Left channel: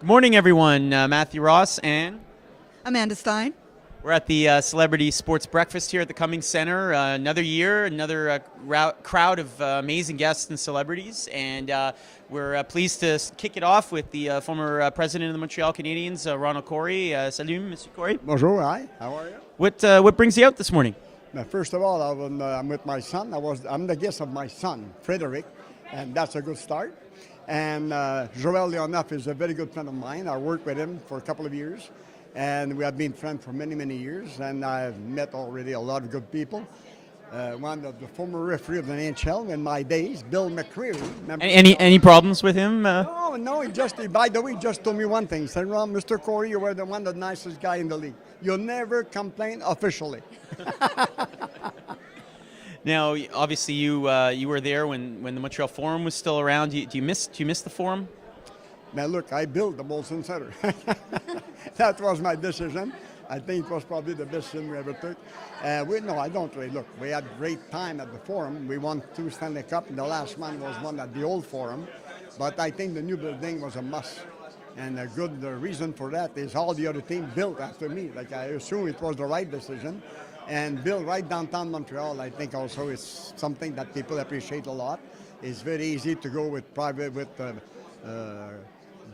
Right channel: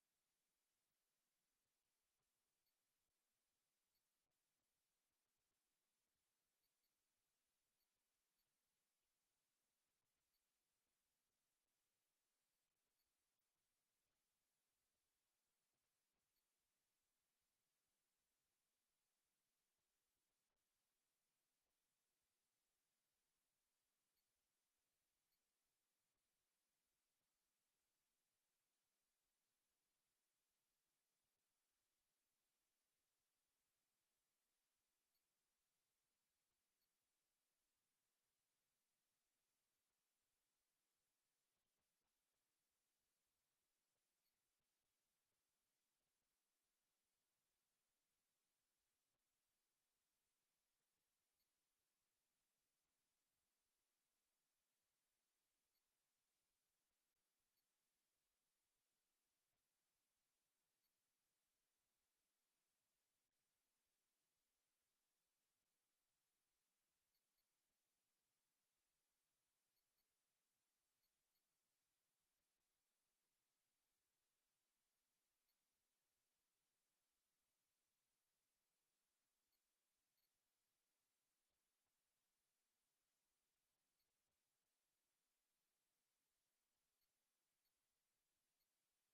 Good morning, everyone. Matthew Ross and Amanda Stein. we're at the Celebrity Sports Breakfast here at the Cummings Centre. Another year, another crowd of amazing guests and celebrities, and we're pleased to kick it off with the former president of the Montreal Canadiens, Ronald Corey. Salut, Mr. Corey. Bonjour, hi. How are you? What brings you out this morning? Now, first of all, I'm with my son. I'm the guest of my son, Frederick, and that's a good start. And Joel Leonoff is a very good friend of mine. I worked with him for a couple of years, and we have been friends for many, many years. And I've met already a lot of good people. One of the former referee of the NHL in my days, Bill McCreary. Any problems with him? No. By the way, he just told me one thing. He said, "Ron, Mr. Corey, you were one of the nicest guy in the league. You'll never complain officially." Now, obviously, you were there when the Montreal Forum was still around. Do you miss the Forum? Now, look, I built the Molson Center. That was my decision. I think it was probably the best decision we ever took. No, I don't really. Look, we had great time at the Forum. We won 2 Stanley Cup, and the last one was won at the old Forum. But I think the new building was a must. And a good reason for that is all the other teams built after me. Like, I assume it was the right decision. And built right downtown Montreal, I think also is something that people appreciate a lot. It's very easy to go with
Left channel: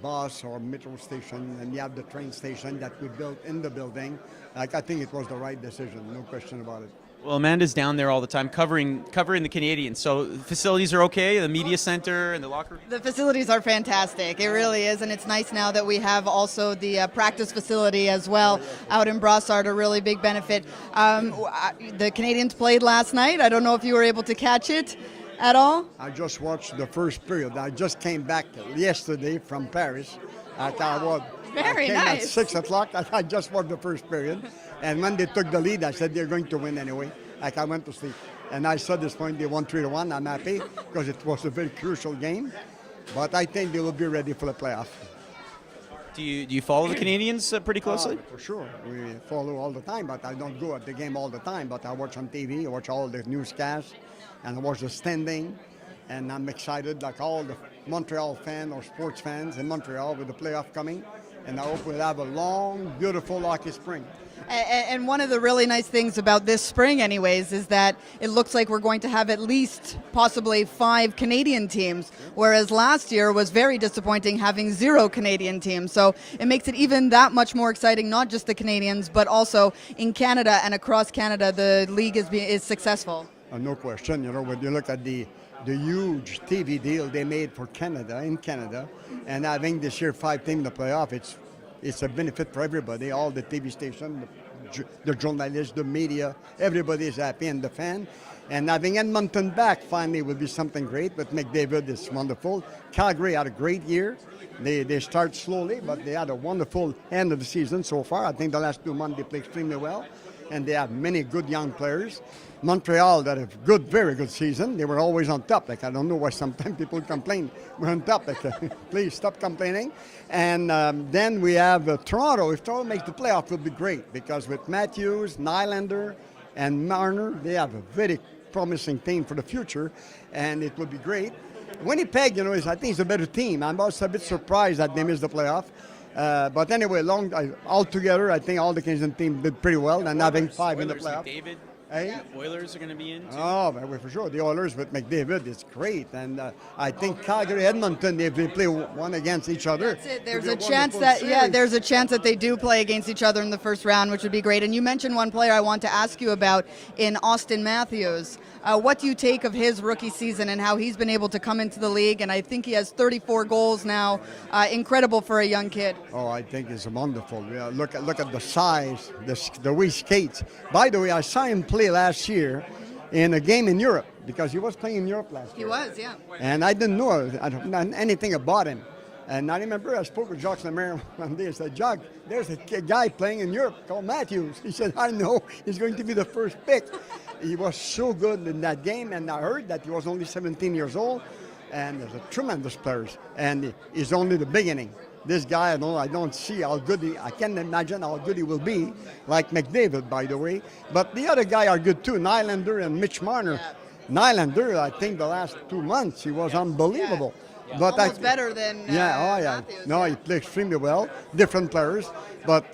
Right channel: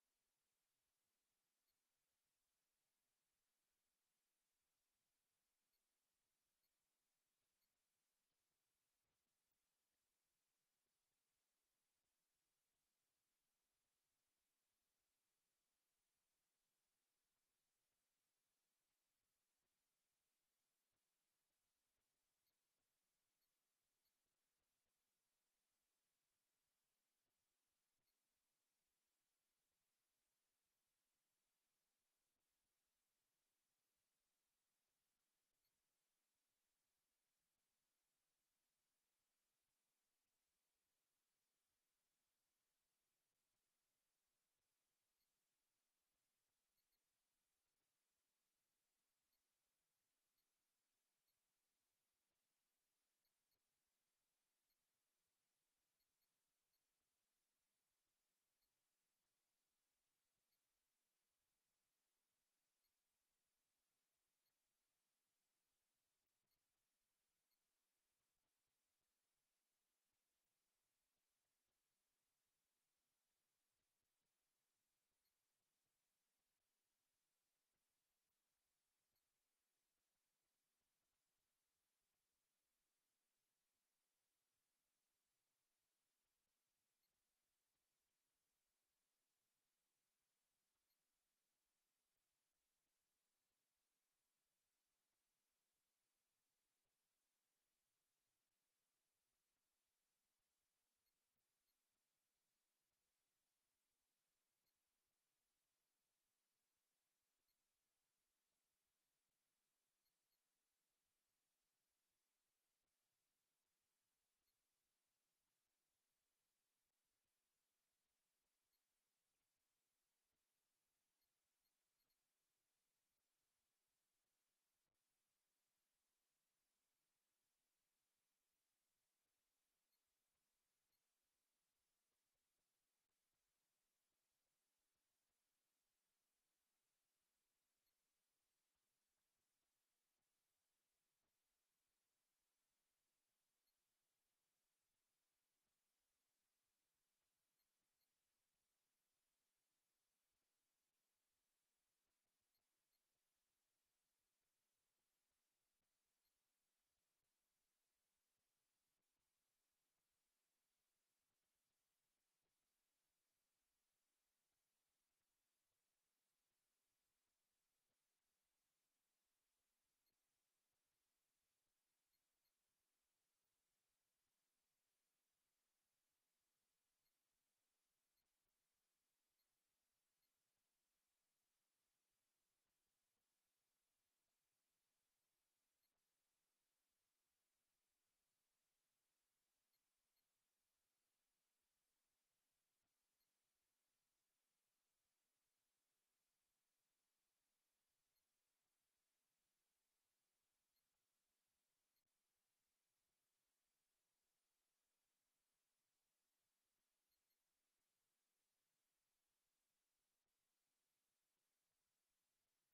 bus or metro station, and you have the train station that we built in the building. Like, I think it was the right decision, no question about it. Well, Amanda's down there all the time covering the Canadiens. So the facilities are okay, the media center and the locker room? The facilities are fantastic. It really is, and it's nice now that we have also the practice facility as well out in Brossard, a really big benefit. The Canadiens played last night. I don't know if you were able to catch it at all. I just watched the first period. I just came back yesterday from Paris. I Very came nice. At 6 o'clock. I just watched the first period. And when they took the lead, I said they're going to win anyway. Like, I went to sleep. And I saw this point, they won 3-1. I'm happy because it was a very crucial game. But I think they will be ready for the playoff. Do you follow the Canadiens pretty closely? For sure. We follow all the time, but I don't go at the game all the time. But I watch on TV, I watch all the newscasts, and I watch the standing. And I'm excited, like all the Montreal fans or sports fans in Montreal with the playoff coming. And I hope we'll have a long, beautiful hockey spring. And one of the really nice things about this spring anyways is that it looks like we're going to have at least possibly 5 Canadian teams, whereas last year was very disappointing having 0 Canadian teams. So it makes it even that much more exciting, not just the Canadians, but also in Canada and across Canada, the league is successful. No question. You know, when you look at the huge TV deal they made for Canada, and having this year 5 teams in the playoff, it's a benefit for everybody, all the TV stations, the journalists, the media, everybody is happy, and the fan. And having Edmonton back finally will be something great. But McDavid is wonderful. Calgary had a great year. They start slowly, but they had a wonderful end of the season so far. I think the last 2 months they played extremely well, and they have many good young players. Montreal that have very good season. They were always on top. Like, I don't know why sometimes people complain. We're on top. Like, please stop complaining. And then we have Toronto. If Toronto makes the playoff, it will be great because with Matthews, Nylander, and Marner, they have a very promising team for the future, and it will be great. Winnipeg, I think it's a better team. I'm also a bit surprised that they missed the playoff. But anyway, altogether, I think all the Canadian teams did pretty well, and having 5 in the playoff. McDavid. Hey? Oilers are going to be in too. Oh, for sure. The Oilers with McDavid is great. And I think Calgary, Edmonton, if they play one against each other. That's it. There's a chance that they do play against each other in the first round, which would be great. And you mentioned one player I want to ask you about in Austin Matthews. What do you take of his rookie season and how he's been able to come into the league? And I think he has 34 goals now. Incredible for a young kid. Oh, I think it's wonderful. Look at the size, the way he skates. By the way, I saw him play last year in a game in Europe because he was playing in Europe last year. He was, yeah. And I didn't know anything about him. And I remember I spoke with Jacques Lemaire one day. I said, Jacques, there's a guy playing in Europe called Matthews. He said, I know. He's going to be the first pick. He was so good in that game, and I heard that he was only 17 years old, and there's a tremendous players, and he's only the beginning. This guy, I don't see how good I can't imagine how good he will be, like McDavid, by the way. But the other guys are good too, Nylander and Mitch Marner. Nylander, I think the last 2 months, he was unbelievable. But Almost better than Matthews. No, he played extremely well. Different players, but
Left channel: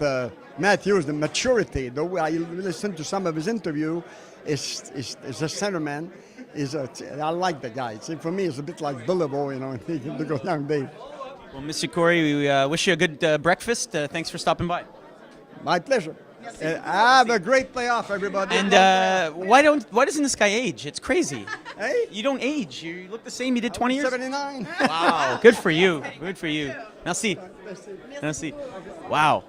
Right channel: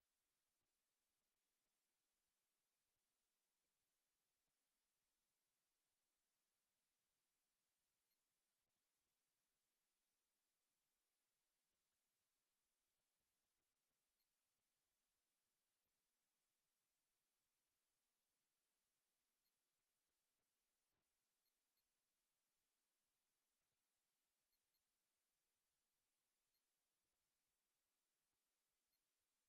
Matthews, the maturity. The way I listened to some of his interview, is a centerman. I like the guy. See, for me, it's a bit like Billabo, to go down Dave. Well, Mr. Corey, we wish you a good breakfast. Thanks for stopping by. My pleasure. Have a great playoff, everybody. And why doesn't this guy age? It's crazy. Hey? You don't age. You look the same. You did 20 years. 79. Wow. Good for you. Good for you. Merci. Merci. Wow.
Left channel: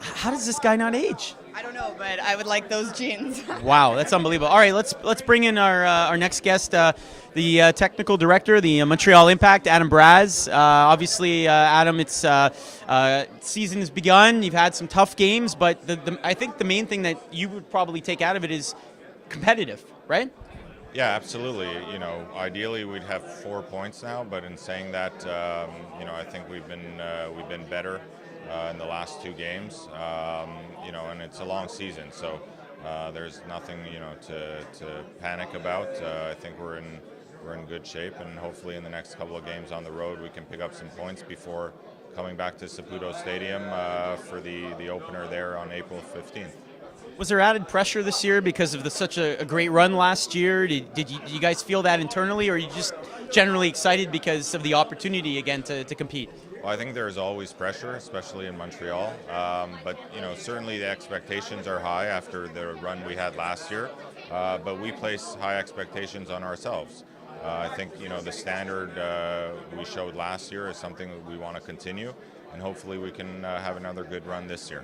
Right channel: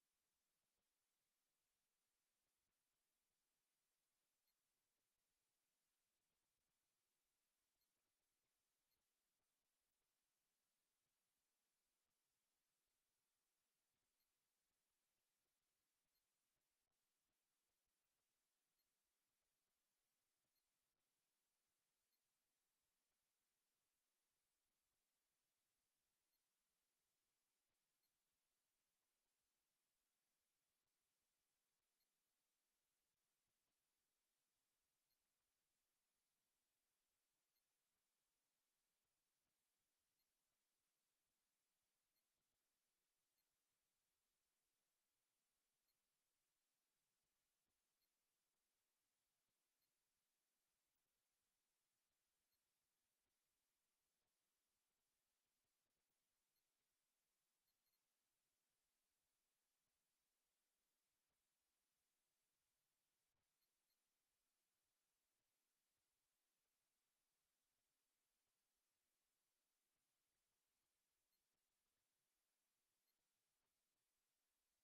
How does this guy not age? I don't know, but I would like those jeans. Wow, that's unbelievable. All right, let's bring in our next guest, the technical director, the Montreal Impact, Adam Braz. Obviously, Adam, it's season has begun. You've had some tough games, but I think the main thing that you would probably take out of it is competitive, right? Yeah, absolutely. Ideally we'd have 4 points now, but in saying that, I think we've been better in the last 2 games. And it's a long season, so there's nothing to panic about. I think we're in good shape, and hopefully in the next couple of games on the road we can pick up some points before coming back to Saputo Stadium for the opener there on April 15th. Was there added pressure this year because of such a great run last year? Did you guys feel that internally, or are you just generally excited because of the opportunity again to compete? Well, I think there's always pressure, especially in Montreal. But certainly the expectations are high after the run we had last year. But we place high expectations on ourselves. I think the standard we showed last year is something that we want to continue, and hopefully we can have another good run this year.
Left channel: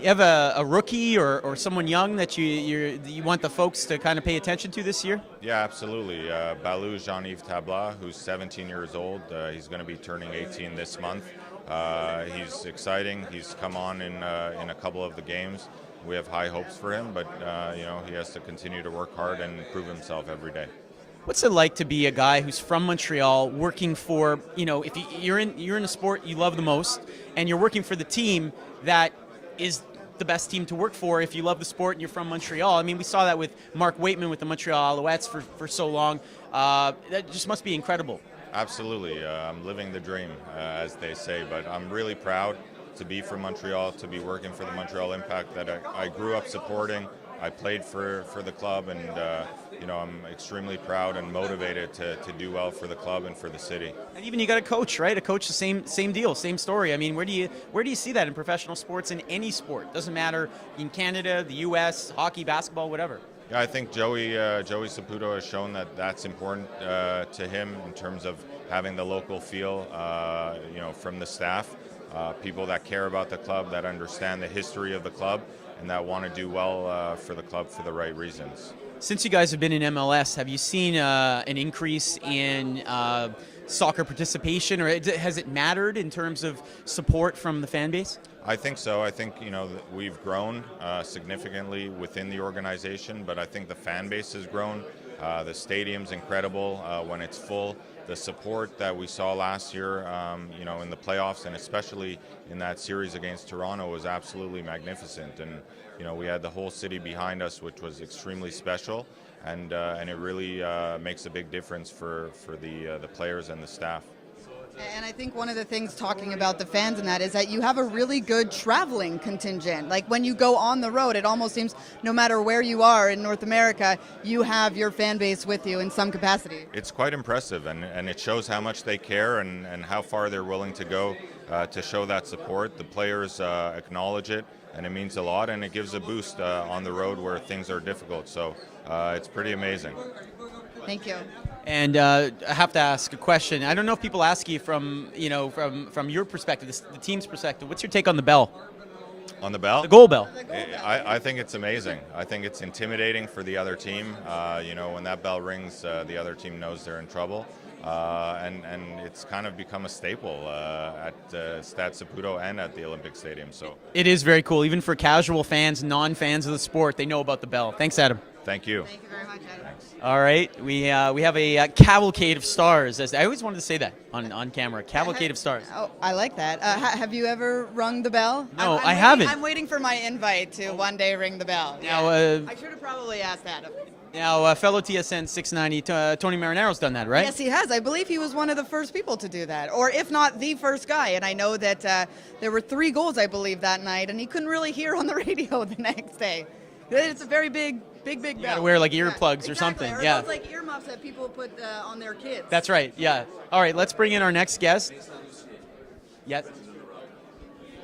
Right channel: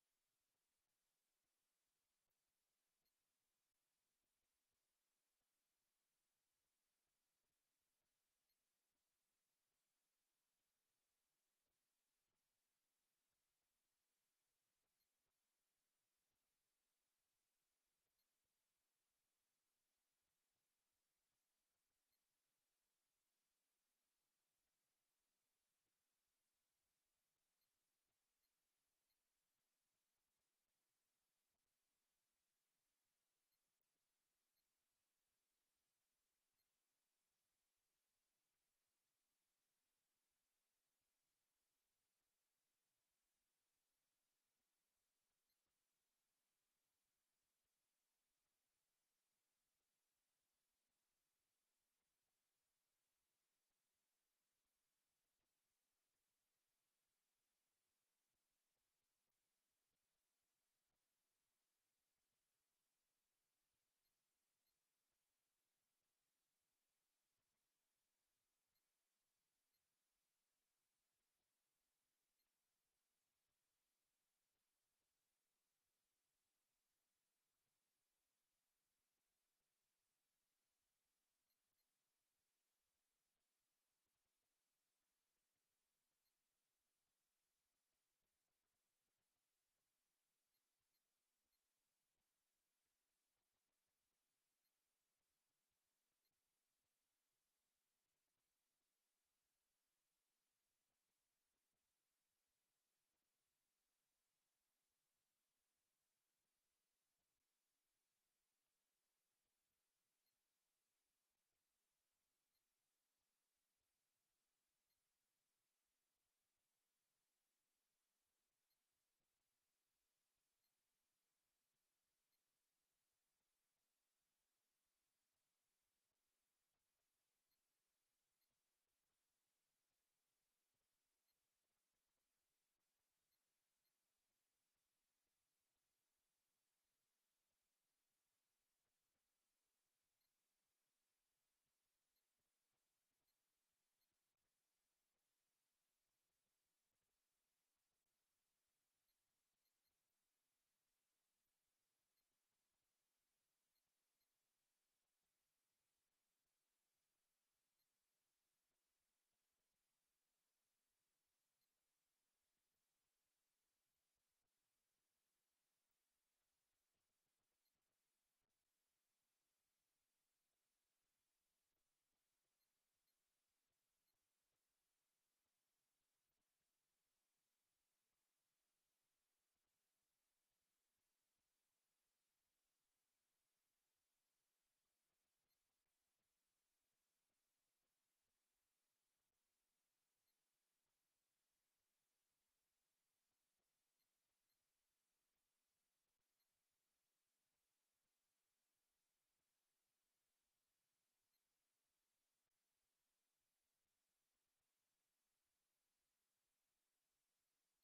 You have a rookie or someone young that you want the folks to kind of pay attention to this year? Yeah, absolutely. Balou Jean-Yves Tabla, who's 17 years old. He's going to be turning 18 this month. He's exciting. He's come on in a couple of the games. We have high hopes for him, but he has to continue to work hard and prove himself every day. What's it like to be a guy who's from Montreal, working for, if you're in a sport you love the most, and you're working for the team that is the best team to work for if you love the sport and you're from Montreal? I mean, we saw that with Mark Waitman with the Montreal Alouettes for so long. That just must be incredible. Absolutely. I'm living the dream, as they say, but I'm really proud to be from Montreal, to be working for the Montreal Impact that I grew up supporting. I played for the club, and I'm extremely proud and motivated to do well for the club and for the city. And even you got a coach, right? A coach, the same deal, same story. I mean, where do you see that in professional sports, in any sport? Doesn't matter, in Canada, the U.S., hockey, basketball, whatever. Yeah, I think Joey Saputo has shown that that's important to him in terms of having the local feel, from the staff, people that care about the club, that understand the history of the club, and that want to do well for the club for the right reasons. Since you guys have been in MLS, have you seen an increase in soccer participation, or has it mattered in terms of support from the fan base? I think so. I think we've grown significantly within the organization, but I think the fan base has grown. The stadium's incredible when it's full. The support that we saw last year, in the playoffs, and especially in that series against Toronto, was absolutely magnificent. And we had the whole city behind us, which was extremely special, and it really makes a big difference for the players and the staff. And I think one of the things, talking about the fans and that, is that you have a really good traveling contingent. Like when you go on the road, it almost seems no matter where you are in North America, you have your fan base with you in some capacity. It's quite impressive, and it shows how much they care and how far they're willing to go to show that support. The players acknowledge it, and it means a lot, and it gives a boost on the road where things are difficult. So it's pretty amazing. Thank you. And I have to ask a question. I don't know if people ask you from your perspective, the team's perspective. What's your take on the bell? On the bell? The goal bell. I think it's amazing. I think it's intimidating for the other team. When that bell rings, the other team knows they're in trouble. And it's kind of become a staple at Stade Saputo and at the Olympic Stadium. So it is very cool. Even for casual fans, non-fans of the sport, they know about the bell. Thanks, Adam. Thank you. Thank you very much, Ed. All right, we have a cavalcade of stars. As I always wanted to say that on camera, cavalcade of stars. Oh, I like that. Have you ever rung the bell? No, I'm I haven't. I'm waiting for my invite to one day ring the bell. Now, I should have probably asked that. fellow TSN 690 Tony Marinaro's done that, right? Yes, he has. I believe he was one of the first people to do that, or if not the first guy. And I know that there were 3 goals, I believe, that night, and he couldn't really hear on the radio the next day. It's a very big You bell. gotta wear like earplugs or Exactly. something. Or Yeah, those, like earmuffs that people put on their kids. that's right. Yeah. All right, let's bring in our next guest. Yes.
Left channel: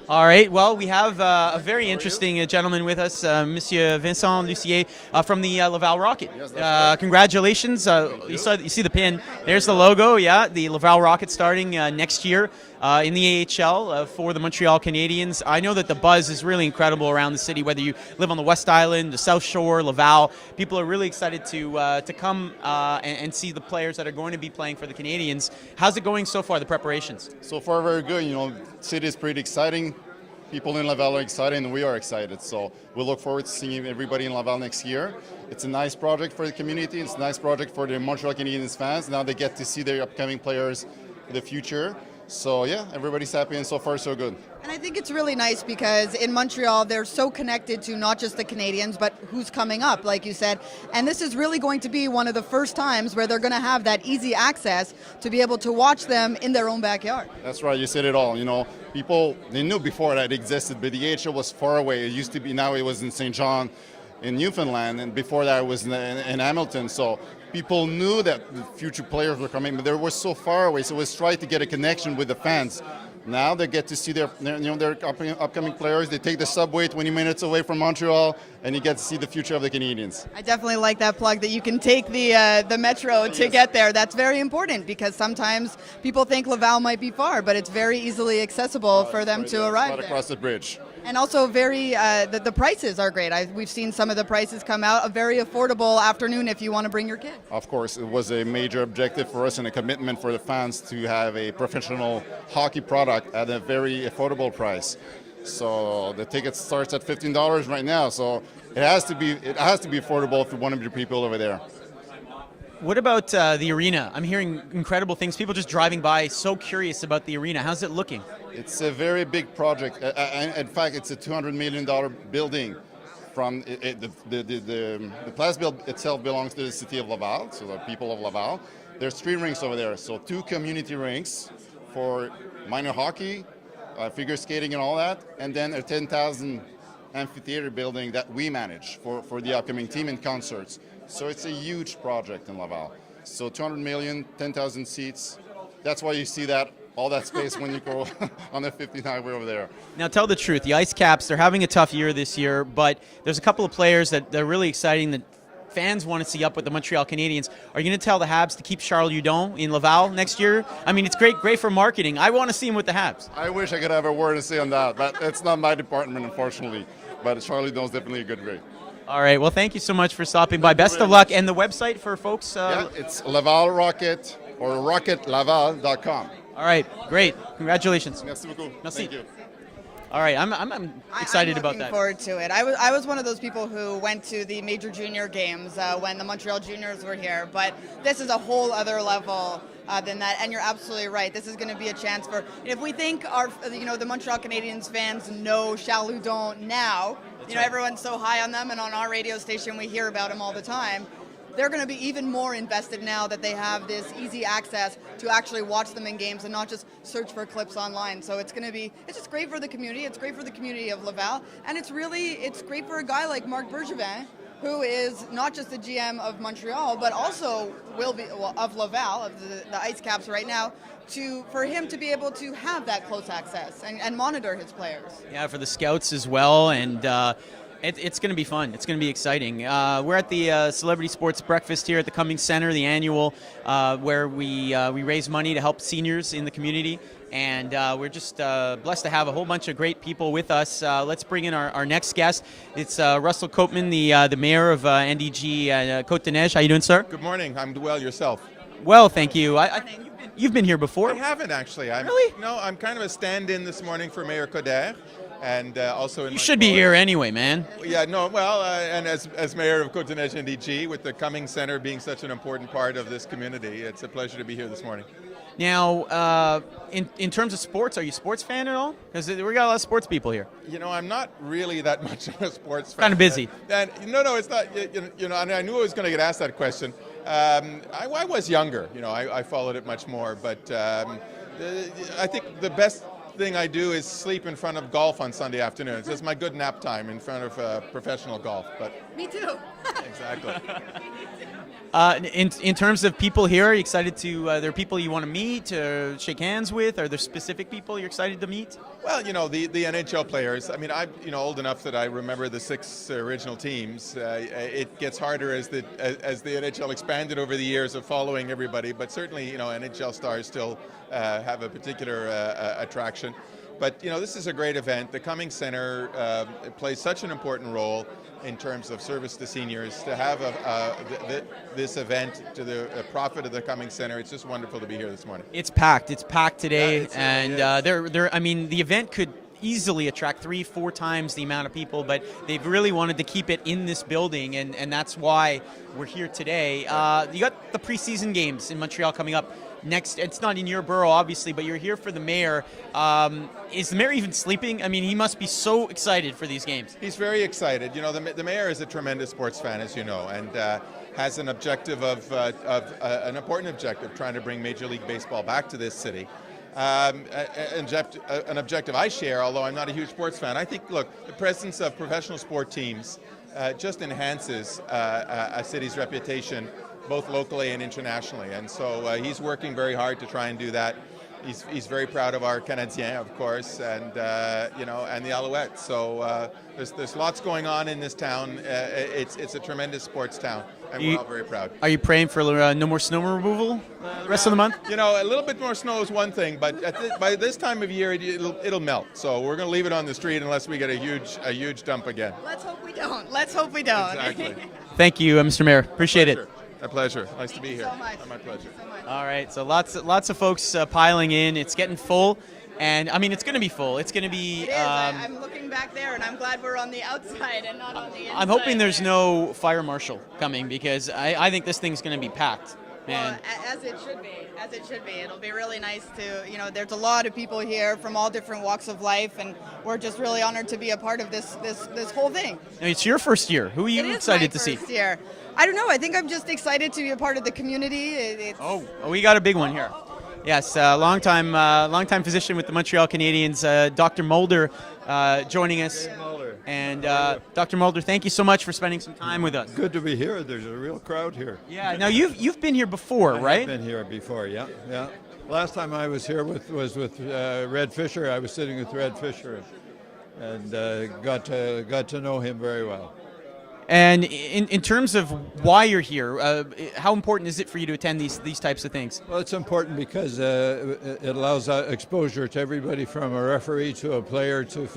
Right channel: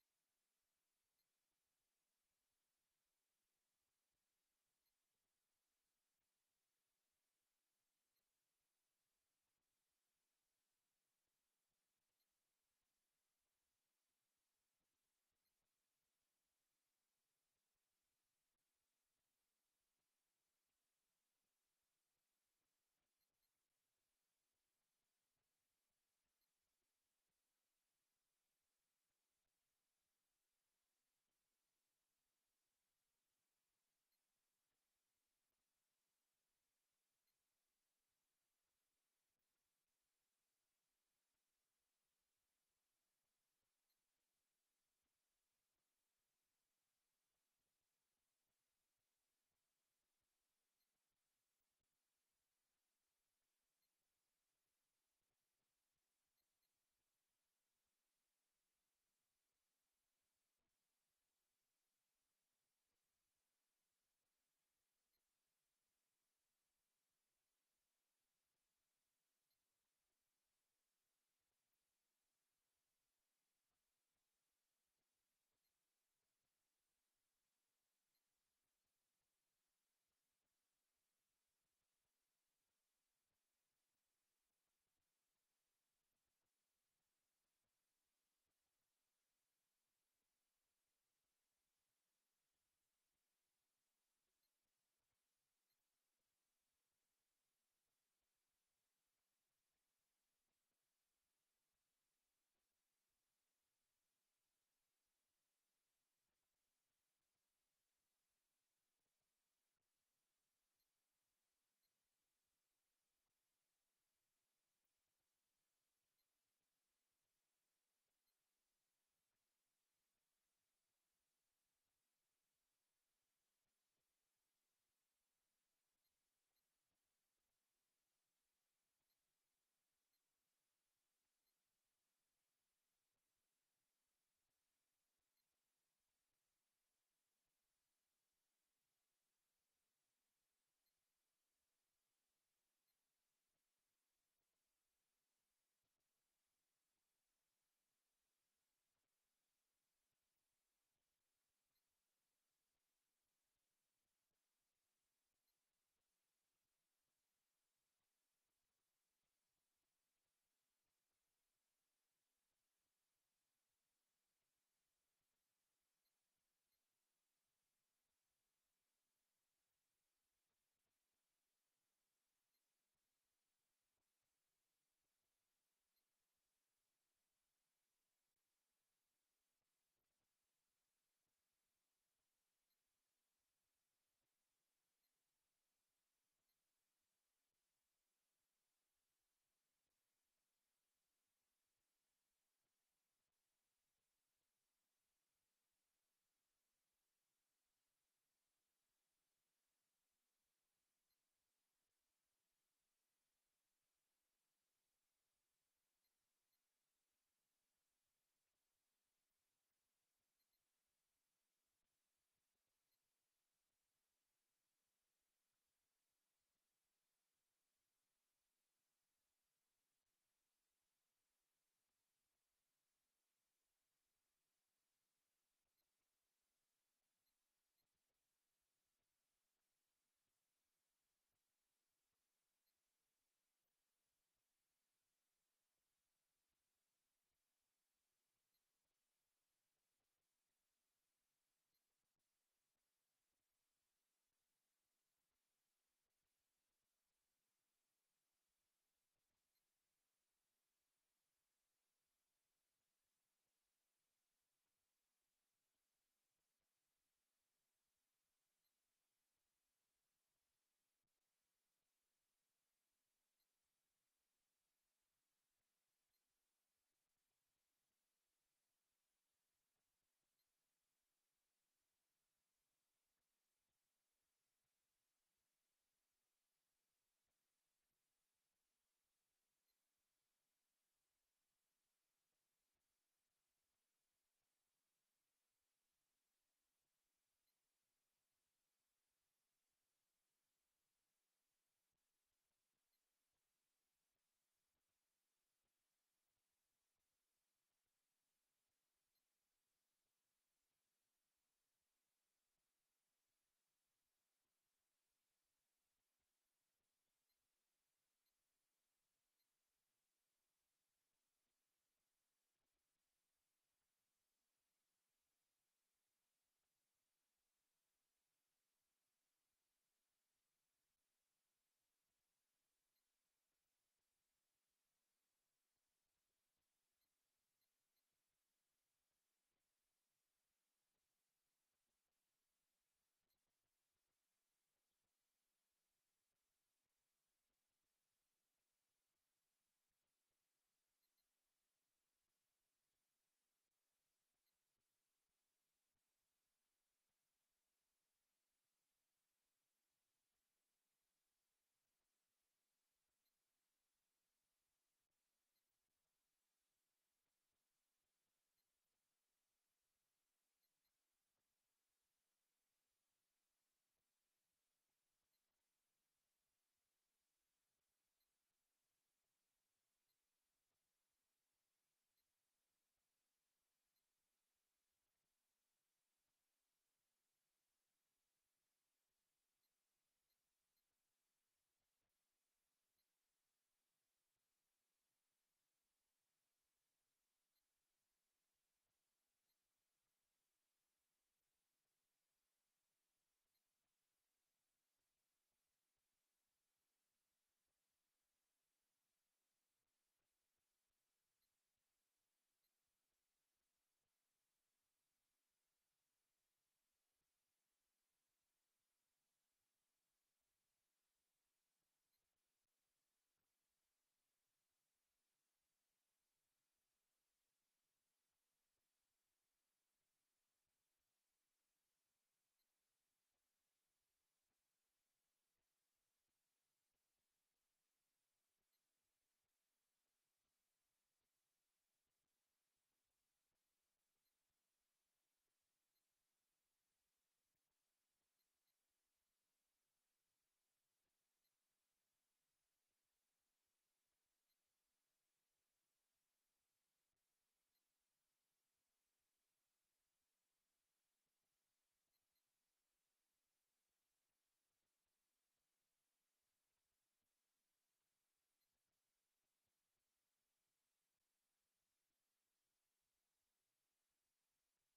All right. Well, we have a very interesting gentleman with us, Monsieur Vincent Lucier from the Laval Rocket. Congratulations. You see the pin. There's the logo. Yeah, the Laval Rocket starting next year in the AHL for the Montreal Canadiens. I know that the buzz is really incredible around the city, whether you live on the West Island, the South Shore, Laval. People are really excited to come and see the players that are going to be playing for the Canadiens. How's it going so far, the preparations? So far, very good. You know, city is pretty exciting. People in Laval are excited, and we are excited. So we look forward to seeing everybody in Laval next year. It's a nice project for the community. It's a nice project for the Montreal Canadiens fans. Now they get to see their upcoming players in the future. So yeah, everybody's happy, and so far so good. And I think it's really nice because in Montreal, they're so connected to not just the Canadians, but who's coming up, like you said. And this is really going to be one of the first times where they're going to have that easy access to be able to watch them in their own backyard. That's right, you said it all. You know, people, they knew before that it existed, but the AHL was far away. It used to be, now it was in St. John in Newfoundland, and before that it was in Hamilton. So people knew that the future players were coming, but they were so far away. So it was trying to get a connection with the fans. Now they get to see their upcoming players. They take the subway 20 minutes away from Montreal, and you get to see the future of the Canadiens. I definitely like that plug that you can take the metro to get there. That's very important because sometimes people think Laval might be far, but it's very easily accessible for them to arrive Right there. across the bridge. And also very, the prices are great. We've seen some of the prices come out. A very affordable afternoon if you want to bring your kid. Of course, it was a major objective for us and a commitment for the fans to have a professional hockey product at a very affordable price. So the ticket starts at $15 right now. So it has to be affordable for one of your people over there. What about the arena? I'm hearing incredible things. People just driving by, so curious about the arena. How's it looking? It's a very big project. In fact, it's a $200 million building. From the Place Build itself belongs to the city of Laval, so the people of Laval. There's 3 rinks over there, so 2 community rinks for minor hockey, figure skating and all that, and then a 10,000 amphitheater building that we manage for the upcoming team and concerts. So it's a huge project in Laval. So 200 million, 10,000 seats. That's why you see that all that space when you go on the 50 highway over there. Now tell the truth, the Ice Caps, they're having a tough year this year, but there's a couple of players that are really exciting that fans want to see up with the Montreal Canadiens. Are you going to tell the Habs to keep Charles Hudon in Laval next year? I mean, it's great for marketing. I want to see him with the Habs. I wish I could have a word to say on that, but it's not my department, unfortunately. But Charlie Hudon's definitely a good guy. All right, well, thank you so much for stopping by. Best of luck. And the website for folks? Yeah, it's Laval Rocket or rocketlaval.com. All right, great. Congratulations. Merci beaucoup. Merci. Thank you. All right, I'm excited about I'm that. looking forward to it. I was one of those people who went to the major junior games when the Montreal Juniors were here, but this is a whole other level than that. And you're absolutely right. This is going to be a chance for, if we think the Montreal Canadiens fans know Charles Hudon now, everyone's so high on them, and on our radio station we hear about him all the time. They're going to be even more invested now that they have this easy access to actually watch them in games and not just search for clips online. So it's just great for the community. It's great for the community of Laval. And it's great for a guy like Marc Bergevin, who is not just the GM of Montreal, but also will be of Laval, of the Ice Caps right now, for him to be able to have that close access and monitor his players. Yeah, for the scouts as well, and it's going to be fun. It's going to be exciting. We're at the Celebrity Sports Breakfast here at the Cummings Centre, the annual, where we raise money to help seniors in the community. And we're just blessed to have a whole bunch of great people with us. Let's bring in our next guest. It's Russell Copeman, the mayor of NDG Côte-des-Neiges. How you doing, sir? Good morning. I'm well. Yourself? Well, thank you. You've been here before. I haven't actually. Really? No, I'm kind of a stand-in this morning for Mayor Coder. and also in You my should be column. here anyway, man. Yeah, no, well, and as mayor of Côte-Neige-NDG, with the Cummings Centre being such an important part of this community, it's a pleasure to be here this morning. Now, in terms of sports, are you a sports fan at all? Because we got a lot of sports people here. You know, I'm not really that much of a sports fan. Kind of busy. And no, it's not. You know, and I knew I was going to get asked that question. I was younger. You know, I followed it much more. But I think the best thing I do is sleep in front of golf on Sunday afternoons. It's my good nap time in front of professional golf. But Me too. exactly. In terms of people here, are you excited to? There are people you want to meet, shake hands with? Are there specific people you're excited to meet? Well, you know, the NHL players, I mean, I'm old enough that I remember the 6 original teams. It gets harder as the NHL expanded over the years of following everybody, but certainly, you know, NHL stars still have a particular attraction. But, you know, this is a great event. The Cummings Centre plays such an important role in terms of service to seniors. To have this event to the profit of the Cummings Centre, it's just wonderful to be here this morning. It's packed. It's packed today, Yeah, and yeah. I mean, the event could easily attract 3-4 times the amount of people, but they've really wanted to keep it in this building, and that's why we're here today. You got the preseason games in Montreal coming up next. It's not in your borough, obviously, but you're here for the mayor. Is the mayor even sleeping? I mean, he must be so excited for these games. He's very excited. You know, the mayor is a tremendous sports fan, as you know, and has an objective of an important objective, trying to bring Major League Baseball back to this city. An objective I share, although I'm not a huge sports fan. I think, look, the presence of professional sport teams just enhances a city's reputation, both locally and internationally. And so he's working very hard to try and do that. He's very proud of our Canadiens, of course, and you know, and the Alouettes. So there's lots going on in this town. It's a tremendous sports town, and we're all very proud. Are you praying for no more snow removal the rest of the month? You know, a little bit more snow is one thing, but by this time of year, it'll melt. So we're going to leave it on the street unless we get a huge dump again. Let's hope we don't. Let's hope we don't. Exactly. Thank you, Mr. Mayor. Appreciate it. A pleasure. Nice to be Thank you here. so much. My pleasure. All right, so lots of folks piling in. It's getting full, and I mean it's going to be full. It's going to be. It is. I'm looking back there, and I'm glad we're on the outside and not on the inside. I'm hoping there's there. no fire marshal coming because I think this thing's going to be packed, man. Well, as it should be. As it should be. It'll be really nice to, you know, there's a lot of people here from all different walks of life, and we're just really honored to be a part of this whole thing. Now, it's your first year. Who are you excited to see? It is my first year. I don't know. I think I'm just excited to be a part of the community. Oh, we got a big one here. Yes, long-time physician with the Montreal Canadiens, Dr. Mulder, joining us. And Dr. Mulder, thank you so much for spending some time with us. Good to be here. There's a real crowd here. Yeah. Now you've been here before, right? I've been here before. Yeah. Last time I was here was with Red Fisher. I was sitting with Red Fisher, and got to know him very well. And in terms of why you're here, how important is it for you to attend these types of things? Well, it's important because it allows exposure to everybody from a referee to a player to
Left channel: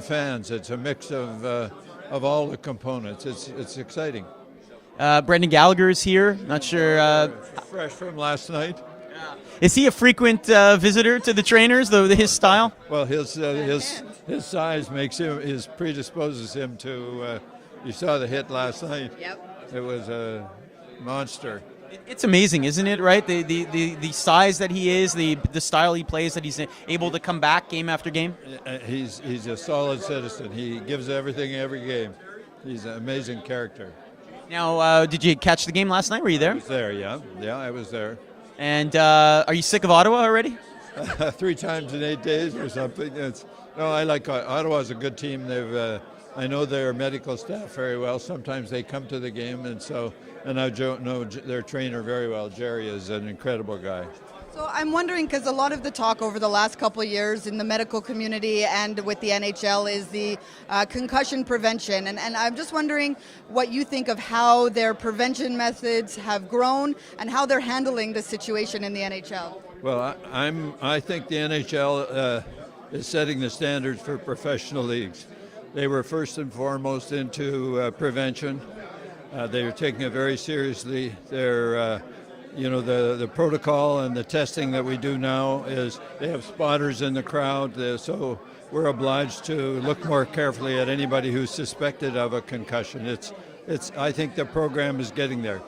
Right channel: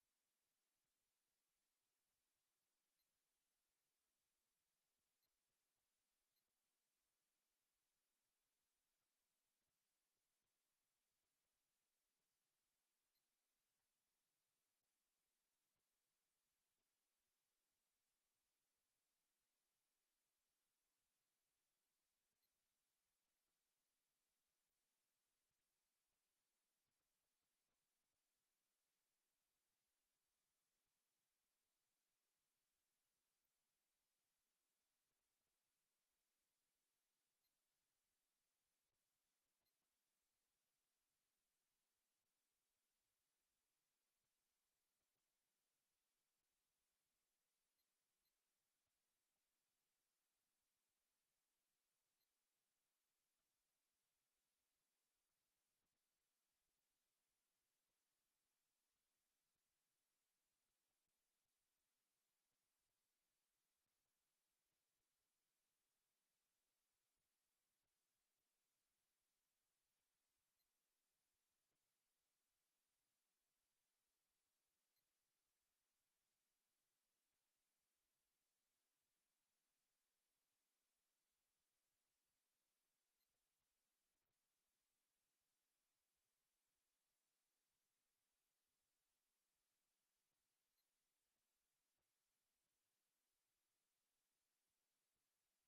fans. It's a mix of all the components. It's exciting. Brendan Gallagher is here. Not sure. Fresh from last night. Is he a frequent visitor to the trainers? His style? Well, his size predisposes him to. You saw the hit last night. Yep. It was a monster. It's amazing, isn't it? Right, the size that he is, the style he plays, that he's able to come back game after game. He's a solid citizen. He gives everything every game. He's an amazing character. Now, did you catch the game last night? Were you there? I was there, yeah. Yeah, I was there. And are you sick of Ottawa already? 3 times in 8 days or something. I like Ottawa's a good team. I know their medical staff very well. Sometimes they come to the game, and I know their trainer very well. Jerry is an incredible guy. So I'm wondering, because a lot of the talk over the last couple of years in the medical community and with the NHL is the concussion prevention. And I'm just wondering what you think of how their prevention methods have grown and how they're handling the situation in the NHL. Well, I think the NHL is setting the standards for professional leagues. They were first and foremost into prevention. They are taking it very seriously. They're the protocol and the testing that we do now is they have spotters in the crowd, so we're obliged to look more carefully at anybody who's suspected of a concussion. I think the program is getting there.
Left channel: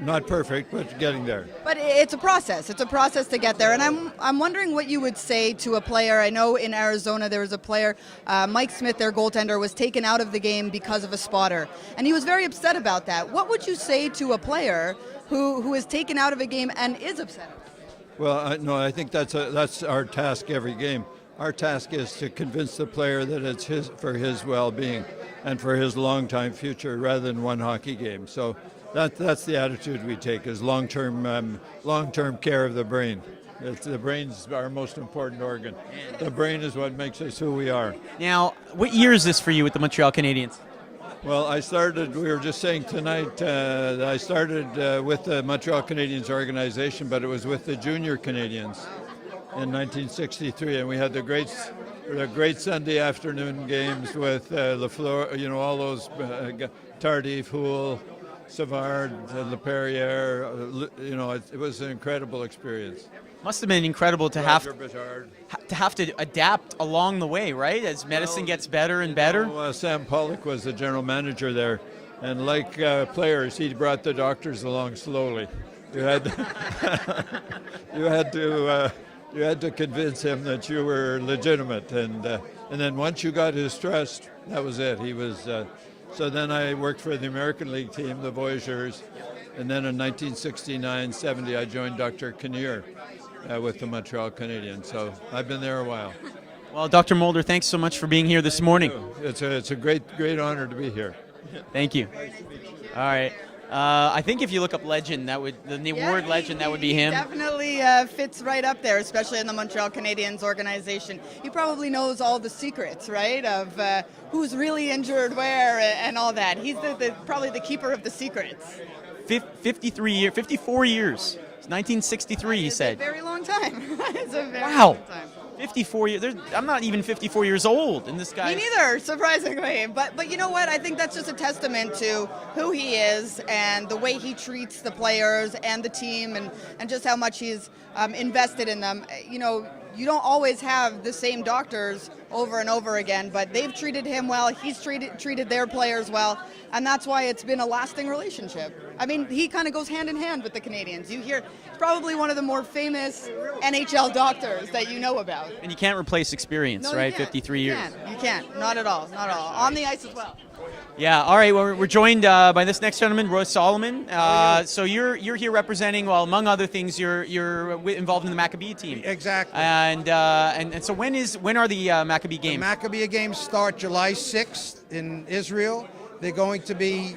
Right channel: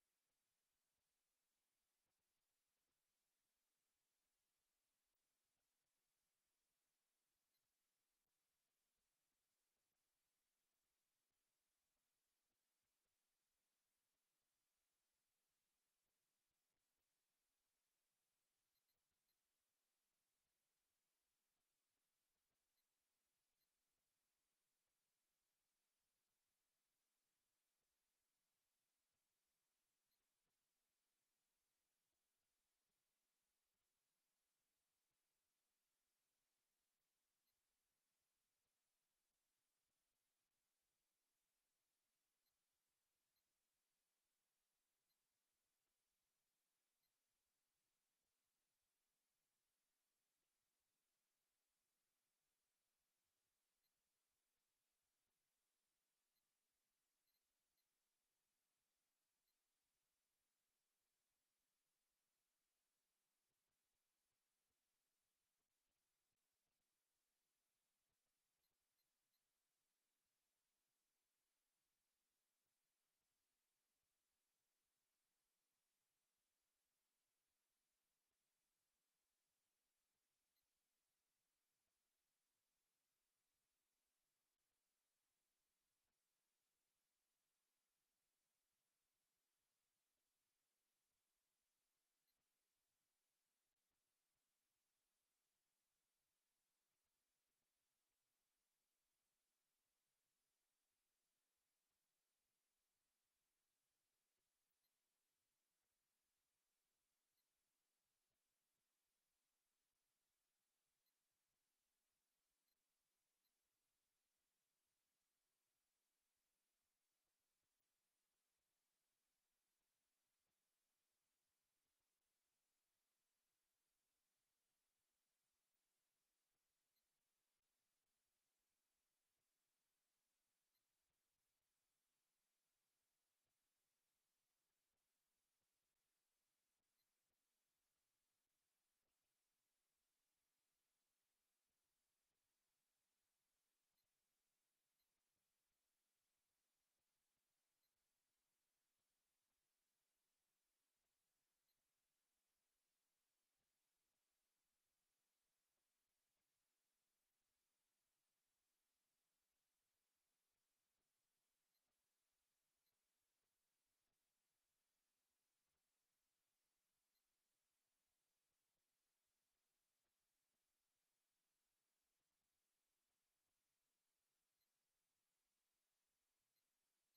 Not perfect, but getting there. But it's a process. It's a process to get there. And I'm wondering what you would say to a player. I know in Arizona there was a player, Mike Smith, their goaltender, was taken out of the game because of a spotter. And he was very upset about that. What would you say to a player who is taken out of a game and is upset? Well, no, I think that's our task every game. Our task is to convince the player that it's for his well-being and for his long-time future rather than one hockey game. So that's the attitude we take, is long-term care of the brain. The brain's our most important organ. The brain is what makes us who we are. Now, what year is this for you with the Montreal Canadiens? Well, we were just saying tonight that I started with the Montreal Canadiens organization, but it was with the Junior Canadiens in 1963, and we had the great Sunday afternoon games with Lafleur, all those Tardif, Houle, Savard, Leperrier. It was an incredible experience. Must have been incredible to have Rodger to adapt along the way, right? As medicine gets better and better. Sam Pollock was the general manager there, and like players, he brought the doctors along slowly. You had to convince him that you were legitimate, and then once you got his trust, that was it. He was. So then I worked for the American League team, the Voyageurs, and then in 1969-70 I joined Dr. Kinnear with the Montreal Canadiens. So I've been there a while. Well, Dr. Mulder, thanks so much for being here this morning. It's a great honor to be here. Thank you. All right. I think if you look up legend, the award legend, that would be him. Definitely fits right up there, especially in the Montreal Canadiens organization. He probably knows all the secrets, right, of who's really injured where and all that. He's probably the keeper of the secrets. 54 years. It's 1963, he said. It's a very long time. It's a very Wow. long time. 54 years. I'm not even 54 years old, and this guy. Me neither, surprisingly. But you know what? I think that's just a testament to who he is and the way he treats the players and the team, and just how much he's invested in them. You don't always have the same doctors over and over again, but they've treated him well. He's treated their players well, and that's why it's been a lasting relationship. I mean, he kind of goes hand in hand with the Canadiens. You hear probably one of the more famous NHL doctors that you know about. And you can't replace experience, No, right? you can't. 53 years. You can't. Not at all. Not at all. On the ice as well. Yeah. All right. Well, we're joined by this next gentleman, Roy Solomon. So you're here representing, well, among other things, you're involved in the Maccabee team. Exactly. And so when are the Maccabee games? The Maccabee games start July 6th in Israel. They're going to be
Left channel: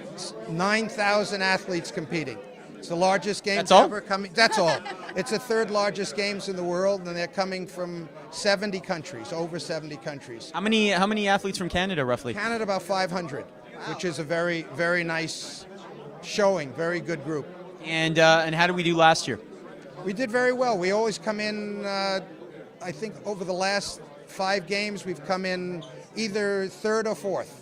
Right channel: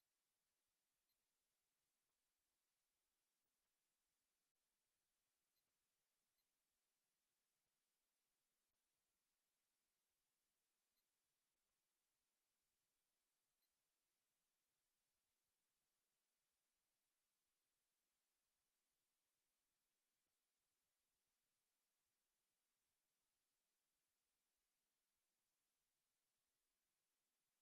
9,000 athletes competing. It's the largest games That's all? ever coming. That's all. It's the third largest games in the world, and they're coming from 70 countries, over 70 countries. How many athletes from Canada, roughly? Canada, about 500, which is a very, very nice showing, very good group. And how did we do last year? We did very well. We always come in, I think over the last 5 games, we've come in either third or fourth.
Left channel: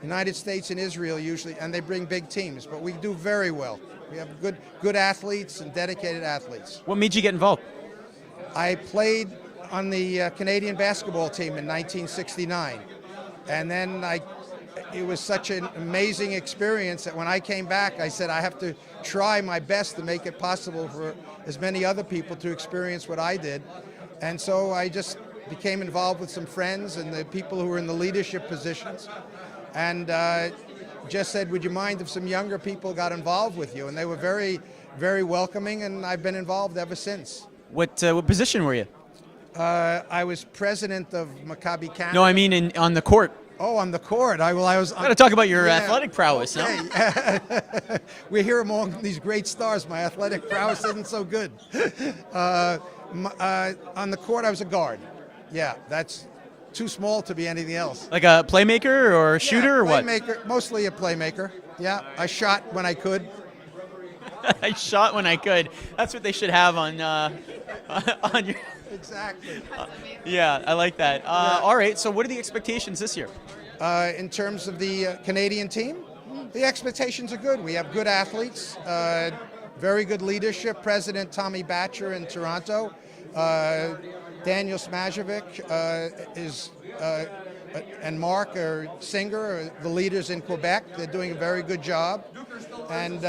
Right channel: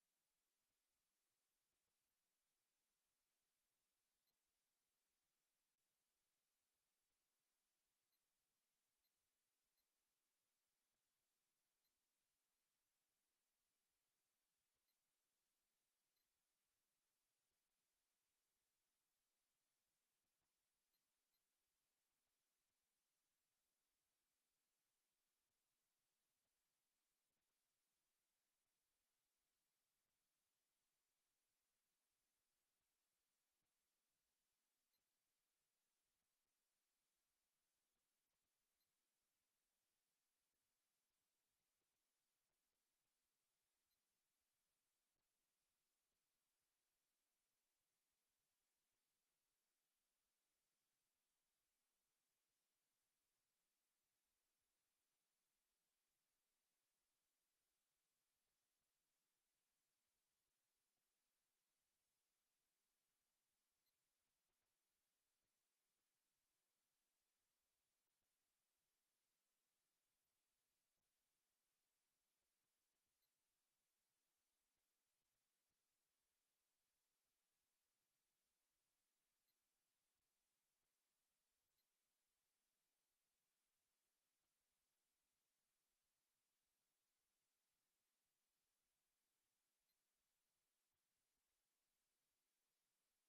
United States and Israel usually, and they bring big teams, but we do very well. We have good athletes and dedicated athletes. What made you get involved? I played on the Canadian basketball team in 1969, and then it was such an amazing experience that when I came back, I said I have to try my best to make it possible for as many other people to experience what I did. And so I just became involved with some friends and the people who were in the leadership positions, and just said, would you mind if some younger people got involved with you? And they were very, very welcoming, and I've been involved ever since. What position were you? I was president of Maccabi Canada. No, I mean on the court. Oh, on the court. I was. Got to talk about your athletic prowess, no? Okay. We're here among these great stars. My athletic prowess isn't so good. On the court, I was a guard. Yeah, that's too small to be anything else. Like a playmaker or a shooter or what? Playmaker, mostly a playmaker. Yeah, I shot when I could. I shot when I could. That's what they should have on your. Exactly. Yeah, I like that. All right, so what are the expectations this year? In terms of the Canadian team, the expectations are good. We have good athletes. very good leadership. President Tommy Batcher in Toronto, Daniel Smajovic and Mark Singer are the leaders in Quebec. They're doing a very good job. And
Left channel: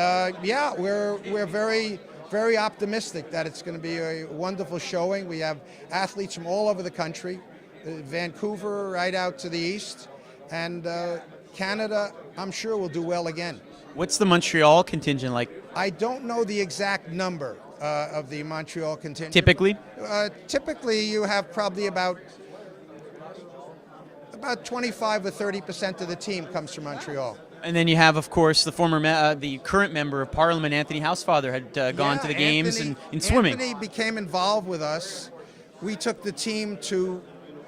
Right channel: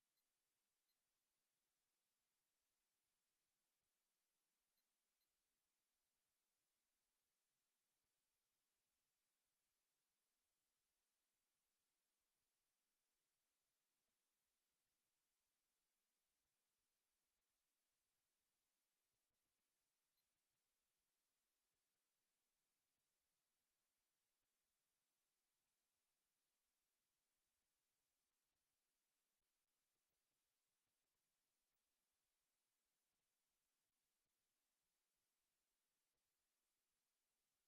yeah, we're very, very optimistic that it's going to be a wonderful showing. We have athletes from all over the country, Vancouver right out to the east, and Canada, I'm sure, will do well again. What's the Montreal contingent like? I don't know the exact number of the Montreal contingent. Typically? Typically, you have probably about 25 or 30% of the team comes from Montreal. And then you have, of course, the current member of Parliament, Anthony Housefather, had gone to the games in swimming. Anthony became involved with us. We took the team to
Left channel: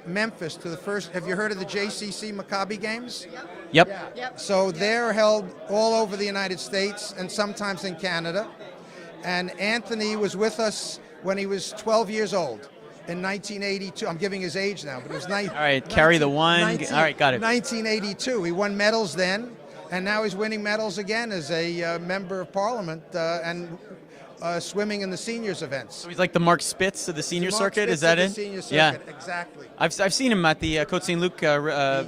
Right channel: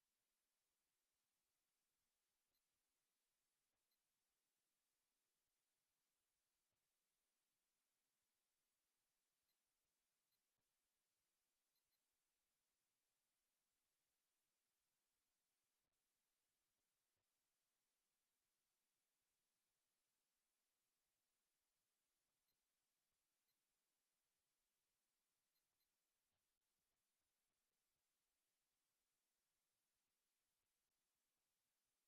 Memphis to the first. Have you heard of the JCC Maccabi games? Yep. So they're held all over the United States and sometimes in Canada. And Anthony was with us when he was 12 years old in 1982. I'm giving his age now, but it was All right, carry the one. All right, got it. 1982. He won medals then, and now he's winning medals again as a member of Parliament and swimming in the seniors events. So he's like the Mark Spitz of the senior Mark circuit. Spitz Is that of it? the senior circuit, Yeah, exactly. I've seen him at the Côte Saint Luc.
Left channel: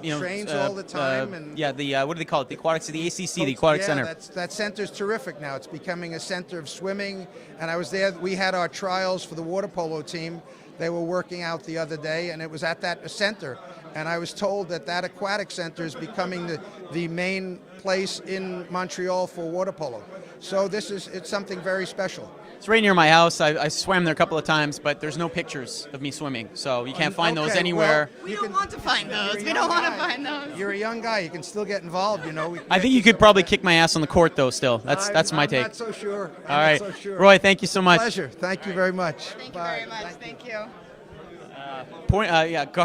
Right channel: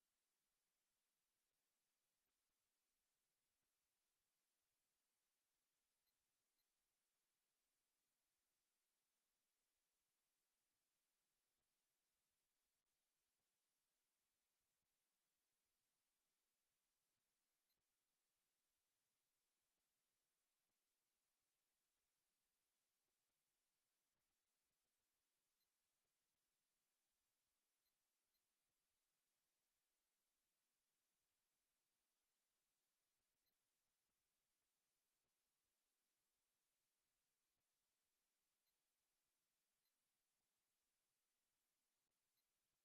He trains all the time. And yeah, the what do they call it? The aquatics, the ACC, the aquatic center. That center's terrific now. It's becoming a center of swimming. And I was there. We had our trials for the water polo team. They were working out the other day, and it was at that center. And I was told that aquatic center is becoming the main place in Montreal for water polo. So it's something very special. It's right near my house. I swam there a couple of times, but there's no pictures of me swimming, so you can't find those anywhere. We don't want to find those. We don't want to find those. You're a young guy. You can still get involved, I think you could probably kick my ass on the court, though. Still, that's my take. I'm not so sure. All right, Roy, thank you so much. Pleasure. Thank you very much. Thank you very much. Thank you.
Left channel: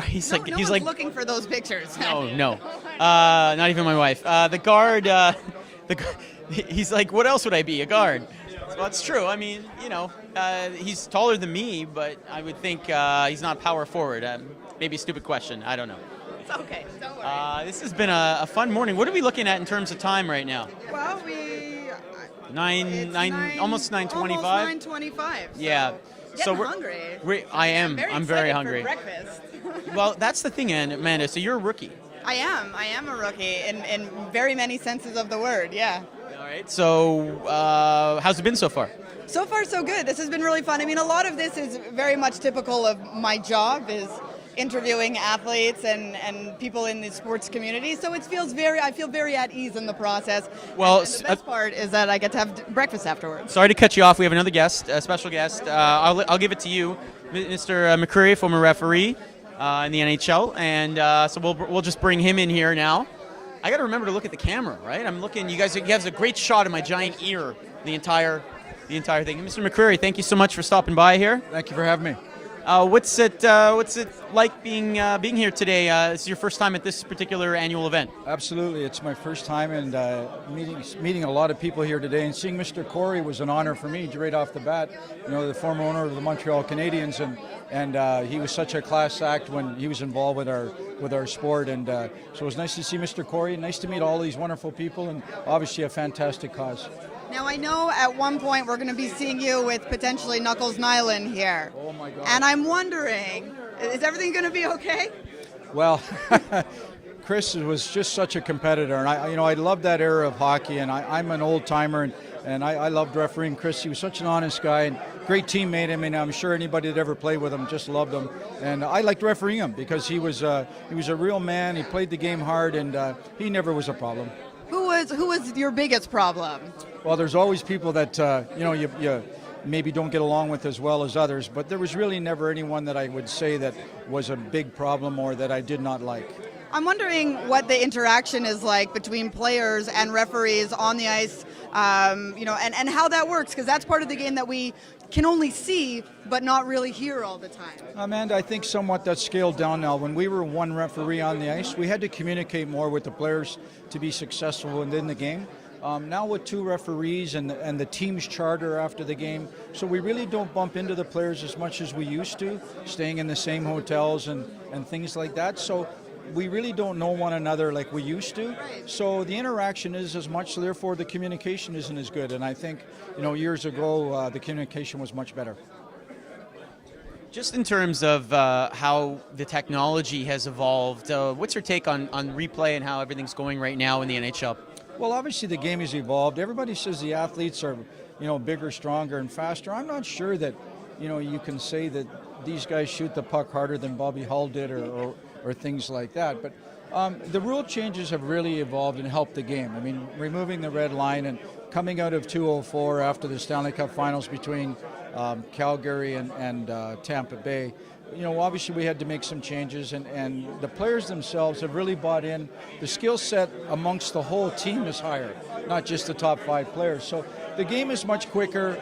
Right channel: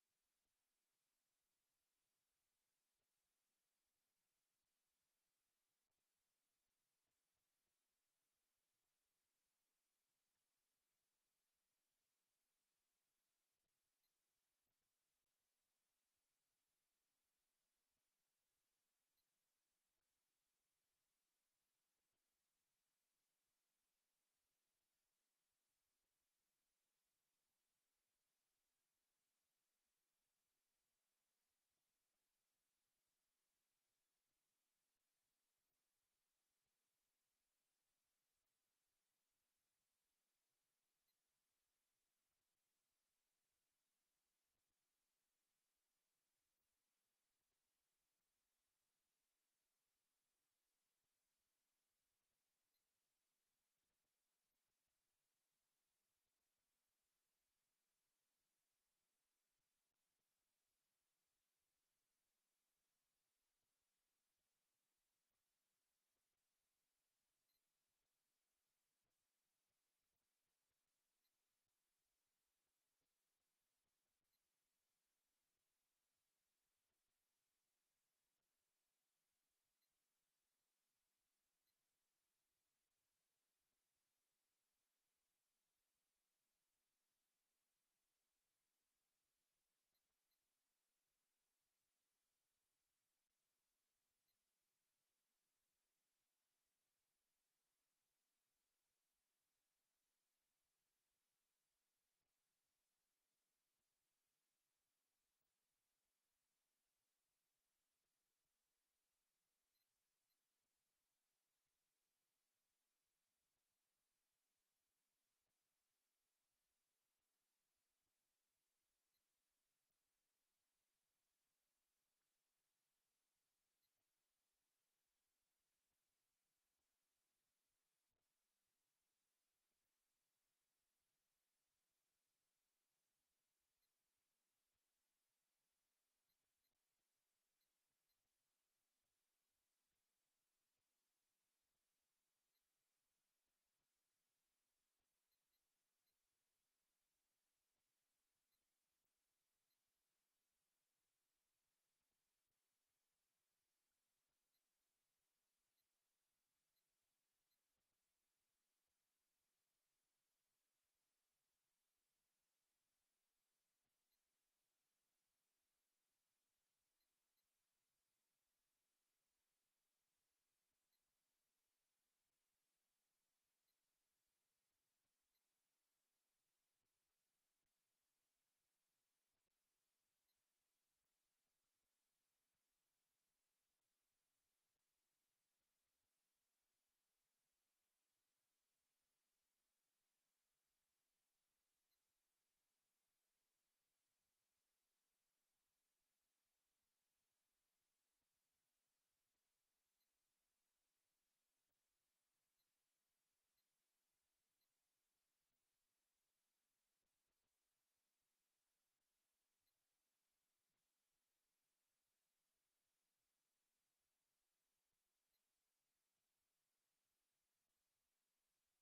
He's No he's one's like looking for those pictures. no, not even my wife. The guard, he's like, what else would I be? A guard. Well, it's true. I mean, he's taller than me, but I would think he's not power forward. Maybe a stupid question. I don't know. It's okay. Don't worry. This has been a fun morning. What are we looking at in terms of time right now? Well, Almost 9:25. Almost 9:25. Yeah. Getting hungry. I'm very hungry. For breakfast. Well, that's the thing, Amanda. So you're a rookie. I am a rookie in very many senses of the word. Yeah. All right. So how's it been so far? So far, so good. This has been really fun. I mean, a lot of this is very much typical of my job, is interviewing athletes and people in the sports community. So I feel very at ease in the process. Well, and the best part is that I get to have breakfast afterwards. Sorry to cut you off. We have another guest, a special guest. I'll give it to you, Mr. McCreary, former referee in the NHL, and so we'll just bring him in here now. I got to remember to look at the camera, right? I'm looking. You have a great shot of my giant ear. The entire thing. Mr. McCreary, thank you so much for stopping by here. Thank you for having me. What's it like being here today? This is your first time at this particular annual event. Absolutely, it's my first time, and meeting a lot of people here today, and seeing Mr. Corey was an honor for me right off the bat. The former owner of the Montreal Canadiens, and he was such a class act when he was involved with our sport, and so it was nice to see Mr. Corey. Nice to meet all these wonderful people, and obviously a fantastic cause. Now, I know at one point we're going to be seeing you with potentially Knuckles Nyland here. Oh, my God. And I'm wondering, is everything going to be okay? Well, Chris was just such a competitor, and I love that era of hockey, and I'm an old-timer, and I loved refereeing Chris. He was such an honest guy and great teammate. I mean, I'm sure anybody that ever played with him just loved him, and I liked refereeing him because he was a real man. He played the game hard, and he never was a problem. Who was your biggest problem? Well, there's always people that you maybe don't get along with as well as others, but there was really never anyone that I would say that was a big problem or that I did not like. I'm wondering what the interaction is like between players and referees on the ice, and how that works, because that's part of the game that we can only see but not really hear all the time. Amanda, I think somewhat that's scaled down now. When we were one referee on the ice, we had to communicate more with the players to be successful within the game. Now with two referees and the team's charter after the game, so we really don't bump into the players as much as we used to, staying in the same hotels and things like that. So we really don't know one another like we used to. So the interaction is as much, so therefore the communication isn't as good. And I think, years ago, the communication was much better. Just in terms of how the technology has evolved, what's your take on replay and how everything's going right now in the NHL? Well, obviously the game has evolved. Everybody says the athletes are, bigger, stronger, and faster. I'm not sure that, you can say that these guys shoot the puck harder than Bobby Hull did or things like that. But the rule changes have really evolved and helped the game. I mean, removing the red line and coming out of 204 after the Stanley Cup Finals between Calgary and Tampa Bay. Obviously we had to make some changes, and the players themselves have really bought in. The skill set amongst the whole team is higher, not just the top 5 players. So the game is much quicker.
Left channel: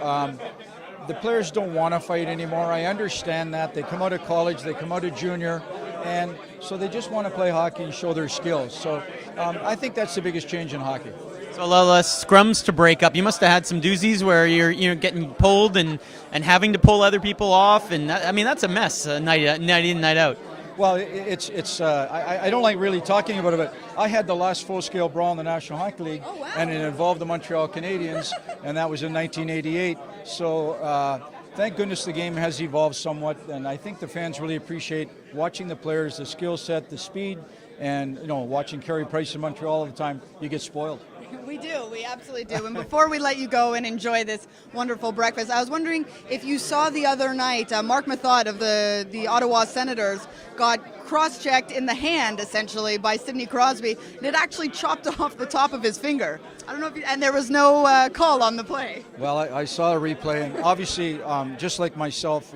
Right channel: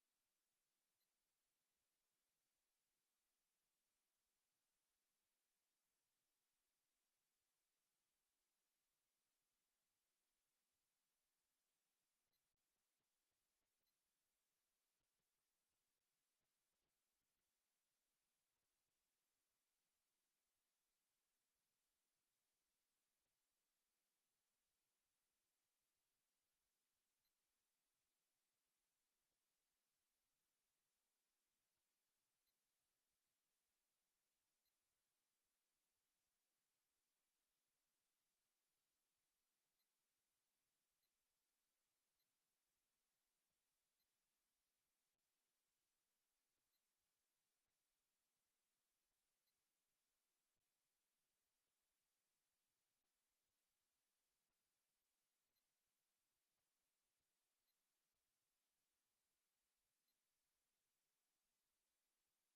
The players don't want to fight anymore. I understand that. They come out of college, they come out of junior, and so they just want to play hockey and show their skills. So I think that's the biggest change in hockey. So a lot less scrums to break up. You must have had some doozies where you're getting pulled and having to pull other people off, and that's a mess night in, night out. Well, I don't like really talking about it, but I had the last full-scale brawl in the National Hockey League, and it involved the Montreal Canadiens, and that was in 1988. So thank goodness the game has evolved somewhat, and I think the fans really appreciate watching the players, the skill set, the speed, and watching Carey Price in Montreal all the time. You get spoiled. We do. We absolutely do. And before we let you go and enjoy this wonderful breakfast, I was wondering if you saw the other night, Mark Mathot of the Ottawa Senators got cross-checked in the hand, essentially, by Sidney Crosby, and it actually chopped off the top of his finger. I don't know if and there was no call on the play. Well, I saw a replay, and obviously, just like myself,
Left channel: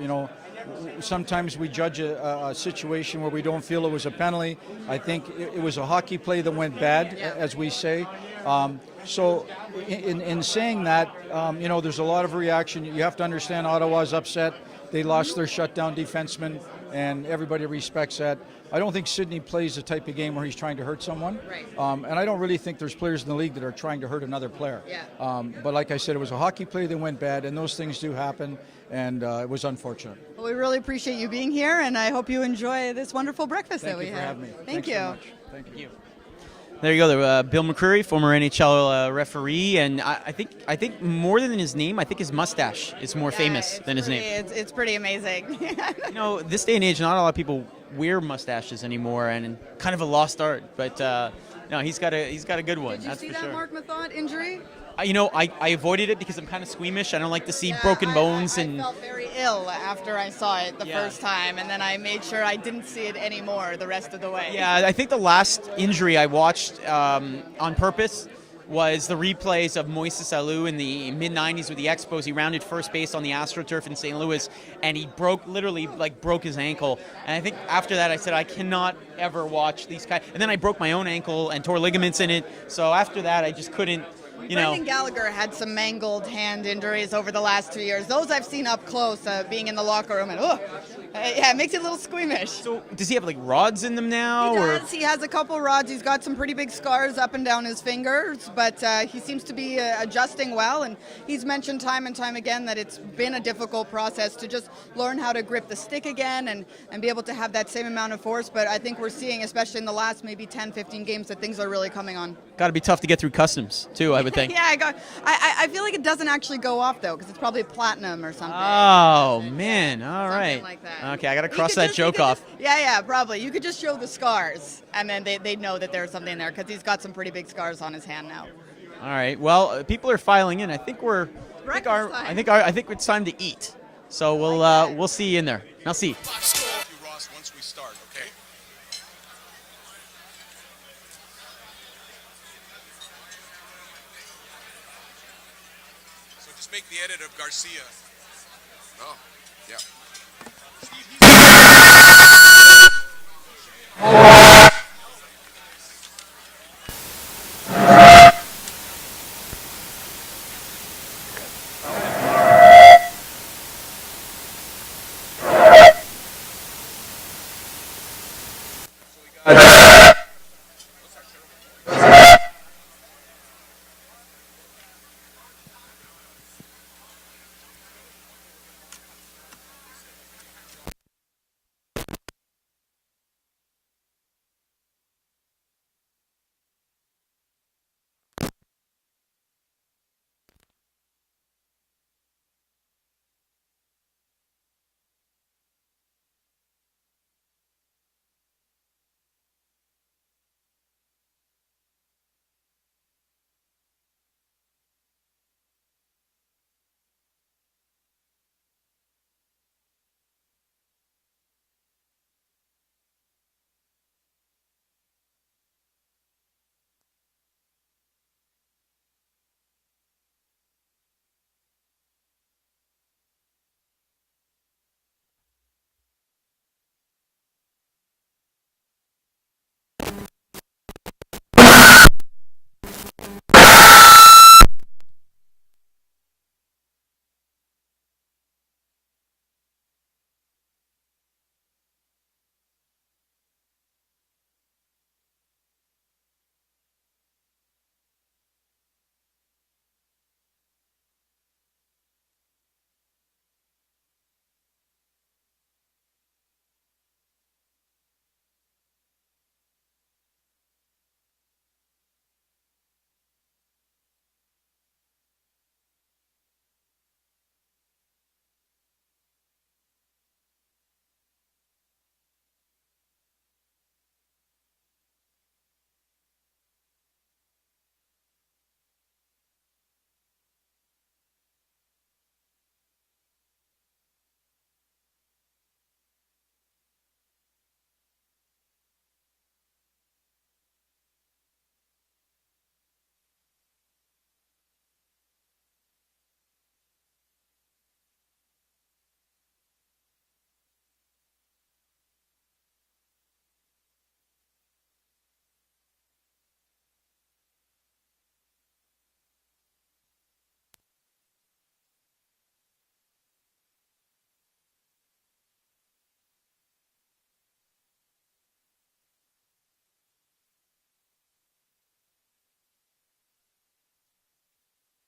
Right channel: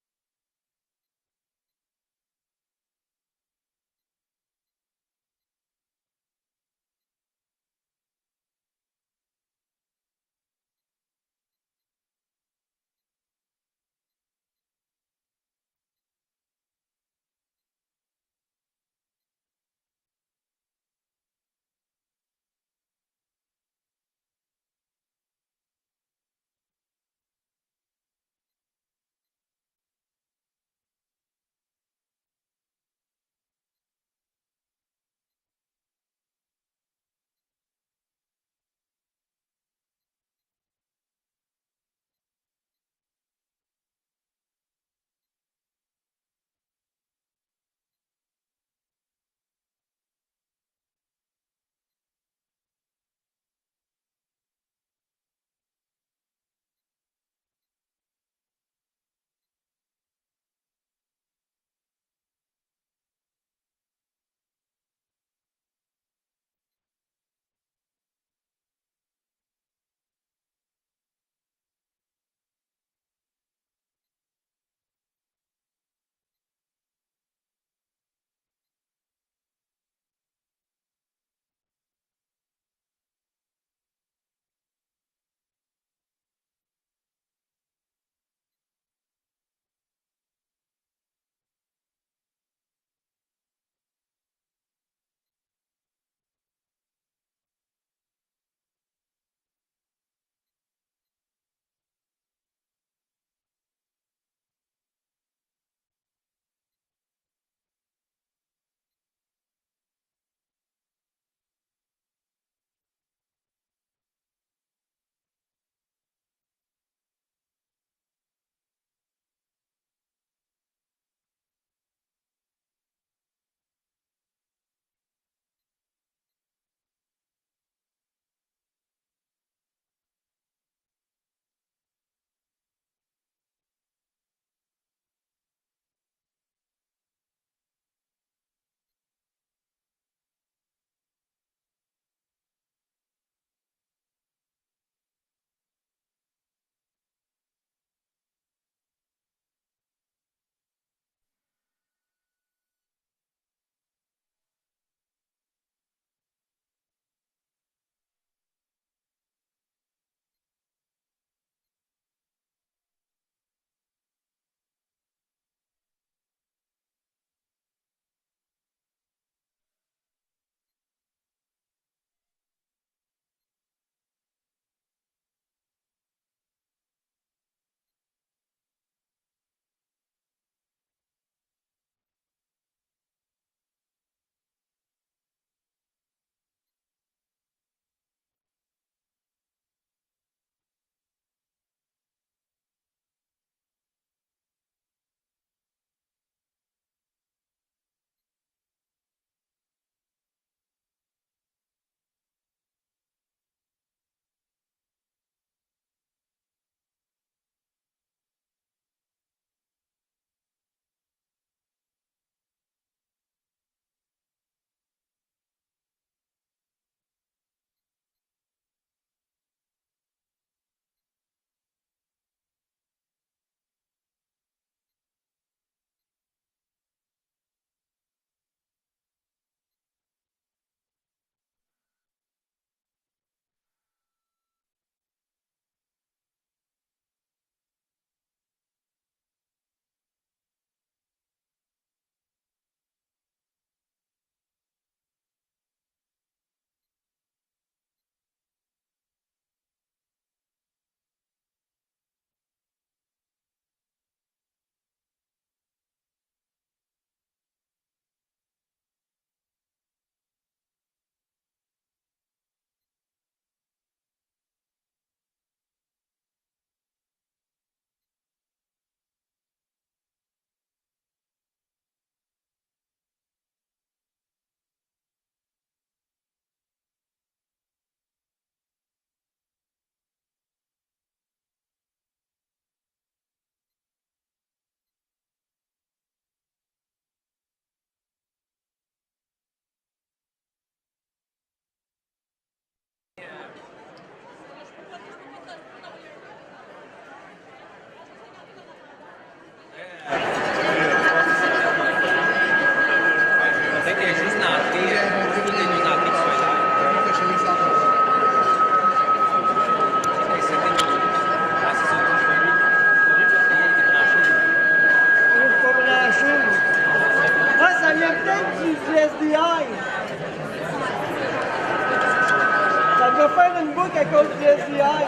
sometimes we judge a situation where we don't feel it was a penalty. I think it was a hockey play that went bad, as we say. So in saying that, there's a lot of reaction. You have to understand Ottawa's upset. They lost their shutdown defenseman, and everybody respects that. I don't think Sidney plays the type of game where he's trying to hurt someone. Right. And I don't really think there's players in the league that are trying to hurt another player. Yeah. But like I said, it was a hockey play that went bad, and those things do happen, and it was unfortunate. Well, we really appreciate you being here, and I hope you enjoy this wonderful breakfast that we had. Thank you for having me. Thank you. So much. Thank you. There you go, Bill McCreary, former NHL referee, and I think more than his name, I think his mustache is more famous than his name. It's pretty amazing. This day and age, not a lot of people wear mustaches anymore, and kind of a lost art. But no, he's got a good one. Did you that's see for that sure. Mark Mathot injury? I avoided it because I'm kind of squeamish. I don't like to see broken bones. I felt very ill after I saw it the first time, and then I made sure I didn't see it anymore the rest of the way. Yeah, I think the last injury I watched on purpose was the replays of Moises Alou in the mid-'90s with the Expos. He rounded first base on the AstroTurf in St. Louis, and he literally broke his ankle. And I think after that I said, I cannot ever watch these guys. And then I broke my own ankle and tore ligaments in it. So after that, I just couldn't. Brendan Gallagher had some mangled hand injuries over the last 2 years. Those I've seen up close, being in the locker room, and it makes you a little squeamish. So does he have rods in them now? He does. He has a couple rods. He's got some pretty big scars up and down his fingers, but he seems to be adjusting well. And he's mentioned time and time again that it's been a difficult process to just learn how to grip the stick again and be able to have that same amount of force. But I think we're seeing, especially in the last maybe 10, 15 games, that things are really coming on. Got to be tough to get through customs too, I would think. Yeah, I feel like it doesn't actually go off though, because it's probably platinum or something. Oh man! All something right. like that. Okay, I got to cross that joke off. Yeah, probably. You could just show the scars, and then they'd know that there's something there, because he's got some pretty big scars on his hand now. All right. Well, people are filing in. I think I think it's time to eat. So we'll see you in there. I'll see. Once we start, okay? So just make the edit of Garcia. Oh, yeah. dois faire une boucle à cause du SDI.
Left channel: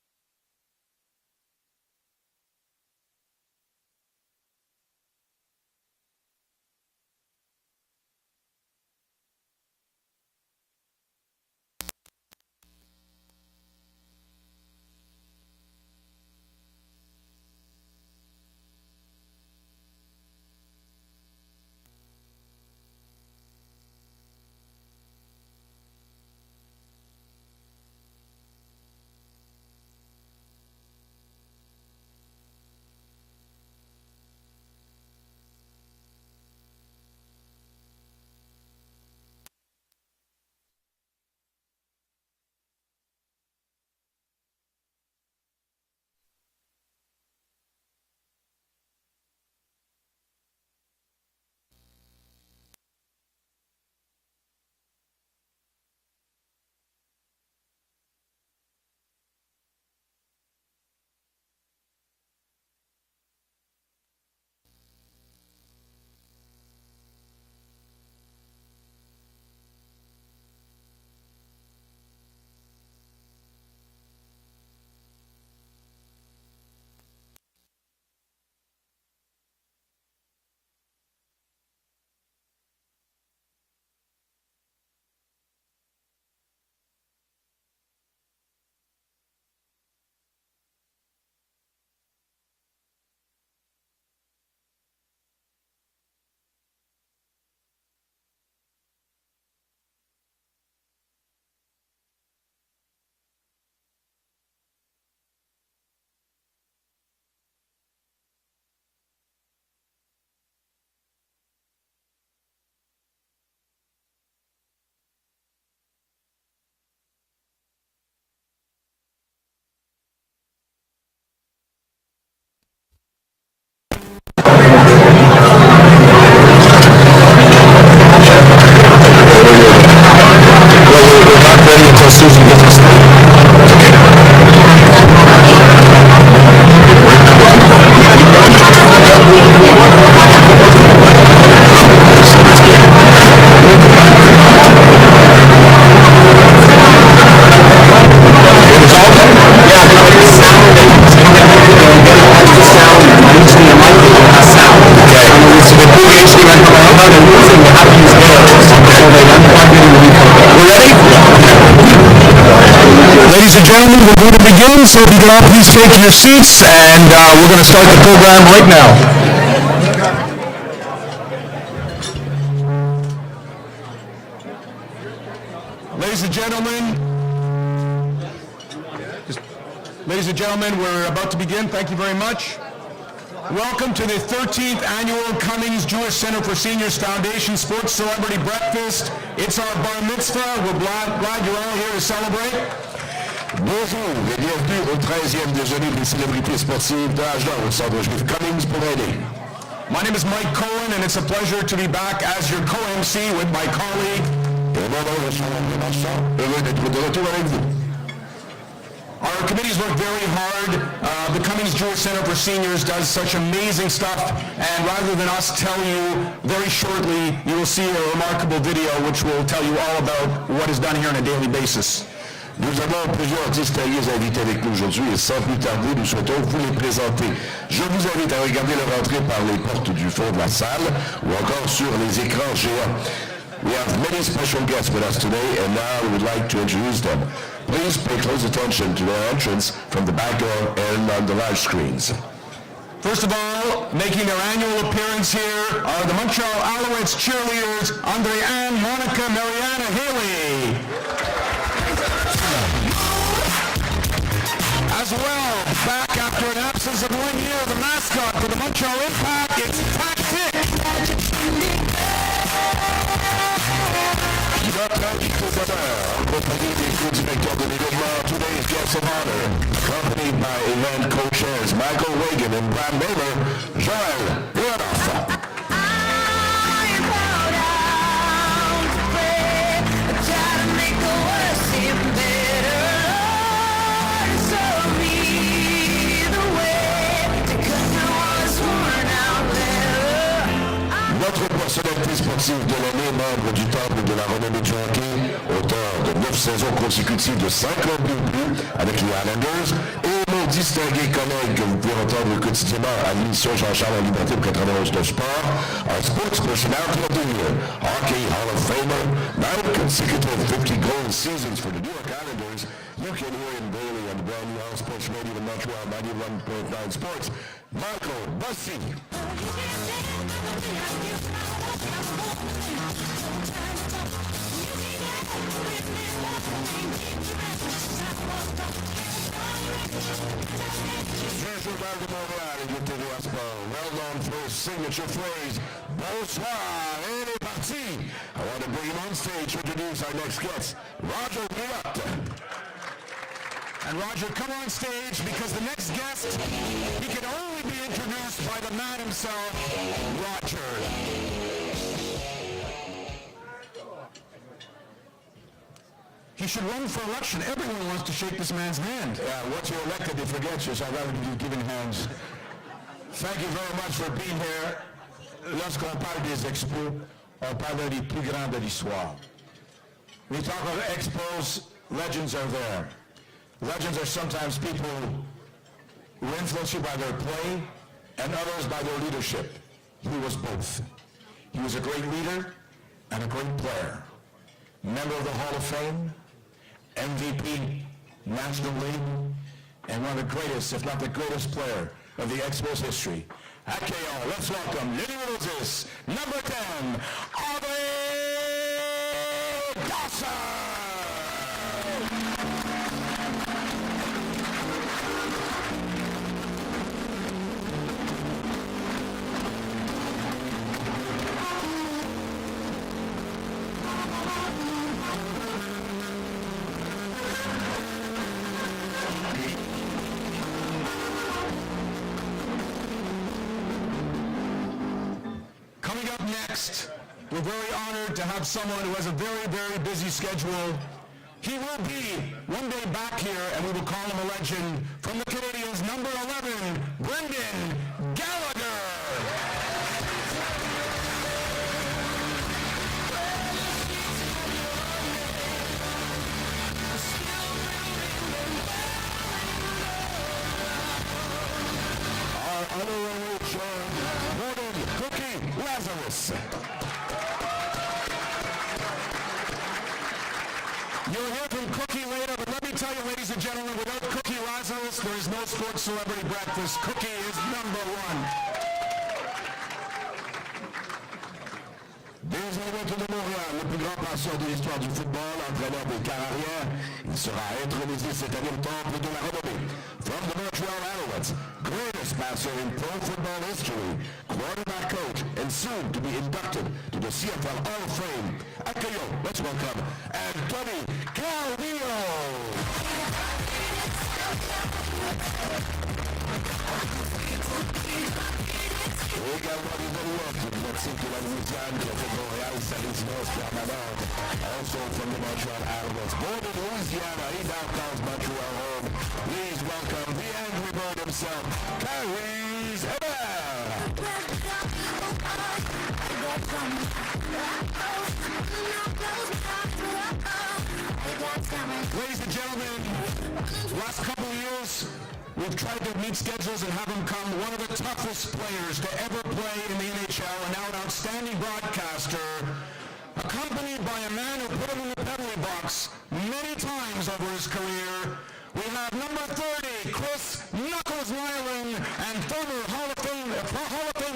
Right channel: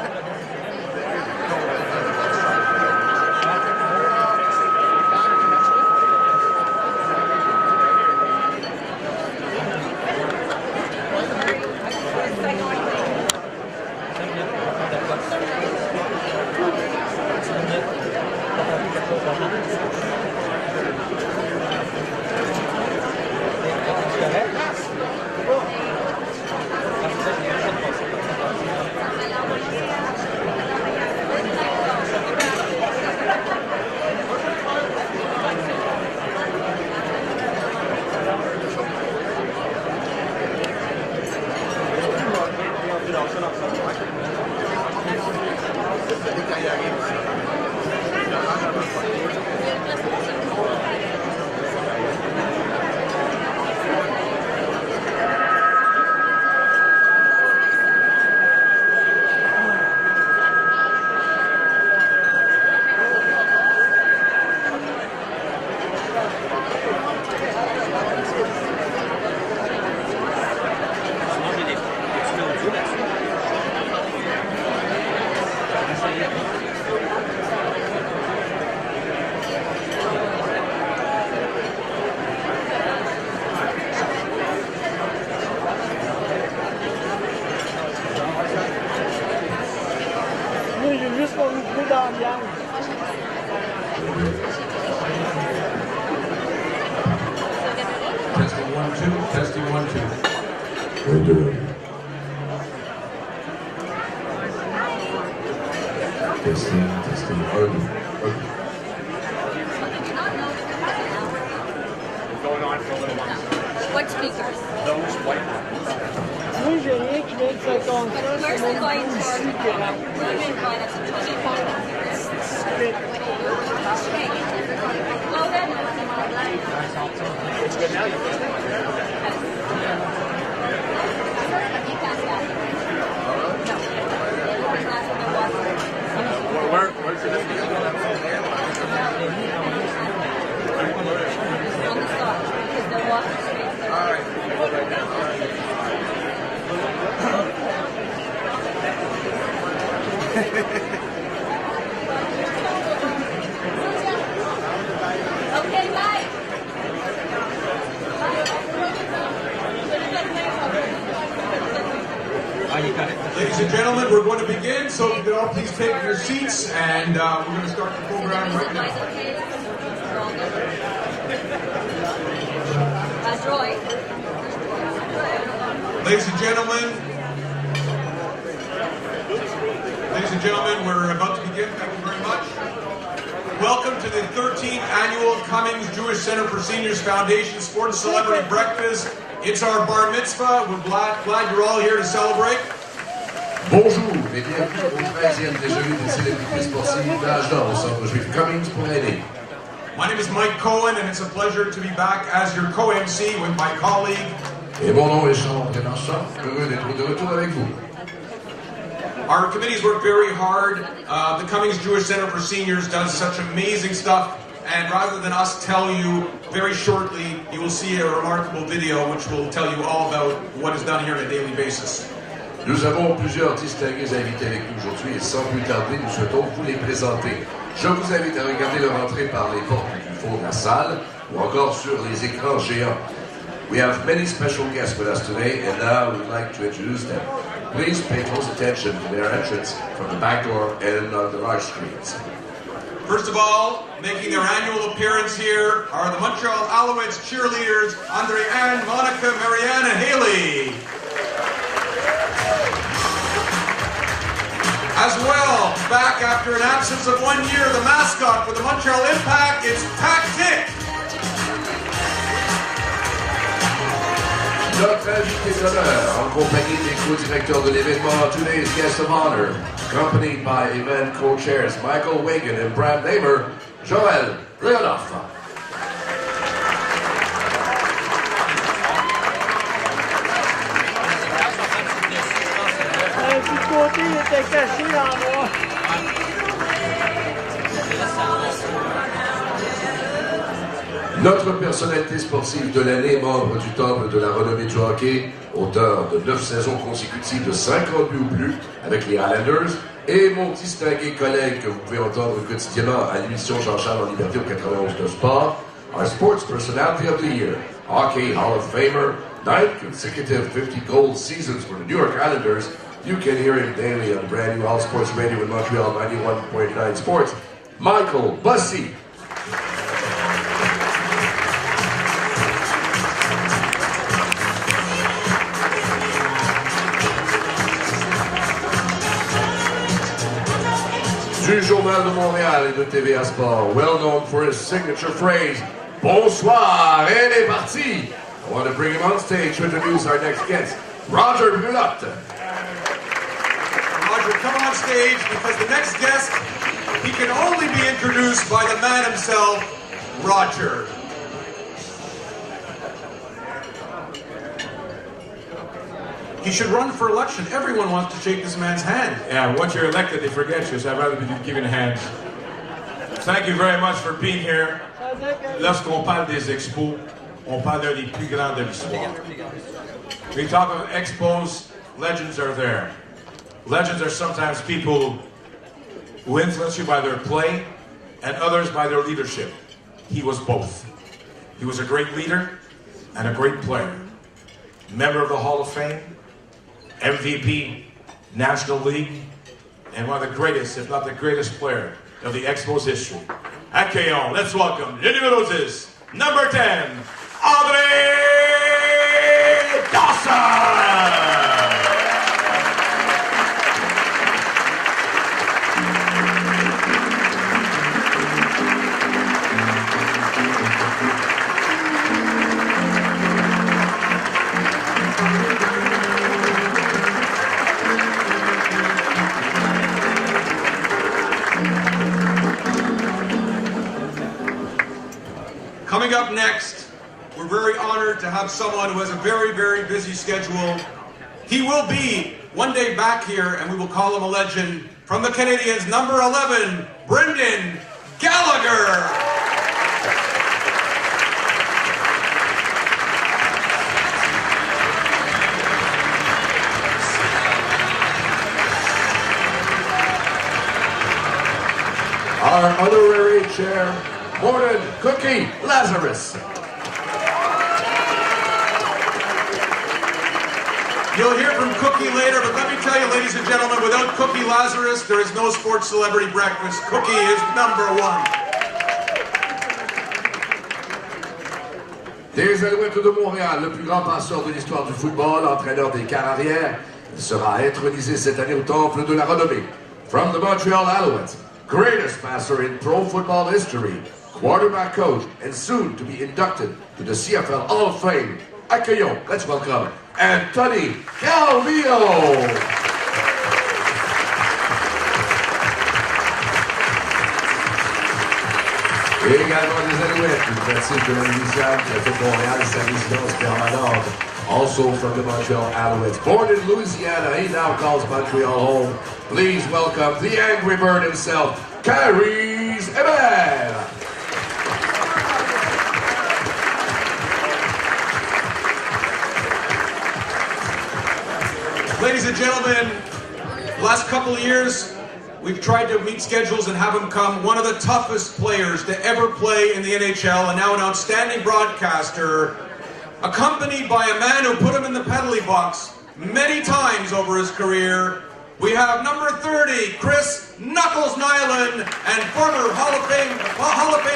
Testing 1, 2, testing 1, 2. We're doing. Testing, Open. Going on for a little while. What speakers? Those white ones. Moi, j'ai rien qui vient de se construire. Where's the going Ici, qui rentre. We're not ready until Susan gets us Ladies and gentlemen, we're going to begin, so if you can all please take your seats, and we're going to start the program right now. Ladies and gentlemen, we're about to begin. Thank you very much. Welcome to the 13th annual Cummings Jewish Centre for Seniors Foundation Sports Celebrity Breakfast. It's our bar mitzvah. We're glad you're all here to celebrate. Bonjour et bienvenue au 13e déjeuner des célébrités sportives d'Agen au Centre Juif Cummings pour aider. My name is Mike Cohen, and it's a pleasure to be back as your co-MC with my colleague. Et mon nom est Jean-Luc Marchand. Heureux d'être de retour avec vous. Our committees work very hard. The Cummings Jewish Centre for Seniors does such amazing stuff, and rather than us tell you, very shortly you will see a remarkable video which will tell you all about what is done here on a daily basis. Nous avons plusieurs distingués invités avec nous aujourd'hui et sans plus tarder, nous souhaitons vous les présenter. Je vous invite à regarder leur entrée par les portes du fond de la salle ou encore sur les écrans géants. We have many special guests with us today, and now we would like to introduce them. Please pay close attention to their entrance from the back and on the large screens. First of all, making their annual appearance here are the Montreal Alouettes cheerleaders, Andre Ann, Monica, Marianne, and Haley. As well, back after an absence of 1 year, the mascot for the Montreal Impact is Tactic. En compagnie des co-directeurs de l'événement, today's guest of honor, accompanied by event co-chairs Michael Wigan and Brian Baylor, Joel Leonoff. Notre personnalité sportive de l'année, membre du temple de la renommée du hockey hockey, auteur de 9 saisons consécutives de 52 buts avec les Islanders, et mon distingué collègue que vous pouvez entendre quotidiennement à l'émission Jean-Charles Liberté au 91 de Sport, our sports personality of the year, Hockey Hall of Famer, 9 consecutive 50 goal seasons for the New York Islanders. You can hear him daily on brand new All Sports Radio in Montreal 91.9 Sports, Michael Bossy. Du Journal de Montréal et de TVA Sport, well known for his signature phrase, bonsoir, elle est partie. I want to bring him on stage to introduce our next guest, Rodger Brulotte. Rodger, come on stage because the next guest, he can only be introduced by the man himself, Rodger. He should run for election. Everyone wants to shake this man's hand. Yeah, once you're elected, they forget you, so I'd rather be giving hands. Thank you very much for being here. Lorsqu'on parle des expos, on parle d'un des plus grands de l'histoire. We talk about expos, legends are there. Legends are sometimes people who influence you by their play and others by their leadership. He was both. He was a great leader and a great player. Member of the Hall of Fame, MVP, National League, and one of the greatest, if not the greatest player of the Expos history. Accueillons, let's welcome le numéro 10, number 10, Andre Dawson! Coming up next, we're very honored to have someone who has a very, very busy schedule. He will be one day back here, and we will call him a legend. From the Canadiens, number 11, Brendan Gallagher. Our honorary chair, Morton Cookie Lazarus. You'll hear from Cookie later, but let me tell you, ladies and gentlemen, without Cookie Lazarus, there is no sports celebrity breakfast. Cookie is number 1. Des Alouettes de Montréal, le plus grand passeur de l'histoire du football, entraîneur des carrières, il sera intronisé cette année au temple de la renommée. From the Montreal Alouettes, greatest passer in pro football history, quarterback coach, and soon to be inducted to the CFL Hall of Fame. Accueillons, let's welcome, Anthony Calvillo. Et également les Alouettes, le principe de la Louisiane qui a fait Montréal sa résidence permanente. Also from the Montreal Alouettes, born in Louisiana, he now calls Montreal home. Please welcome the Angry Bird himself, Kyrie's Hébert. Ladies and gentlemen, last couple of years, we've tried to meet schedules and have him come. One of the toughest players to ever play in the NHL, and now an outstanding broadcaster, accompanied by a man who put him in the penalty box many times over his career. We have number 30, Chris Knuckles Nyland, and former Hall of Fame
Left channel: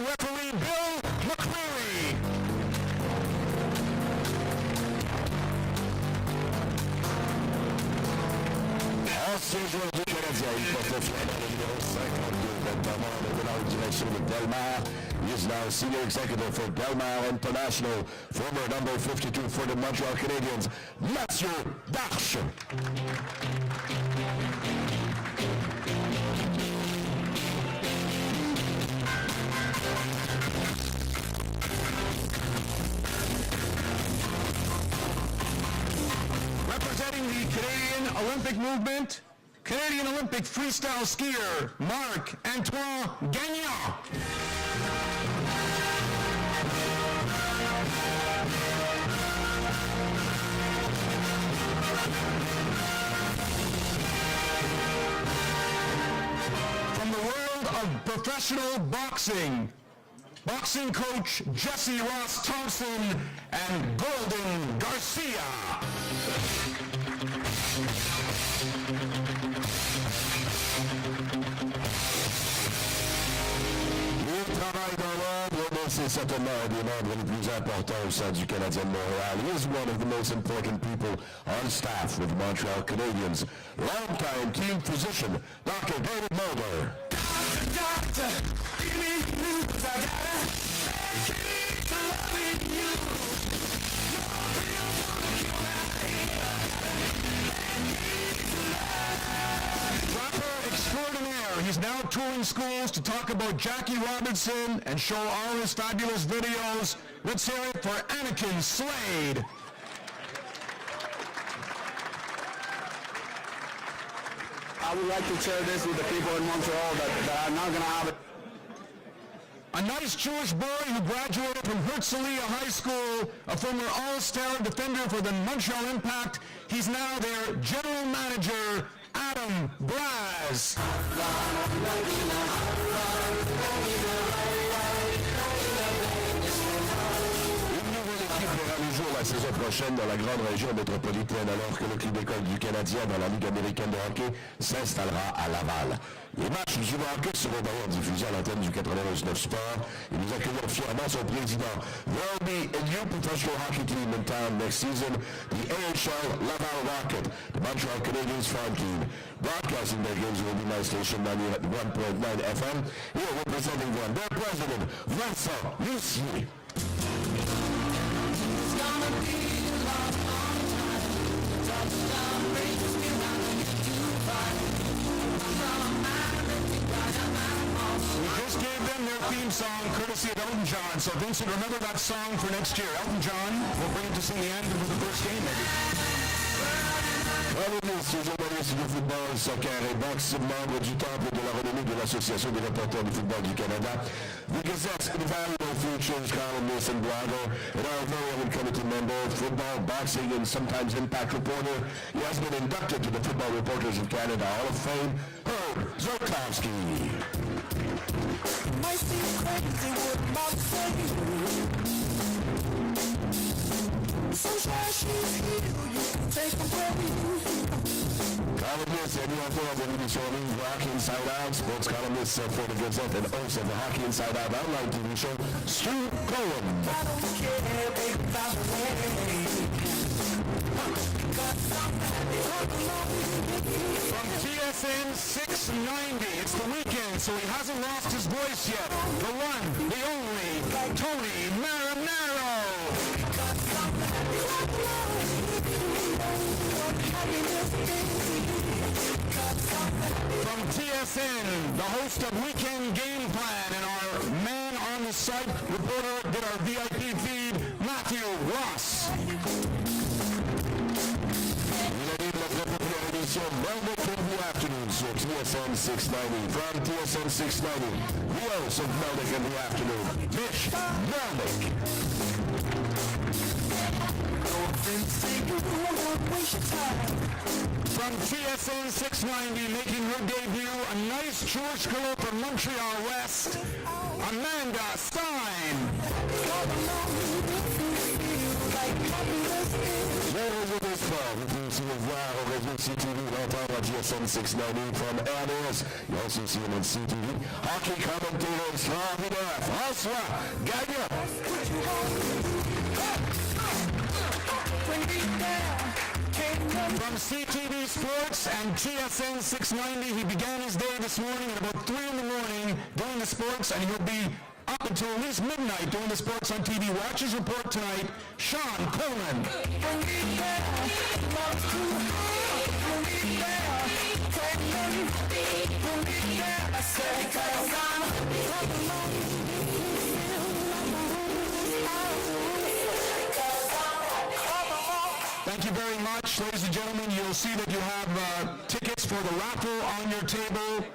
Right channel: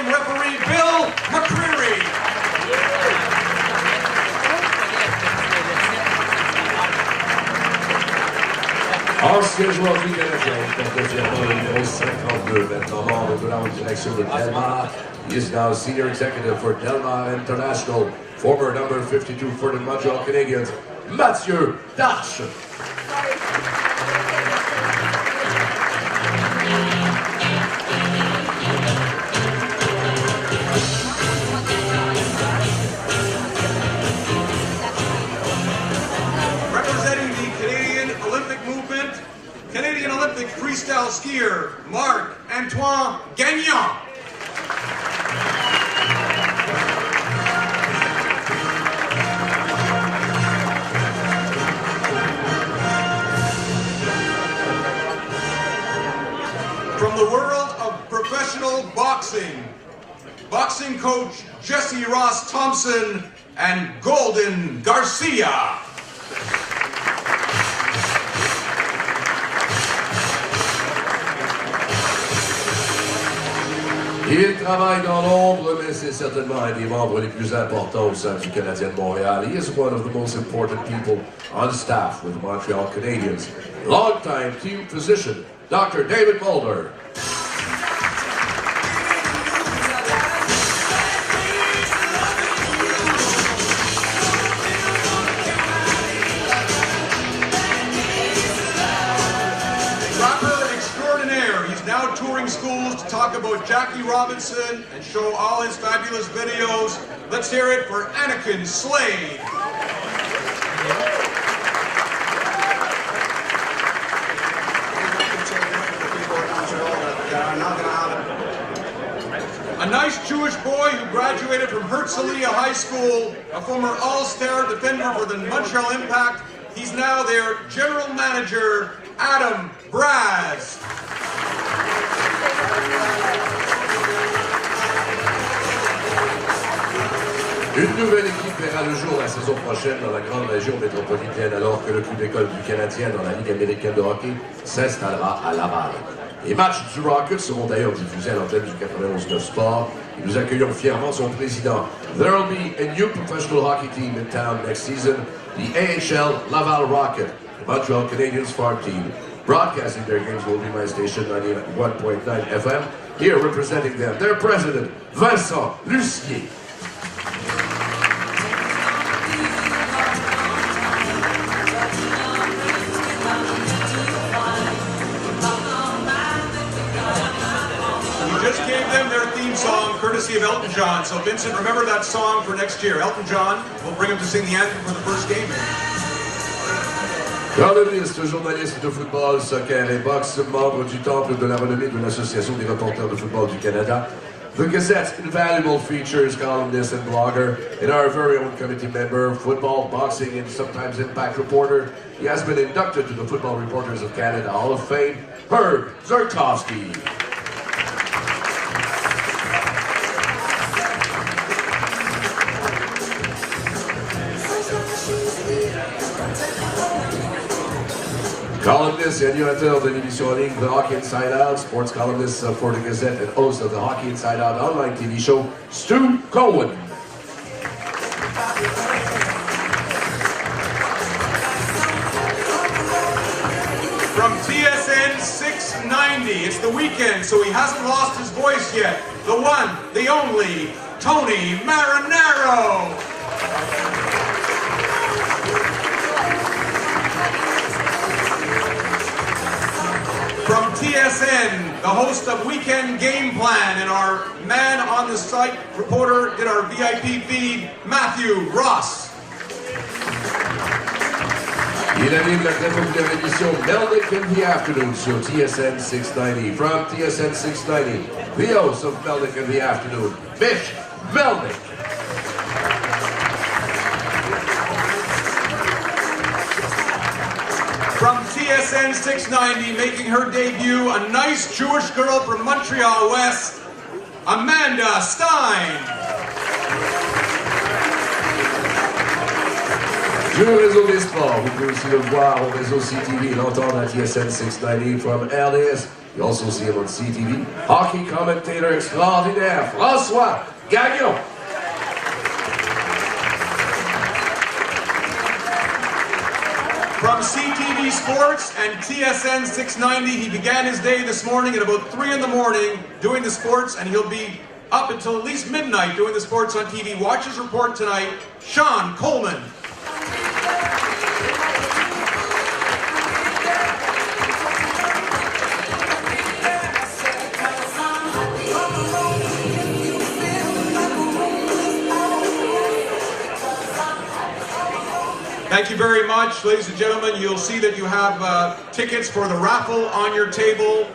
referee Bill McCreary. Ancien joueur canadien, numéro 52, maintenant membre de la direction de Delmar. He is now senior executive for Delmar International, former number 52 for the Montreal Canadiens, Mathieu Darche. Representing the Canadian Olympic movement, Canadian Olympic freestyle skier, Marc-Antoine Gagnon. from the world of professional boxing, boxing coach Jesse Ross Thompson and Golden Garcia. Il travaille dans l'ombre, mais c'est certainement un des membres les plus importants au sein du Canadien de Montréal. He is one of the most important people on staff with Montreal Canadiens. Longtime team physician, Dr. David Mulder. Schools to talk about Jackie Robinson and show all his fabulous videos. Let's hear it for Anakin Slade. A nice Jewish boy who graduated from Herzliya High School, a former All-Star defender for the Montreal Impact. He's now their general manager, Adam Braz. Une nouvelle équipe verra le jour la saison prochaine dans la grande région métropolitaine alors que le club d'école du Canadien dans la Ligue américaine de hockey s'installera à Laval. Les matchs du Rockets seront d'ailleurs diffusés à l'antenne du 91 de sport. Nous accueillons fièrement son président. There will be a new professional hockey team in town next season, the AHL Laval Rocket, the Montreal Canadiens Spark team. Broadcasting their games will be my station 91.9 FM. Here representing them, their president, Vincent Lucier. Song courtesy of Elton John. So Vincent, remember that song for next year. Elton John will bring him to sing the anthem for the first game. Columnist, journaliste de football, soccer et boxe, membre du temple de la renommée de l'Association des reporters de football du Canada. The Gazette's invaluable features, columnist and blogger, and our very own committee member, football, boxing, and sometimes impact reporter. He has been inducted to the Football Reporters of Canada Hall of Fame, Herb Zverkowski. Columnist et animateur de l'émission en ligne The Hockey Inside Out, sports columnist for the Gazette and host of the Hockey Inside Out online TV show, Stu Cohen. From TSN 690, it's the weekend, so he hasn't lost his voice yet. The one, the only, Tony Marinaro. From TSN, the host of Weekend Game Plan, and our man on the site reporter did our VIP feed, Matthew Ross. Il anime la très populaire émission Melnick in the Afternoon sur TSN 690. From TSN 690, the host of Melnick in the Afternoon, Mish Melnick. From TSN 690, making her debut, a nice Jewish girl from Montreal West, Amanda Stein. Sur le réseau des sports, vous pouvez aussi le voir au réseau CTV et l'entendre à TSN 690 from LAS. You also see him on CTV. Hockey commentator extraordinaire, François Gagnon. From CTV Sports and TSN 690, he began his day this morning at about 3 in the morning doing the sports, and he'll be up until at least midnight doing the sports on TV. Watch his report tonight, Sean Coleman. Thank you very much, ladies and gentlemen. You'll see that you have tickets for the raffle on your table.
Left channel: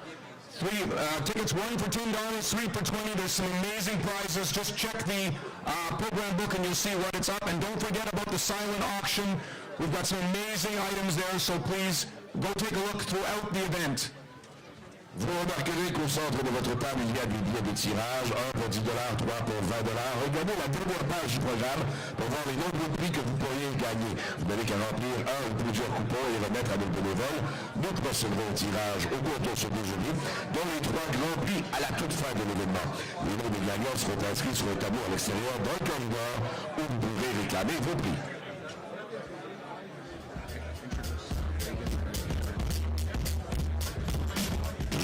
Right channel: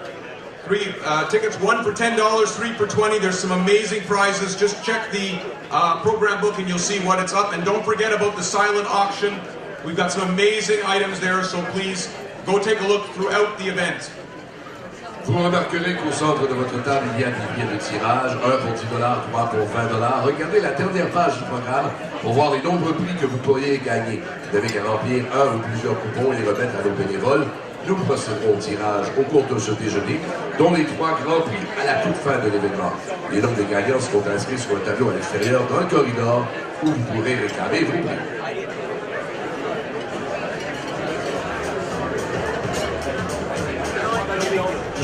Tickets, one for $10, three for $20. There's some amazing prizes. Just check the program book and you'll see what is up. And don't forget about the silent auction. We've got some amazing items there, so please go take a look throughout the event. Vous remarquerez qu'au centre de votre table, il y a des billets de cirage, 1 pour 10 $, 3 pour 20 $. Regardez la dernière page du programme pour voir les nombreux prix que vous pourriez gagner. Vous devez remplir un ou plusieurs coupons et les remettre à nos bénévoles. Nous procéderons au tirage au cours de ce déjeuner, dont les 3 grands prix à la toute fin de l'événement. Les noms des gagnants seront inscrits sur un tableau à l'extérieur dans le corridor où vous pourrez réclamer vos prix.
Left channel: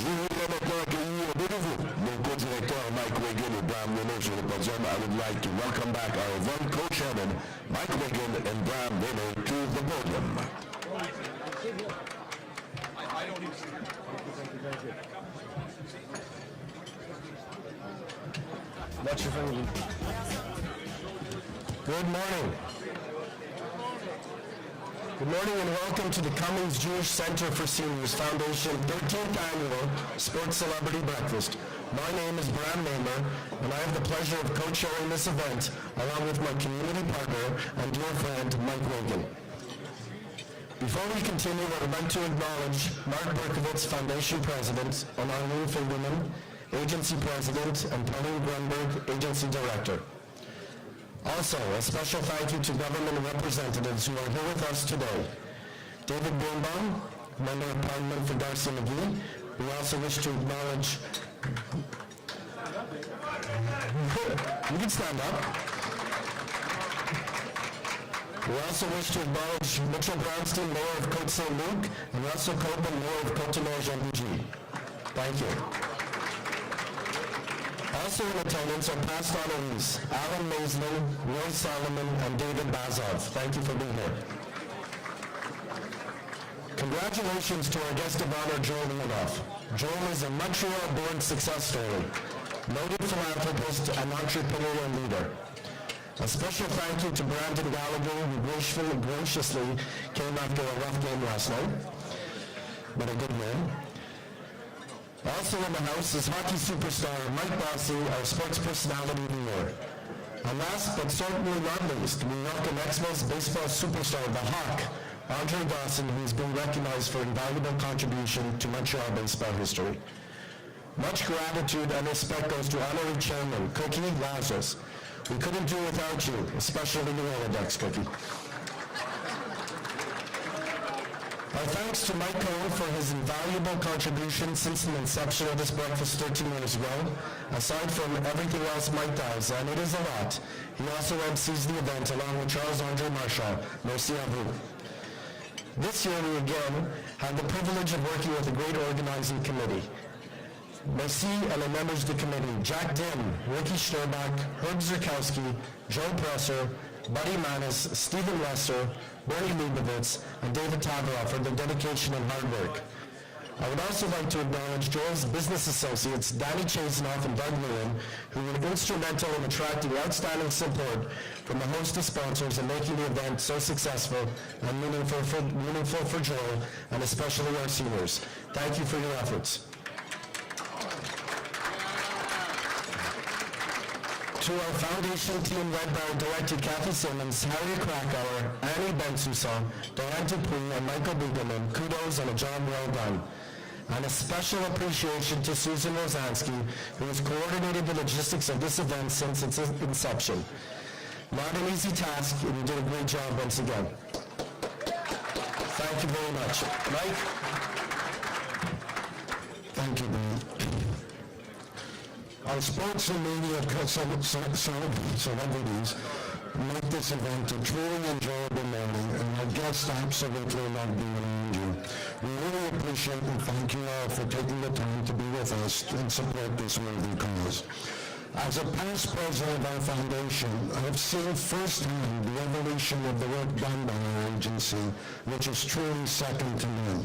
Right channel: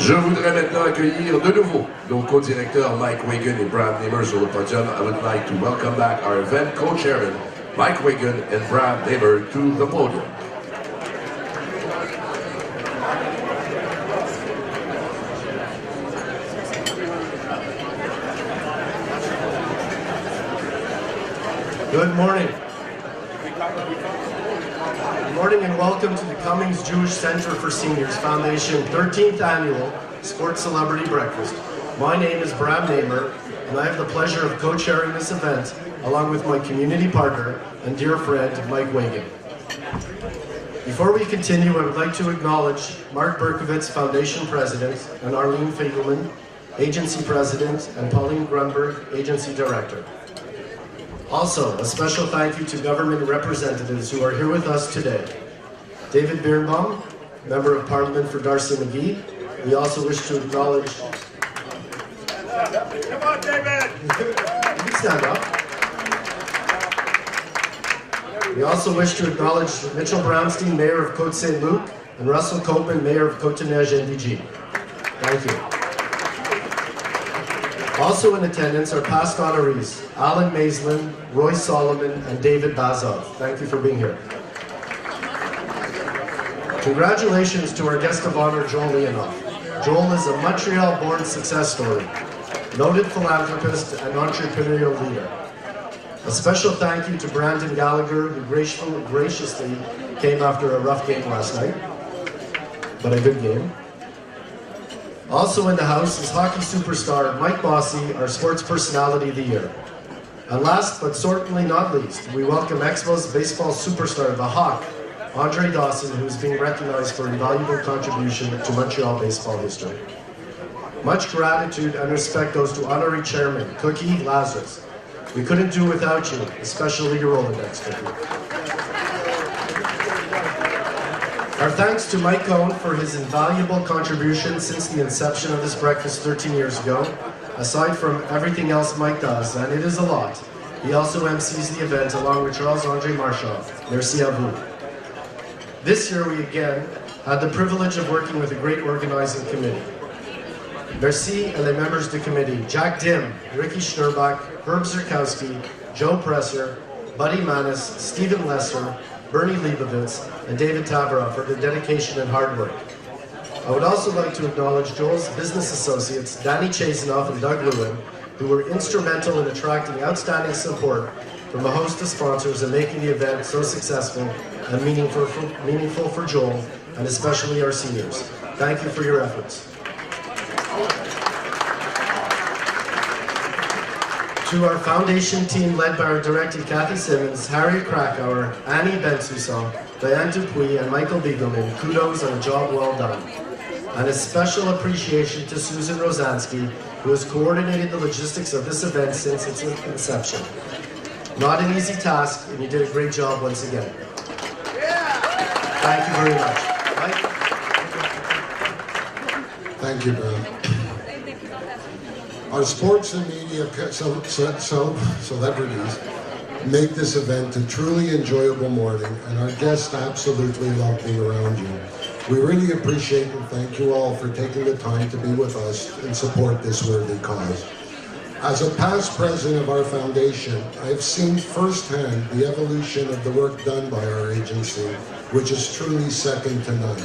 Je voudrais maintenant accueillir de nouveau nos co-directeurs Mike Wigan et Bram Nehmer sur le podium. I would like to welcome back our event co-chairman Mike Wigan and Bram Nehmer to the podium. Good morning. Good morning and welcome to the Cummings Jewish Centre for Seniors Foundation 13th Annual Sports Celebrity Breakfast. My name is Bram Nehmer, and I have the pleasure of co-chairing this event along with my community partner and dear friend, Mike Wigan. Before we continue, I would like to acknowledge Mark Berkowitz, Foundation President, and Arlene Fiegelman, Agency President, and Pauline Grunberg, Agency Director. Also, a special thank you to government representatives who are here with us today. David Beerbaum, Member of Parliament for Garcia-McGee. We also wish to acknowledge... Come on, David! You can stand up. We also wish to acknowledge Mitchell Brownstein, Mayor of Côte Saint-Luc, and Russell Copeland, Mayor of Côte-Neige-NDG. Thank you. Also in attendance are past honorees, Alan Maislin, Roy Solomon, and David Bazov. Thank you for being here. Congratulations to our guest of honor, Joel Leonoff. Joel is a Montreal-born success story, noted philanthropist and entrepreneurial leader. A special thank you to Brandon Gallagher, who graciously came after a rough game last night, but a good game. Also in the house is hockey superstar Mike Bossy, our sports personality of the year. And last but certainly not least, we welcome Expos baseball superstar, the Hawk, Andre Dawson, who is being recognized for invaluable contribution to Montreal baseball history. Much gratitude and respect goes to honorary chairman, Cookie Lazarus. We couldn't do without you, especially your Rolodex. Our thanks to Mike Cohn for his invaluable contributions since the inception of this breakfast 13 years ago. Aside from everything else Mike does, and it is a lot, he also MCs the event along with Charles-André Marchand. Merci à vous. This year we again had the privilege of working with a great organizing committee. Merci à les members du committee, Jack Dim, Ricky Schnerbach, Herb Zurkowski, Joe Presser, Buddy Manis, Stephen Lesser, Bernie Leibovitz, and David Tabra for their dedication and hard work. I would also like to acknowledge Joel's business associates, Danny Chasenoff and Doug Lewin, who were instrumental in attracting outstanding support from a host of sponsors and making the event so successful and meaningful for Joel, and especially our seniors. Thank you for your efforts. To our foundation team led by our director Kathy Simmons, Harry Krakauer, Annie Bensusson, Diane Dupuy, and Michael Biegelman, kudos on a job well done. And a special appreciation to Susan Rosansky, who has coordinated the logistics of this event since its inception. Not an easy task, and you did a great job once again. Thank you very much. Thank you, man. Our sports and media celebrities make this event a truly enjoyable morning, and our guests absolutely love being around you. We really appreciate and thank you all for taking the time to be with us and support this worthy cause. As a past president of our foundation, I've seen firsthand the evolution of the work done by our agency, which is truly second to none.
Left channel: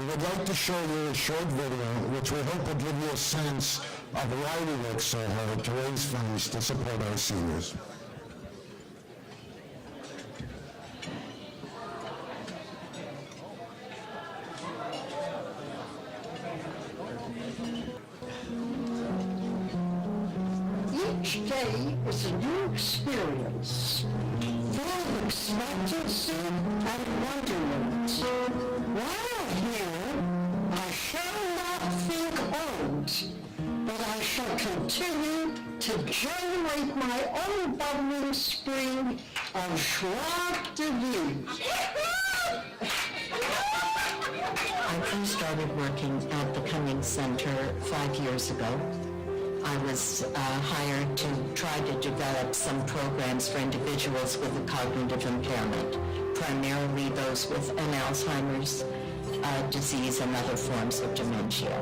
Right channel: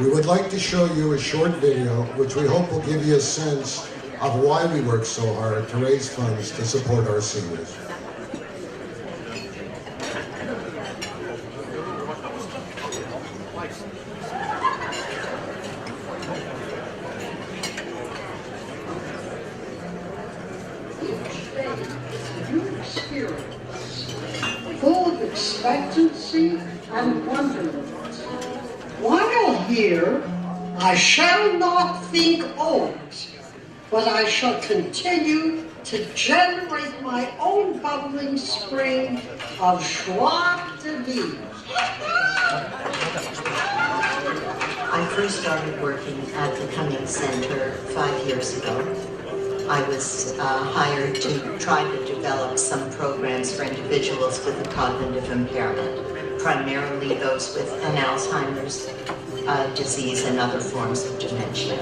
We would like to show you a short video, which we hope will give you a sense of why we work so hard to raise funds to support our seniors. Each day is a new experience, full of expectancy and wonderment. While here, I shall not think old, but I shall continue to generate my own bubbling spring of joie de vivre. I first started working at the Cummings Centre 5 years ago. I was hired to try to develop some programs for individuals with a cognitive impairment, primarily those with an Alzheimer's disease and other forms of dementia.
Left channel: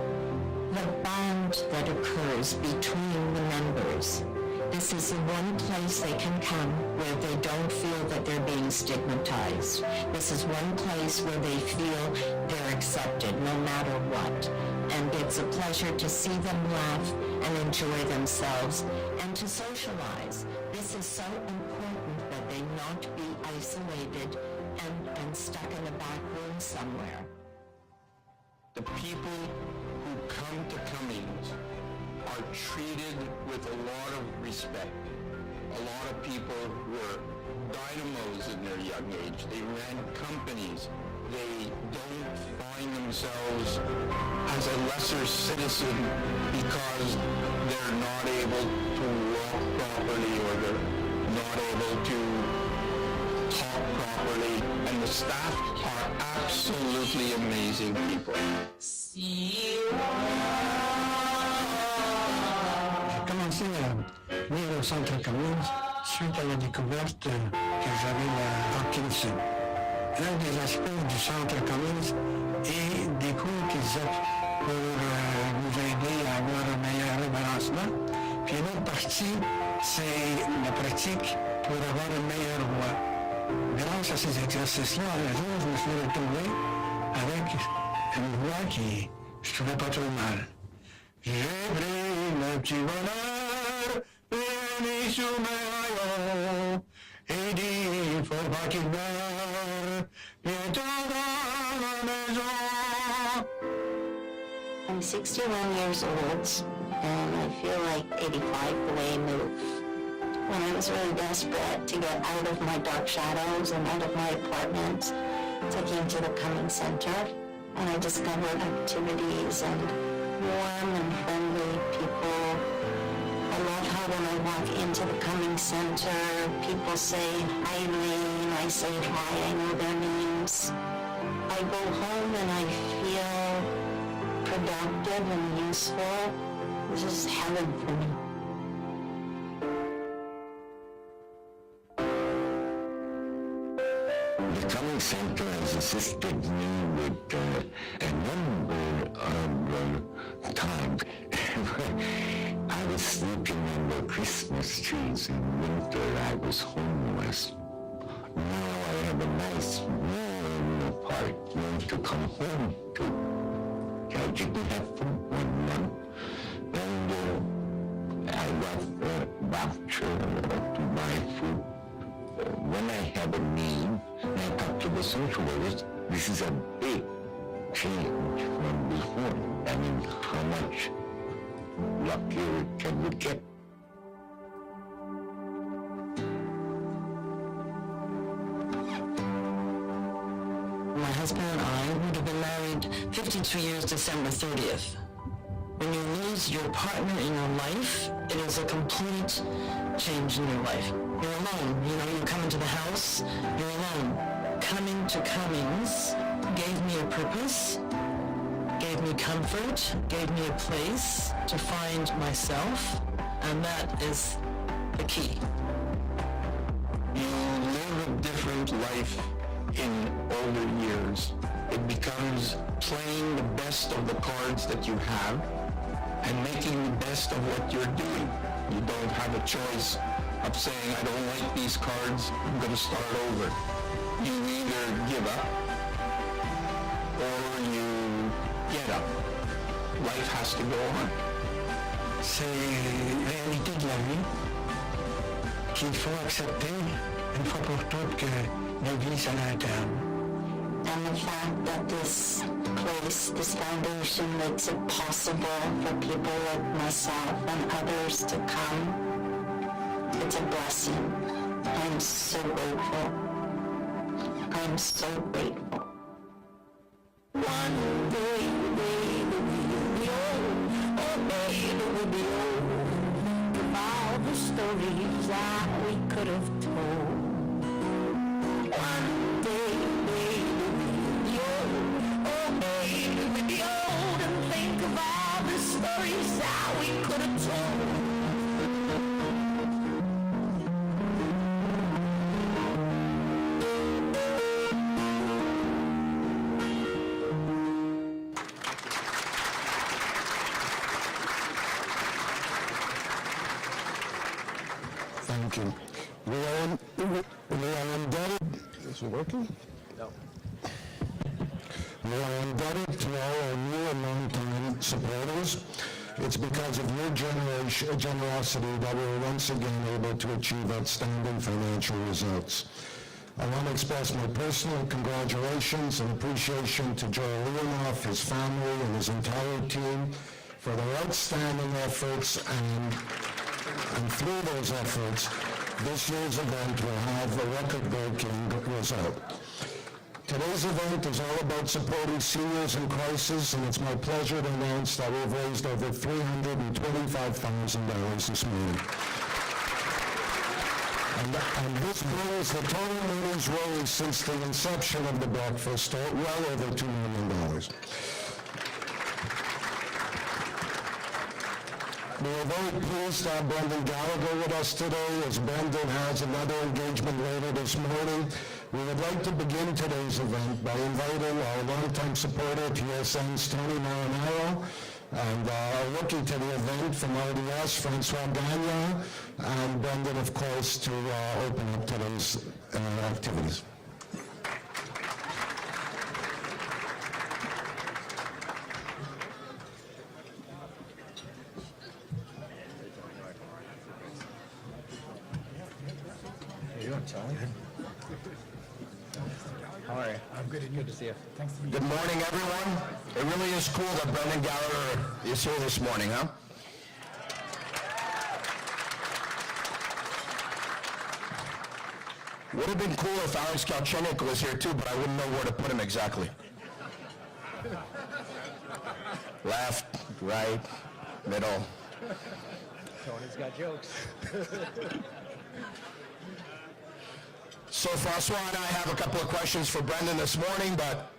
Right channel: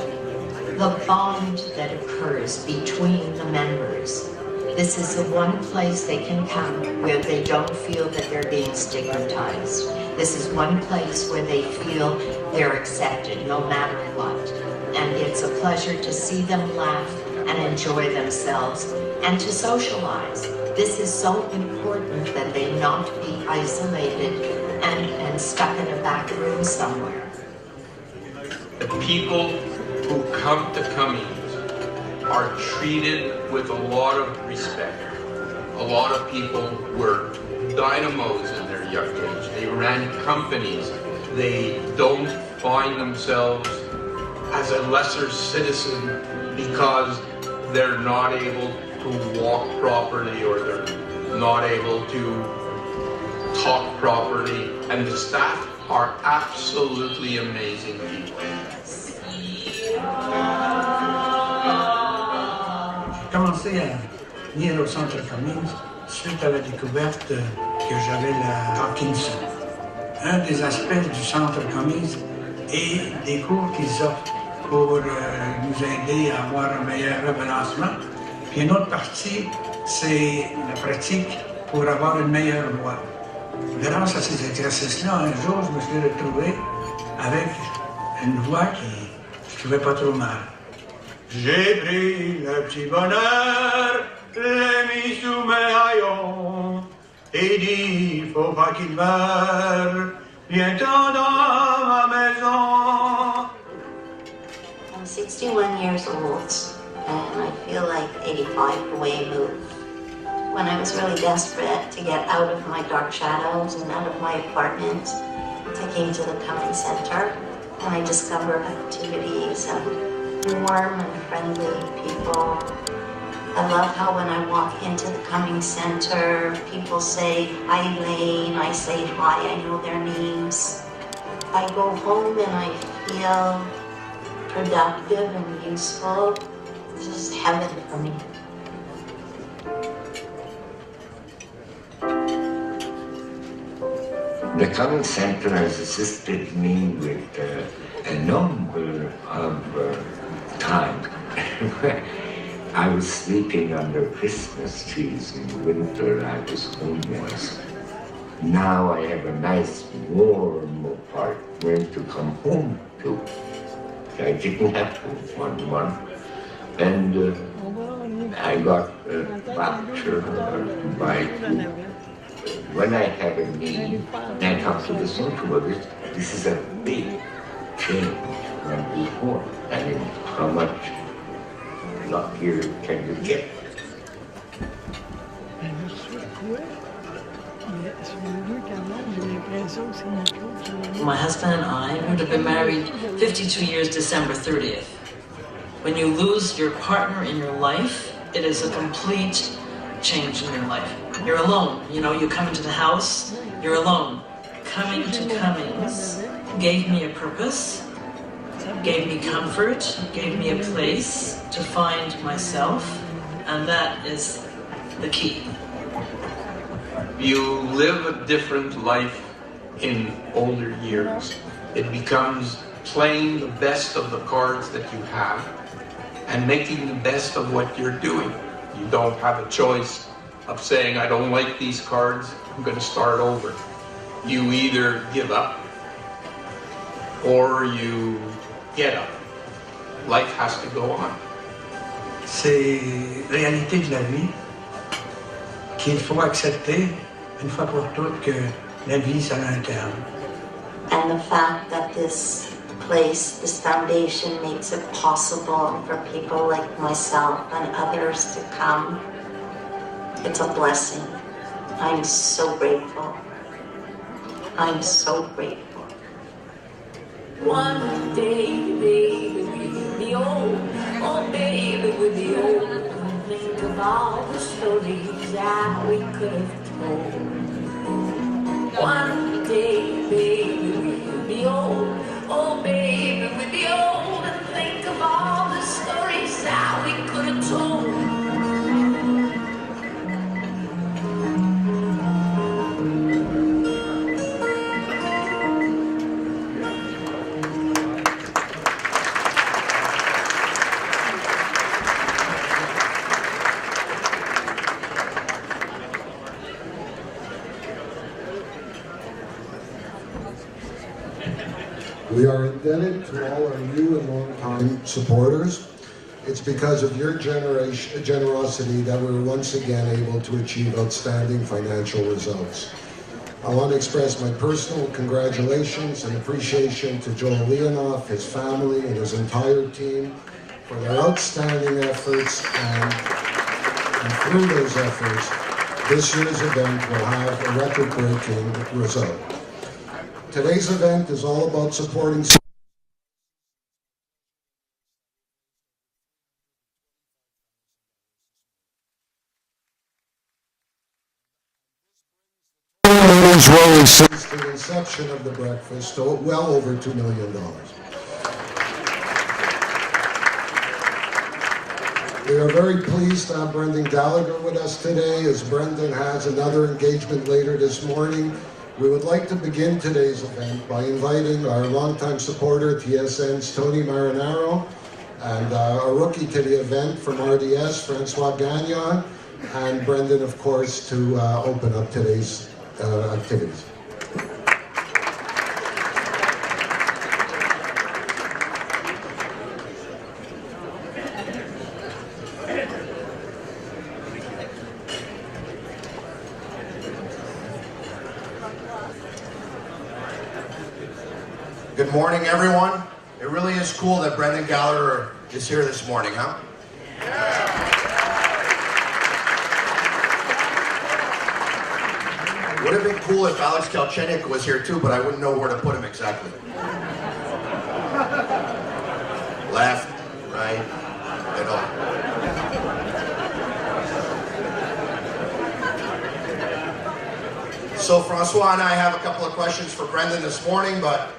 The bond that occurs between the members. This is the one place they can come where they don't feel that they're being stigmatized. This is one place where they feel they're accepted no matter what. And it's a pleasure to see them laugh and enjoy themselves and to socialize. This is so important that they not be isolated and stuck in a back room somewhere. The people who come to Cummings are treated with a lot of respect. A lot of people were dynamos in their young age. They ran companies. They don't find themselves as a lesser citizen because they're not able to walk properly or they're not able to talk properly. And the staff are absolutely amazing people. J'ai commencé à venir au centre Cummings suite à la découverte que j'avais de Parkinson. Un des aspects du centre Cummings est des cours qu'ils offrent pour nous aider à avoir un meilleur référencement. Puis une autre partie, c'est la pratique pour avoir une meilleure voix. Grâce à ces exercices-là, un jour, je me suis retrouvé avec une voix qui je trouvais pas trop mal. J'ai pris le petit bonheur, les michous médaillons, et dit, faut pas qu'il meure, viens-t'en dans ma maison. I'm 61 years old, and I feel like 85 the way I move. When I was really desperate to get out of my dark shadows and out of my apartment, I came to the Cummings Centre, and I discovered activities and warm and friendly people. I love how when I walk into the Cummings Centre, people say, "Hi, Elaine," I say, "Hi," I know their names. I go home and I feel productive and useful. This is heaven for me. The Cummings Centre has assisted me with a number of times. I was sleeping under Christmas trees in winter. I was homeless. Now I have a nice warm apartment to come home to. I didn't have to one month. And I got a doctor by when I have a need, and I talk to the social workers, this is a big change from before. I mean, how much luckier can you get? My husband and I would have been married 52 years December 30th. When you lose your partner in your life, it is a complete change in your life. You're alone. You know, you come to the house, you're alone. Coming to Cummings gave me a purpose, gave me comfort, gave me a place to find myself, and that is the key. You live a different life in older years. It becomes playing the best of the cards that you have and making the best of what you're doing. You don't have a choice of saying, I don't like these cards, I'm going to start over. You either give up or you get up. Life has to go on. C'est la réalité de la vie qu'il faut accepter une fois pour toutes que la vie, ça a un terme. And the fact that this place, this foundation makes it possible for people like myself and others to come, it's a blessing. I'm so grateful. I'm so grateful. One day think of all the stories that we could have told. One day, baby, we'll be old. Oh, baby, we'll be old. And think of all the stories that we could have told. We are indebted to all our new and long-time supporters. It's because of your generosity that we're once again able to achieve outstanding financial results. I want to express my personal congratulations and appreciation to Joel Leonoff, his family, and his entire team for their outstanding efforts, and through those efforts, this year's event will have a record-breaking result. Today's event is all about supporting seniors in crisis, and it's my pleasure to announce that we've raised over $325,000 this morning. And this brings the total monies raised since the inception of the breakfast to well over $2 million. We are very pleased to have Brendan Gallagher with us today, as Brendan has another engagement later this morning. We would like to begin today's event by inviting our longtime supporter, TSN's Tony Marinaro, and our rookie to the event from RDS, Francois Gagnon, and Brendan, of course, to open up today's activities. Good morning, everyone. It really is cool that Brendan Gallagher is here this morning, huh? It would have been cool if Alex Kalchenik was here too, but I wouldn't know where to put him exactly. Left, right, middle. So Francois and I have a couple of questions for Brendan this morning, but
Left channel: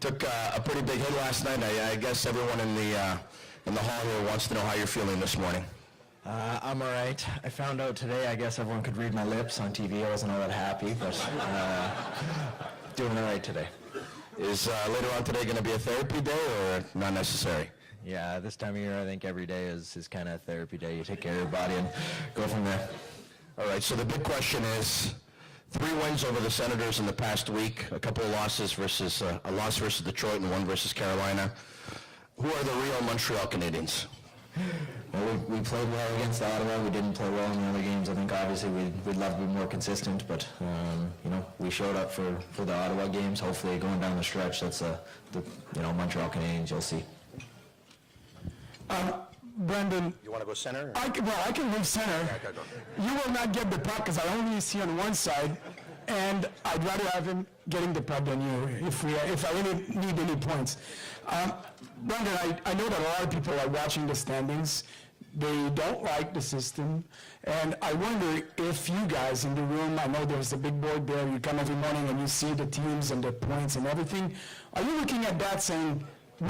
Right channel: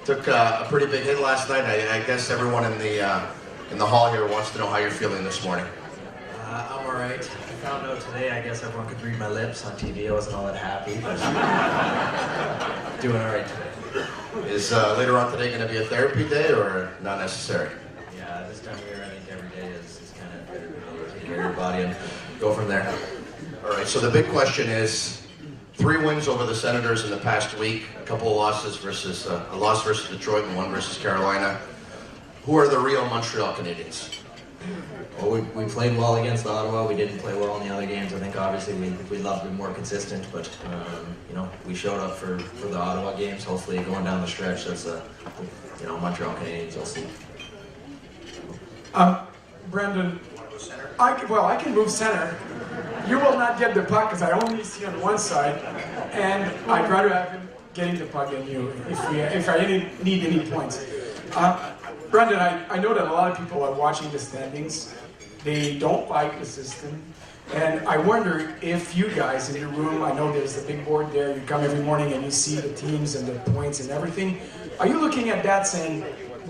took a pretty big hit last night. I guess everyone in the hall here wants to know how you're feeling this morning. I'm all right. I found out today, I guess everyone could read my lips on TV. I wasn't all that happy, but doing all right today. Is later on today going to be a therapy day or not necessary? Yeah, this time of year, I think every day is kind of therapy day. You take care of your body and go from there. All right, so the big question is, 3 wins over the Senators in the past week, a couple of losses versus a loss versus Detroit and one versus Carolina. Who are the real Montreal Canadiens? Well, we played well against Ottawa. We didn't play well in the other games. I think obviously we love to be more consistent, but we showed up for the Ottawa games. Hopefully, going down the stretch, that's the Montreal Canadiens will see. Brendan, you want to go center? I can move center. You will not get the puck because I only see on one side, and I'd rather have him getting the puck than you if I didn't need any points. Brendan, I know that a lot of people are watching the standings. They don't like the system, and I wonder if you guys in the room, I know there's a big board there, you come every morning and you see the teams and the points and everything. Are you looking at that saying,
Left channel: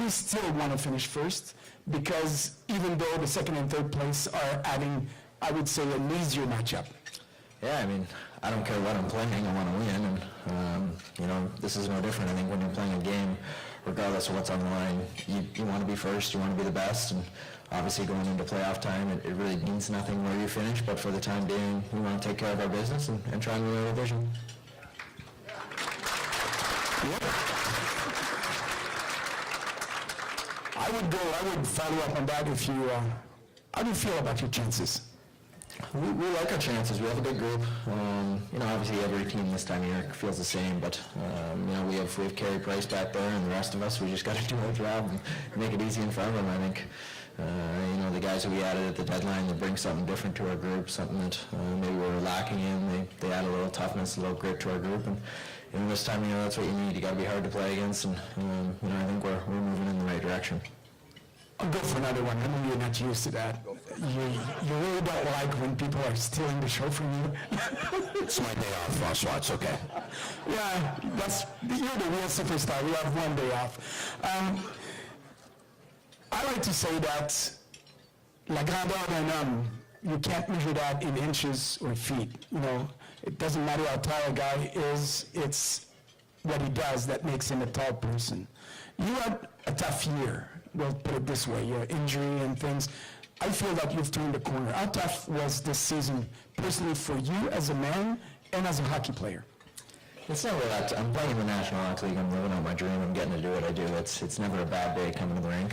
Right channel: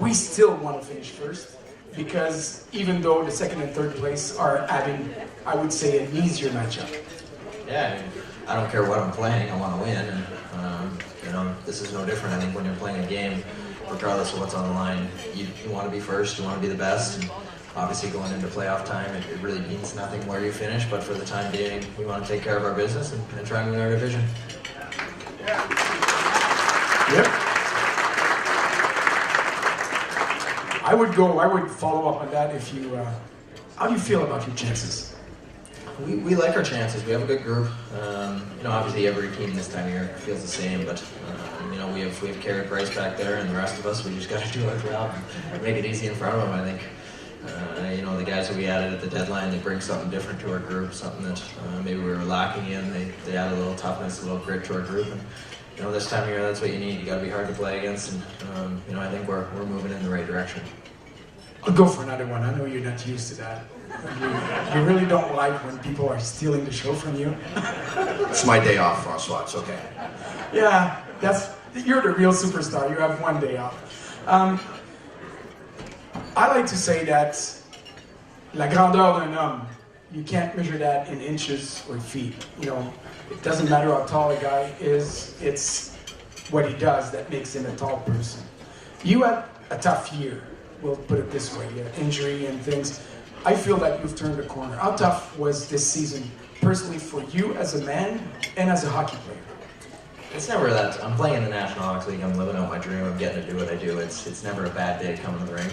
we still want to finish first? Because even though the second and third place are having, I would say, an easier matchup. Yeah, I don't care what I'm playing, I want to win. This is no different. I think when you're playing a game, regardless of what's on the line, you want to be first, you want to be the best, and obviously going into playoff time, it really means nothing where you finish, but for the time being, we want to take care of our business and try to win our division. Yep. I would follow up on that if you, how do you feel about your chances? We like our chances. We have a good group. Obviously every team this time here feels the same, but we have carried Bryce back there, and the rest of us, we just got to do it around and make it easy for everyone. I think the guys that we added at the deadline, they bring something different to our group, something that maybe we were lacking in. They add a little toughness, a little grit to our group. And this time of year, that's what you need. You got to be hard to play against, and I think we're moving in the right direction. I'll go for another one. I know you're not used to that. You really don't like when people are stealing the show from you. It's my day off, François. It's okay. Yeah, you're the real superstar. You have one day off. I like to say that la grandeur d'un homme, you can't measure that in inches or feet. You know, it doesn't matter how tall a guy is. It's what he does that makes him a tall person. You had a tough year. We'll put it this way. You had injury and things. I feel that you've turned the corner. How tough was this season, personally, for you as a man and as a hockey player? It's never that. I'm playing in the National Hockey League. I'm living out my dream of getting to do what I do. It's never a bad day coming to the rink.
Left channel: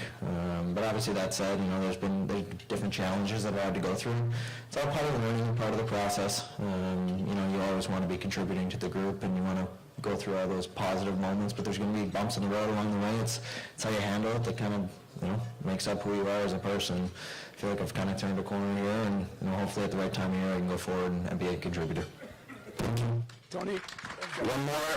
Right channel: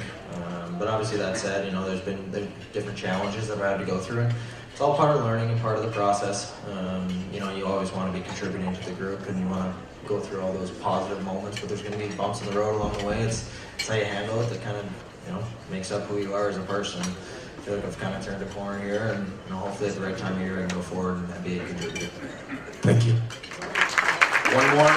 But obviously, that said, you know, there's been different challenges that I've had to go through. It's all part of learning and part of the process. You know, you always want to be contributing to the group, and you want to go through all those positive moments. But there's going to be bumps in the road along the way. It's how you handle it that kind of, you know, makes up who you are as a person. And I feel like I've kind of turned a corner here, and you know, hopefully it's the right time of year to go forward and be a contributor. Thank you. One more.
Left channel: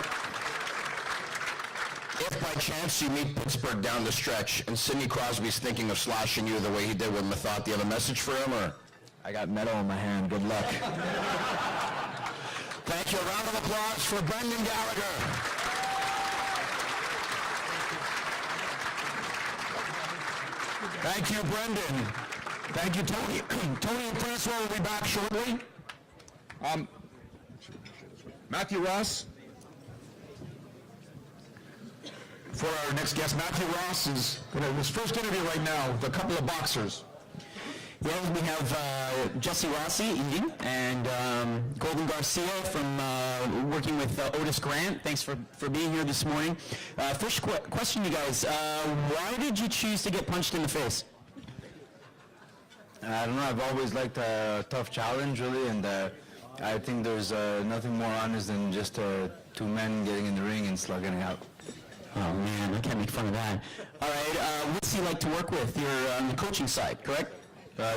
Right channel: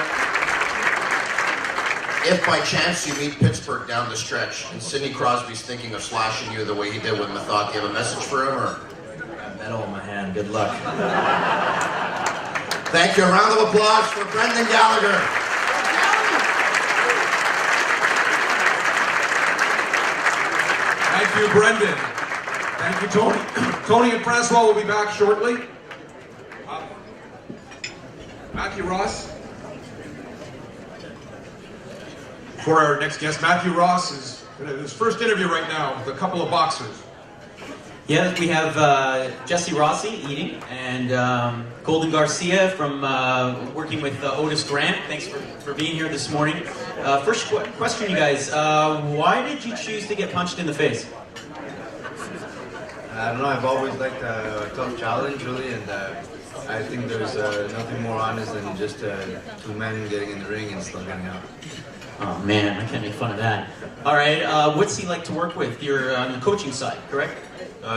If by chance you meet Pittsburgh down the stretch and Sidney Crosby's thinking of slashing you the way you did with the thought, do you have a message for him, or? I got metal in my hand. Good luck. Thank you. A round of applause for Brendan Gallagher. Thank you, Brendan. Thank you, Tony. Tony and Francois will be back shortly. Matthew Ross. For our next guest, Matthew Ross is in his first interview right now with a couple of boxers. Yeah, we have Jesse Rossi eating, and Golden Garcia from working with Otis Grant. Thanks for being here this morning. First question for you guys. Why did you choose to get punched in the face? I don't know, I've always liked a tough challenge, really, and I think there's nothing more honest than just two men getting in the ring and still getting out. Oh man, I can't make fun of that. All right, what's he like to work with? You're on the coaching side, correct?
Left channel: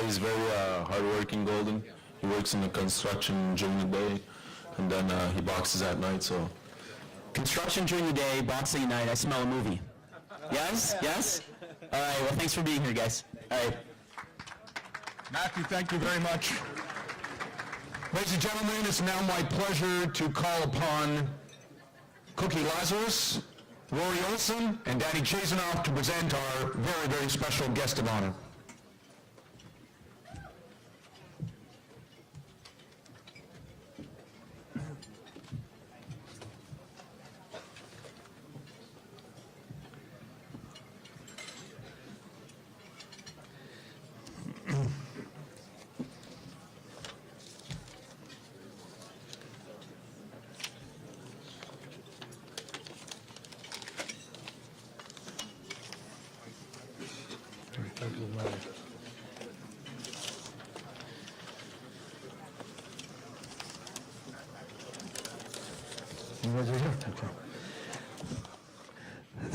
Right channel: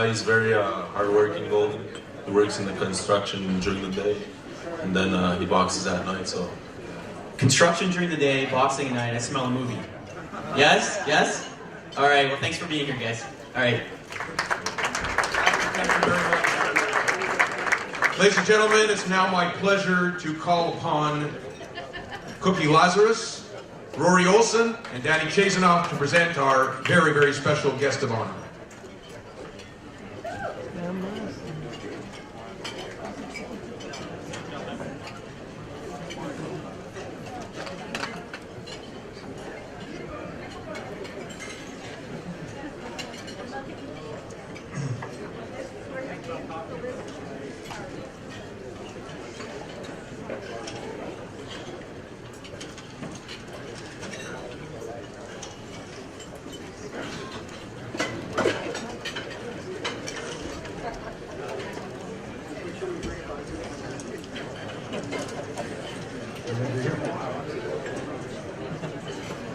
He's very hardworking goalie. He works in the construction during the day, and then he boxes at night, so. Construction during the day, boxing at night. I smell a movie. Yes? Yes? All right, well, thanks for being here, guys. All right. Thank you very much. Ladies and gentlemen, it is now my pleasure to call upon Cookie Lazarus, Rory Olson, and Danny Chazanoff to present our very, very special guest of honor.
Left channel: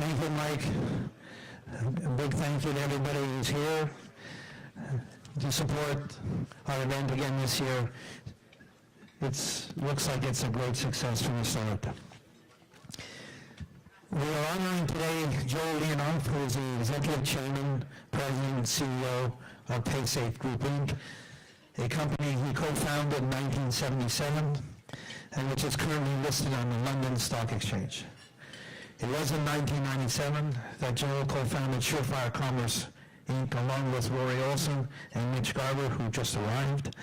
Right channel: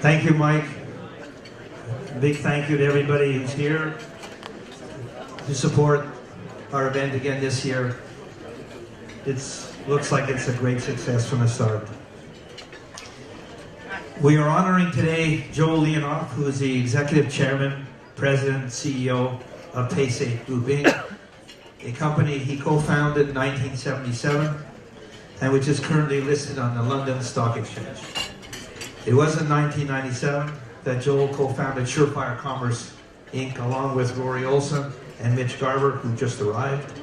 Thank you, Mike. A big thank you to everybody who's here to support our event again this year. It looks like it's a great success from the start. We are honoring today Joel Leonoff, who is the Executive Chairman, President, and CEO of PaySafe Group Inc., a company he co-founded in 1977 and which is currently listed on the London Stock Exchange. It was in 1997 that Joel co-founded Surefire Commerce Inc. along with Rory Olson and Mitch Garber, who just arrived.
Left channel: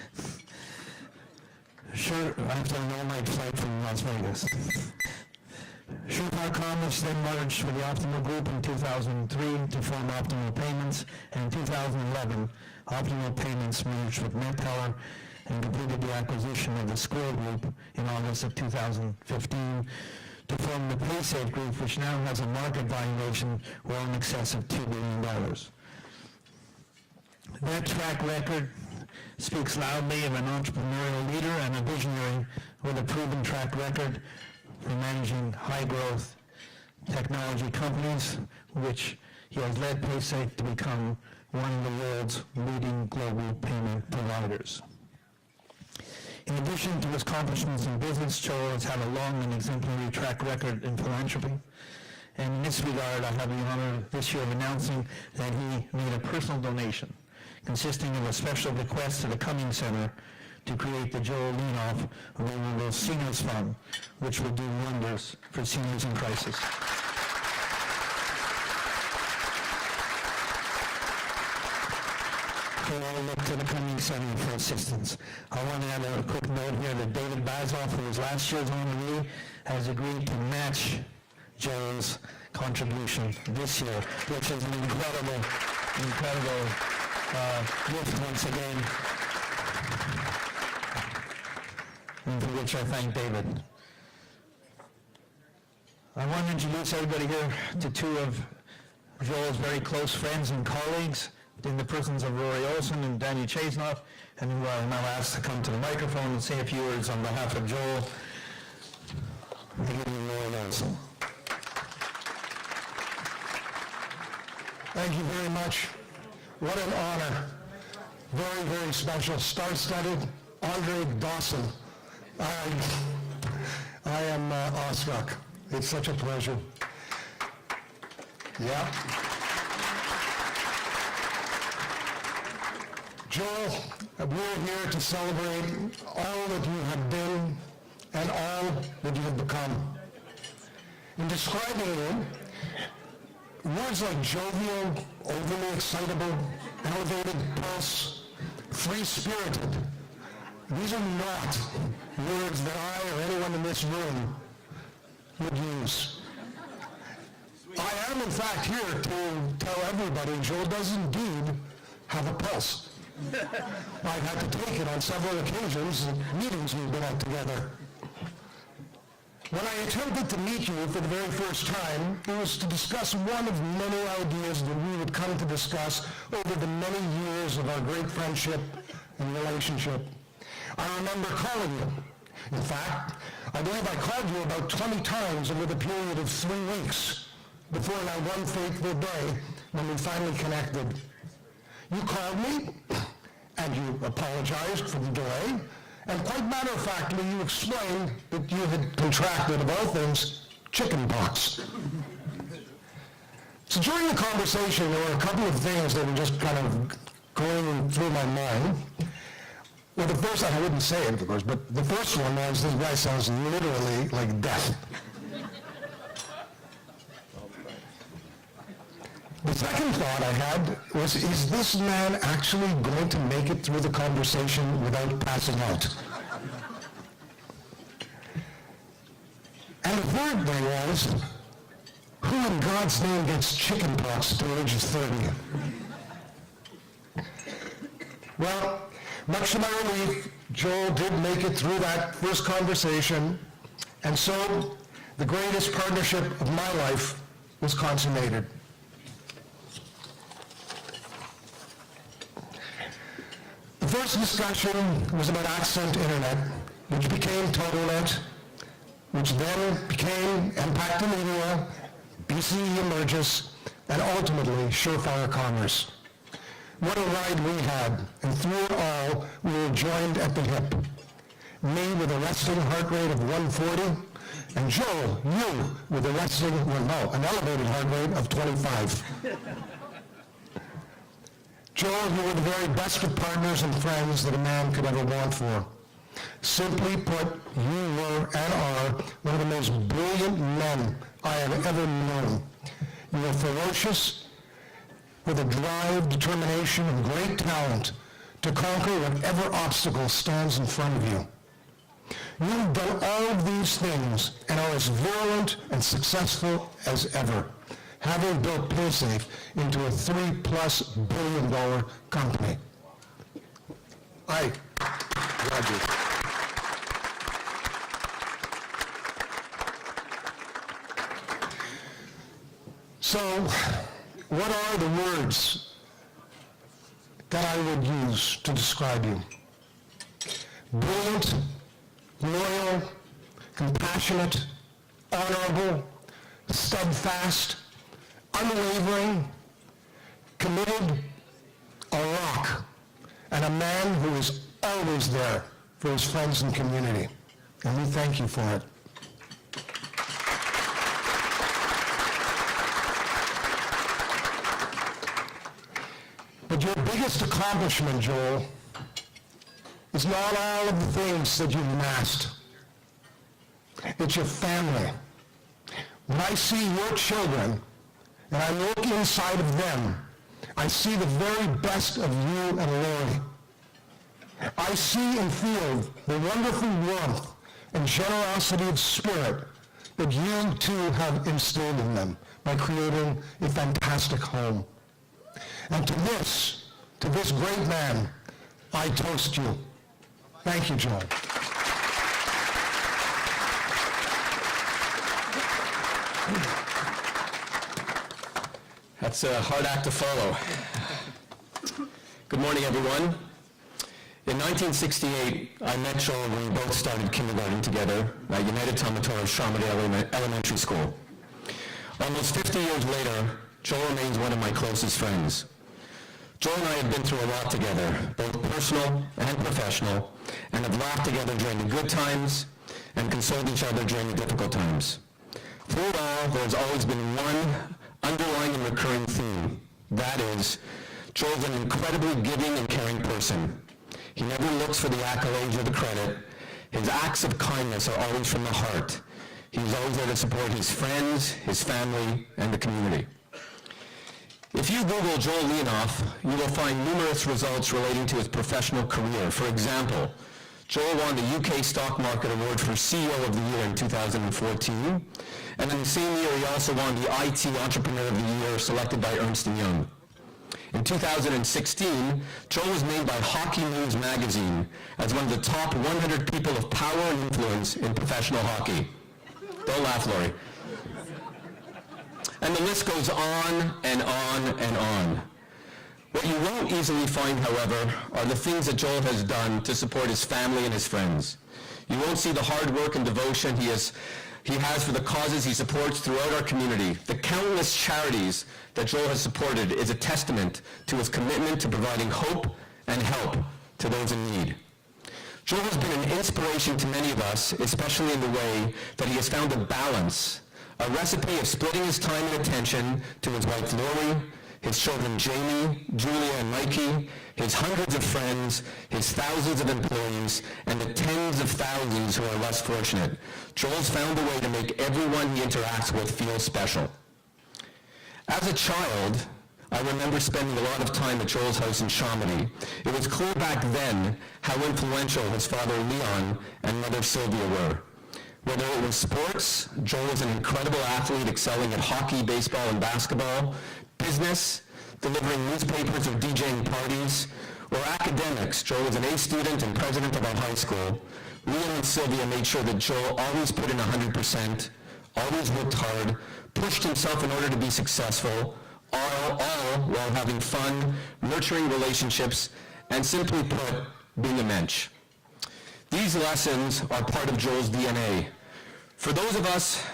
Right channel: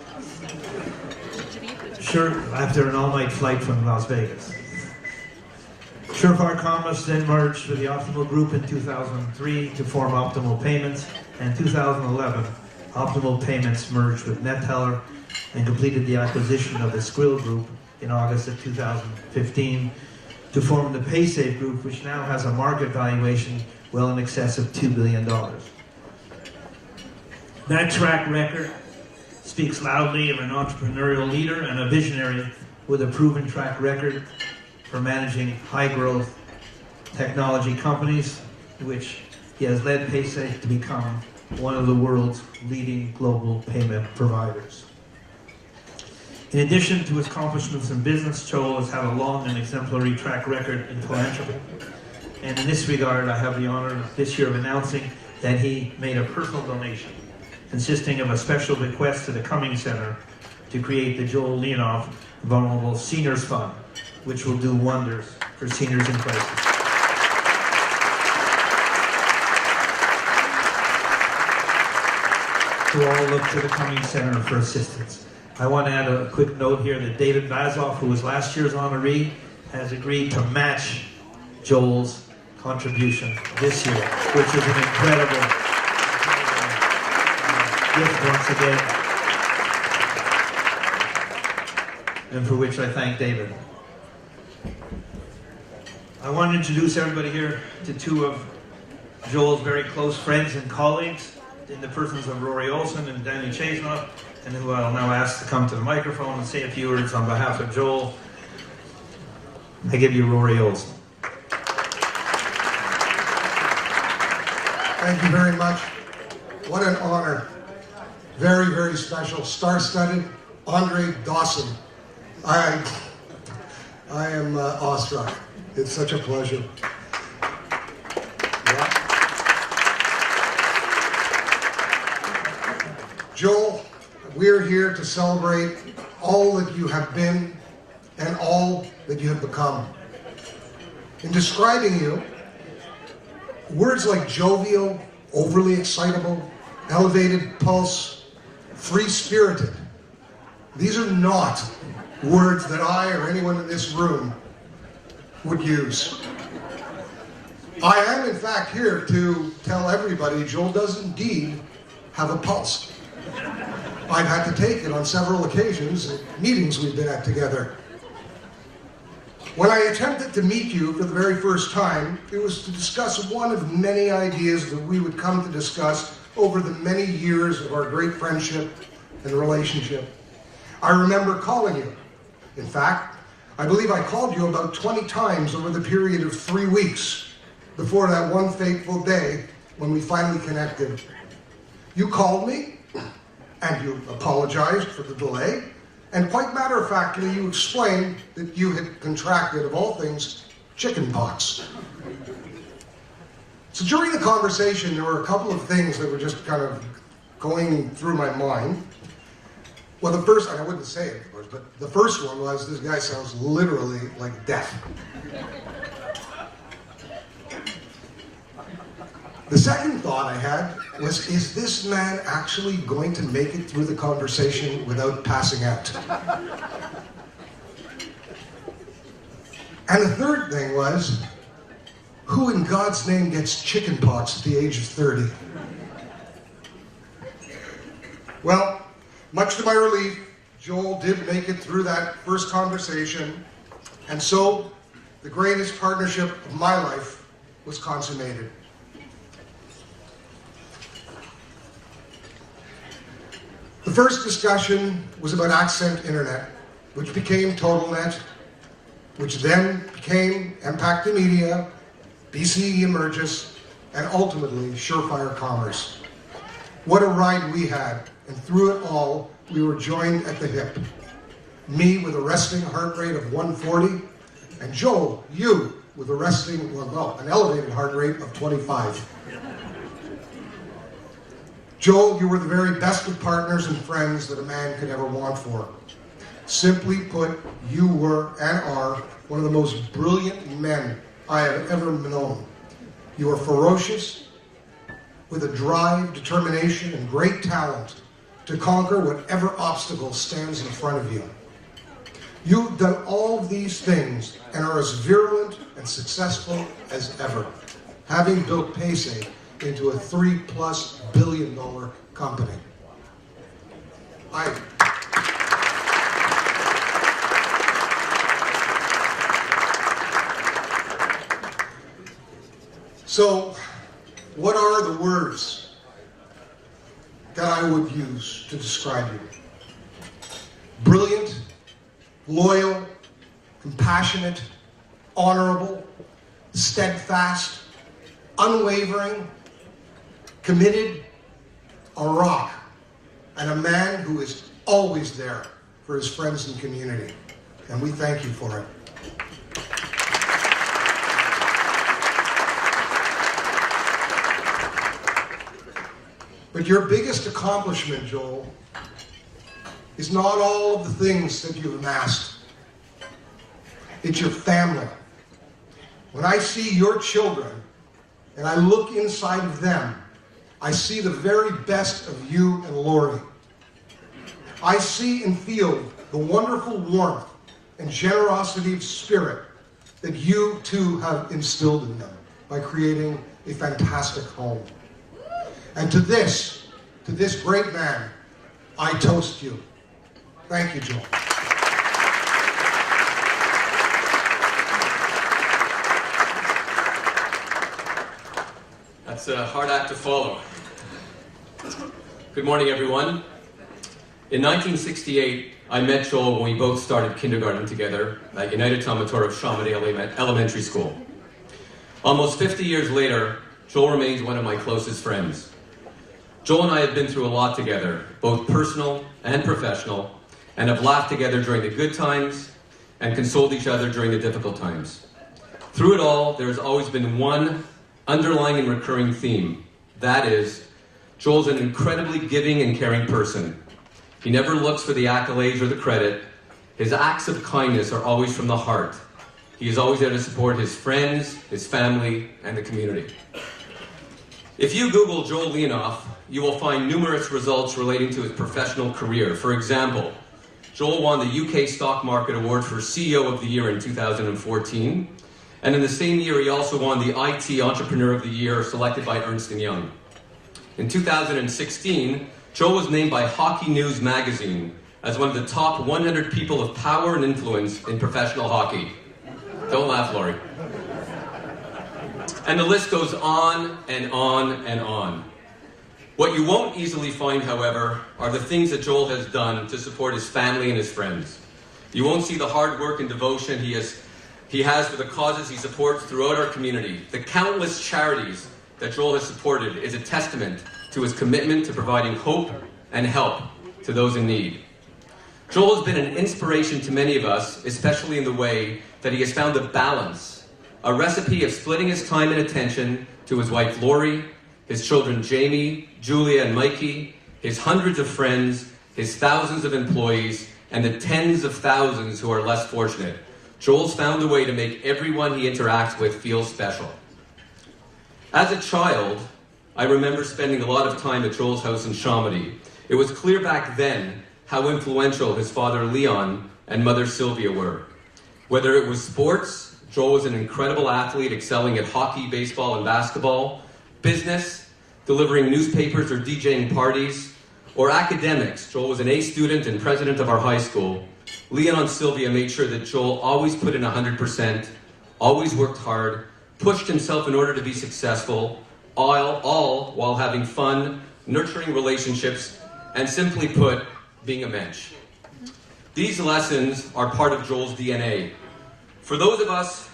After an all-night flight from Las Vegas. Surefire Commerce then merged with the Optimal Group in 2003 to form Optimal Payments, and in 2011, Optimal Payments merged with NetTeller and completed the acquisition of the Skrill Group in August of 2015 to form the PaySafe Group, which now has a market valuation well in excess of $2 billion. That track record speaks loudly of an entrepreneurial leader and a visionary with a proven track record for managing high-growth technology companies, which he has led PaySafe to become one of the world's leading global payment providers. In addition to his accomplishments in business, Joel has had a long and exemplary track record in philanthropy. And in this regard, I have the honor this year of announcing that he made a personal donation consisting of a special bequest to the Cummings Centre to create the Joel Leonoff Vulnerable Seniors Fund, which will do wonders for seniors in crisis. We'll all look to the Cummings Centre for assistance. I want to add a quick note here that David Basloff, who was last year's honoree, has agreed to match Joel's contribution this year, which is an incredible gift once again, and for which I thank David. I want to introduce everybody here to two of Joel's very close friends and colleagues, in the persons of Rory Olson and Danny Chesnut, and who I'll now ask to come to the microphone and say a few words on behalf of Joel. I give you Rory Olson. Thank you very much. What an honor. Very, very special. Star-studded Andre Dawson. I am awestruck. It's such a pleasure. Yeah. Joel, we're here to celebrate all that you have been and all that you have become. In describing you, words like jovial, overly excitable, elevated pulse, free-spirited, these are not words that I or anyone in this room would use. I am in fact here to tell everybody Joel does indeed have a pulse. I've had to take it on several occasions at meetings we've been at together. When I attempted to meet you for the very first time, it was to discuss one of many ideas that we would come to discuss over the many years of our great friendship and relationship. I remember calling you. In fact, I believe I called you about 20 times over the period of 3 weeks before that one fateful day when we finally connected. You called me, and you apologized for the delay, and quite matter-of-factly, you explained that you had contracted, of all things, chicken pox. So during the conversation, there were a couple of things that were just kind of going through my mind. Well, the first, I wouldn't say it, of course, but the first one was this guy sounds literally like death. The second thought I had was, is this man actually going to make it through the conversation without passing out? And the third thing was, who in God's name gets chicken pox at the age of 30? Well, much to my relief, Joel did make it through that first conversation, and so the greatest partnership of my life was consummated. The first discussion was about Accent Internet, which became TotalNet, which then became Impact Media, BCE Emergis, and ultimately Surefire Commerce. What a ride we had, and through it all, we were joined at the hip. Me with a wrestling heart rate of 140, and Joel, you with an elevated heart rate of 25. Joel, we were the very best of partners and friends that a man could ever want for. Simply put, you were and are one of the most brilliant men I have ever known. You are ferocious, with a drive, determination, and great talent to conquer whatever obstacle stands in front of you. You've done all these things and are as virulent and successful as ever, having built Paysafe into a $3+ billion company. So, what are the words that I would use to describe you? Brilliant, loyal, compassionate, honorable, steadfast, unwavering, committed, a rock, and a man who is always there for his friends and community. And we thank you for it. But But your biggest accomplishment, Joel, is not all the things that you've amassed. It's your family. When I see your children, and I look inside of them, I see the very best of you and Lori. I see and feel the wonderful warmth and generosity of spirit that you too have instilled in them by creating a fantastic home. And to this great man, I toast you. Thank you, Joel. That's a hard act to follow. Good morning, everyone. In 1968, I met Joel when we both started kindergarten together at United Tomatora Chamonix Elementary School. Almost 50 years later, Joel remains one of my closest friends. Joel and I have been through a lot together, both personal and professional, and have laughed together during the good times and consoled each other during the difficult times. Through it all, there's always been one underlying and recurring theme. That is, Joel's an incredibly giving and caring person. He never looks for the accolades or the credit. His acts of kindness are always from the heart. He's always there to support his friends, his family, and the community. If you Google Joel Leonoff, you will find numerous results relating to his professional career. For example, Joel won the UK Stock Market Award for CEO of the Year in 2014, and in the same year he also won the IT Entrepreneur of the Year selected by Ernst & Young. In 2016, Joel was named by Hockey News magazine as one of the top 100 people of power and influence in professional hockey. Don't laugh, Laurie. And the list goes on and on and on. What you won't easily find, however, are the things that Joel has done to support his family and his friends. You won't see the hard work and devotion he has for the causes he supports throughout our community. The countless charities that Joel has supported is a testament to his commitment to providing hope and help to those in need. Joel has been an inspiration to many of us, especially in the way that he has found the balance, a recipe of splitting his time and attention to his wife Lori, his children Jamie, Julia, and Mikey, his hundreds of friends, his thousands of employees, and the tens of thousands who are less fortunate. Joel's found a way to make everyone he interacts with feel special. As a child, I remember spending a lot of time at Joel's house in Chamonix. It was clear back then how influential his father Leon and mother Sylvia were. Whether it was sports, Joel was an incredible athlete excelling in hockey, baseball, and basketball, business, delivering newspapers or DJing parties, or academics. Joel was an A student and president of our high school. Leon and Sylvia made sure that Joel always put in 100%, always worked hard, pushed himself in order to be successful, all while having fun, nurturing relationships, and simply put, being a mensch. These lessons are part of Joel's DNA. For those of us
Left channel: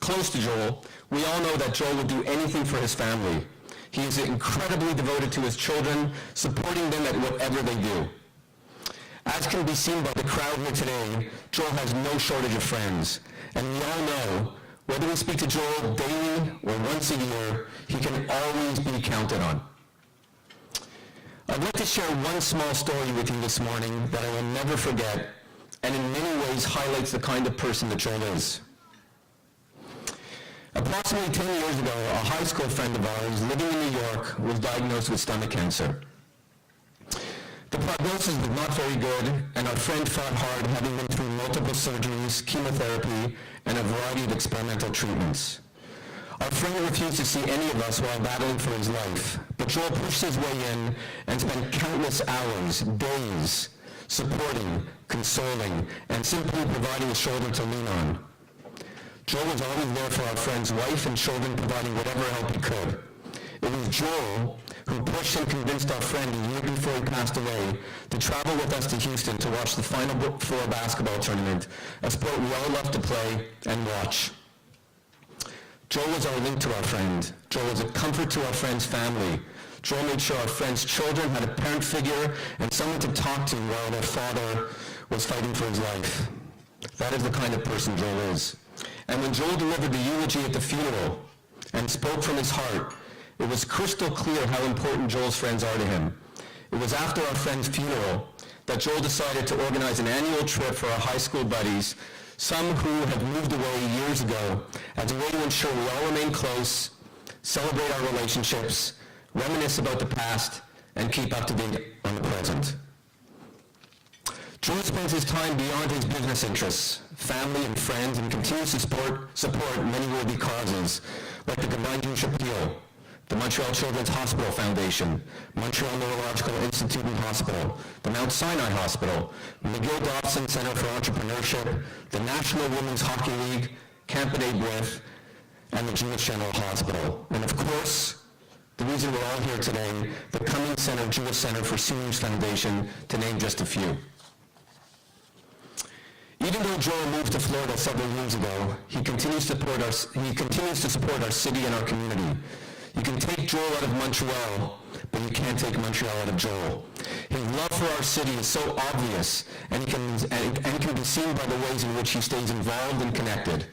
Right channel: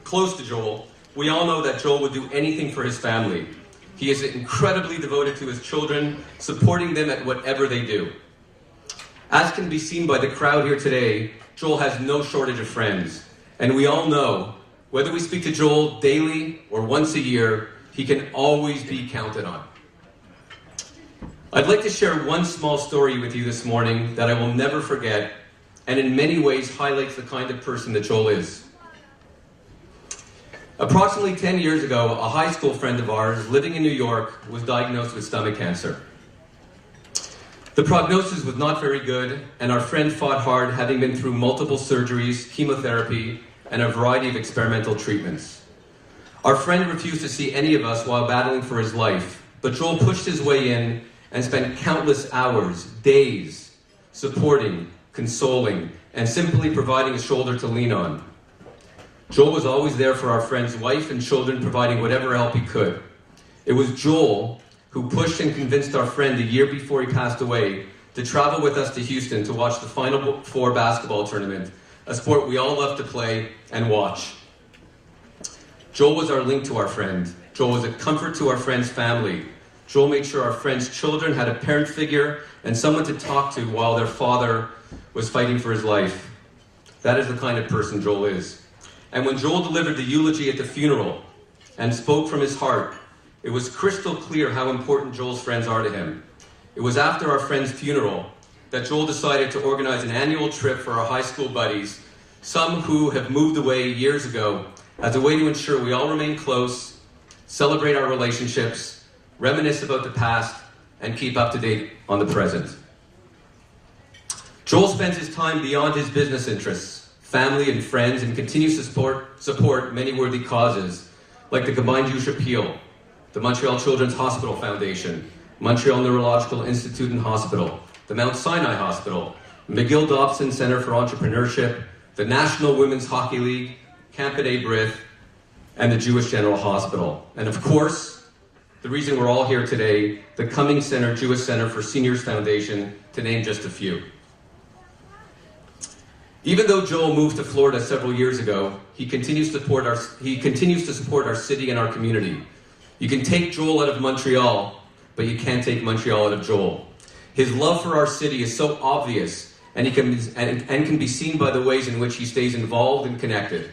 close to Joel, we all know that Joel will do anything for his family. He is incredibly devoted to his children, supporting them in whatever they do. As can be seen by the crowd here today, Joel has no shortage of friends. And we all know, whether we speak to Joel daily or once a year, he can always be counted on. I'd like to share one small story with you this morning that I will never forget, and in many ways highlights the kind of person that Joel is. Approximately 10 years ago, a high school friend of ours living in New York was diagnosed with stomach cancer. The prognosis was not very good, and our friend fought hard, having been through multiple surgeries, chemotherapy, and a variety of experimental treatments. Our friend refused to see any of us while battling for his life, but Joel pushed his way in and spent countless hours, days, supporting, consoling, and simply providing a shoulder to lean on. Joel was always there for our friend's wife and children, providing whatever help he could. It was Joel who pushed and convinced our friend the year before he passed away to travel with us to Houston to watch the Final Four basketball tournament, a sport we all love to play and watch. Joel was our link to our friend. Joel was a comfort to our friend's family. Joel made sure our friend's children had a parent figure and someone to talk to while their father was fighting for his life. That is the kind of person Joel is. And when Joel delivered the eulogy at the funeral and spoke from his heart, It was crystal clear how important Joel's friends are to him. It was after our friend's funeral that Joel decided to organize an annual trip for our high school buddies, some who have moved away years ago, as a way to ensure we all remain close, celebrate our relationships, reminisce about the past, and keep up to date on the present. Joel spends his time beyond his business interests, family and friends, and continues to support many worthy causes, like the Combined Jewish Appeal, the Montreal Children's Hospital Foundation, Montreal Neurological Institute and Hospital, the Mount Sinai Hospital, the McGill Dawson Center for Entrepreneurship, the National Women's Hockey League, Camp B'nai B'rith, and the Jewish General Hospital. And of course, the reason we're all here today, the Cummings Jewish Centre for Seniors Foundation, to name just a few. Even though Joel moved to Florida several years ago, he continues to support our city and our community. You can take Joel out of Montreal, but you can't take Montreal out of Joel. His love for our city is so obvious, and can be seen by the ways in which he stays involved and connected.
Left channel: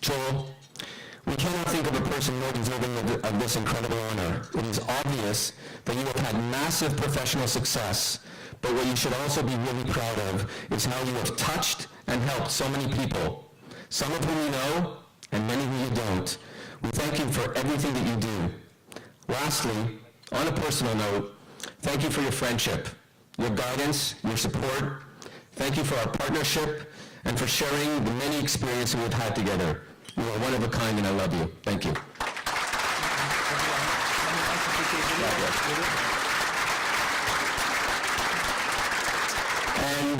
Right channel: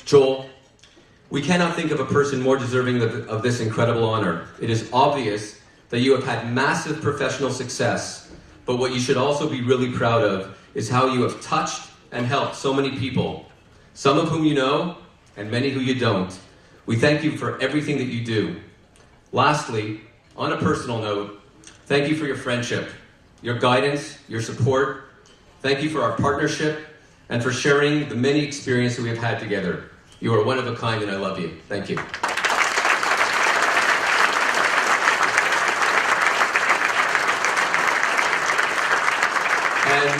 Joel, we cannot think of a person more deserving of this incredible honor. It is obvious that you have had massive professional success, but what you should also be really proud of is how you have touched and helped so many people, some of whom you know, and many who you don't. We thank you for everything that you do. Lastly, on a personal note, thank you for your friendship, your guidance, your support. Thank you for our partnership and for sharing the many experiences we've had together. You are one of a kind, and I love you. Thank you. And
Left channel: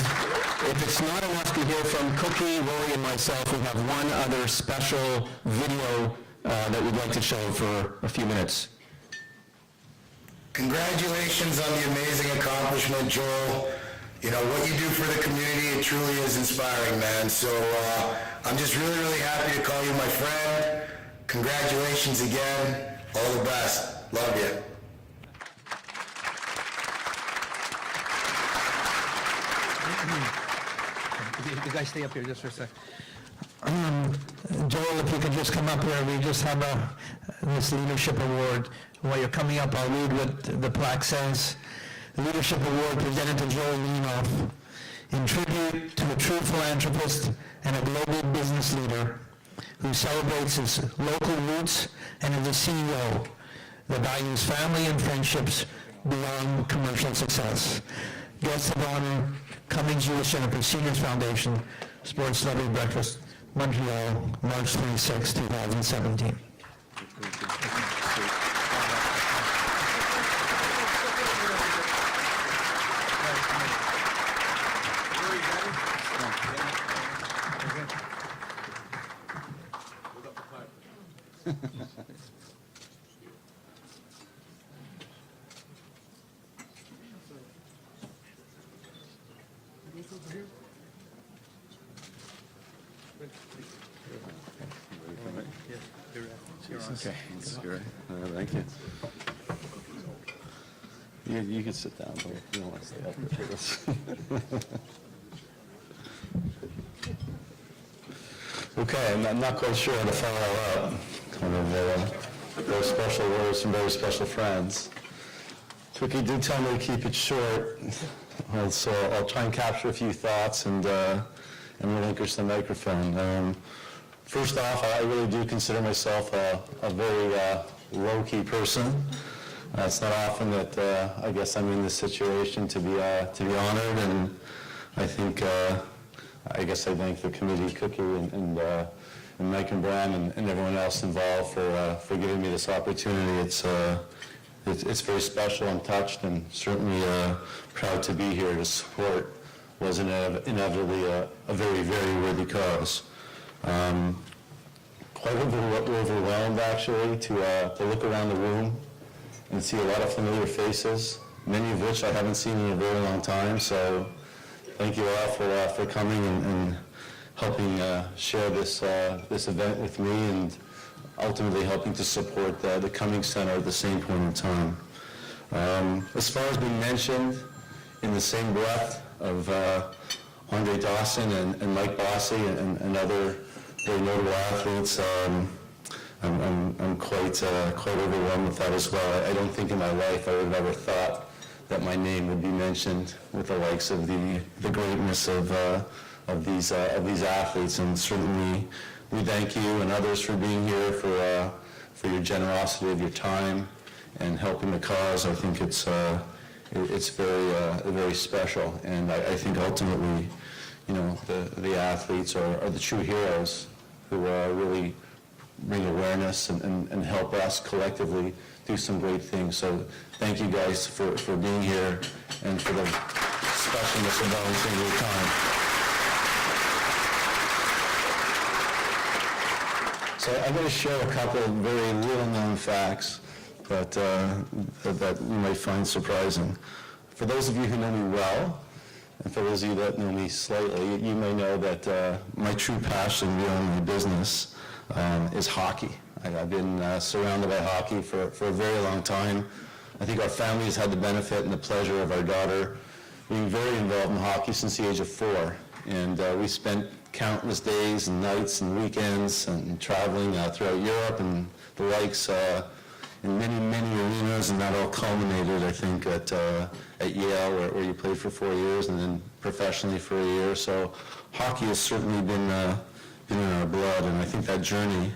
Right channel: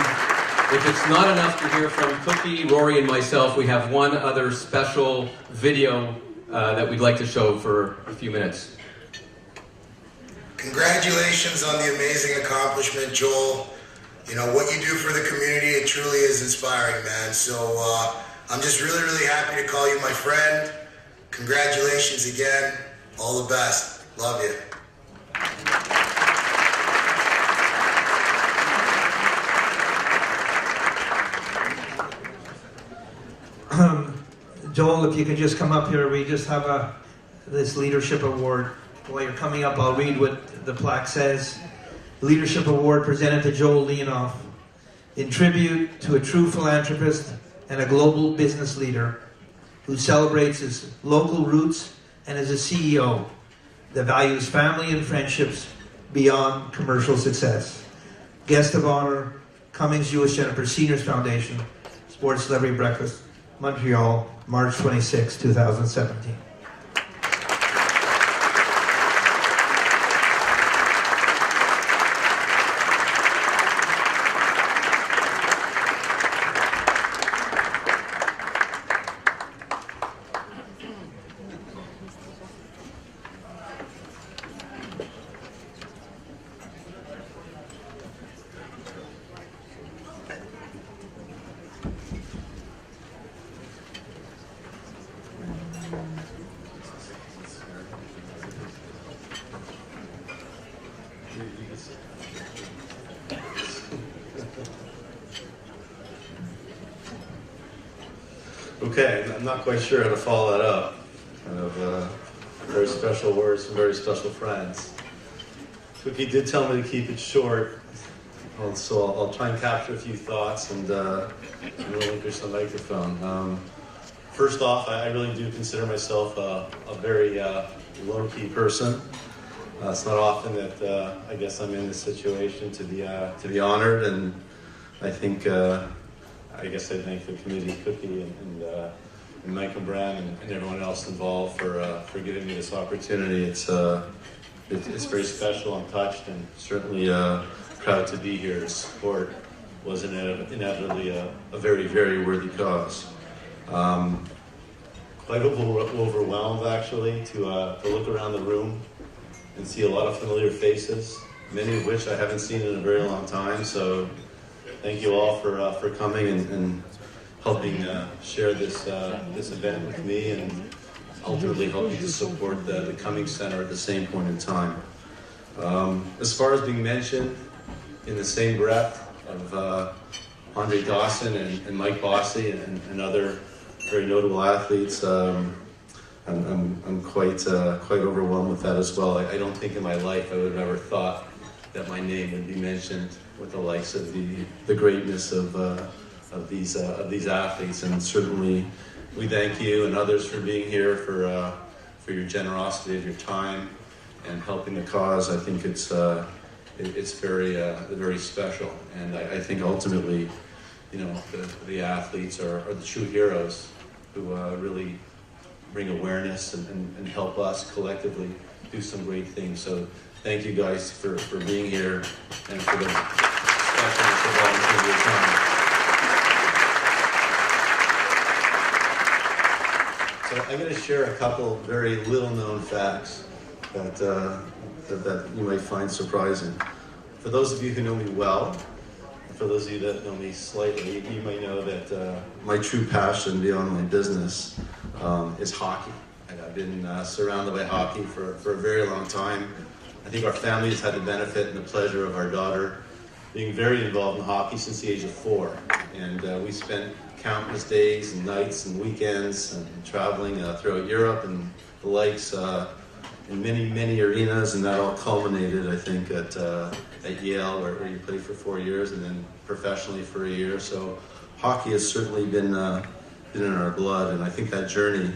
if it's not enough to hear from Cookie, Rory, and myself, we have one other special video that we'd like to show for a few minutes. Congratulations on the amazing accomplishment, Joel. You know, what you do for the community, it truly is inspiring, man. So I'm just really, really happy to call you my friend. Congratulations again. All the best. Love you. Joel, if you could just come up here, we just have this leadership award. While you're coming up, I'll read what the plaque says. The Leadership Award presented to Joel Leonoff in tribute to a true philanthropist and a global business leader who celebrates his local roots and is a CEO that values family and friendships beyond commercial success. Guest of honor, Cummings Jewish Centre for Seniors Foundation, Sports Celebrity Breakfast, Montreal, March 26, 2017. You can sit down here if you want to sit up. Okay, I'm not quite sure how to follow that up. Very special words from very special friends. Cookie did tell me to keep it short, so I'll try and capture a few thoughts and relinquish the microphone. First off, I really do consider myself a very low-key person. It's not often that I guess I'm in this situation to be honored, and I think I guess I thank the committee, Cookie, and Mike and Bram and everyone else involved for giving me this opportunity. It's very special. I'm touched, and certainly proud to be here to support was inevitably a very, very worthy cause. Quite overwhelmed actually to look around the room and see a lot of familiar faces, many of which I haven't seen in a very long time. So thank you all for coming and helping share this event with me, and ultimately helping to support the Cummings Centre at the same point in time. As far as being mentioned in the same breath of Andre Dawson and Mike Bossy and other very notable athletes, I'm quite overwhelmed with that as well. I don't think in my life I would have ever thought that my name would be mentioned with the likes of the greatness of these athletes, and certainly we thank you and others for being here, for your generosity of your time and helping the cause. I think it's very special, and I think ultimately, you know, the athletes are the true heroes who really bring awareness and help us collectively do some great things. So thank you guys for being here and for the specialness and volunteering your time. So I'm going to share a couple of very little-known facts that you might find surprising. For those of you who know me well, and for those of you that know me slightly, you may know that my true passion beyond my business is hockey. I've been surrounded by hockey for a very long time. I think our family's had the benefit and the pleasure of our daughter being very involved in hockey since the age of 4. And we spent countless days and nights and weekends and traveling throughout Europe and the likes in many arenas, and that all culminated, I think, at Yale, where you played for 4 years, and then professionally for a year. So hockey has certainly been in our blood, and I think that journey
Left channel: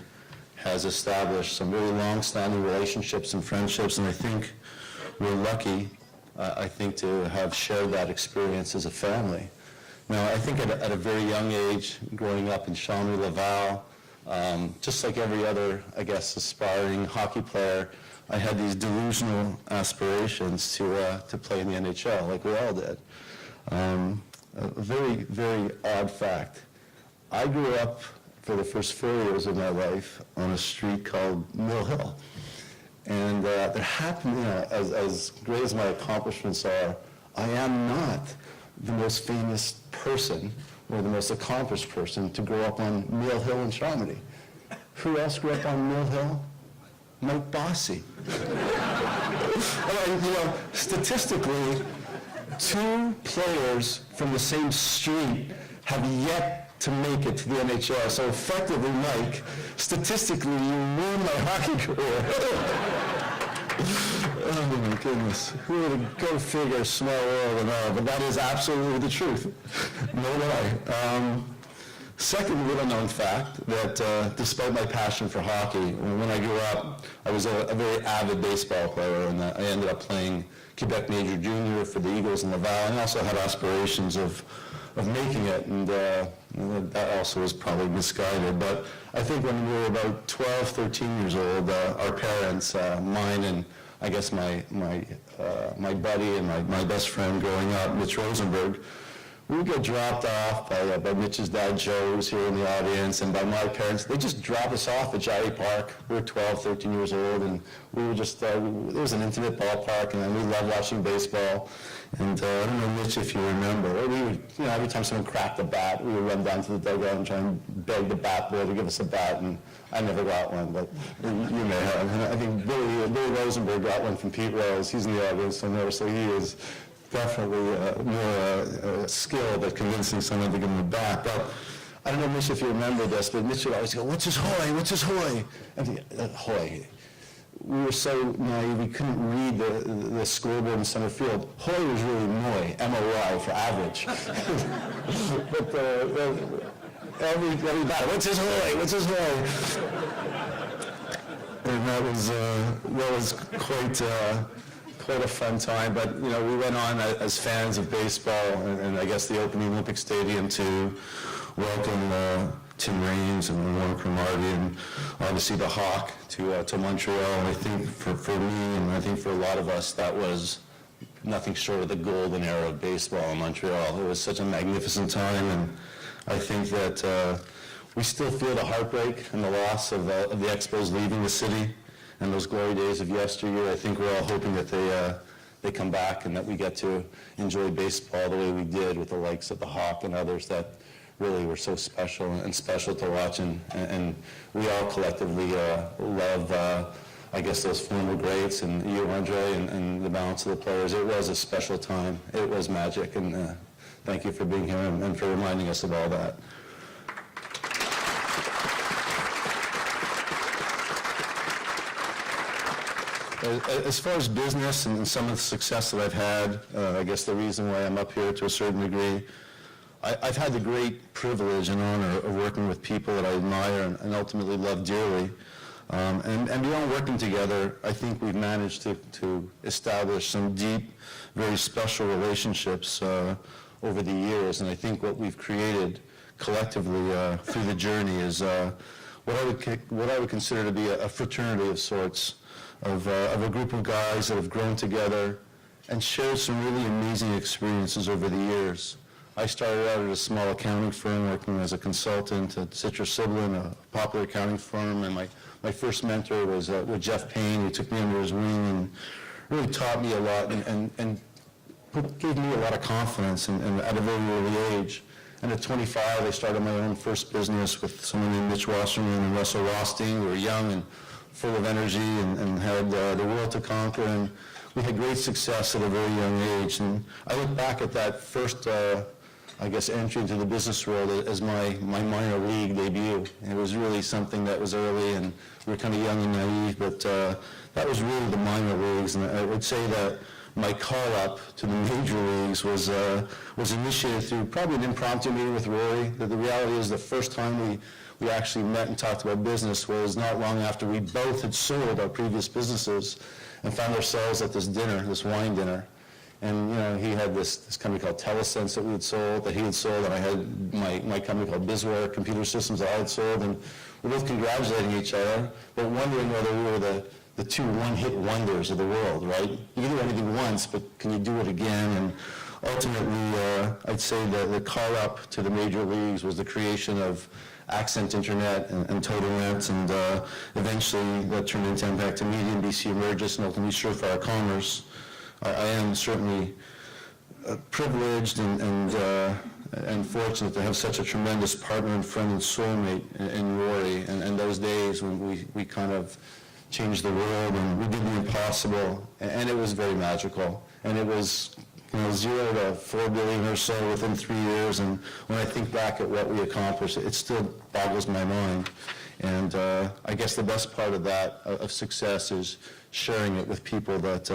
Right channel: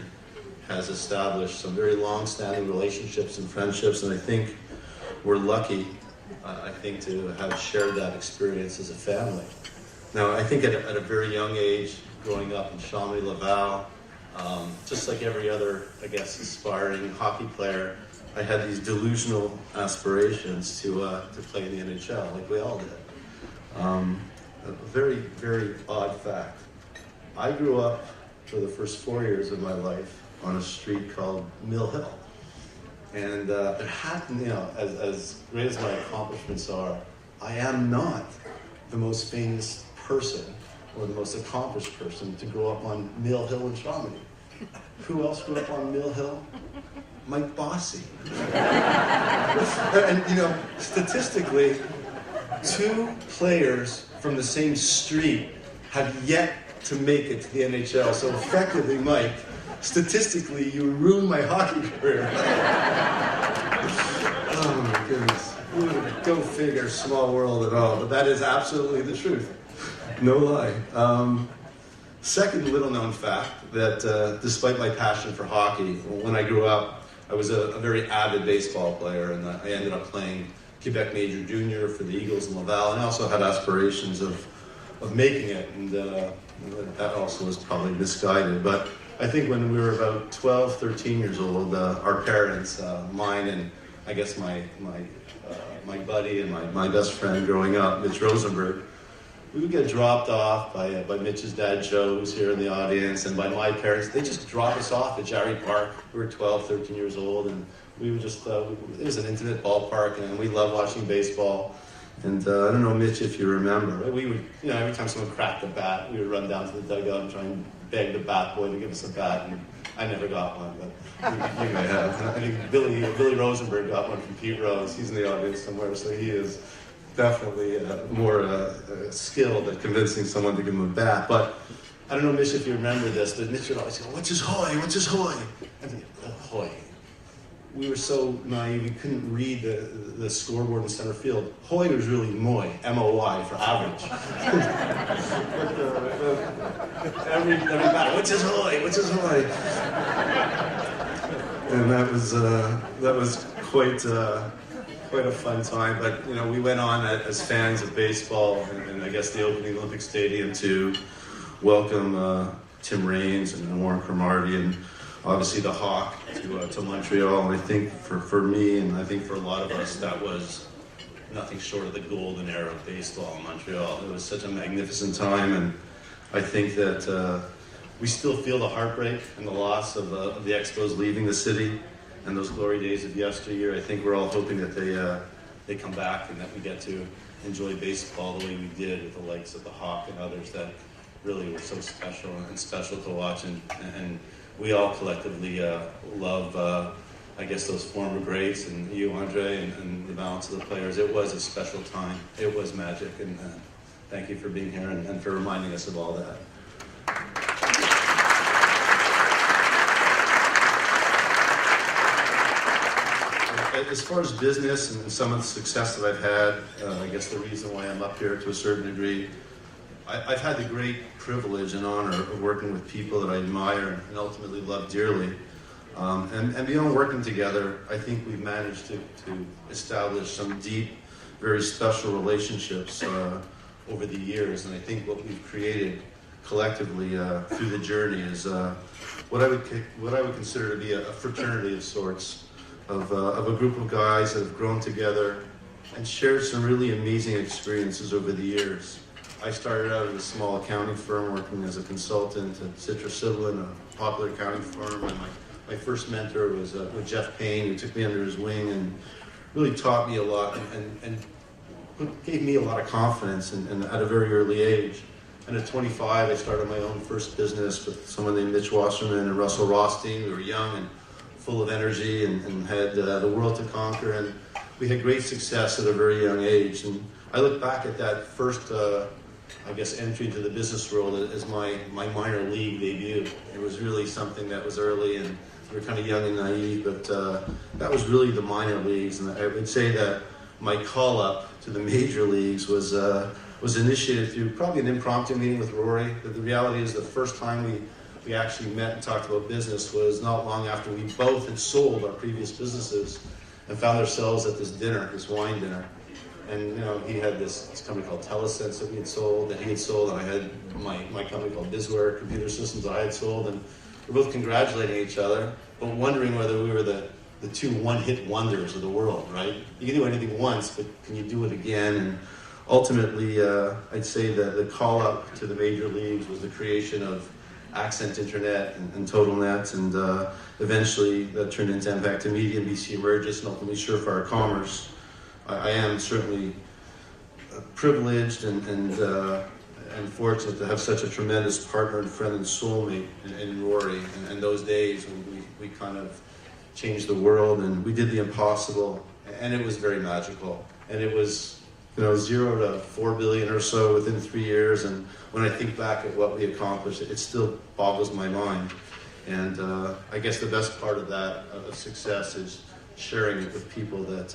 has established some very long-standing relationships and friendships, and I think we're lucky, to have shared that experience as a family. Now, I think at a very young age, growing up in Chambly-Laval, just like every other, I guess, aspiring hockey player, I had these delusional aspirations to play in the NHL, like we all did. A very, very odd fact. I grew up for the first 4 years of my life on a street called Mill Hill. And it happened, you know, as great as my accomplishments are, I am not the most famous person or the most accomplished person to grow up on Mill Hill in Chambly. Who else grew up on Mill Hill? Mike Bossy. And, you know, statistically, 2 players from the same street have yet to make it to the NHL. So effectively, Mike, statistically, you ruined my hockey career. Oh my goodness. Who would go figure, small world at all, but that is absolutely the truth. No lie. Second little-known fact, that despite my passion for hockey, when I grew up, I was a very avid baseball player, and I ended up playing Quebec Major Junior for the Eagles in Laval, and also had aspirations of making it, and that also was probably misguided. But I think when we were about 12, 13 years old, our parents, mine and I guess my buddy and my best friend growing up, Mitch Rosenberg, we would get dropped off by Mitch's dad, Joe, who's here in the audience, and by my parents. They just dropped us off at Jarry Park. We were 12, 13 years old, and we were just, it was an intimate ballpark, and we loved watching baseball. And I don't know, Mitch, if you remember, we would, you know, every time someone cracked the bat, we would run down to the dugout and try and beg the bat boy to give us a bat, and I never got one, but you may have. I think Billy Rosenberg got one from Pete Rose. He's in the audience, so he is definitely more skilled at convincing someone to give him a bat. But I don't know, Mitch, if you remember this, that Mitch would always go, "What's his hoy? What's his hoy?" And hoy. We were so naive, we couldn't read the scoreboard in center field. Hoy was really Moy, M-O-Y, for average. What's his hoy? What's his hoy? And that was quite a fun time. But you know, we went on as fans of baseball, and I guess the opening Olympic Stadium to welcome Tim Raines and Warren Cromartie, and obviously the Hawk to Montreal. I think for me, and I think for a lot of us, that was nothing short of the golden era of baseball in Montreal. It was such a magnificent time, and I think that we still feel the heartbreak and the loss of the Expos leaving the city and those glory days of yesteryear. I think we're all hoping that they come back and that we get to enjoy baseball the way we did with the likes of the Hawk and others that really were so special to watch, and we all collectively love, I guess, those former greats, and you, Andre, and the balance of the players. It was a special time. It was magic, and thank you for being here and for reminding us of all that. As far as business and some of the success that I've had, I guess the reason why I'm up here to a certain degree, I've had the great privilege and honor of working with people that I admire and ultimately love dearly. And beyond working together, I think we've managed to establish some deep, very special relationships over the years. And I think what we've created collectively through the journey is what I would consider to be a fraternity of sorts, of a group of guys that have grown together and shared some really amazing experiences over the years. I started out at a small accounting firm working as a consultant at Citrus Sidlin, a popular accounting firm, and my first mentor was with Jeff Payne, who took me under his wing and really taught me a lot and gave me a lot of confidence at a very early age. And at 25, I started my own first business with someone named Mitch Wasserman and Russell Rothstein. We were young and full of energy and had the world to conquer. And we had great success at a very young age. And I look back at that first, entry to the business world as my minor league debut. It was really something that was early, and we were kind of young and naive, but that was really the minor leagues. And I would say that my call-up to the major leagues was initiated through probably an impromptu meeting with Rory. But the reality is the first time we actually met and talked about business was not long after we both had sold our previous businesses and found ourselves at this dinner, this wine dinner. And he had this company called Telesense that he had sold, and I had my company called Bizware Computer Systems that I had sold, and we were both congratulating each other, but wondering whether we were the two one-hit wonders of the world, right? You can do anything once, but can you do it again? And ultimately, I'd say that the call-up to the major leagues was the creation of Accent Internet and TotalNet, and eventually that turned into Invecta Media, NBC Emergis, and ultimately Surefire Commerce. I am certainly privileged and fortunate to have such a tremendous partner and friend and soulmate in Rory. And those days when we kind of changed the world and we did the impossible, and it was very magical. And it was 0 to 4 billion or so within 3 years. And when I think back at what we accomplished, it still boggles my mind. And I guess the best part of that, of success, is sharing it with people that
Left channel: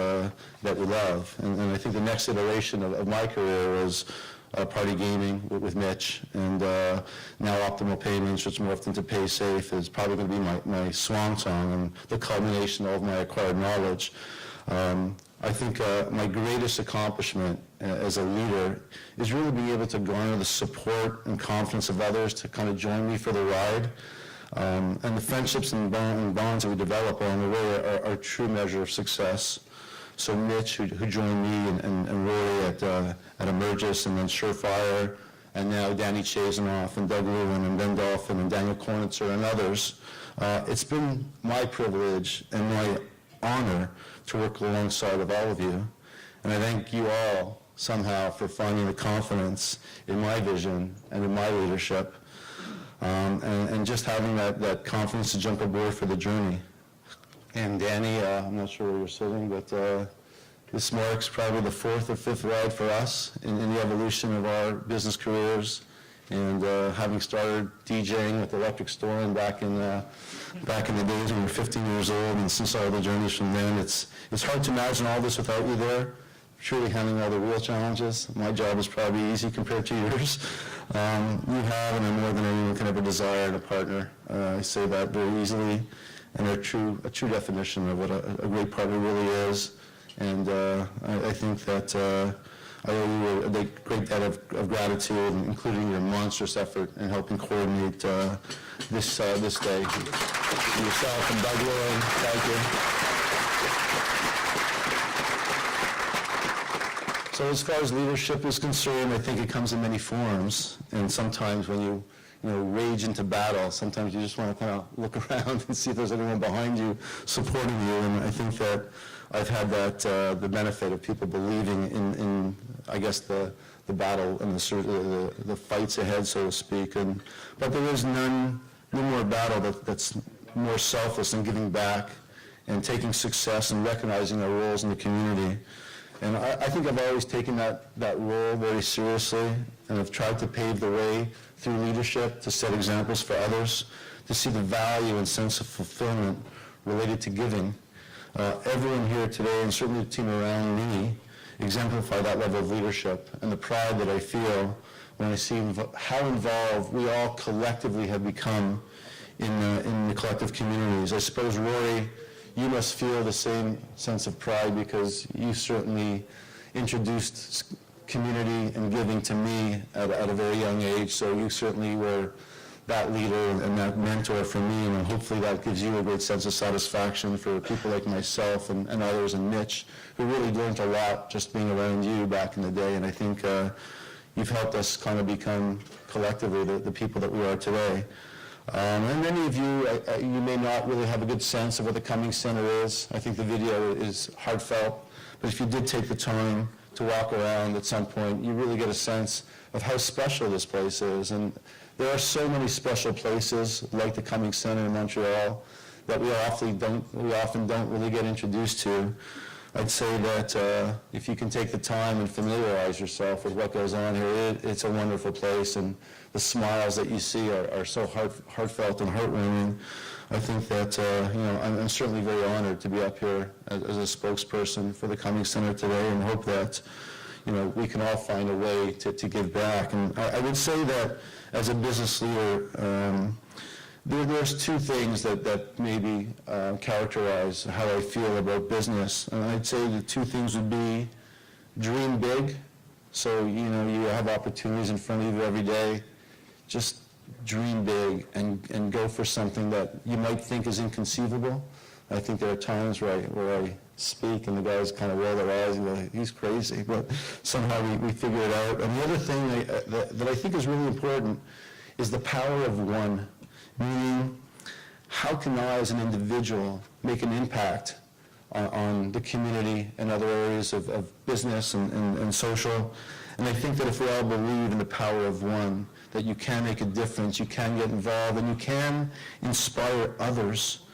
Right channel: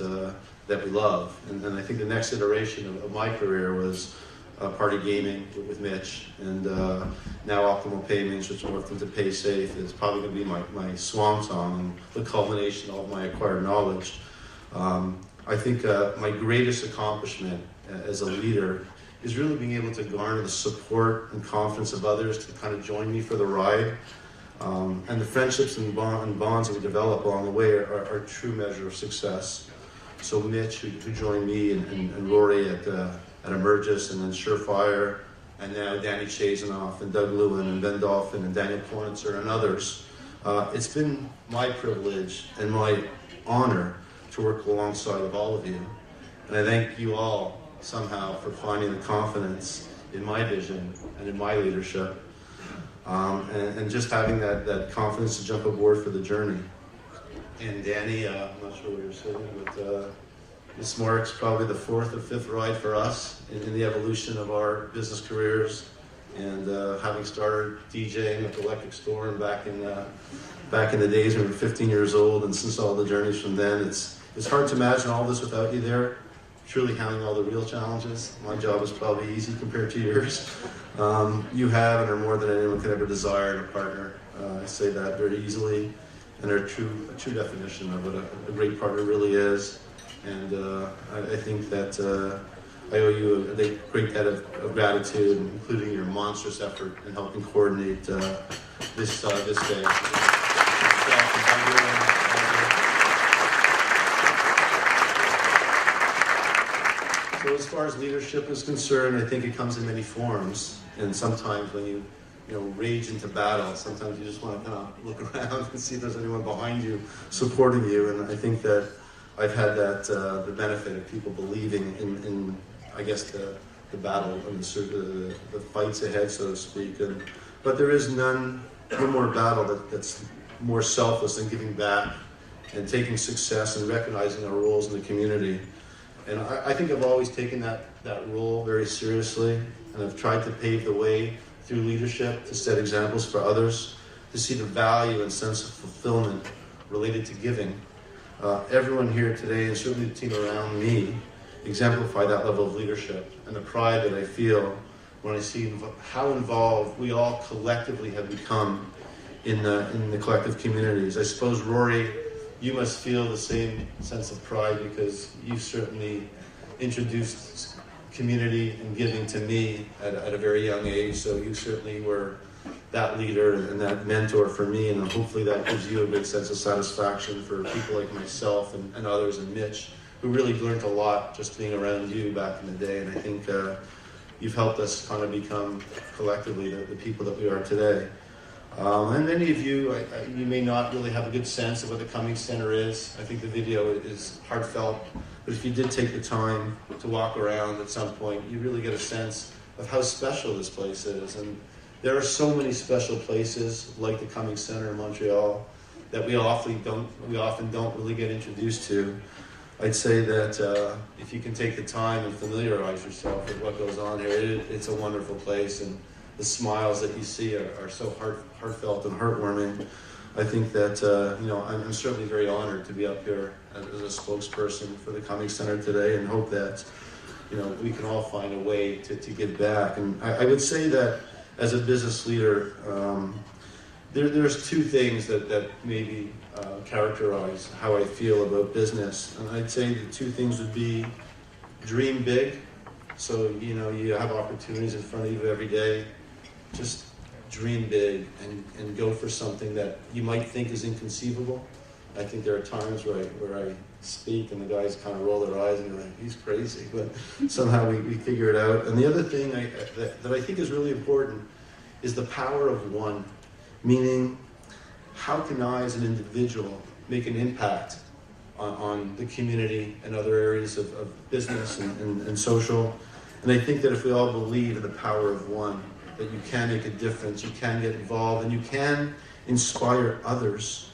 we love. And I think the next iteration of my career was Party Gaming with Mitch, and now Optimal Payments, which morphed into PaySafe, is probably going to be my swan song and the culmination of my acquired knowledge. I think my greatest accomplishment as a leader is really being able to garner the support and confidence of others to kind of join me for the ride. And the friendships and bonds we develop along the way are a true measure of success. So Mitch, who joined me, and Rory at Emergis, and then Surefire, and now Danny Chazinoff, and Doug Lewin, and Ben Dolphin, and Daniel Kornitzer, and others, it's been my privilege and my honor to work alongside of all of you. And I thank you all somehow for finding the confidence in my vision and in my leadership. And just having that confidence to jump aboard for the journey. And Danny, I'm not sure where you're sitting, but this marks probably the 4th or 5th ride for us in the evolution of our business careers. And having started DJing at the Electric Store and back in the days when we were 15 years old, and since all the journeys from then, it's hard to imagine all this without you there, truly handling all the real challenges. My job was probably easy compared to yours. You have, and more than anyone can ever desire, in a partner. I say that very easily, and they're a true definition of what a great partner really is. And I think that I owe you a great debt of gratitude, including your monstrous effort in helping coordinate this day. So as far as leadership is concerned, I think it comes in many forms. And sometimes when you rage into battle, sometimes you just want to kind of look around and see if there's anyone behind you supporting you. And I think that I've had the benefit of people believing in I guess, the battle and the fights ahead, so to speak. But there is no more battle that's more selfless than giving back and taking success and recognizing our roles in the community. And I think I've always taken that role very seriously, and I've tried to pave the way through leadership to set examples for others, to see the value and sense of fulfillment related to giving. Everyone here today, and certainly the team around me, exemplify that level of leadership and the pride that I feel when I see how involved we all collectively have become in the collective communities. I suppose, Rory, you must feel the same sense of pride because you certainly introduced community and giving to me at a very young age, so you certainly were that leader and that mentor for me, and hopefully that gives you a great sense of satisfaction for people like myself and others, and Mitch, who really learned a lot just being around you back in the day, and I think you've helped us kind of become collectively the people that we are today. And many of you, you may not really have a good sense of what the Cummings Centre is. I think the video is heartfelt, but if you did take the time to walk around at some point, you really get a sense of how special this place is. And there are so many special places like the Cummings Centre in Montreal that we often don't really get introduced to. I'd say that if you can take the time and familiarize yourself with what goes on here, it's a wonderful place, and the smiles that you see are so heartfelt and heartwarming. I think that I'm certainly very honored to be up here as a spokesperson for the Cummings Centre today, and hope that we can all find a way to give back. And I would say that as a business leader, there's two things that maybe characterize how I feel about business. And I'd say the two things would be dream big. So, you have opportunities in front of you every day. Just dream big and go for something that you might think is inconceivable. I think there are times where I speak and the guys kind of roll their eyes and they're like, he's crazy, but somehow we figure it out. And the other thing that I think is really important is the power of one, meaning how can I as an individual make an impact on the community and other areas of business and social. And I think that if we all believe in the power of one, that you can make a difference, you can get involved, and you can inspire others.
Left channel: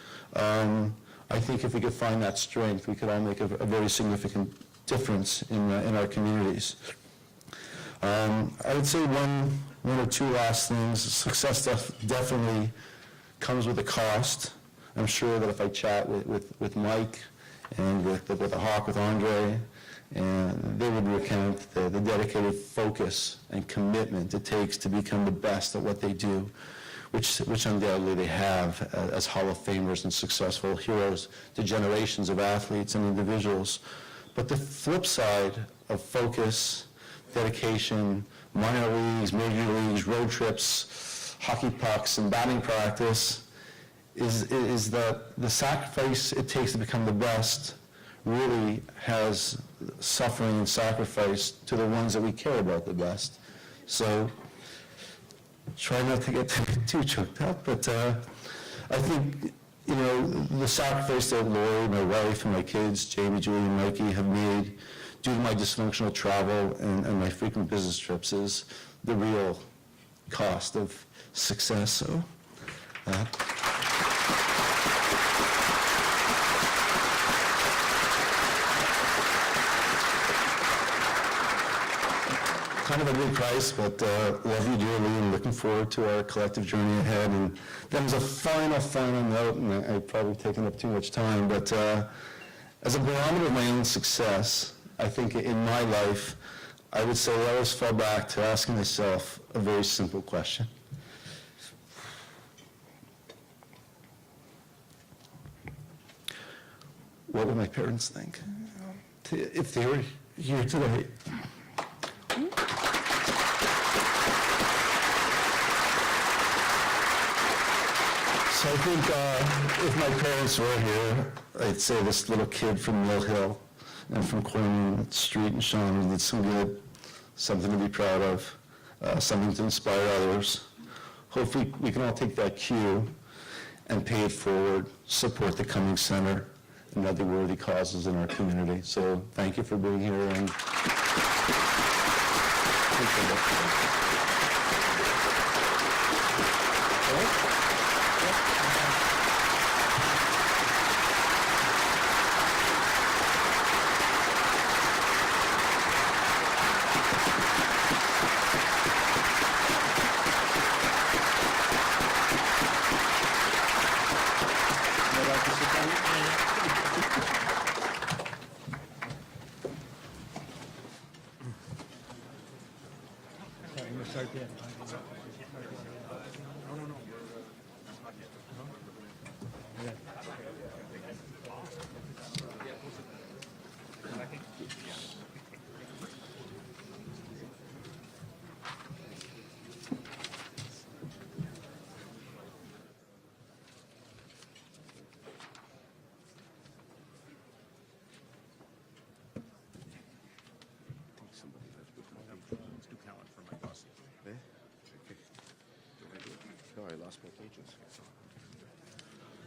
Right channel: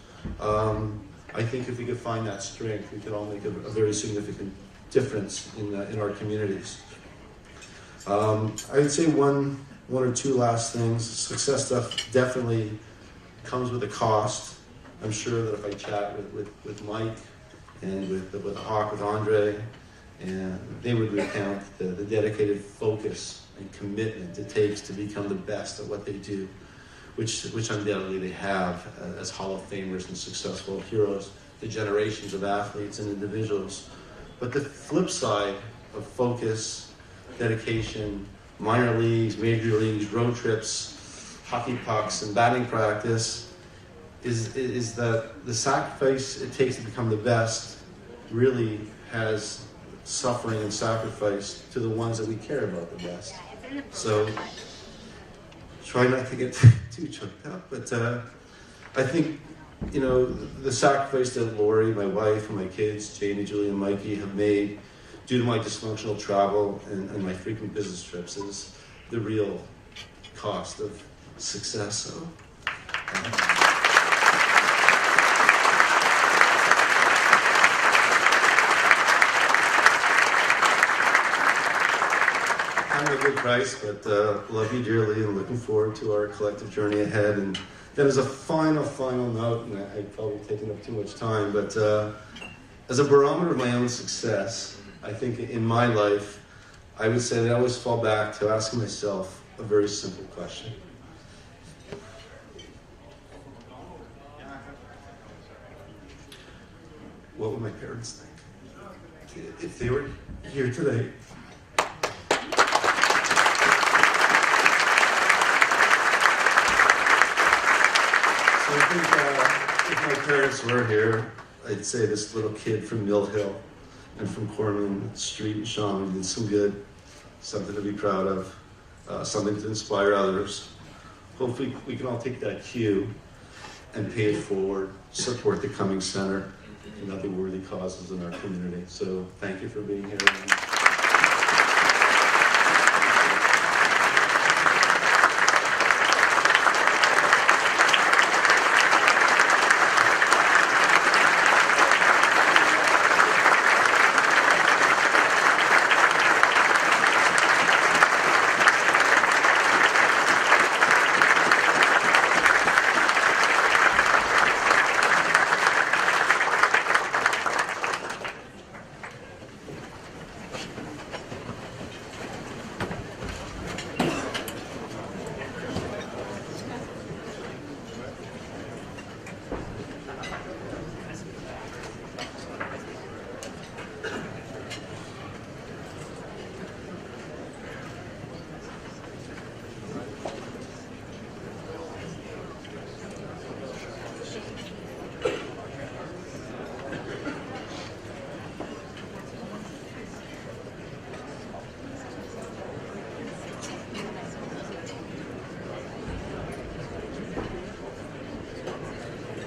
I think if we could find that strength, we could all make a very significant difference in our communities. I would say one or two last things. Success definitely comes with a cost. I'm sure that if I chat with Mike and with the Hawk, with Andre, and they would recount the dedicated focus and commitment it takes to become the best at what they do, which undoubtedly they have as Hall of Famers and successful heroes to generations of athletes and individuals. But the flip side of focus, dedication, minor leagues, major leagues, road trips, hockey pucks, and batting practice is that the sacrifice it takes to become the best really has suffering and sacrifice to the ones that we care about the best. So try not to get too choked up, but I think the sacrifice that Lori, my wife, and my kids, Jamie, Julie, and Mikey, have made due to my dysfunctional travel and my frequent business trips is the real cost of success. So, kind of a good price, but love you dearly and looking forward to our collective journey ahead. And there's a final note, and I've probably taken up too much time, but as a barometer of my own success, I think in my life, I would say that I always fall back to asking myself a very simple question. What would my parents think if they were here today? So I think if my parents were here, I'd say this little kid from Mill Hill and from Cornwall Street in Shawnee did some good, something to be proud of, something to inspire others. Hopefully we can all take that cue and pay it forward, support the Cummings Centre and other worthy causes in our community. So thank you for being here. And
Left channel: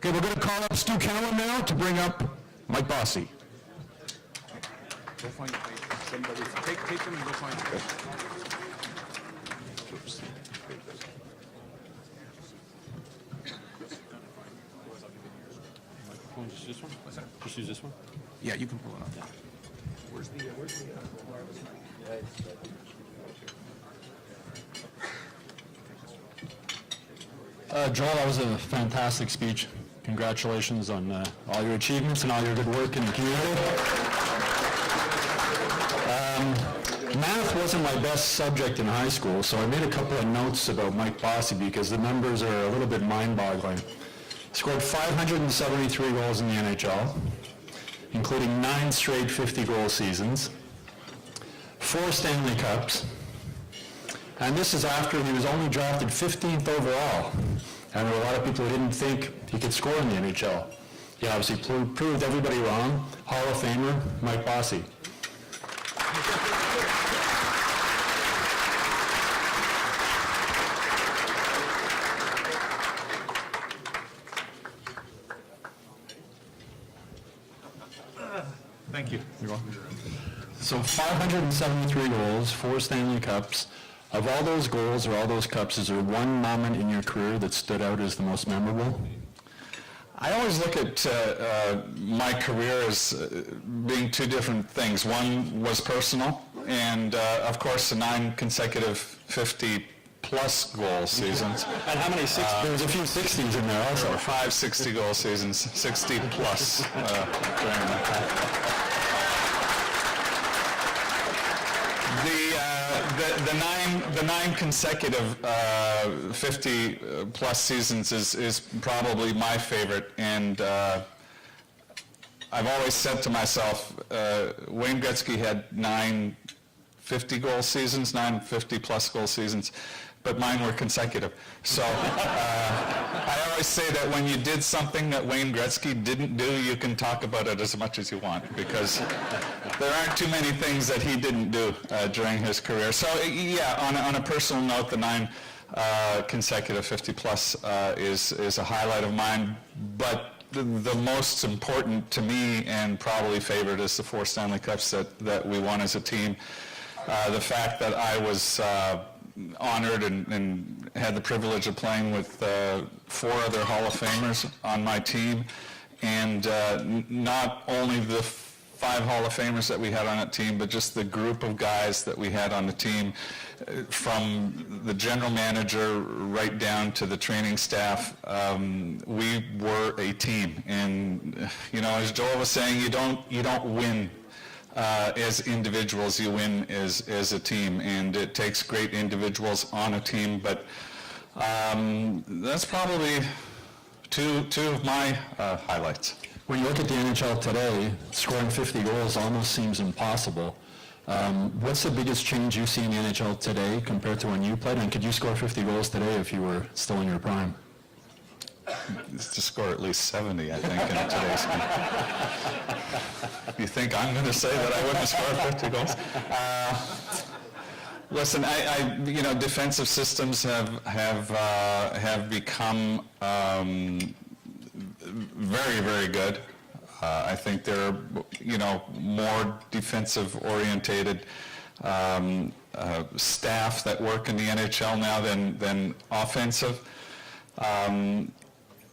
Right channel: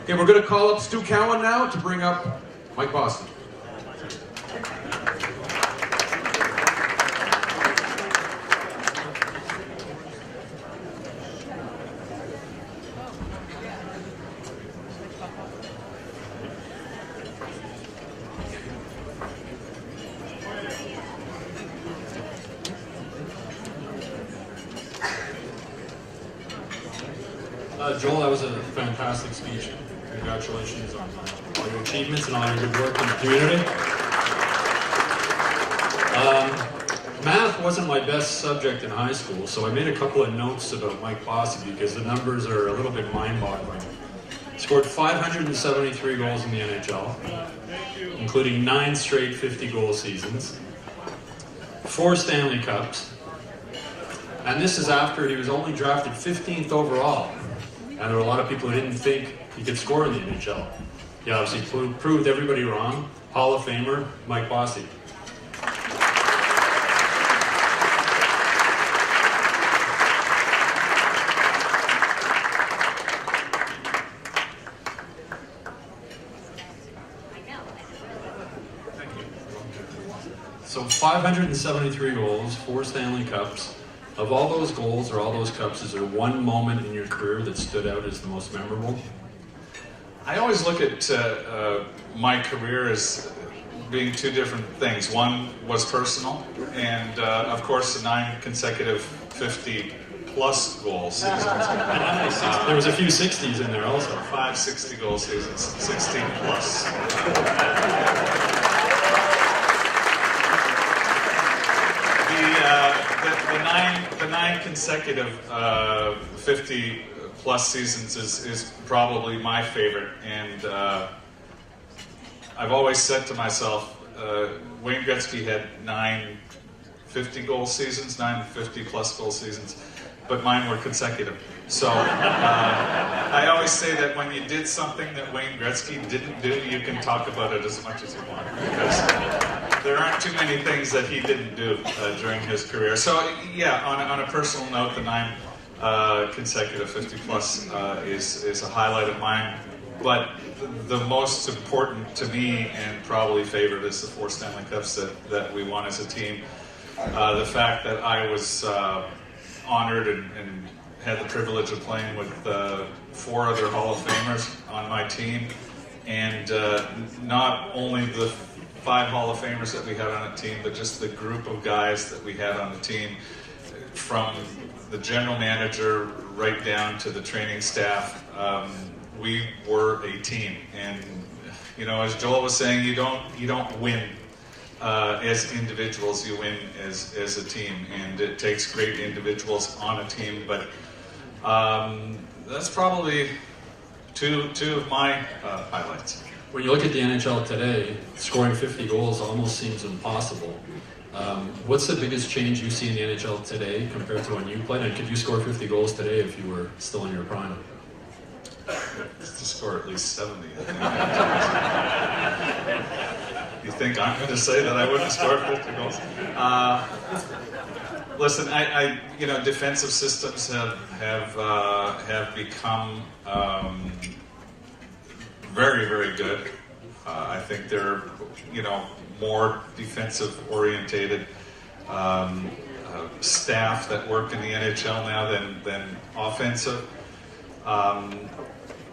Okay, we're going to call up Stu Cowan now to bring up Mike Bossy. Joel, that was a fantastic speech. Congratulations on all your achievements and all your good work in the community. Math wasn't my best subject in high school, so I made a couple of notes about Mike Bossy because the numbers are a little bit mind-boggling. Scored 573 goals in the NHL, including 9 straight 50-goal seasons, 4 Stanley Cups, and this is after he was only drafted 15th overall. And there were a lot of people who didn't think he could score in the NHL. He obviously proved everybody wrong. Hall of Famer, Mike Bossy. Thank you. So 573 goals, 4 Stanley Cups. Of all those goals or all those cups, is there one moment in your career that stood out as the most memorable? I always look at my career as being 2 different things. One was personal, and of course the 9 consecutive 50-plus goal seasons. There was a few 60s in there also. 5 60-goal seasons, 60-plus. The 9 consecutive 50-plus seasons is probably my favorite, and I've always said to myself, Wayne Gretzky had 9 50-goal seasons, 9 50-plus goal seasons, but mine were consecutive. So I always say that when you did something that Wayne Gretzky didn't do, you can talk about it as much as you want, because there aren't too many things that he didn't do during his career. So yeah, on a personal note, the 9 consecutive 50-plus is a highlight of mine. But the most important to me, and probably favorite, is the 4 Stanley Cups that we won as a team. The fact that I was honored and had the privilege of playing with 4 other Hall of Famers on my team, and not only the 5 Hall of Famers that we had on that team, but just the group of guys that we had on the team, from the general manager right down to the training staff. We were a team, and as Joel was saying, you don't win as individuals, you win as a team, and it takes great individuals on a team. But that's probably two of my highlights. When you look at the NHL today, scoring 50 goals almost seems impossible. What's the biggest change you see in the NHL today compared to when you played? And could you score 50 goals today if you were still in your prime? To score at least 70, I think. You think I'm going to say that I wouldn't score 50 goals? Listen, defensive systems have become very, very good. I think they're, more defensive orientated staff that work in the NHL now than offensive.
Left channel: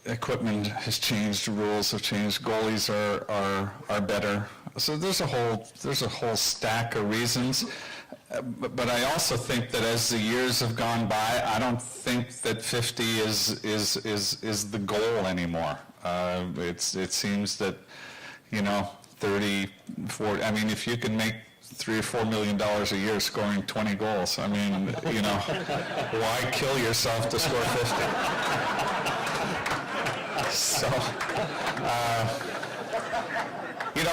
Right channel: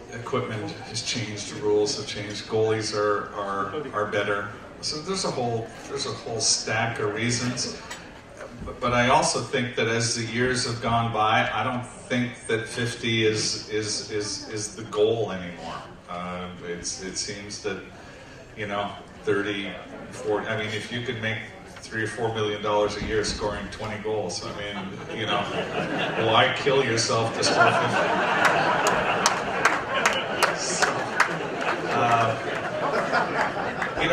Equipment has changed, rules have changed, goalies are better. So there's a whole stack of reasons. But I also think that as the years have gone by, I don't think that 50 is the goal anymore. It seems that 34. I mean, if you can make $3 or $4 million a year scoring 20 goals, I mean, why kill yourself to score 50? So,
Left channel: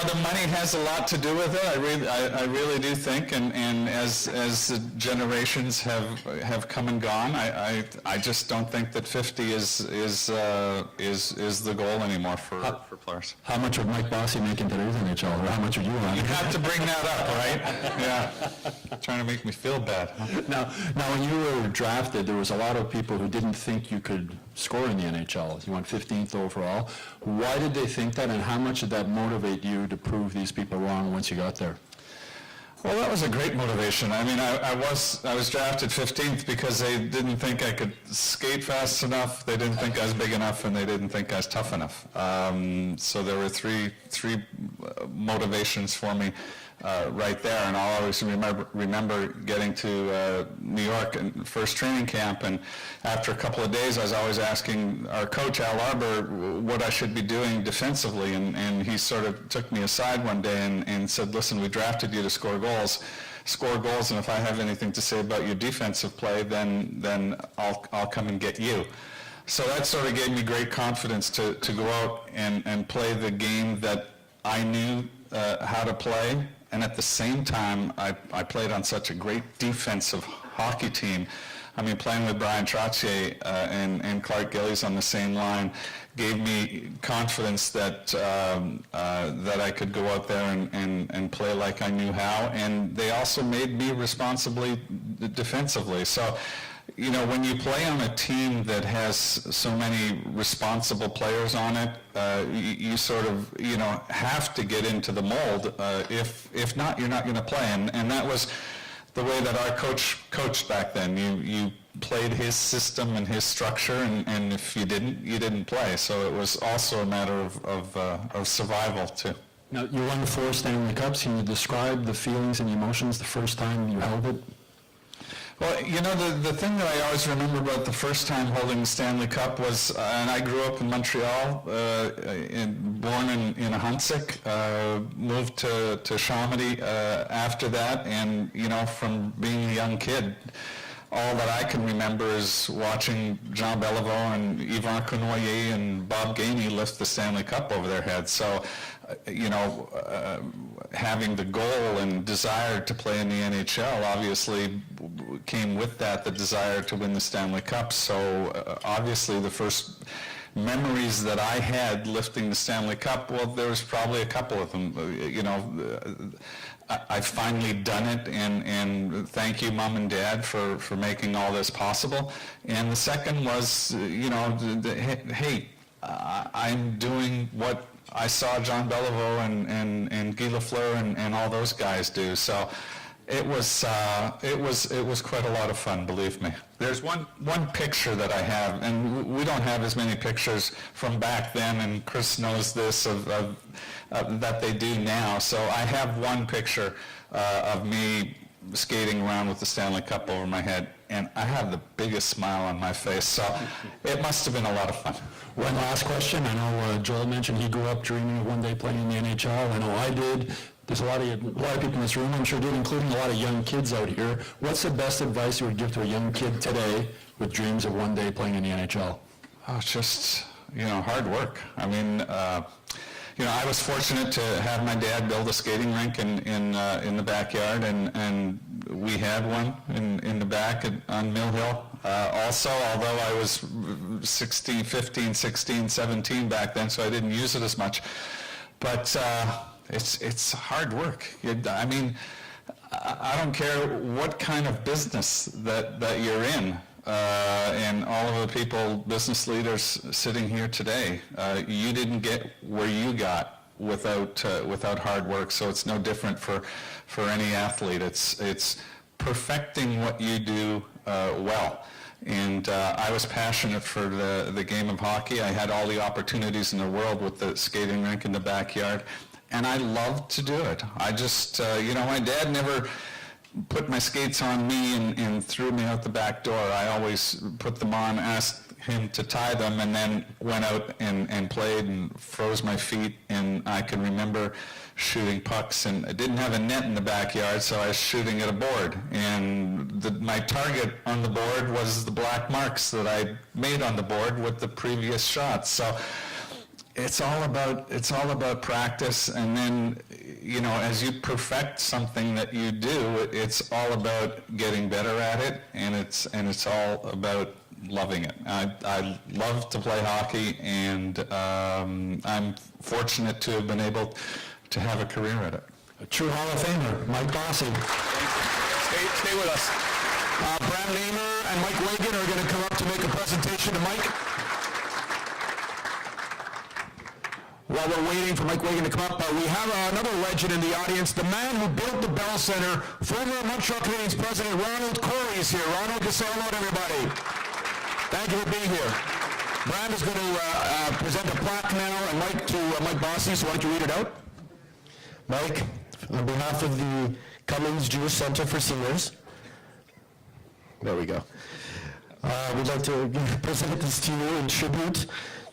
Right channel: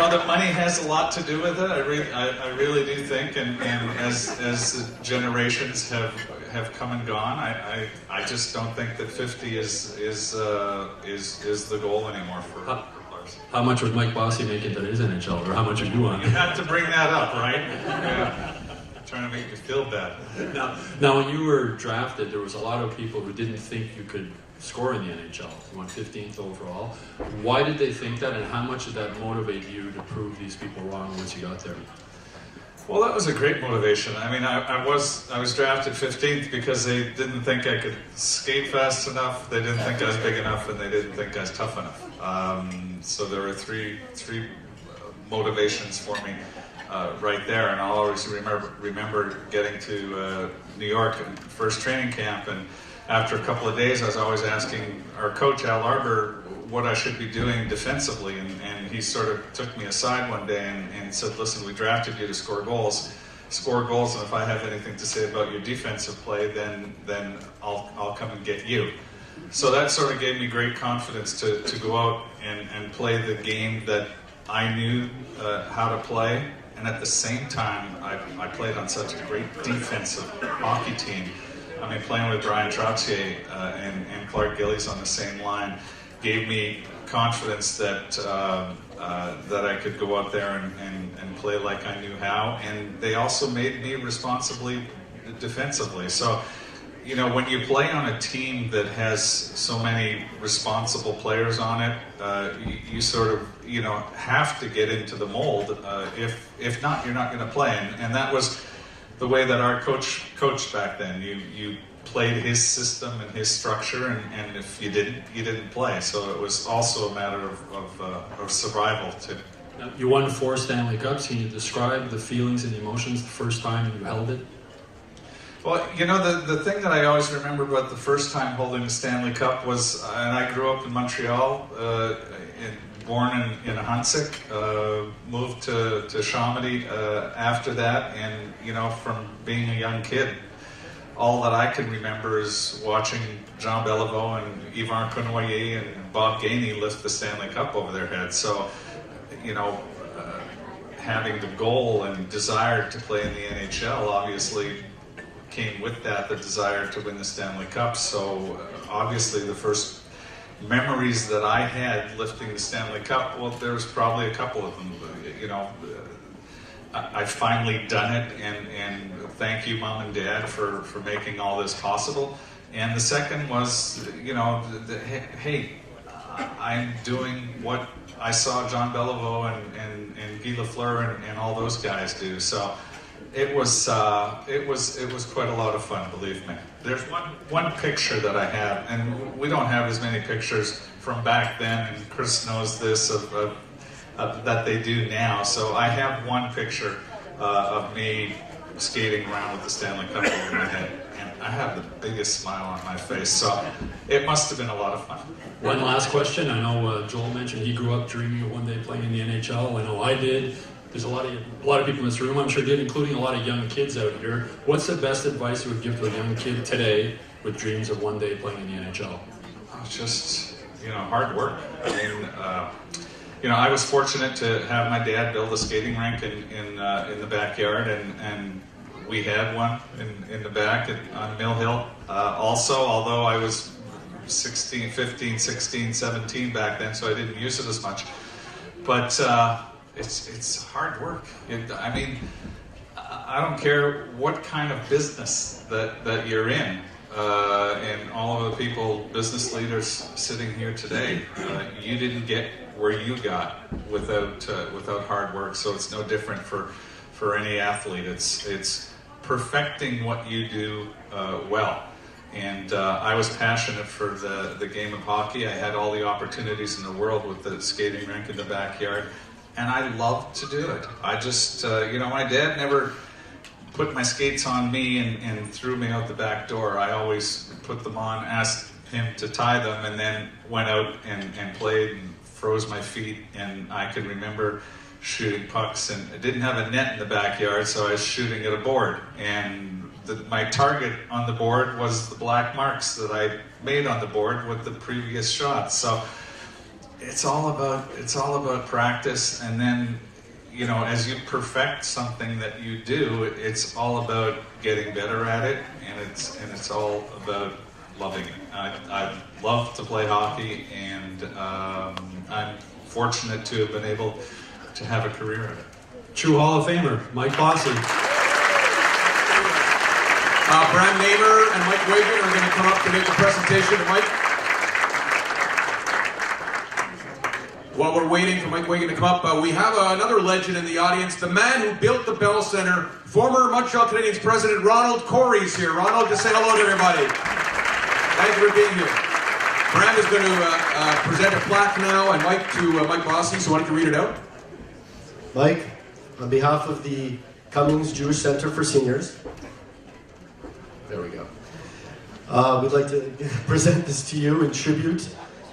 the money has a lot to do with it. I really do think, and as the generations have come and gone, I just don't think that 50 is the goal anymore for players. How much would Mike Bossy make in today's NHL, or how much would you want? You have to bring that up, right? Yeah. Trying to make me feel bad. Now, when you were drafted, there was a lot of people who didn't think you could scored in the NHL. He went 15th overall. Why did they think that, and how much did that motivate you to prove these people wrong once you got there? Well, that was a great motivation. I mean, I was drafted 15th because they didn't think I could skate fast enough, they didn't think I was big enough, and they didn't think I was tough enough. So there were three motivations for me right there, and I'll always remember getting to New York in first training camp, and after a couple of days, I was always asking our coach, Al Arbor, what I should be doing defensively, and he sort of took me aside one day and said, listen, we drafted you to score goals, and if I have anything to say about your defensive play, then I'll come and get you. So that sort of gave me great confidence to go out and play the game that I knew how to play, and at the same time, I played on such a great defensive hockey team. I mean, playing with Brian Trottier and Clark Gillies on the same line gave me confidence that I could go out there and play like I knew how, and they also made me responsibly defensively. So, you know, when you play on a team that has so many responsible players on it, you sort of, you know, have to get into the mold. If not, you're not going to play, and that was the way that our coach coached back then. You played his system and his structure, and if you didn't, you didn't play. So it was also a matter of survival too. Now, you won 4 Stanley Cups. Can you describe the feelings and emotions the first time you held it? Well, you know, the thing that I always remember about the first time holding the Stanley Cup was, and I grew up in Montreal, born in Huntsic, moved to Chamonix after that, and, you know, from being a young kid, all that I can remember is watching Jean Beliveau and Yvan Cournoyer and Bob Gainey lift the Stanley Cup over their heads. So, you know, having the goal and desire to play in the NHL obviously came with that, the desire to win the Stanley Cup. So obviously the first memories that I had lifting the Stanley Cup, well, there was probably a couple of them. You know, I finally done it, and thank you, Mom and Dad, for making all this possible. And the second was, you know, hey, I'm doing what I saw Jean Beliveau and Guy Lafleur and all those guys do. So it was quite a lot of fun, believe me. There's one picture that I have, and we don't have as many pictures from back then, and Chris knows this, of that they do now. So I have one picture of me skating around with the Stanley Cup over my head, and I have the biggest smile on my face. So it must have been a lot of fun. One last question. I know Joel mentioned he grew up dreaming one day playing in the NHL. I know I did. There's a lot of people in this room, I'm sure, including a lot of young kids out here. What's the best advice you would give to a young kid today with dreams of one day playing in the NHL? Oh, just, you know, hard work. I mean, you know, I was fortunate to have my dad build a skating rink in the backyard, and we had one in the back on Mill Hill. Also, although I was 15, 16, 17 back then, so I didn't use it as much. But it's hard work. I mean, I don't care what kind of business that you're in. And all of the people, business leaders sitting here today, you didn't get where you got without hard work. So it's no different for any athlete. It's perfecting what you do well. And I was passionate for the game of hockey. I had all the opportunities in the world with the skating rink in the backyard, and I loved to do it. I just, you know, my dad never put my skates on me and threw me out the back door. I always put them on, asked him to tie them, and then went out and played and froze my feet. And I can remember shooting pucks, and I didn't have a net in the backyard, so I was shooting at a board. And my target on the board was the black marks that I made on the board with the previous shots. So it's all about practice, and then, you know, as you perfect something that you do, it's all about getting better at it, and it's all about loving it. I love to play hockey, and I'm fortunate to have been able to have a career at it. True Hall of Famer, Mike Bossy. Brad Namer and Mike Wigan are going to come up to make a presentation. Mike. while we're waiting for Mike Bossy to come up, we have another legend in the audience, the man who built the Bell Center, former Montreal Canadiens president Ronald Corey's here. Ronald, just say hello to everybody. Thank you for being here. Brand is going to present a plaque now, and Mike Bossy, so why don't you read it out? Mike, on behalf of the Cummings Jewish Centre for Seniors, there we go. We'd like to present this to you in tribute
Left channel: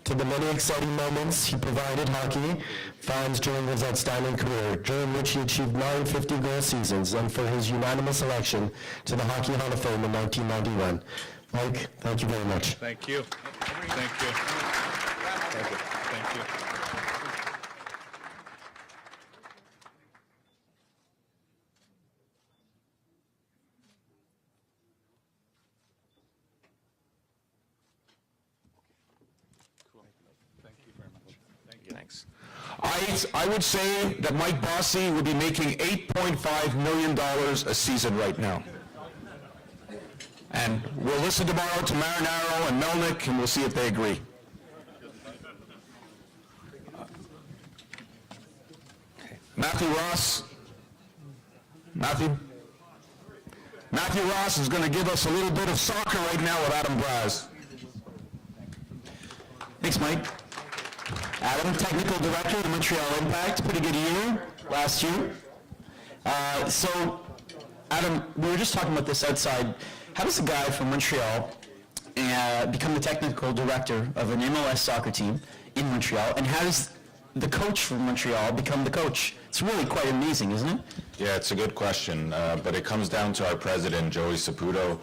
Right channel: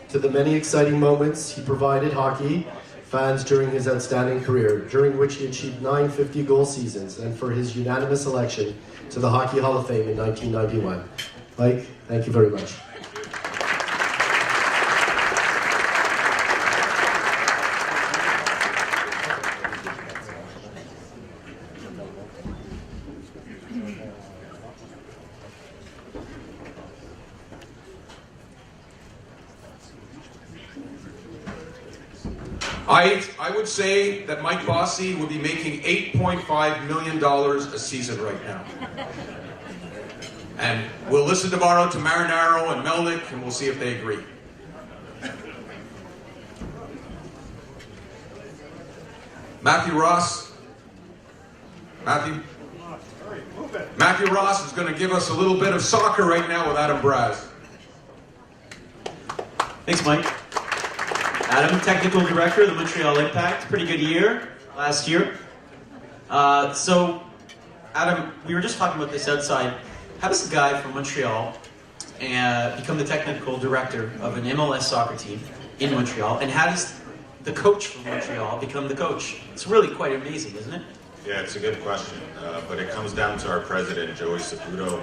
to the many exciting moments he provided hockey fans during his outstanding career, during which he achieved 9 50-goal seasons, and for his unanimous election to the Hockey Hall of Fame in 1999. Mike, thank you very much. Thank you. I would say that Mike Bossy would be making $8.5 million a season right now. And we'll listen tomorrow to Marinaro and Melnick, and we'll see if they agree. Matthew Ross is going to give us a little bit of soccer right now with Adam Braz. Thanks, Mike. Adam, Technical Director of the Montreal Impact. Pretty good year last year. So, Adam, we were just talking about this outside. How does a guy from Montreal become the Technical Director of an MLS soccer team in Montreal, and how does the coach from Montreal become the coach? It's really quite amazing, isn't it? Yeah, it's a good question, but it comes down to our president, Joey Saputo,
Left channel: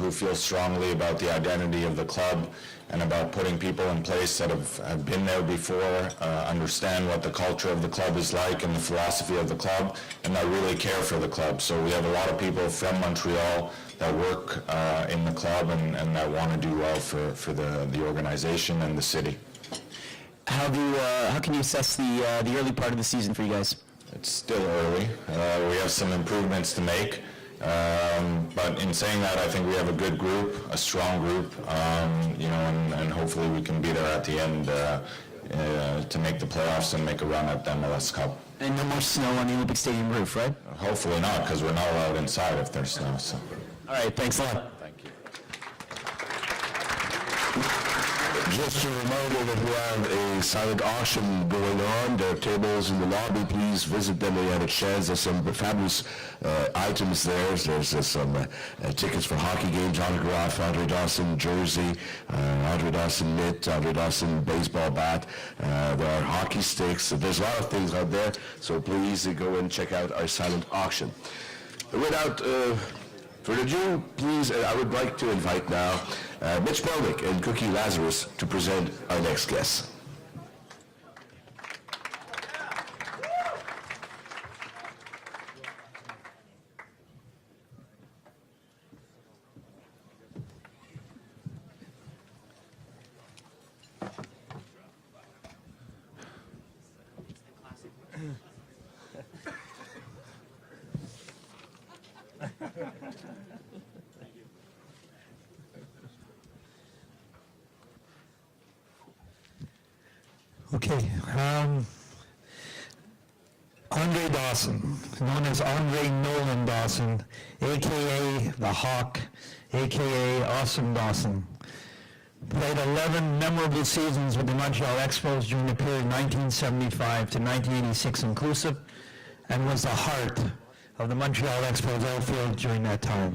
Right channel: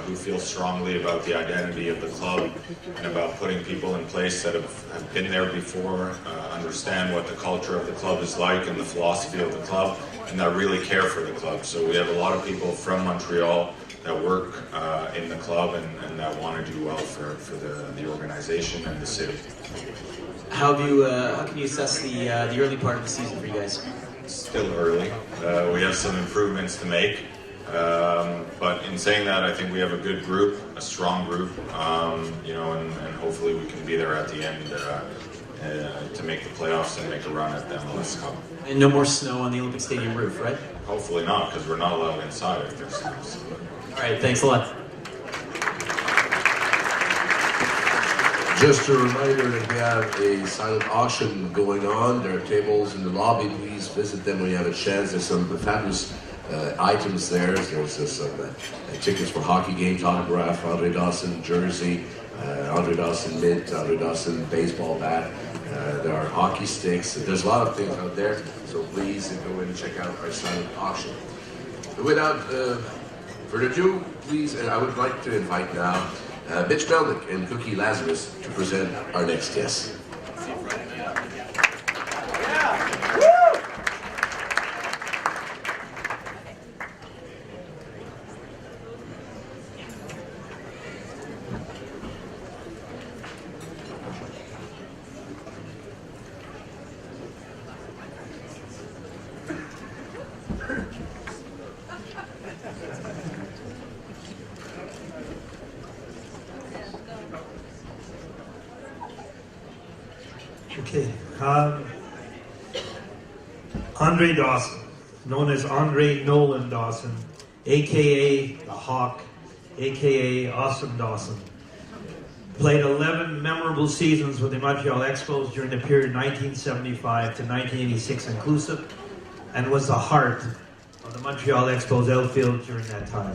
who feels strongly about the identity of the club and about putting people in place that have been there before, understand what the culture of the club is like and the philosophy of the club, and that really care for the club. So we have a lot of people from Montreal that work in the club and that want to do well for the organization and the city. How can you assess the early part of the season for you guys? It's still early. We have some improvements to make. But in saying that, I think we have a good group, a strong group, and hopefully we can be there at the end to make the playoffs and make a run at the MLS Cup. And no more snow on the Olympic Stadium roof, right? Hopefully not, because we're not allowed inside if there's snow. So. All right, thanks a lot. Just a reminder that we have a silent auction going on. There are tables in the lobby. Please visit them. We have a shares. There's some fabulous items there. There's some tickets for hockey games, autograph, Andre Dawson jersey, Andre Dawson mitt, Andre Dawson baseball bat. There are hockey sticks. There's a lot of things out there. So please go and check out our silent auction. Without further ado, please, I would like to invite now Mitch Melnick and Cookie Lazarus to present our next guest. Okay, Andre Dawson, known as Andre Nolan Dawson, a.k.a. The Hawk, a.k.a. Awesome Dawson, played 11 memorable seasons with the Montreal Expos during the period 1975 to 1986 inclusive, and was the heart of the Montreal Expos outfield during that time.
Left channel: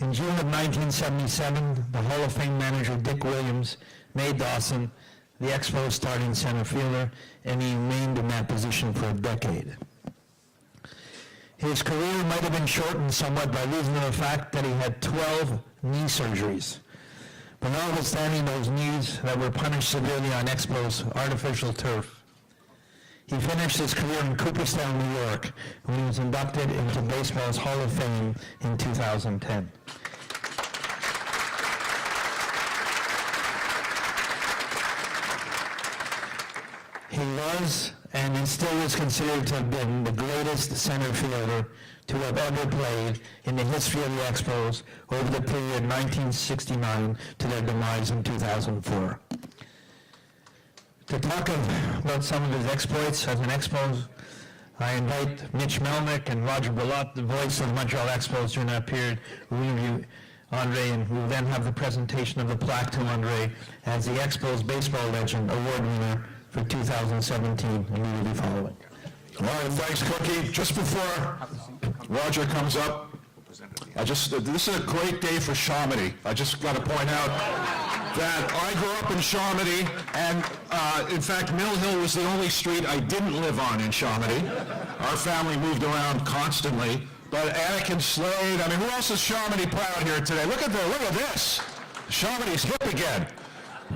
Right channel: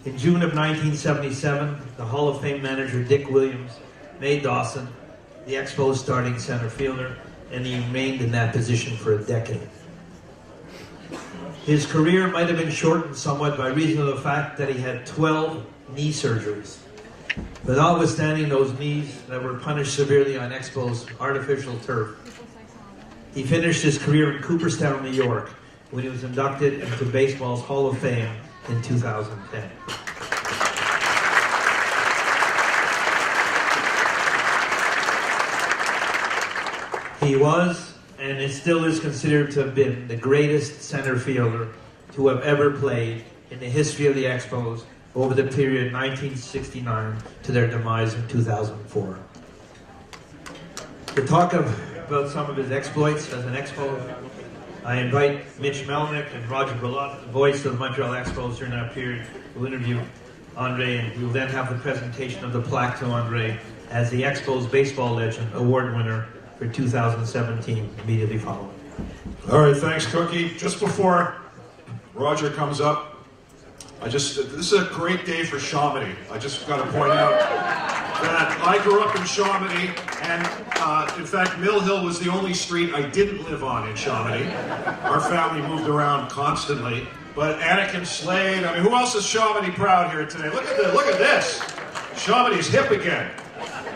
In June of 1977, the Hall of Fame manager Dick Williams made Dawson the Expos starting center fielder, and he remained in that position for a decade. His career might have been shortened somewhat by reason of the fact that he had 12 knee surgeries. But notwithstanding those knees that were punished severely on Expos artificial turf, he finished his career in Cooperstown, New York, when he was inducted into baseball's Hall of Fame in 2010. He was, and still is considered to have been, the greatest center fielder to have ever played in the history of the Expos over the period 1969 to their demise in 2004. We're talking about some of his exploits as an Expo, I invite Mitch Melnick and Rodger Brulotte, the voice of the Montreal Expos during that period, who will interview Andre, and who will then have the presentation of the plaque to Andre as the Expos Baseball Legend Award winner for 2017, immediately following. All right, thanks, Cookie. Just before Rodger comes up, this is a great day for Chamonix. I just got to point out that I grew up in Chamonix, and in fact, Mill Hill was the only street I didn't live on in Chamonix. Our family moved around constantly. But Anakin Slade, I mean, who else is Chamonix proud here today? Look at this. Chamonix's hip again.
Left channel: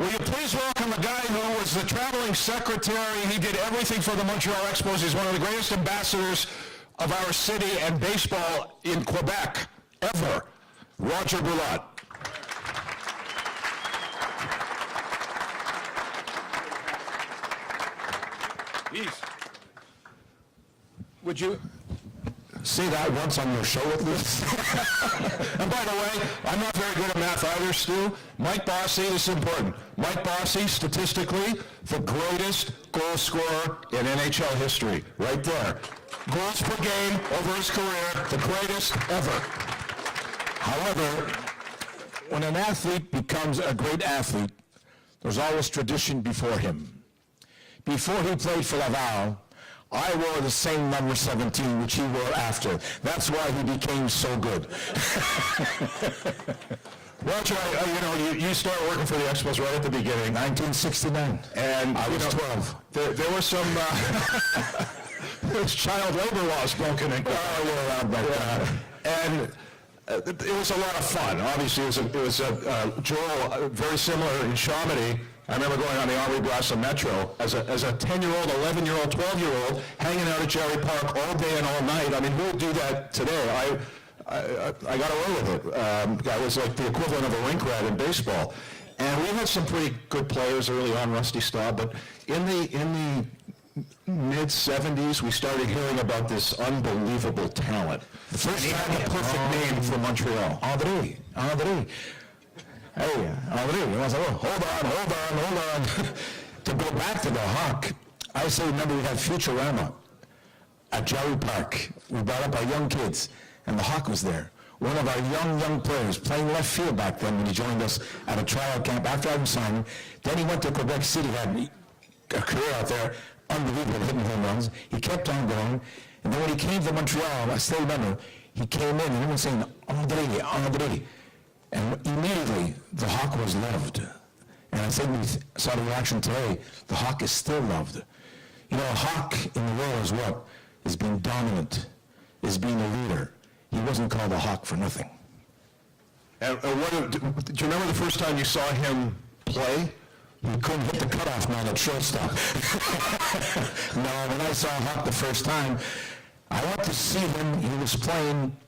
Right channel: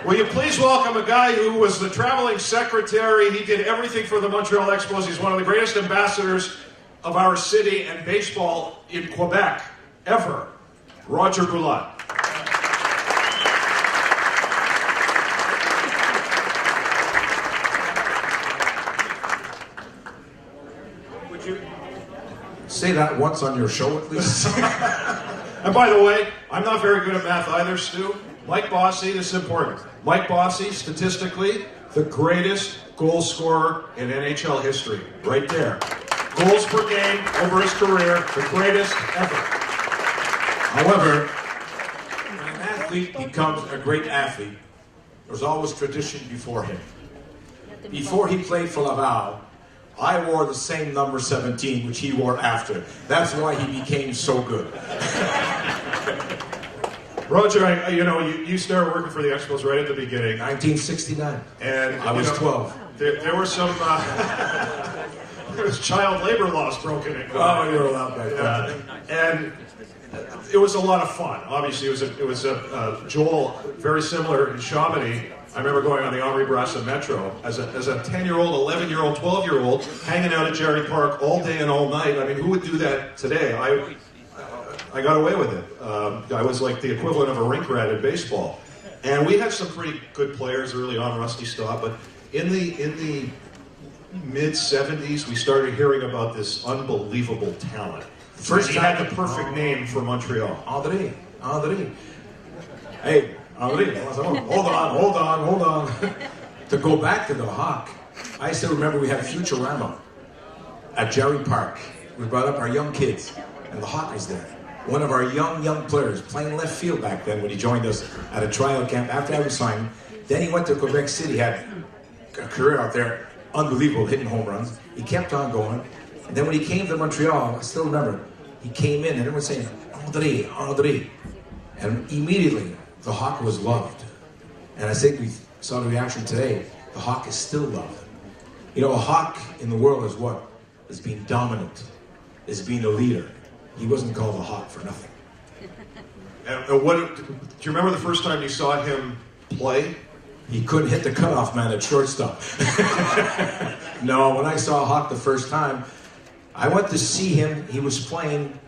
Will you please welcome a guy who was the traveling secretary. He did everything for the Montreal Expos. He's one of the greatest ambassadors of our city and baseball in Quebec ever. Rodger Brulotte. Would you say that once on your show at least? And by the way, I'm not very good at math either, Stu. Mike Bossy, this is important. Mike Bossy, statistically, the greatest goal scorer in NHL history. Right there. Goals per game over his career, the greatest ever. However, when an athlete becomes a great athlete, there's always tradition before him. Before he played for Laval, I wore the same number 17 which he wore after. That's why he became so good. Rodger, you started working for the Expos right at the beginning. 1969. And I was 12. There were some there was child labor laws broken in. Oh, you're around back then. And it was a lot of fun. Obviously, it was Joel, very similar in Chamonix. I remember going on the Henri Grassa Metro as a 10-year-old, 11-year-old, 12-year-old, hanging out at Jerry Park all day and all night. I mean, who would do that today? I got away with it. I was like the equivalent of a rink rat in baseball. And we had some pretty good players early on, Rusty Staub, but in the mid-'70s, we started hearing about this unbelievable talent. The first guy had the perfect name for Montreal. Andre. Hey, hold on. To go back to the Hawk, I still remember we had Futurama at Jerry Park. We brought up our young kids, and the Hawk was there. One of our young players playing left field back then when he joined us at a trial camp after I was signed. Then he went to Quebec City, had a career out there, unbelievable, hitting home runs. He kept on going. And then when he came to Montreal, I still remember, he came in and everyone was saying, Andre. And immediately, the Hawk was loved. And I think we saw the reaction today. The Hawk is still loved. You know, Hawk in the world is what? Is being dominant, is being a leader. He wasn't called a Hawk for nothing. And do you remember the first time you saw him play? He couldn't hit the cutoff man at shortstop. No, when I saw Hawk the first time, I went to see him, and he was playing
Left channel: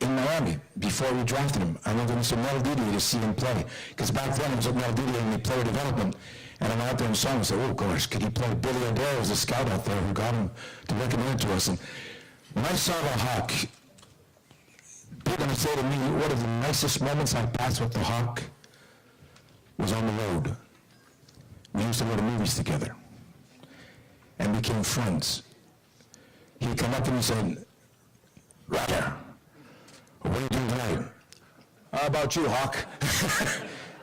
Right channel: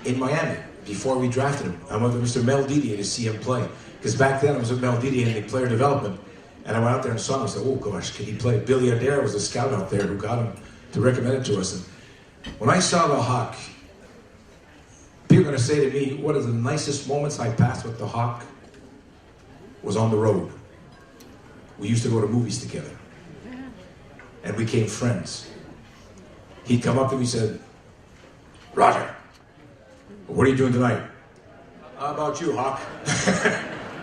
in Miami before we drafted him. I went to Mr. Mel Beatty to see him play. Because back then I was with Mel Beatty in the player development. And I went up there and saw him and said, oh gosh, can he play? Billy Adair was a scout out there who got him to recommend to us. And when I saw the Hawk, people would say to me, one of the nicest moments I passed with the Hawk was on the road. We used to go to movies together. And we became friends. He'd come up and he said, Rodger, what are you doing tonight? How about you, Hawk?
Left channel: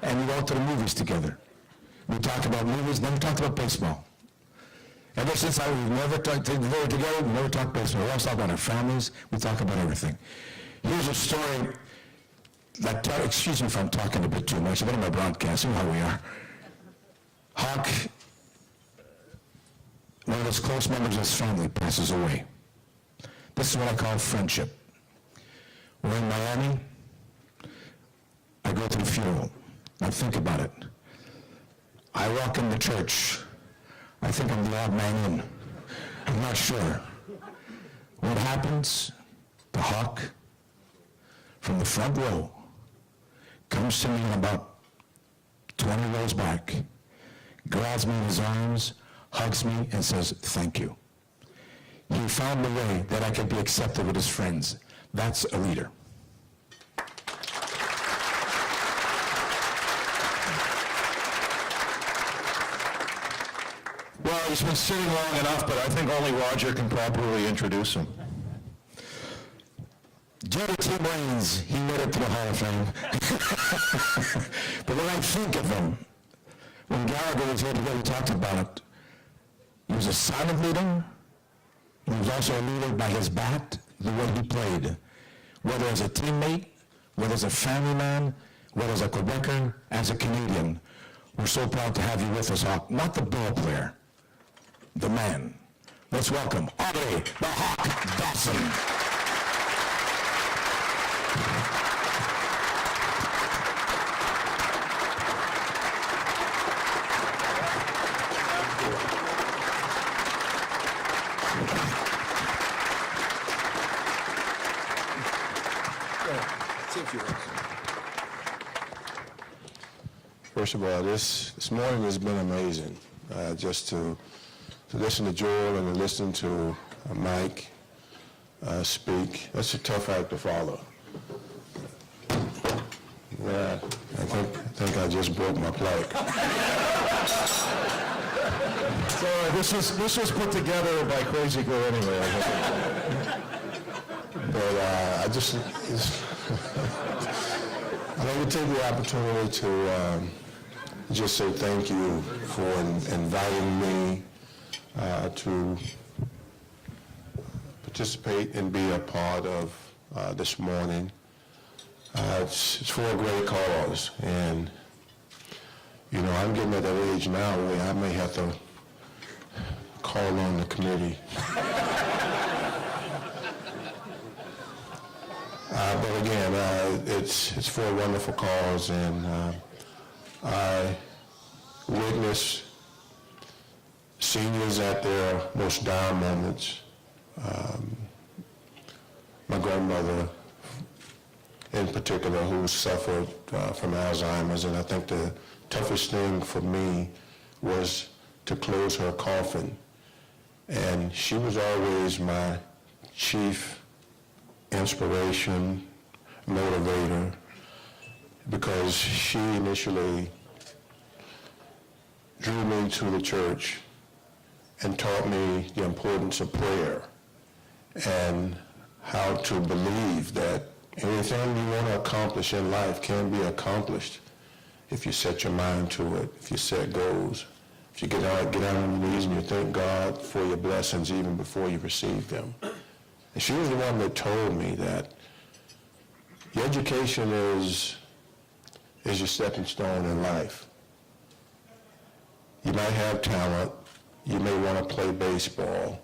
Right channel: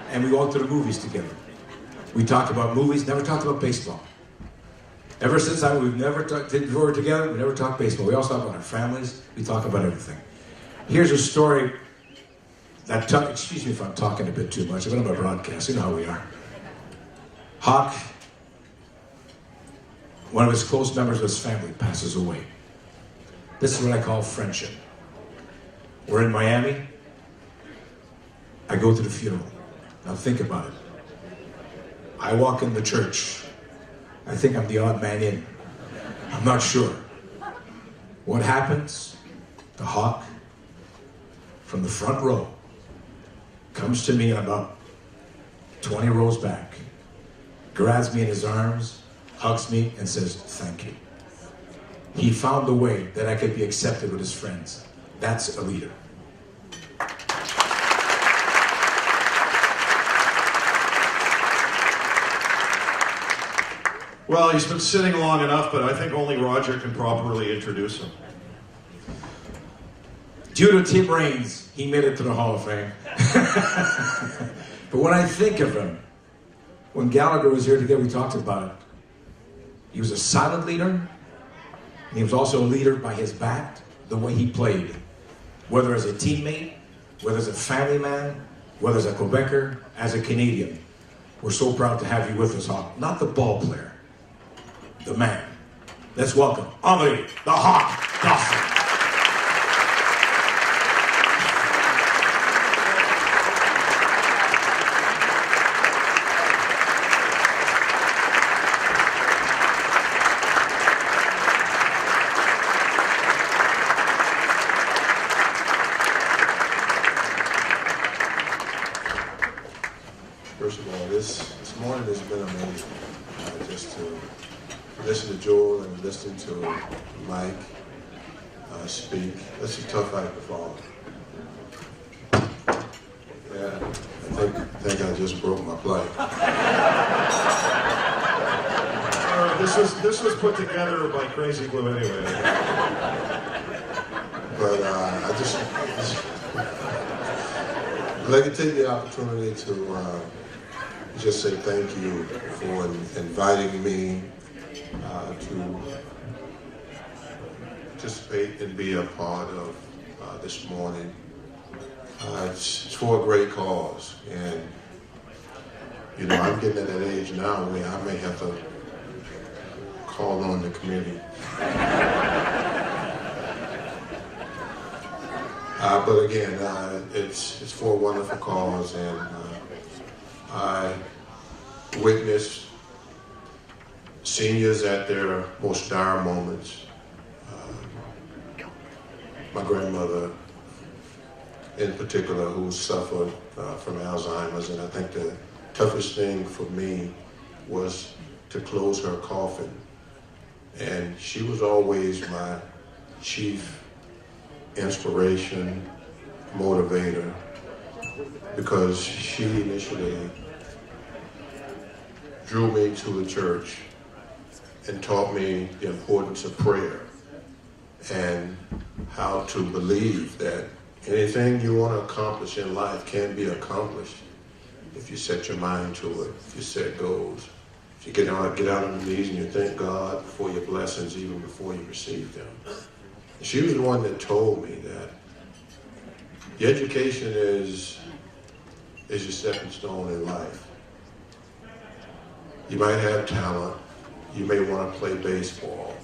And we went to the movies together. We talked about movies, never talked about baseball. Ever since that, we've never did work together, we never talked baseball. We also talk about our families, we talk about everything. Here's a story that, excuse me if I'm talking a bit too much, we're in a broadcast, you know how we are. Hawk, one of his close members of his family, passes away. This is what I call friendship. We're in Miami. I go to the funeral. Now think about it. I walk into church. I think I'm the odd man in. I'm not sure. What happens? The Hawk, from the front row, comes to me about 20 rows back, grabs me in his arms, hugs me, and says, thank you. He found a way that I could be accepted with his friends. That's a leader. Well, he's been sitting long enough, but I think only Rodger can properly introduce him. Due to Tim Raines, he made it to the Hall of Fame. But when I think of him, when Gallagher was here today, we talked about it. He was a silent leader, and he was also a leader by his bat, the way he played. Whether as a teammate, whether as a family man, whether as a Quebecer, as a Canadian. We're so proud to have you with us, not the ball player, the man. Let's welcome Andre the Hawk Dawson. First of all, this morning has been amazing. Just to listen to Joel and to listen to Mike speak. That's a tough act to follow. Yeah, I think I just broke my plug. This was put together by Crazy Glue anyway. But I'd like to take the opportunity to just say thank you for inviting me to participate and be a part of this morning. It's for a great cause, and you know, I'm getting at that age now where I may have to call on the committee. But again, it's for a wonderful cause, and I witness seniors at their most dire moments. My grandmother, in particular, who suffered from Alzheimer's, and I think the toughest thing for me was to close her coffin. And she was always my chief inspiration, motivator, because she initially drew me to the church and taught me the importance of prayer and how to believe that anything you want to accomplish in life can be accomplished if you set your mind to it, if you set goals, if you get down on your knees and you thank God for your blessings even before you receive them. And she was the one that told me that your education is your stepping stone in life. You might have talent, you may want to play baseball,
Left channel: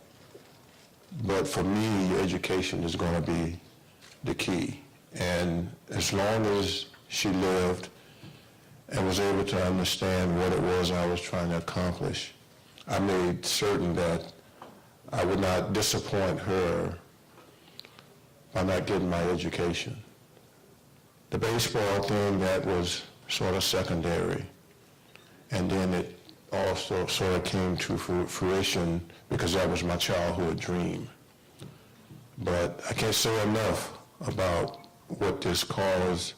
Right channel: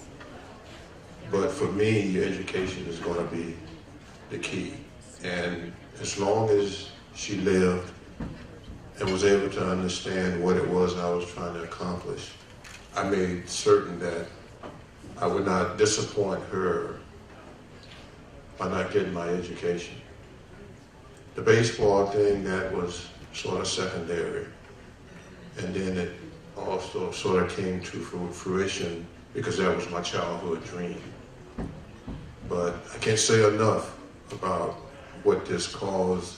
but for me, education is going to be the key. And as long as she lived and was able to understand what it was I was trying to accomplish, I made certain that I would not disappoint her by not getting my education. The baseball thing, that was sort of secondary. And then it also sort of came to fruition because that was my childhood dream. But I can't say enough about what this cause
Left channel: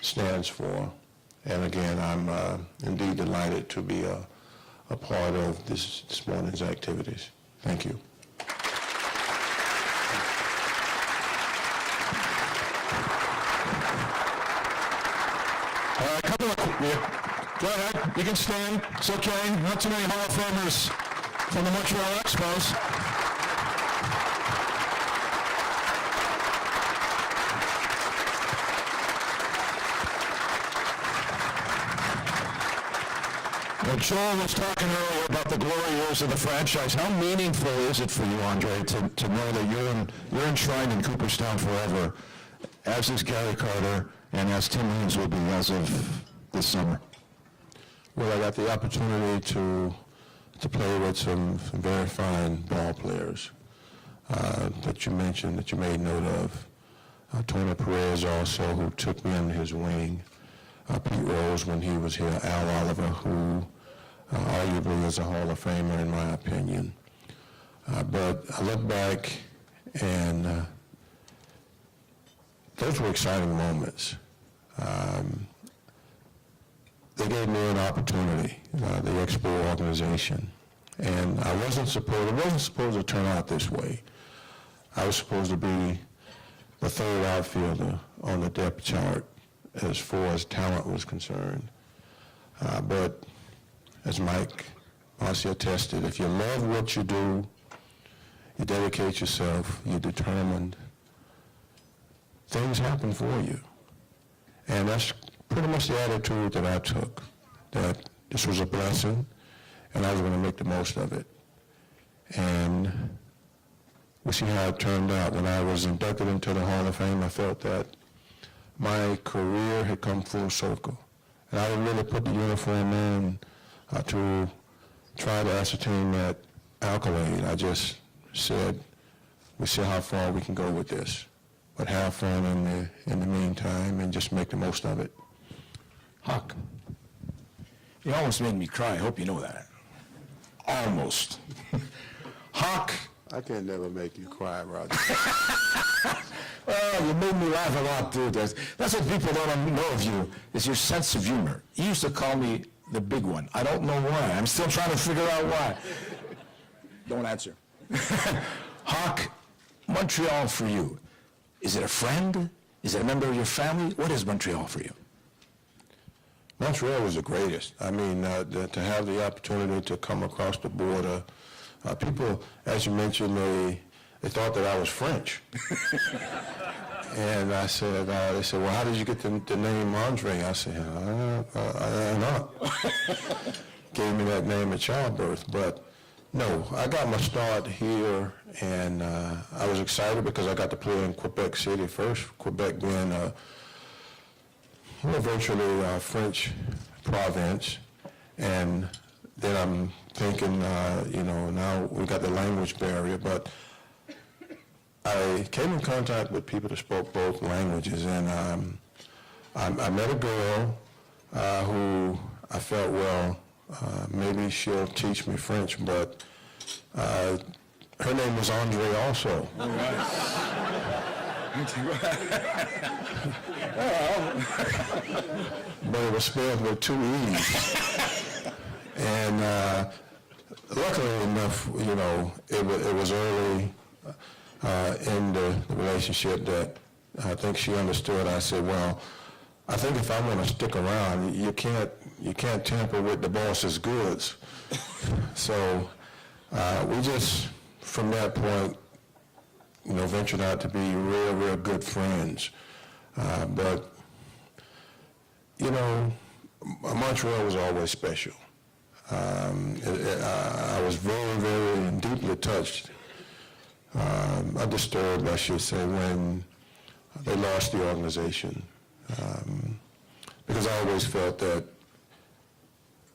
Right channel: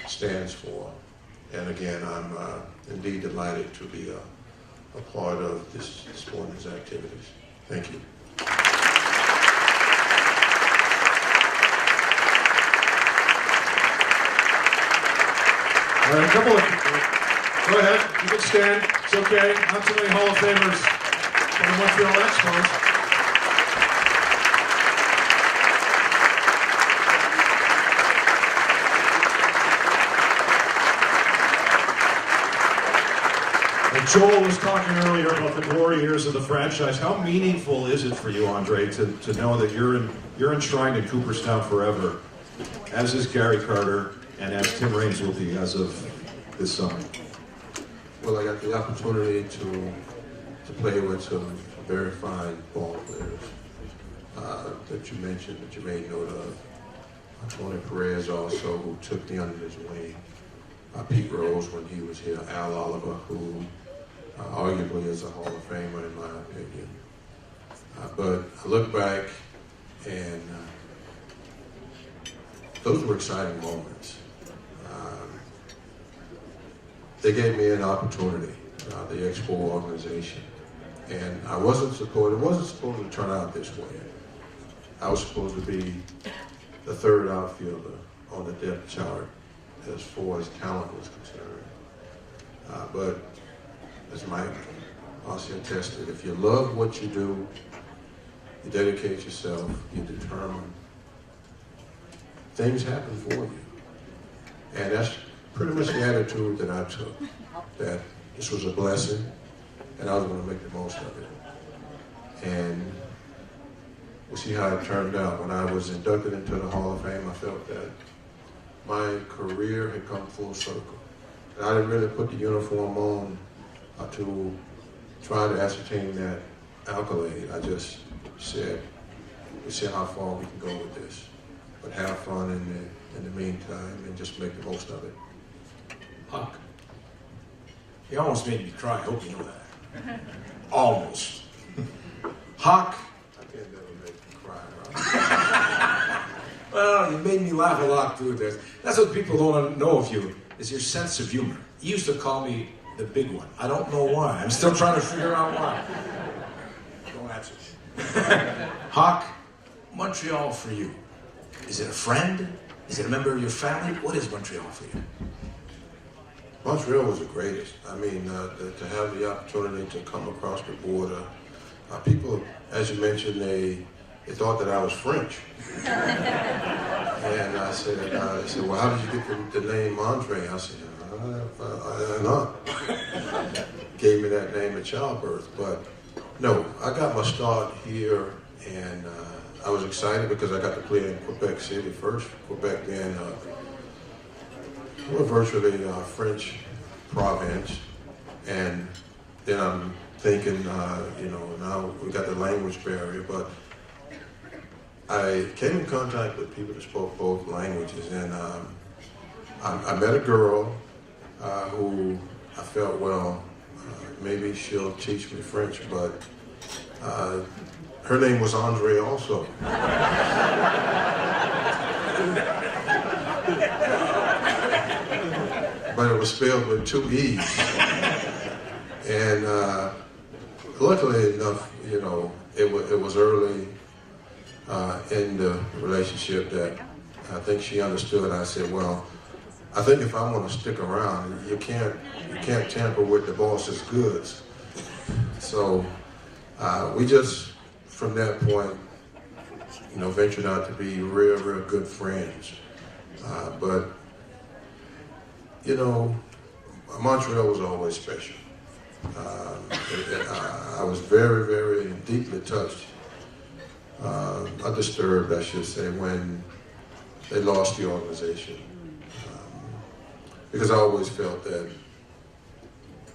stands for. And again, I'm indeed delighted to be a part of this morning's activities. Thank you. All right, come on. Go ahead. You can stand. It's okay. Not too many Hall of Famers from the Montreal Expos. Joel was talking earlier about the glory years of the franchise. How meaningful is it for you, Andre, to know that you're enshrined in Cooperstown forever, as is Gary Carter, and as Tim Raines will be as of this summer? Well, I got the opportunity to play with some very fine ball players that you mentioned, that you made note of. Tony Perez also, who took me under his wing. Pete Rose when he was here. Al Oliver, who arguably is a Hall of Famer in my opinion. But I look back and those were exciting moments. They gave me an opportunity, the Expo organization, And it wasn't supposed to turn out this way. I was supposed to be the third outfielder on the depth chart as far as talent was concerned. But as Mike Bossy attested, if you love what you do, you dedicate yourself, you're determined, things happen for you. And that's pretty much the attitude that I took, that this was a blessing and I was going to make the most of it. And we see how it turned out. When I was inducted into the Hall of Fame, I felt that my career had come full circle. And I really put the uniform on to try to ascertain that accolade. I just said, we'll see how far we can go with this. But have fun in the meantime and just make the most of it. Huck, you almost made me cry. I hope you know that. Almost. Huck. I can never make you cry, Rodger. You made me laugh a lot through this. That's what people don't want to know of you, is your sense of humor. You used to call me the big one. I don't know why. I'm still trying to figure out why. Don't answer. Huck, Montreal for you. Is it a friend? Is it a member of your family? What is Montreal for you? Montreal was the greatest. I mean, to have the opportunity to come across the border, people, as you mentioned, they thought that I was French. And I said, they said, well, how did you get the name Andre? I said, I don't know. Gave me that name at childbirth. But no, I got my start here, and I was excited because I got to play in Quebec City first, Quebec being virtually a French province. And then I'm thinking, now we got the language barrier, but I came in contact with people that spoke both languages, and I met a girl who I felt, well, maybe she'll teach me French, but her name was Andre also. But it was spelled with two E's. And luckily enough, it was early in the relationship that I think she understood. I said, well, I think if I want to stick around, you can't tamper with the boss's goods. So we just, from that point, ventured out to be really, really good friends. But Montreal was always special. I was very, very deeply touched, undisturbed, I should say, when they lost the organization. Because I always felt that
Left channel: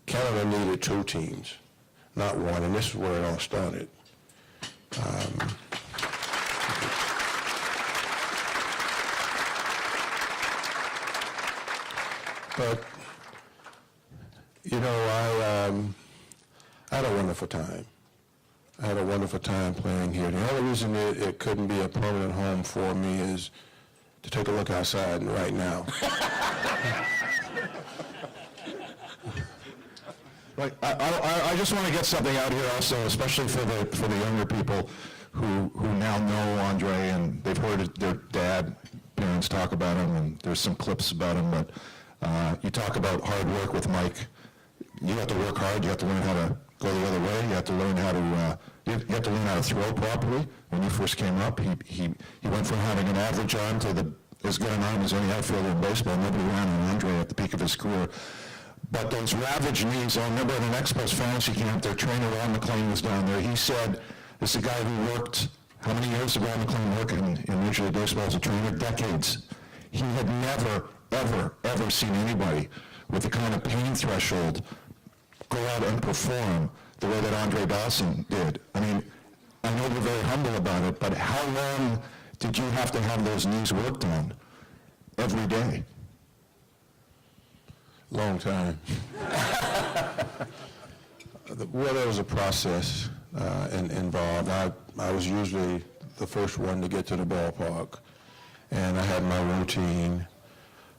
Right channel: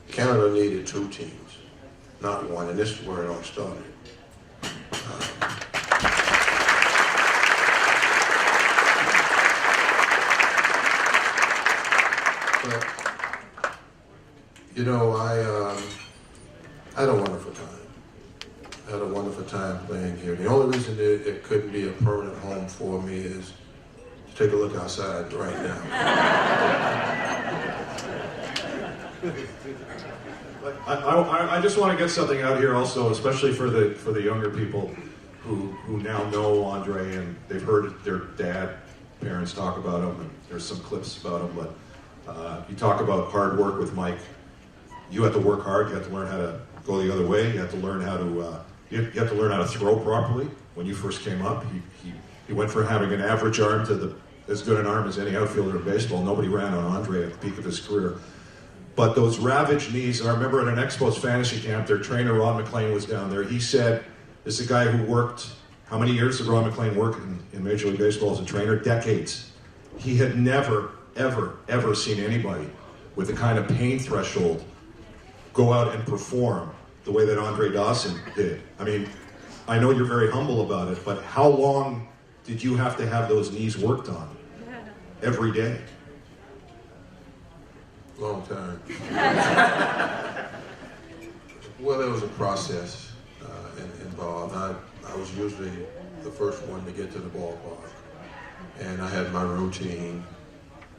Canada needed two teams, not one, and this is where it all started. But, I had a wonderful time. I had a wonderful time playing here. The only reason it couldn't be a permanent home for me is to take a look outside right now. But I just want to get something out of here also, especially for the younger people who now know Andre and they've heard their parents talk about him, and there's some clips about him. But you talk about hard work with Mike. You have to work hard. You have to learn how to go the other way. You have to learn how to throw properly. When he first came up, he went from having an average arm to as good an arm as any outfielder in baseball. Nobody ran on Andre at the peak of his career. But those ravaged knees, I remember in an Expos fantasy camp, their trainer, Ron McLean, was down there. He said, this is a guy who worked, how many years ago Ron McLean working in Major League Baseball as a trainer? Decades. He had never, ever, ever seen anybody with the kind of pain threshold go out and perform the way that Andre Dawson did. I mean, I know you're very humble about it, but how long did you have to have those knees worked on every day? Long time. Well, there was a process involved. I was usually the first one to get to the ballpark, and I had my routine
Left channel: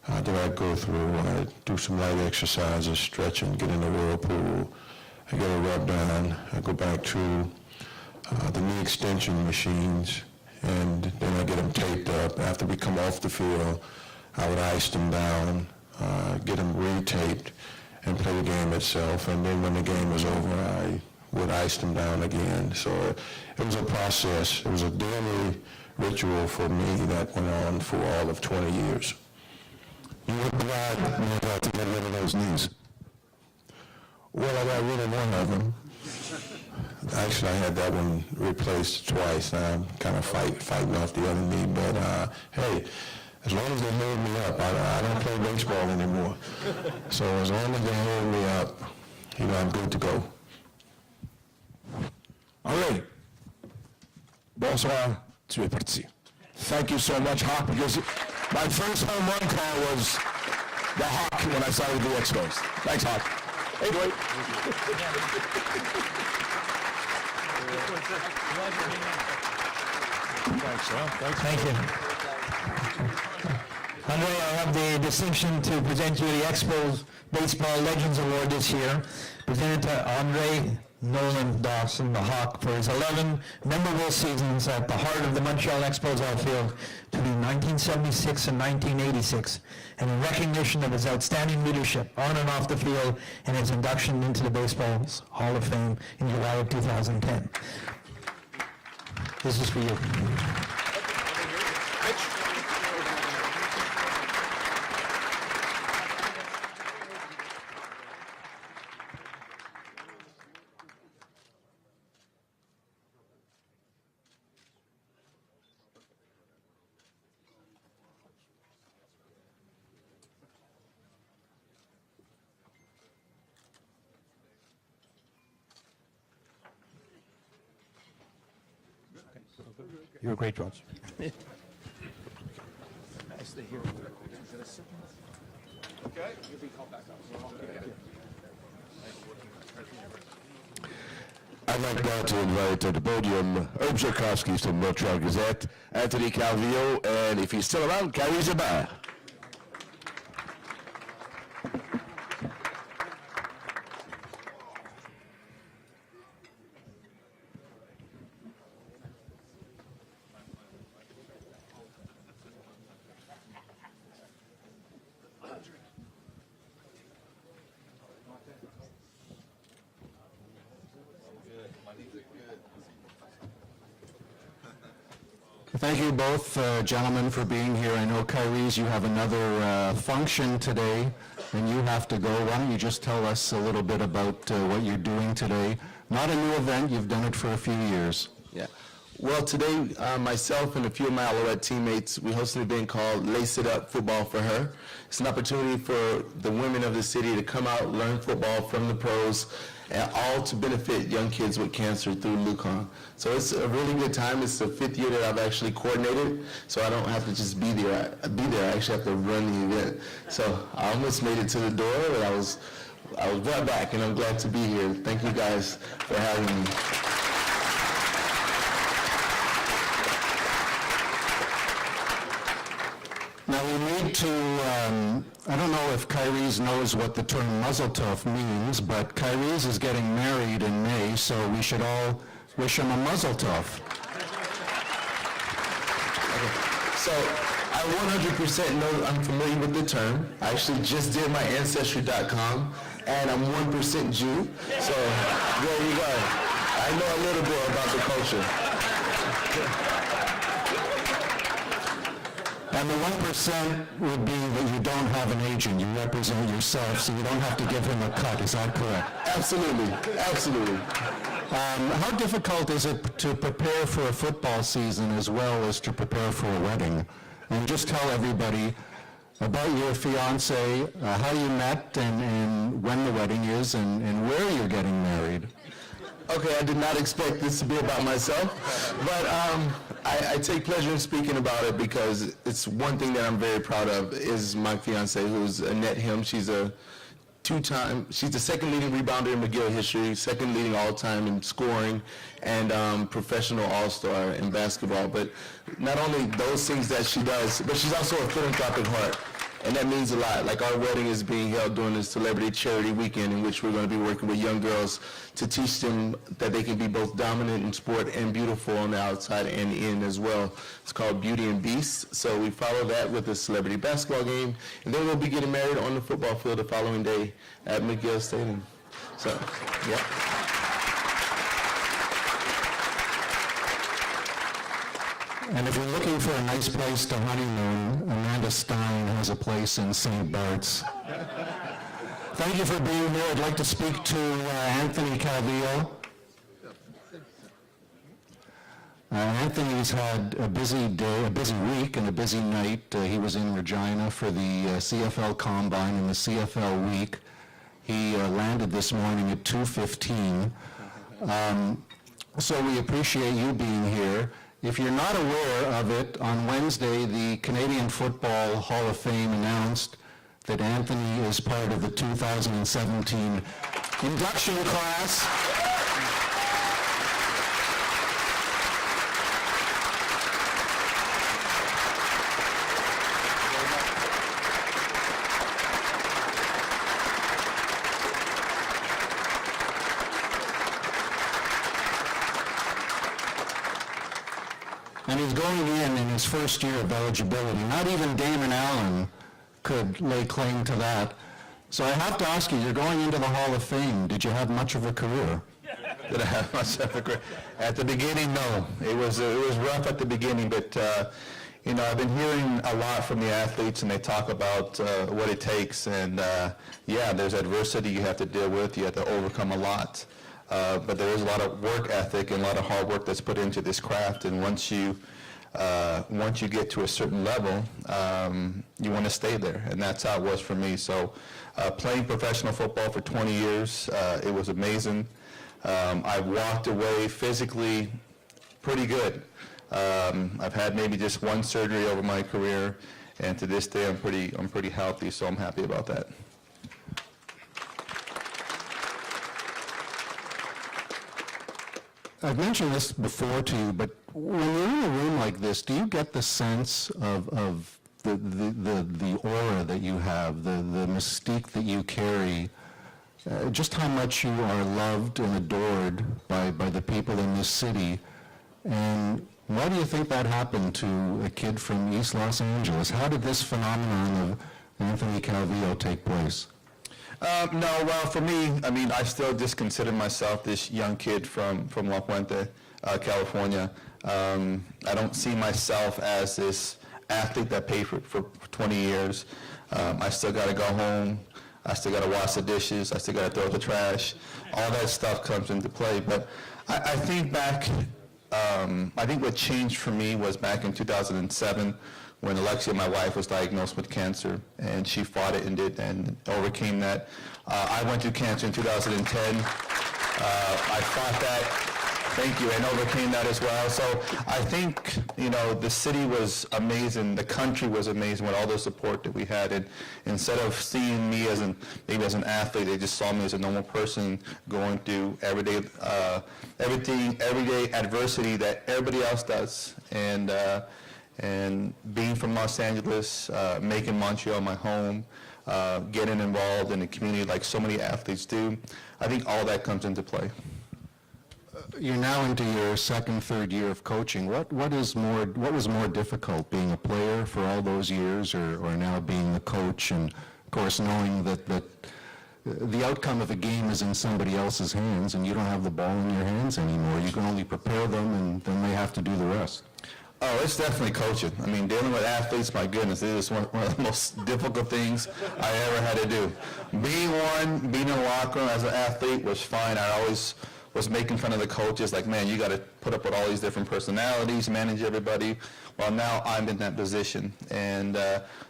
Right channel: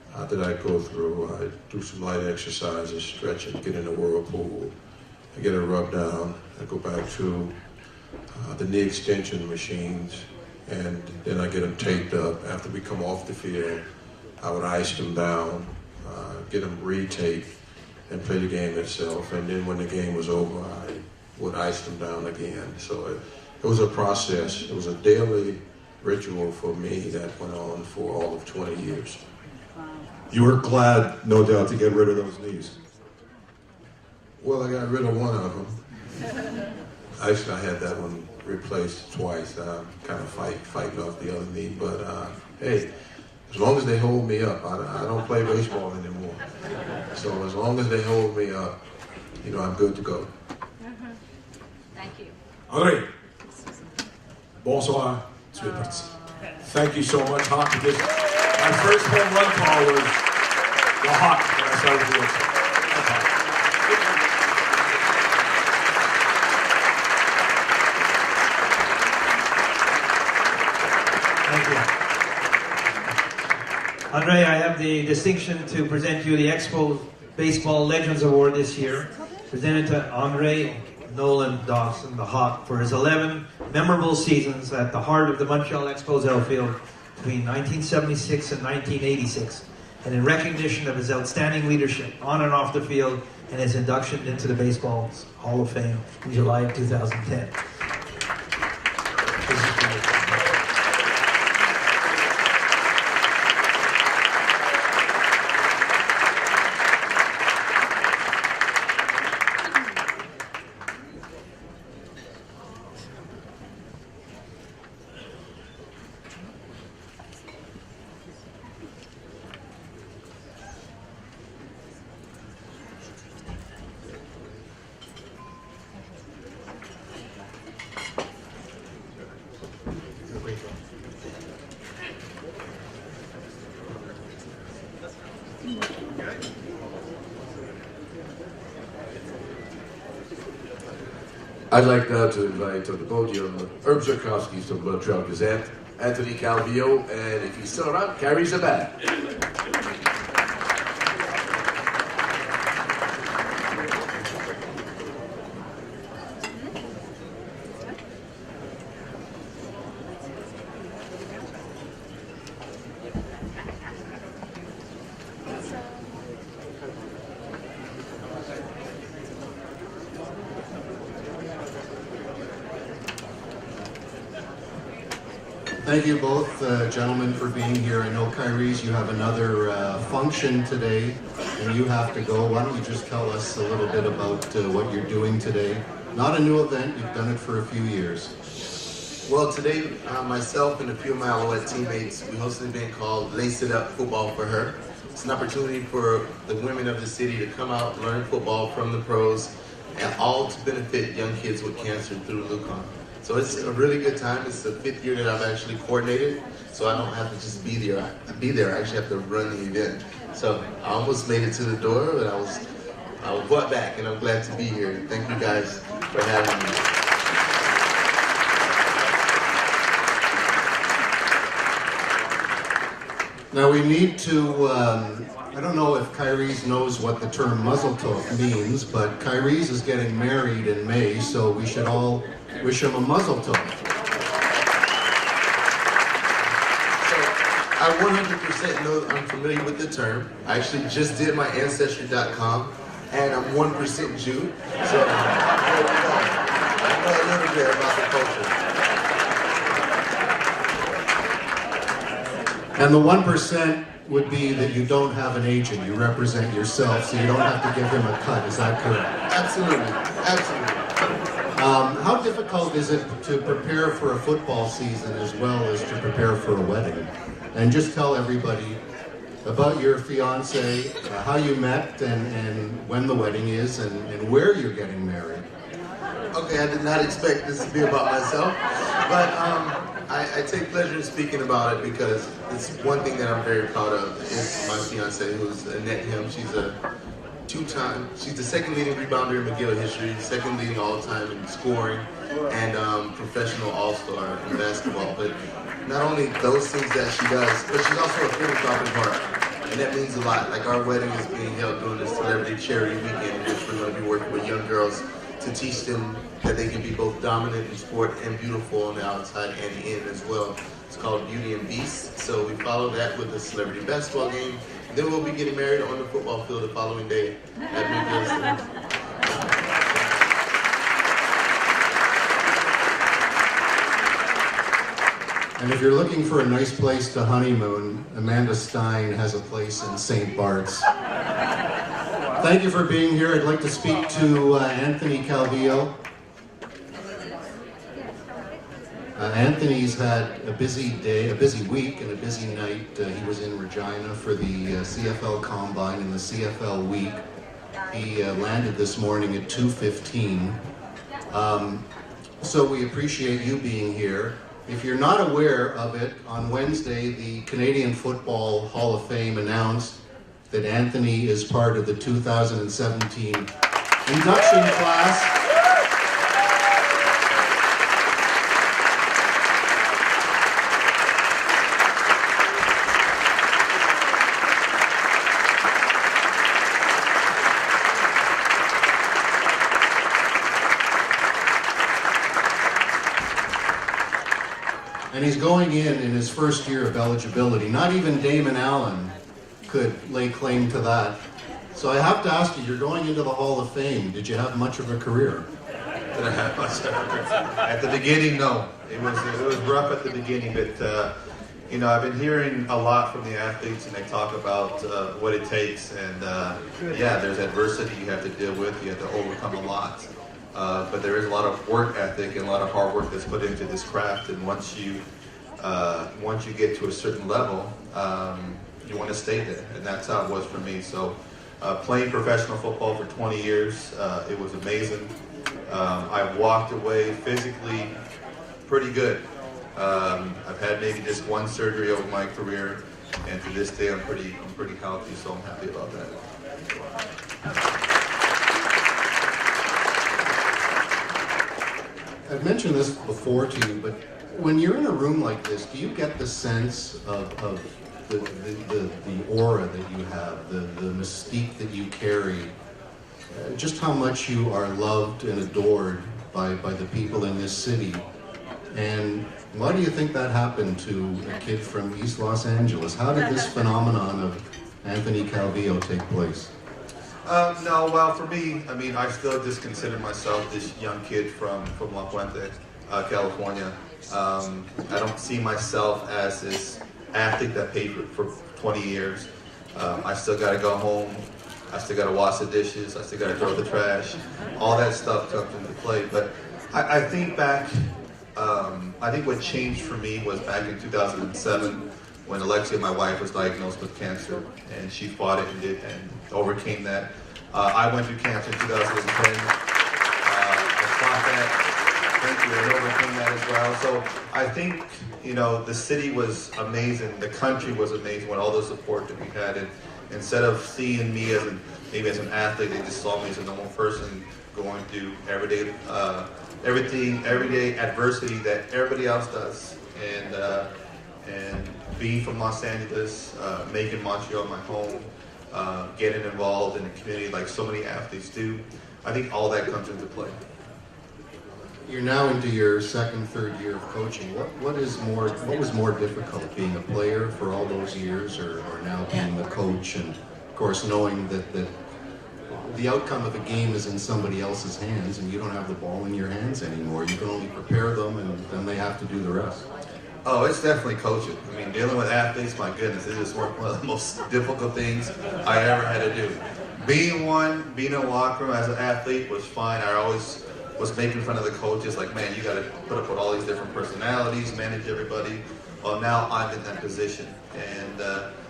that I'd go through. I'd do some light exercises, stretching, get in the whirlpool, I get a rub down, I go to the knee extension machines, and then I get them taped up. After we come off the field, I would ice them down, get them retaped, and play the game itself. And then when the game was over, I would ice them down again. So it was a process. It was a daily ritual for me that went on for all of 20 years. You were glad, no doubt, to get rid of those knees. Well, I got rid of one of them. Actually, I had that one replaced twice. Now I'm kind of fighting off the other knee, but hey, as long as they hold me up, I don't play baseball anymore. So as long as they hold me up, you know, I'm good to go. Thank you. All right. Bonsoir. Thank you so much, Hockey. My first home run call was the hockey when I started the Expos. Thanks, Hockey. Andre, I have the distinction to present you the Expos Baseball Legends Award this year, presented to Andre Dawson, the Hawk, for his 11 memorable seasons at the heart of the Montreal Expos outfield between 1976 and 1986, and in recognition of his outstanding leadership on and off the field and his induction into the Baseball's Hall of Fame in July 2010. This is for you. You're a great coach. I'd like now to invite to the podium Herb Zurkowski's to the Montreal Gazette, Anthony Calvillo, and if he's still on, Carrie Sabat. Thank you both, gentlemen, for being here. I know, Kyrie's, you have another function today, and you have to go. Why don't you just tell us a little bit about what you're doing today? Not a new event, you've done it for a few years. Well, today, myself and a few of my Alouette teammates, we hosted a thing called Lace It Up Football for Her. It's an opportunity for the women of the city to come out, learn football from the pros, and all to benefit young kids with cancer through Lucon. So it's a really good time. It's the 5th year that I've actually coordinated, so I don't have to just be there. I actually have to run the event. So I almost made it to the door, but I was brought back, and I'm glad to be here. Thank you guys for having me. Now we need to, I don't know if Kyrie's knows what the term muzzle tough means, but Kyrie's is getting married in May, so we should all wish him a muzzle tough. So I 100% know I'm familiar with the term. I actually just did my Ancestry.com, and I'm 1% Jew. So there we go. I know a little bit about the culture. And the 1% would be that you don't have an agent. You represent yourself, so you don't have to give them a cut. Is that correct? Absolutely. Absolutely. How difficult is it to prepare for a football season as well as to prepare for a wedding? And just tell everybody about your fiance, how you met, and when the wedding is, and where you're getting married. Okay, I did not expect this to be about myself, but I take pleasure in speaking about it because it's one thing that I'm very proud of is my fiance, who's Annette Him. She's a she's the second leading rebounder in McGill history, second leading all-time in scoring, and professional all-star in basketball. But not only those things that she does, but she's also a philanthropic heart, and that means a lot. Like our wedding is being held during the Celebrity Charity Weekend, in which we're going to be working with young girls to teach them that they can be both dominant in sport and beautiful on the outside and in as well. It's called Beauty and Beast. So we follow that with a celebrity basketball game, and then we'll be getting married on the football field the following day at Montreal Expos. And if you're looking for a nice place to honeymoon, Amanda Stein has a place in St. Bart's. Thank you for being here. I'd like to speak to Anthony Calvillo. Anthony's had a busy day, a busy week, and a busy night. He was in Regina for the CFL Combine and the CFL Week. He landed this morning at 2:15. So we appreciate you being here. If you're not aware of it, on Wednesday, the Canadian Football Hall of Fame announced that Anthony is part of the 2017 induction class. And he's going in his first year of eligibility. Not even Damon Allen could lay claim to that. So I have to ask you, you're going into the Hall of Fame. Did you have much of a career? At the beginning, no. It was rough at the beginning, but I've been hearing a lot from the athletes, and they talk about what it takes, and there's adversity you have to deal with. You have to overcome a lot. But there's a lot of work ethic and a lot of hard work that's put into this craft, and once you get to a certain level, you want to stay there, and that's how it was for me. So playing professional football for 20 years, it was amazing. I walked away physically pretty good. I've had maybe just one surgery over my career, and to this day I'm pretty healthy, so I'm happy about that. I've mentioned this before to you, but when you're in a room like this, do you get the sense of the aura that you have, the mystique that you carry, just how much you are loved and adored by the people in this city? And why do you think that happened to a kid from East Los Angeles? How did this phenomenon of Anthony Calvillo take place? For me, I still just consider myself this young kid from La Puente, California. I don't see myself as this athlete that paid for 20 years. I still gotta go home. I still gotta wash the dishes. I still gotta throw the trash. All that stuff comes into play. But I think back, I think what changed for me was back in 2007 when Alexia, my wife, was diagnosed with cancer, and she fought it and overcame that. I went through cancer in 2010. I fought that. Thank you. And overcame that as well. So I think, the city was amazing. The country was amazing with all the support that we had. And instead of seeing me as an athlete, they just saw me as a normal person going through everyday adversity that everybody else does. And being from Los Angeles, making Montreal my home, getting involved in the community like so many athletes do, I think all that comes into play. You're now into your second, third year of coaching. What is more difficult, being a player for all those years, or now being the coach, and of course knowing that the outcome of a game is in somebody else's hands, and you don't have the ball in your hands anymore. You can only prepare them, and then they have to do the rest. Oh, it's definitely coaching. Dealing with athletes, my goodness, it is one of the most difficult things I ever had to do. Being in the locker room as an athlete was fine. I always was making fun of the coaches, like, man, you got to put up with all these different personalities, manage everybody. Well, now I'm in that position. And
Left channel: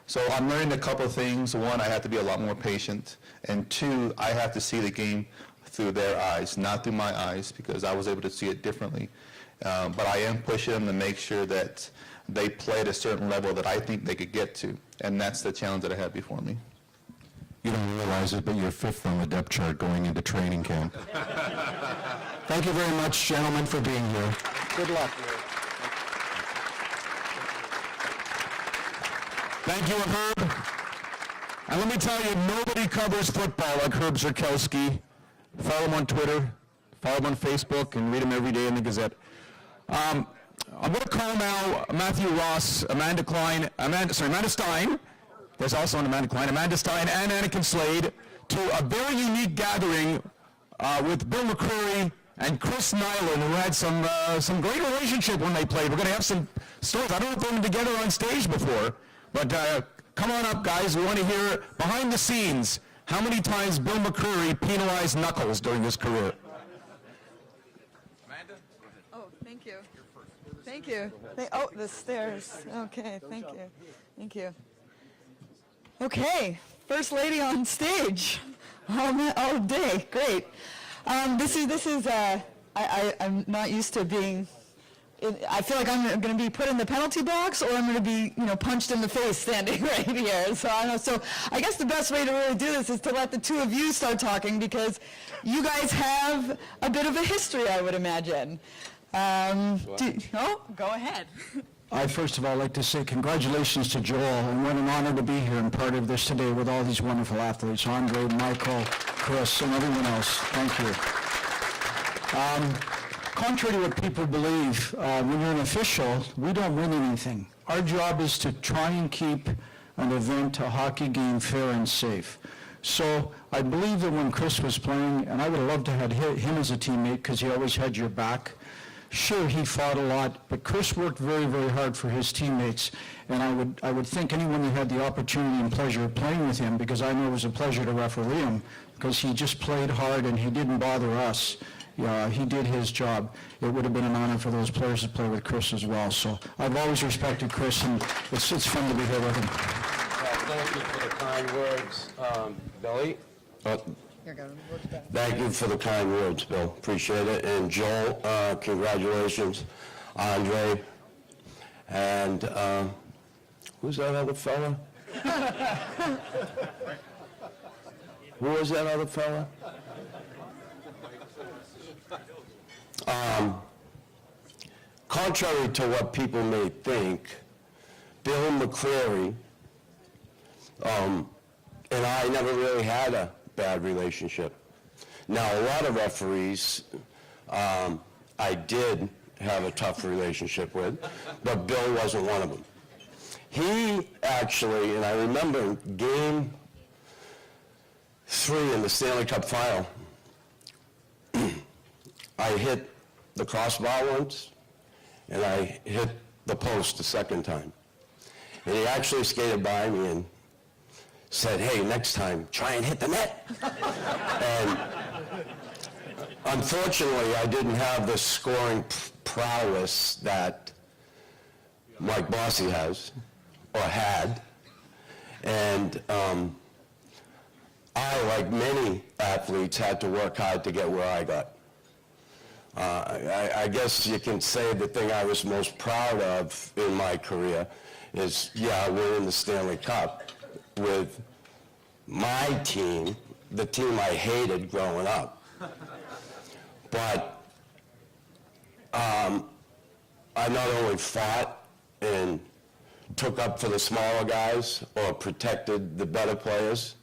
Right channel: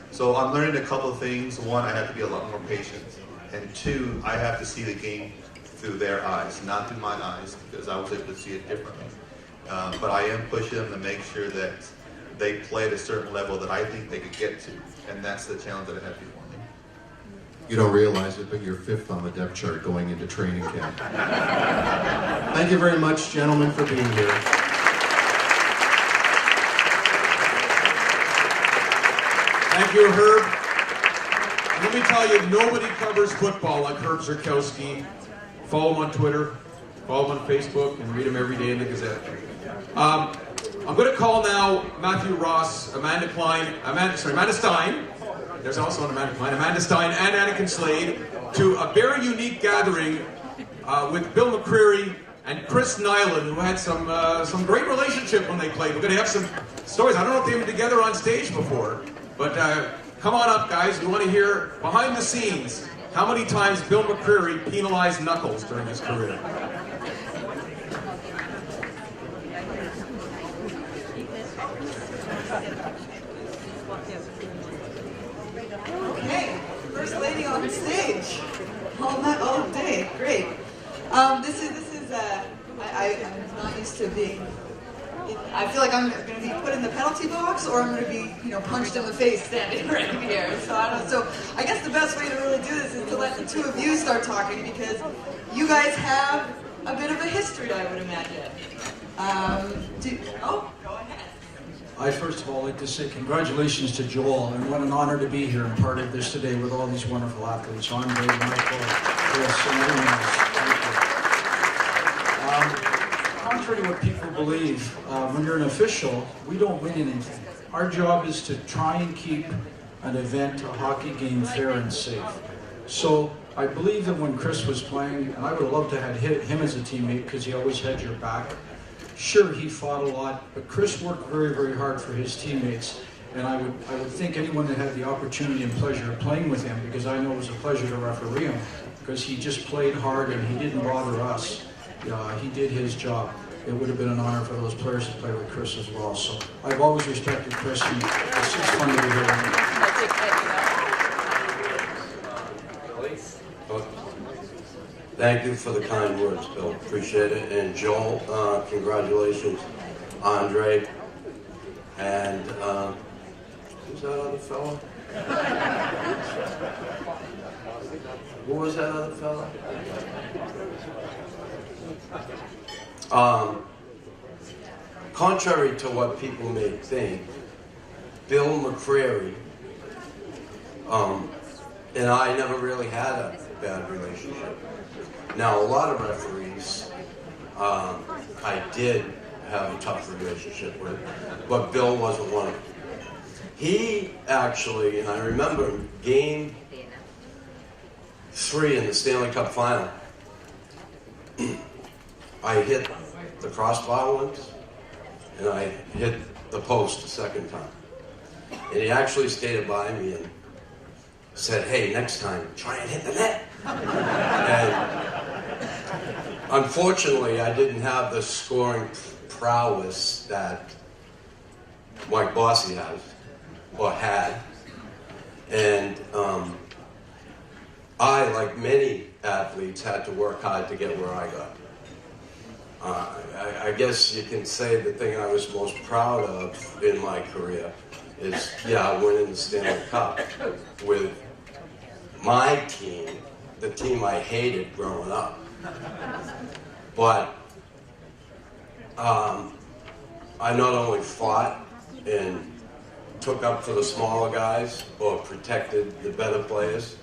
so I'm learning a couple of things. One, I have to be a lot more patient. And two, I have to see the game through their eyes, not through my eyes, because I was able to see it differently. But I am pushing them to make sure that they play at a certain level that I think they could get to. And that's the challenge that I have before me. You don't realize it, but you're fifth on the depth chart going into training camp. Thank you very much, gentlemen, for being here. Thank you, Herb. And let me tell you, nobody covers football like Herb Zurkowsky. Follow him on Twitter, Follow them on Facebook and read them every day in the Gazette. I'm going to call now Matthew Ross, Amanda Stein, there's also Amanda Klein, Amanda Stein, and Anakin Slade to a very unique gathering with Bill McCreary and Chris Nyland, who had some great relationship when they played. We're going to have some stories. I don't know if they've been together on stage before, but come on up, guys. We want to hear behind the scenes how many times Bill McCreary penalized Knuckles during his career. Okay, first lady on stage, all day, great. I'm not used to being, I feel like I'm going to be put in the penalty box or I'm going to be, punched in the face standing right in the air. So I guess the best way to really do this is to let the two of you start talking because you guys have a bit of a history, I would imagine. Go ahead. I first of all like to say congratulations to Joel, and what an honor to be here and part of this today with all these wonderful athletes, Andre, Michael, Chris, and everyone else. Thank you. Contrary to what people believe, when you're an official, we don't win anything. Our job is to try and keep an event, a hockey game, fair and safe. So I believe that when Chris was playing, and I would love to have hit him as a teammate because he always had your back. Sure, he fought a lot, but Chris worked very, very hard for his teammates, and I would think anyone that had the opportunity and pleasure of playing with him, because I know it was a pleasure to referee him, because he just played hard and he didn't bother us. He did his job. It would have been an honor for those players to play with Chris as well. So I've always respected Chris, and it's funny to hear him. Thank you for the kind words, Bill. Appreciate it. And Joel, congratulations. Andre. And who's that other fellow? Who was that other fellow? Contrary to what people may think, Bill McCreary and I never really had a bad relationship. Now, a lot of referees I did have a tough relationship with, but Bill wasn't one of them. He actually, and I remember game 3 in the Stanley Cup final, I hit the crossbar once, and I hit the post the second time. And he actually skated by me and said, hey, next time, try and hit the net. And unfortunately, I didn't have the scoring prowess that Mike Bossy has, or had. And I, like many athletes, had to work hard to get where I got. I guess you can say the thing I was most proud of in my career is, winning the Stanley Cup with my team, the team I hated growing up. But I not only fought and took up for the smaller guys or protected the better players,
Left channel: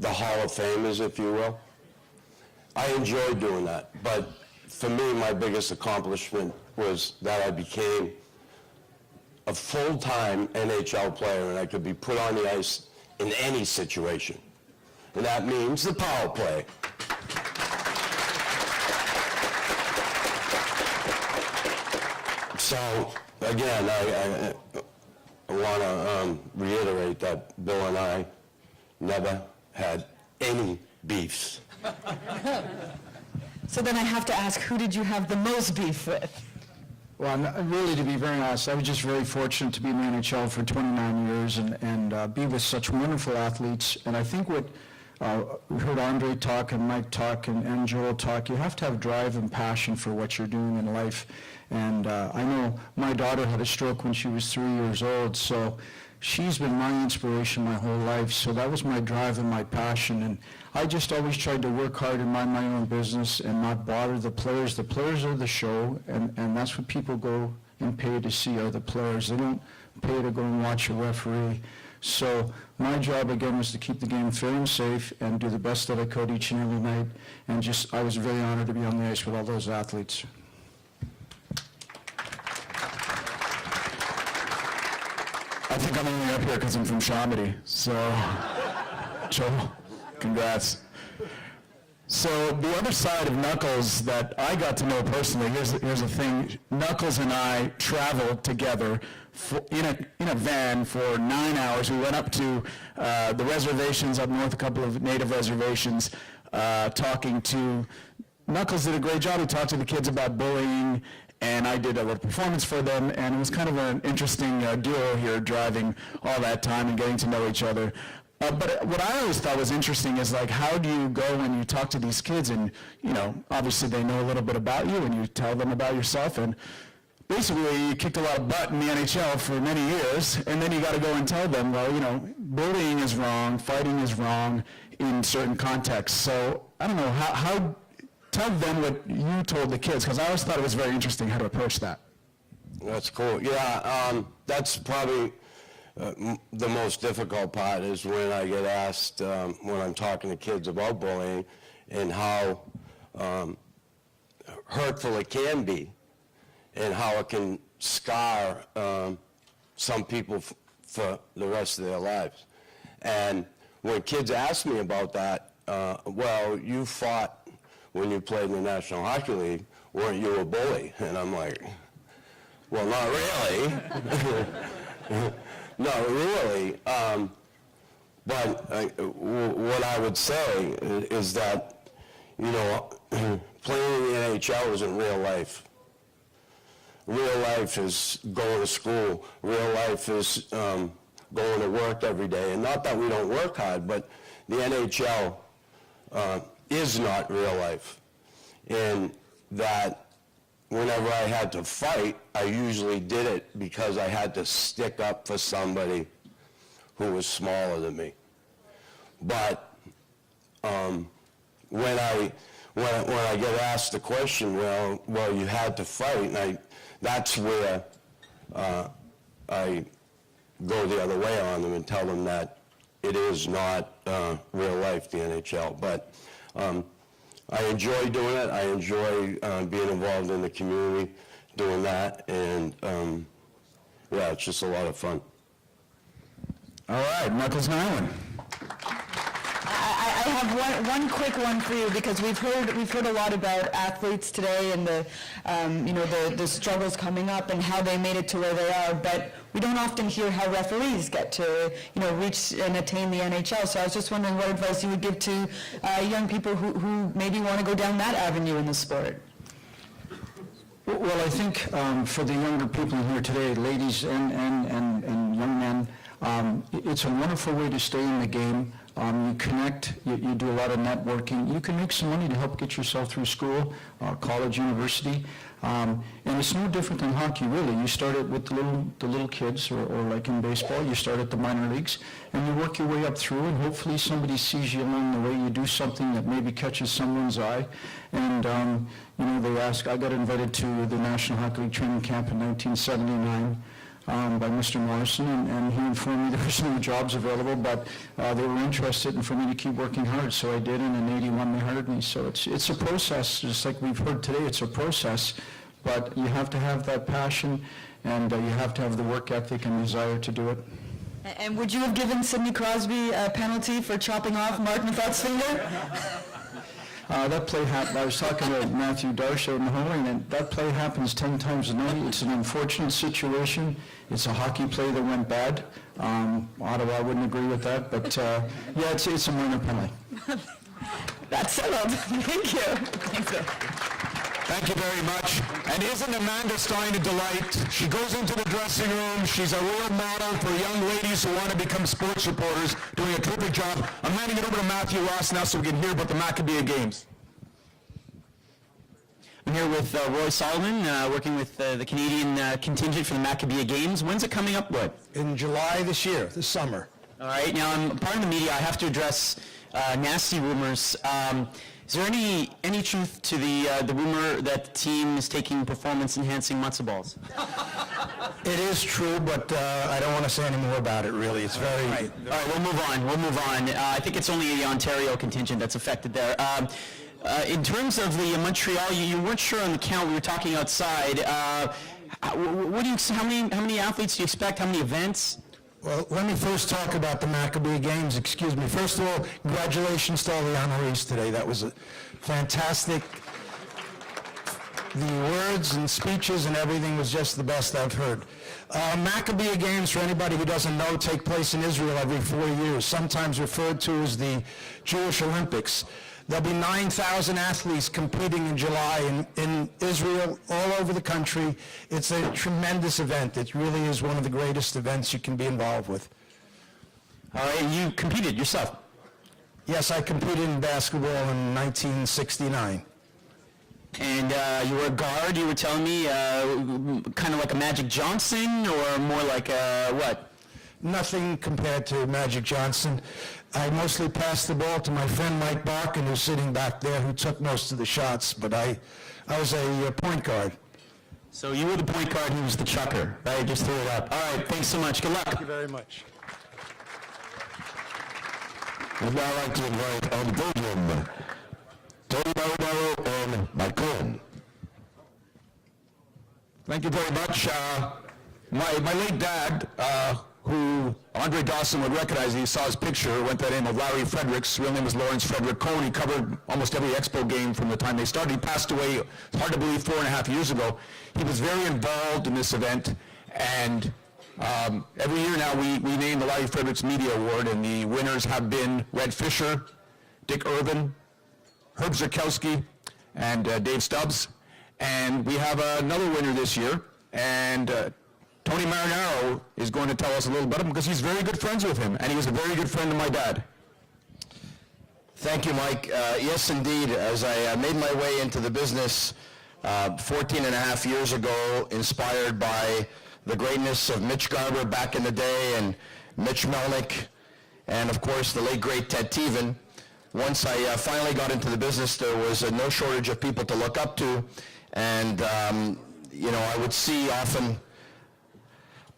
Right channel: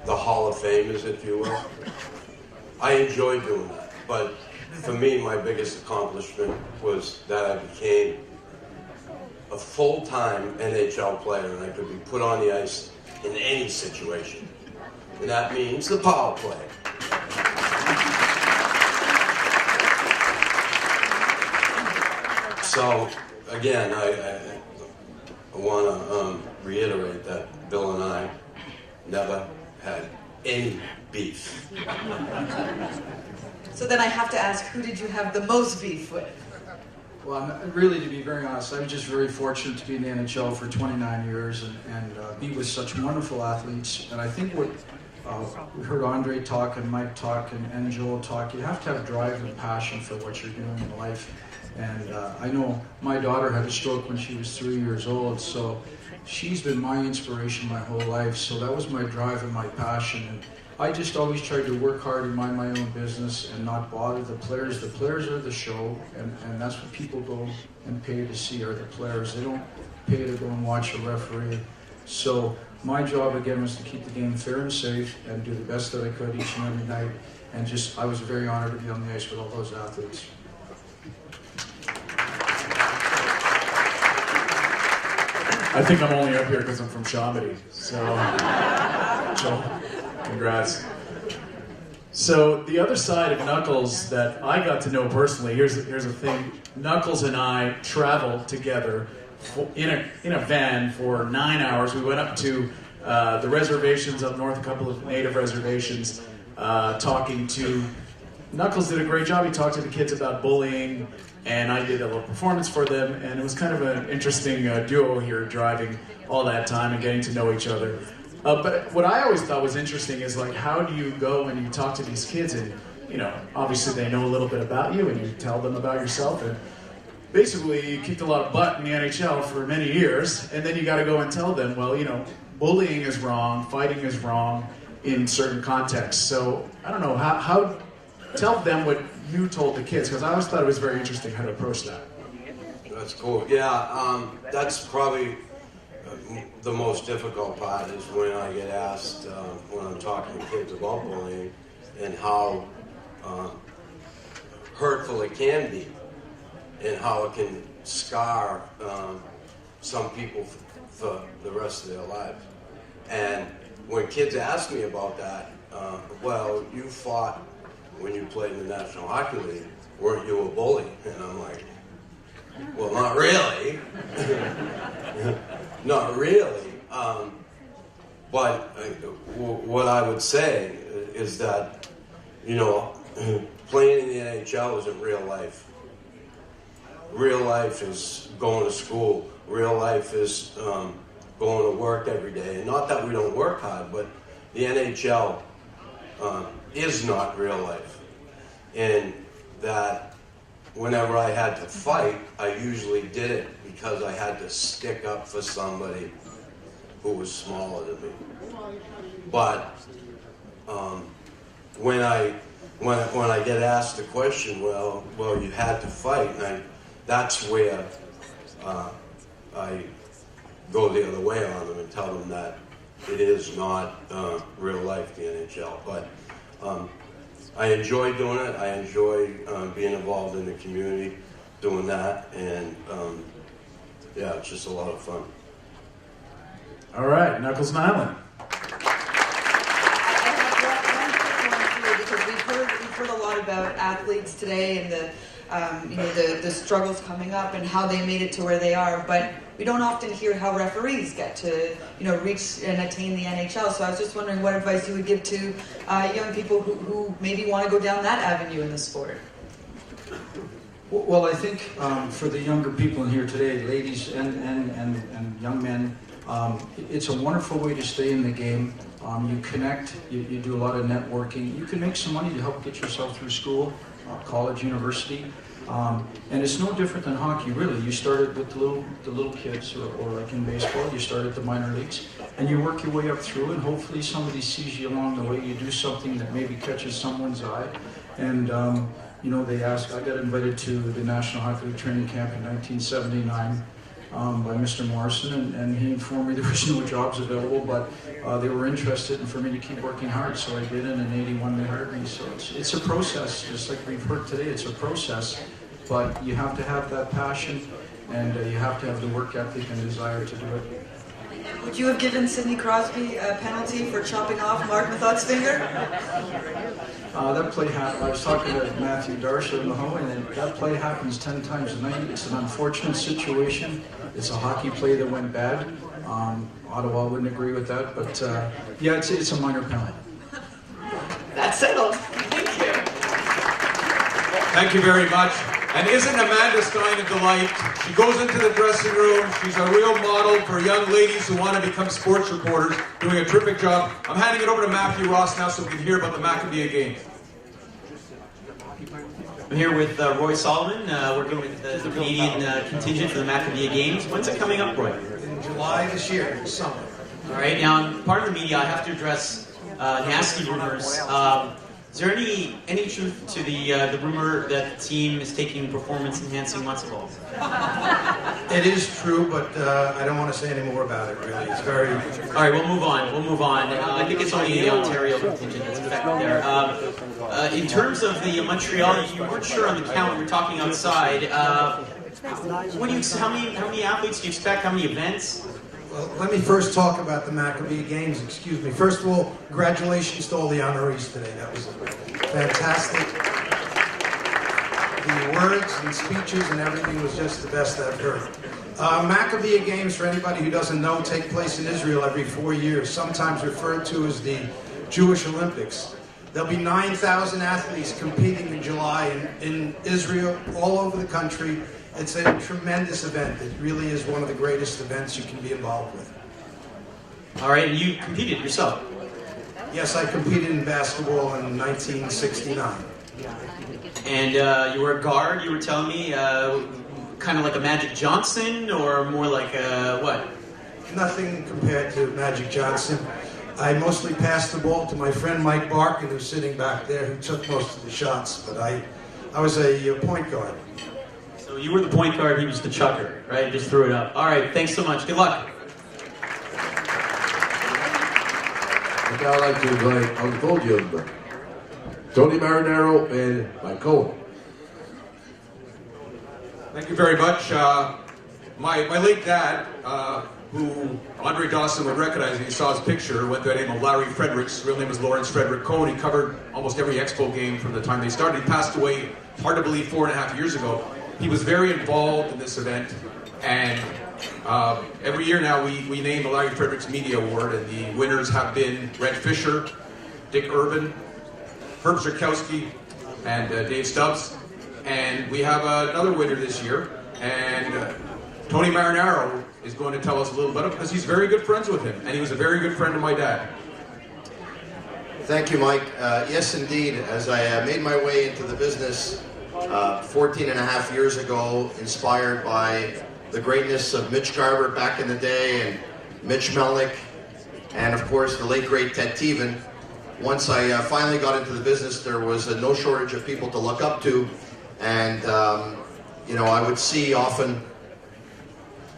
the Hall of Famers, if you will. I enjoyed doing that, but for me, my biggest accomplishment was that I became a full-time NHL player and I could be put on the ice in any situation. And that means the power play. So, again, I want to reiterate that Bill and I never had any beef. So then I have to ask, who did you have the most beef with? Well, really, to be very honest, I was just very fortunate to be in the NHL for 29 years and be with such wonderful athletes. And I think what we heard Andre talk and Mike talk and Joel talk, you have to have drive and passion for what you're doing in life. And I know my daughter had a stroke when she was 3 years old, so she's been my inspiration my whole life. So that was my drive and my passion. And I just always tried to work hard and mind my own business and not bother the players. The players are the show, and that's what people go and pay to see are the players. They don't pay to go and watch a referee. So my job again was to keep the game fair and safe and do the best that I could each and every night. And just, I was very honored to be on the ice with all those athletes. I think I'm only up there because I'm from Chambly, so congrats. So the other side of Knuckles that I got to know personally, here's the thing. Knuckles and I traveled together in a van for 9 hours. We went up to the reservations up north, a couple of native reservations, talking to Knuckles did a great job. He talked to the kids about bullying, and I did a little performance for them, and it was kind of an interesting duo here, driving all that time and getting to know each other. But what I always thought was interesting is, like, how do you go and you talk to these kids, and, you know, obviously they know a little bit about you, and you tell them about yourself, and basically you kicked a lot of butt in the NHL for many years, and then you got to go and tell them, well, you know, bullying is wrong, fighting is wrong in certain contexts. So I don't know, how tell them what you told the kids, because I always thought it was very interesting how to approach that. That's cool. Yeah, that's probably the most difficult part is when I get asked when I'm talking to kids about bullying and how hurtful it can be and how it can scar some people for the rest of their lives. And when kids ask me about that, well, you fought when you played in the National Hockey League, weren't you a bully? And I'm like, well, not really. Not really. But what I would say is that, you know, playing in the NHL isn't real life. Real life is going to school. Real life is going to work every day. And not that we don't work hard, but the NHL is not real life. And that whenever I had to fight, I usually did it because I had to stick up for somebody who was smaller than me. But when I get asked the question, well, you had to fight, and that's where I go the other way on them and tell them that it is not real life, the NHL. But I enjoy doing it. I enjoy being involved in the community, doing that, and yeah, it's just a lot of fun. All right, Knuckles Island. I have one quick one for you, because we've heard a lot about athletes today and the struggles coming up and how they made it to where they are, but we don't often hear how referees get to reach and attain the NHL. So I was just wondering what advice you would give to young people who maybe want to go down that avenue in the sport. Well, I think for the younger people here today, ladies and young men, it's a wonderful way to stay in the game. You connect, you do a lot of networking. You can make some money to help get yourself through school, college, university. And it's no different than hockey, really. You start with the little kids, or like in baseball, you start at the minor leagues, and you work your way up through, and hopefully somebody sees you along the way. You do something that maybe catches someone's eye. And they ask, I got invited to the National Hockey League training camp in 1979 by Mr. Morrison, and he informed me there were some jobs available, but they were interested in for me to keep working hard, so I did, and in 81 they hired me. So it's a process, just like we've heard today, it's a process, but you have to have that passion, and you have to have the work ethic and desire to do it. And would you have given Sidney Crosby a penalty for chopping off Martin Thuth's finger? That play happened. I was talking to Matthew Darcy at Mahoney, and that play happens 10 times a night. It's an unfortunate situation. It's a hockey play that went bad. Ottawa wouldn't agree with that, but yeah, it's a minor penalty. That's settled. Thank you. Thank you very much. And isn't Amanda Stein a delight? She goes into the dressing room. She's a real model for young ladies who want to become sports reporters, doing a terrific job. I'm handing it over to Matthew Ross now so we can hear about the Maccabee Games. I'm here with Roy Solomon, working with the Canadian contingent for the Maccabee Games. When's it coming up, Roy? In July this year, this summer. All right, now, pardon me, I have to address nasty rumors. Is there any truth to the rumor that the team is taking performance-enhancing muscle balls? It is true, but I don't want to say any more about it, really. It's very... All right, we'll move on. I think it's only the Ontario contingent that's affected there. In terms of the Montreal, you weren't sure on the count. We were talking outside. What do you? How many athletes do you expect? How many events? Well, let me first talk about the Maccabee Games. Excuse me. First of all, congratulations to all the honorees today. That was fantastic. The words and speeches and everything was just the best I've heard. Maccabee Games, for anybody who doesn't know, take place in Israel every 4 years, sometimes referred to as the Jewish Olympics. There'll be 9,000 athletes competing in July in Israel, all over the country. It's a tremendous event. It really is one of the greatest events you can be involved with. All right, you competed yourself. Yes, I competed in basketball in 1969. And you were a guard, you were telling me, kind of like a Magic Johnson, or more like a what? Nothing compared to Magic Johnson. I mostly passed the ball to my friend Mike Bossy, who's sitting back there, who took most of the shots, but I was a point guard. So you were the point guard, he was the shutter. I just threw it up. All right, thanks so much. Good luck. Thank you very much. And now I'd like to invite on the podium Tony Marinaro and Michael. Thank you very much. My late dad, who Andre Dawson would recognize, he saw his picture with the name of Larry Fredericks. His real name was Lawrence Frederick Cole. He covered almost every Expo game from the time they started. He passed away, hard to believe, 4.5 years ago. He was very involved in this event, and every year now we name the Larry Fredericks Media Award, and the winners have been Red Fisher, Dick Urban, Herb Zurkowski, and Dave Stubbs. And we have another winner this year, and Tony Marinaro is going to tell us a little about him because he's very good friends with him, and he was a very good friend of my dad. Thank you, Mike. Yes, indeed. As I made my way into the business 14 and a half years ago, inspired by the greatness of Mitch Garber back in the day, and Mitch Melnick, and of course the late great Ted Teven. Once I finally got into the business, there was no shortage of people to look up to, and I would see often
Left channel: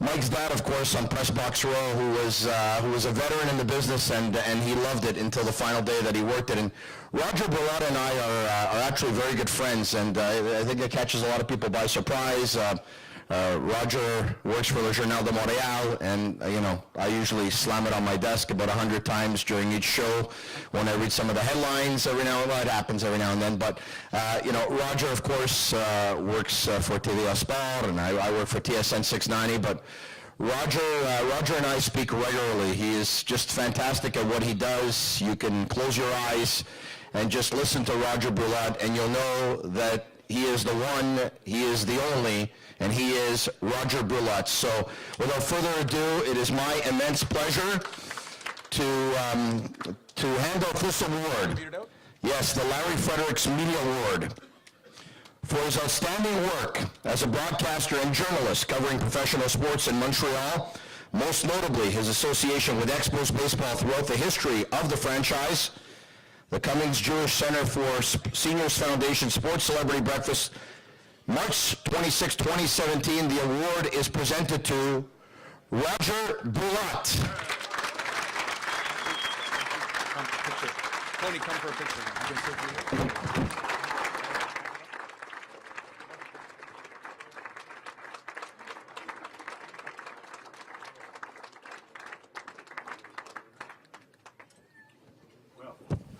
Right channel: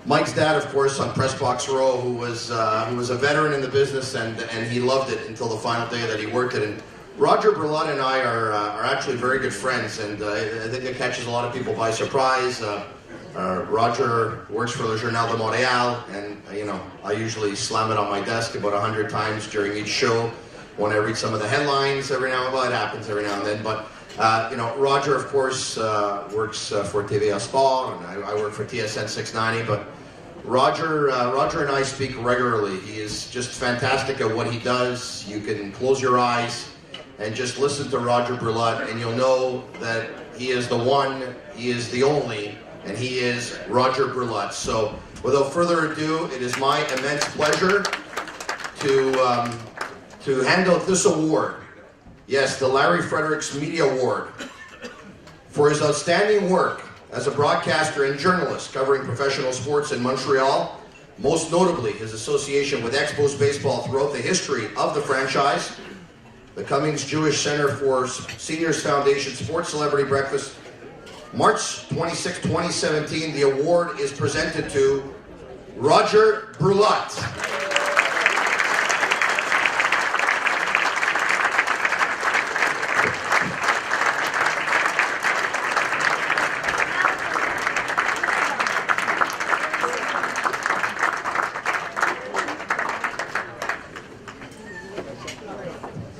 Mike's dad, of course, on Press Box Row, who was a veteran in the business, and he loved it until the final day that he worked it. Rodger Brulotte and I are actually very good friends, and I think that catches a lot of people by surprise. Rodger works for the Journal de Montreal, and I usually slam it on my desk about 100 times during each show when I read some of the headlines every now and then. Well, it happens every now and then, but Rodger, of course, works for TVA Sport, and I work for TSN 690, but Rodger and I speak regularly. He is just fantastic at what he does. You can close your eyes and just listen to Rodger Brulotte, and you'll know that he is the one, he is the only, and he is Rodger Brulotte. So, without further ado, it is my immense pleasure to hand out this award. Yes, the Larry Fredericks Media Award for his outstanding work as a broadcaster and journalist covering professional sports in Montreal, most notably his association with Expos baseball throughout the history of the franchise. The Cummings Jewish Centre for Seniors Foundation Sports Celebrity Breakfast, March 26, 2017. The award is presented to Rodger Brulotte.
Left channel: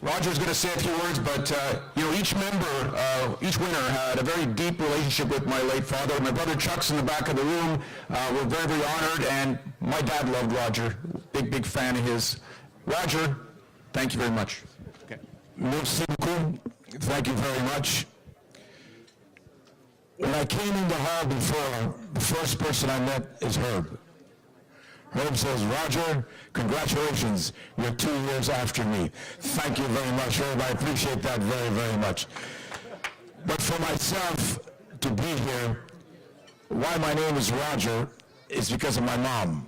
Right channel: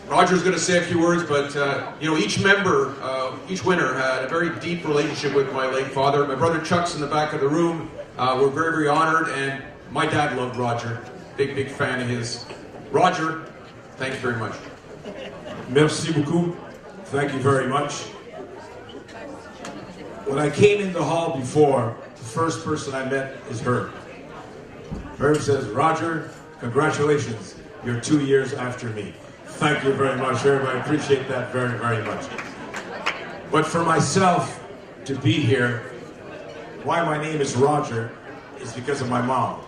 Rodger's going to say a few words, but each member, each winner had a very deep relationship with my late father. My brother Chuck's in the back of the room. We're very, very honored, and my dad loved Rodger. Big fan of his. Rodger, thank you very much. Merci beaucoup. Thank you very much. When I came into the hall before, the first person I met is Herb. Herb says, Rodger, congratulations. You're 2 years after me. Thank you very much, Herb. I appreciate that very, very much. But for myself to be here, why my name is Rodger is because of my mom.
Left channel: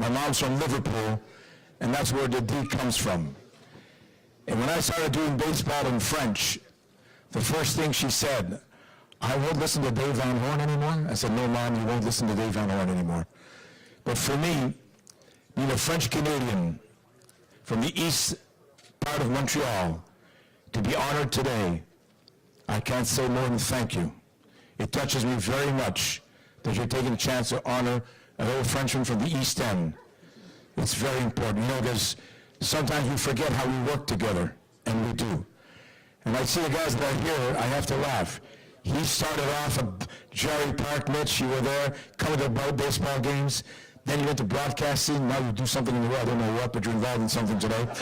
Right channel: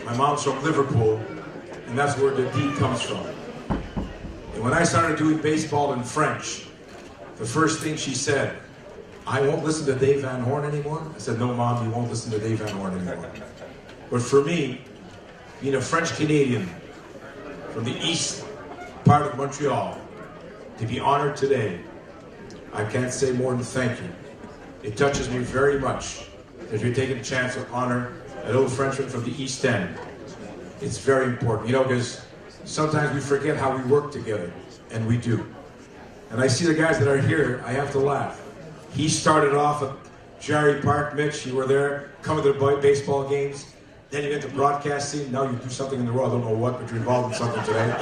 My mom's from Liverpool, and that's where the D comes from. And when I started doing baseball in French, the first thing she said, I won't listen to Dave Van Horn anymore. I said, no, Mom, you won't listen to Dave Van Horn anymore. But for me, being a French Canadian from the east part of Montreal, to be honored today, I can't say more than thank you. It touches me very much that you're taking a chance to honor a little Frenchman from the East End. It's very important, because sometimes we forget how we work together, and we do. When I see the guys that are here, I have to laugh. He started off at Jerry Park, Mitch, you were there, covered the baseball games, then you went to broadcasting, now you do something in the world, I don't know what, but you're involved in something today.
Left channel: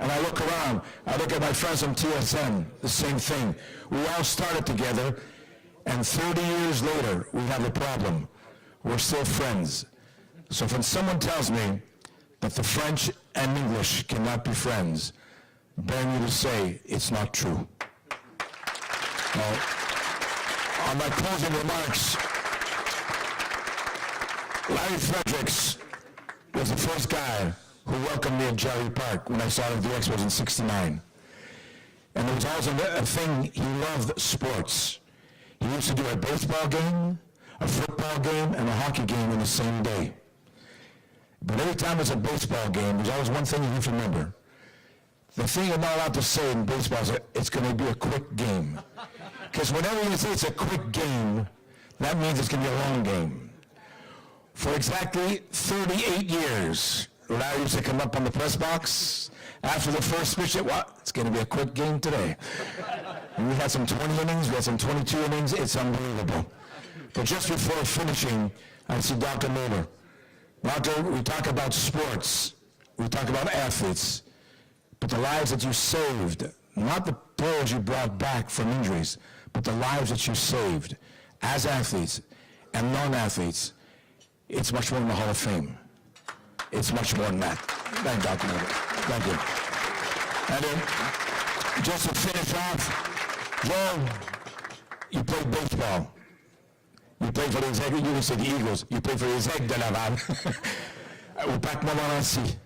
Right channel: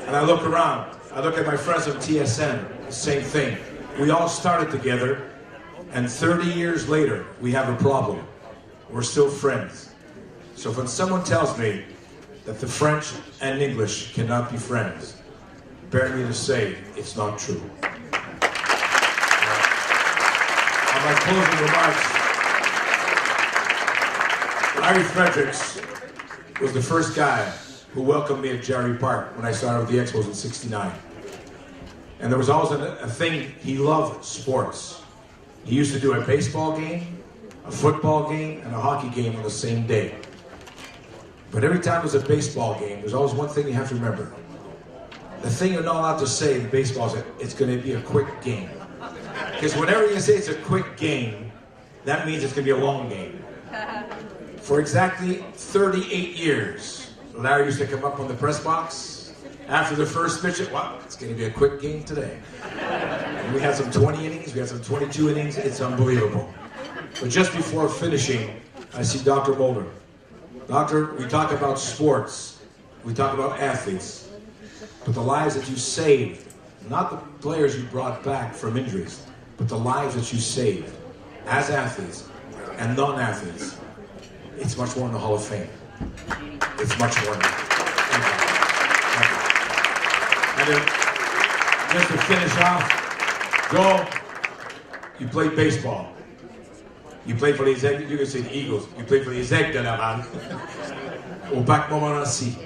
And I look around, I look at my friends on TSN, the same thing. We all started together, and 30 years later, we have a problem. We're still friends. So when someone tells me that the French and English cannot be friends, bear me to say it's not true. On my closing remarks, Larry Fredericks was the first guy who welcomed me at Jerry Park when I saw the Expos in '69. And there was also a thing, he loved sports. He used to do a baseball game, a football game, and a hockey game in the same day. But every time it was a baseball game, there's always one thing you have to remember. The thing you're not allowed to say in baseball is it's going to be a quick game. Because whenever you say it's a quick game, that means it's going to be a long game. For exactly 38 years, Larry used to come up on the press box after the first pitch, it's going to be a quick game today. And we had some 20 innings, we had some 22 innings, it's unbelievable. But just before finishing, I see Dr. Mulder. Doctor, we talk about sports, we talk about athletes, but the lives that you saved, not the players you brought back from injuries, but the lives that you saved as athletes and non-athletes, it's much more than the Hall of Fame. It's much more than that. Thank you. And just to finish off, Joel, you played baseball. You played for les Eagles. You played for les Aigles. Au Bac Montmorency.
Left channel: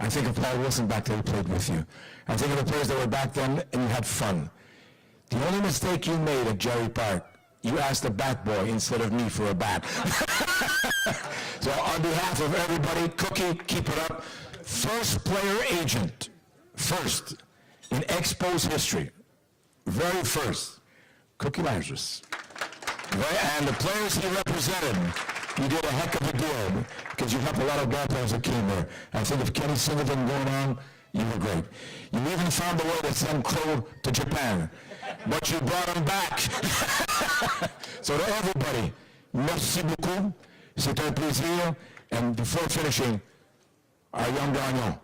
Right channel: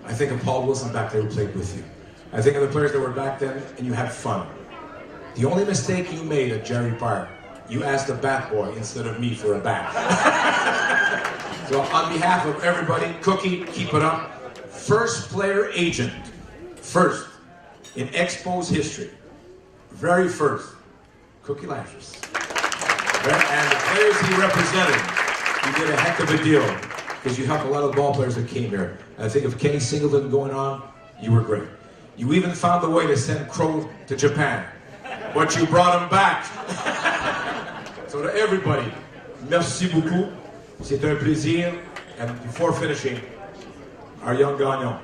I think of Paul Wilson back there who played with you. I think of the players that were back then, and you had fun. The only mistake you made at Jerry Park, you asked the bat boy instead of me for a bat. So on behalf of everybody, Cookie, keep it up. First player agent, first in Expos history, very first, Cookie Mattress. And the players he represented, you did a heck of a deal, because you have a lot of ball players that came here. And I think with Kenny Singleton going on, you were great. You even found a way to send Crow to Japan, but you brought him back. So to everybody, merci beaucoup. C'était un plaisir. And before finishing, our young Daniel,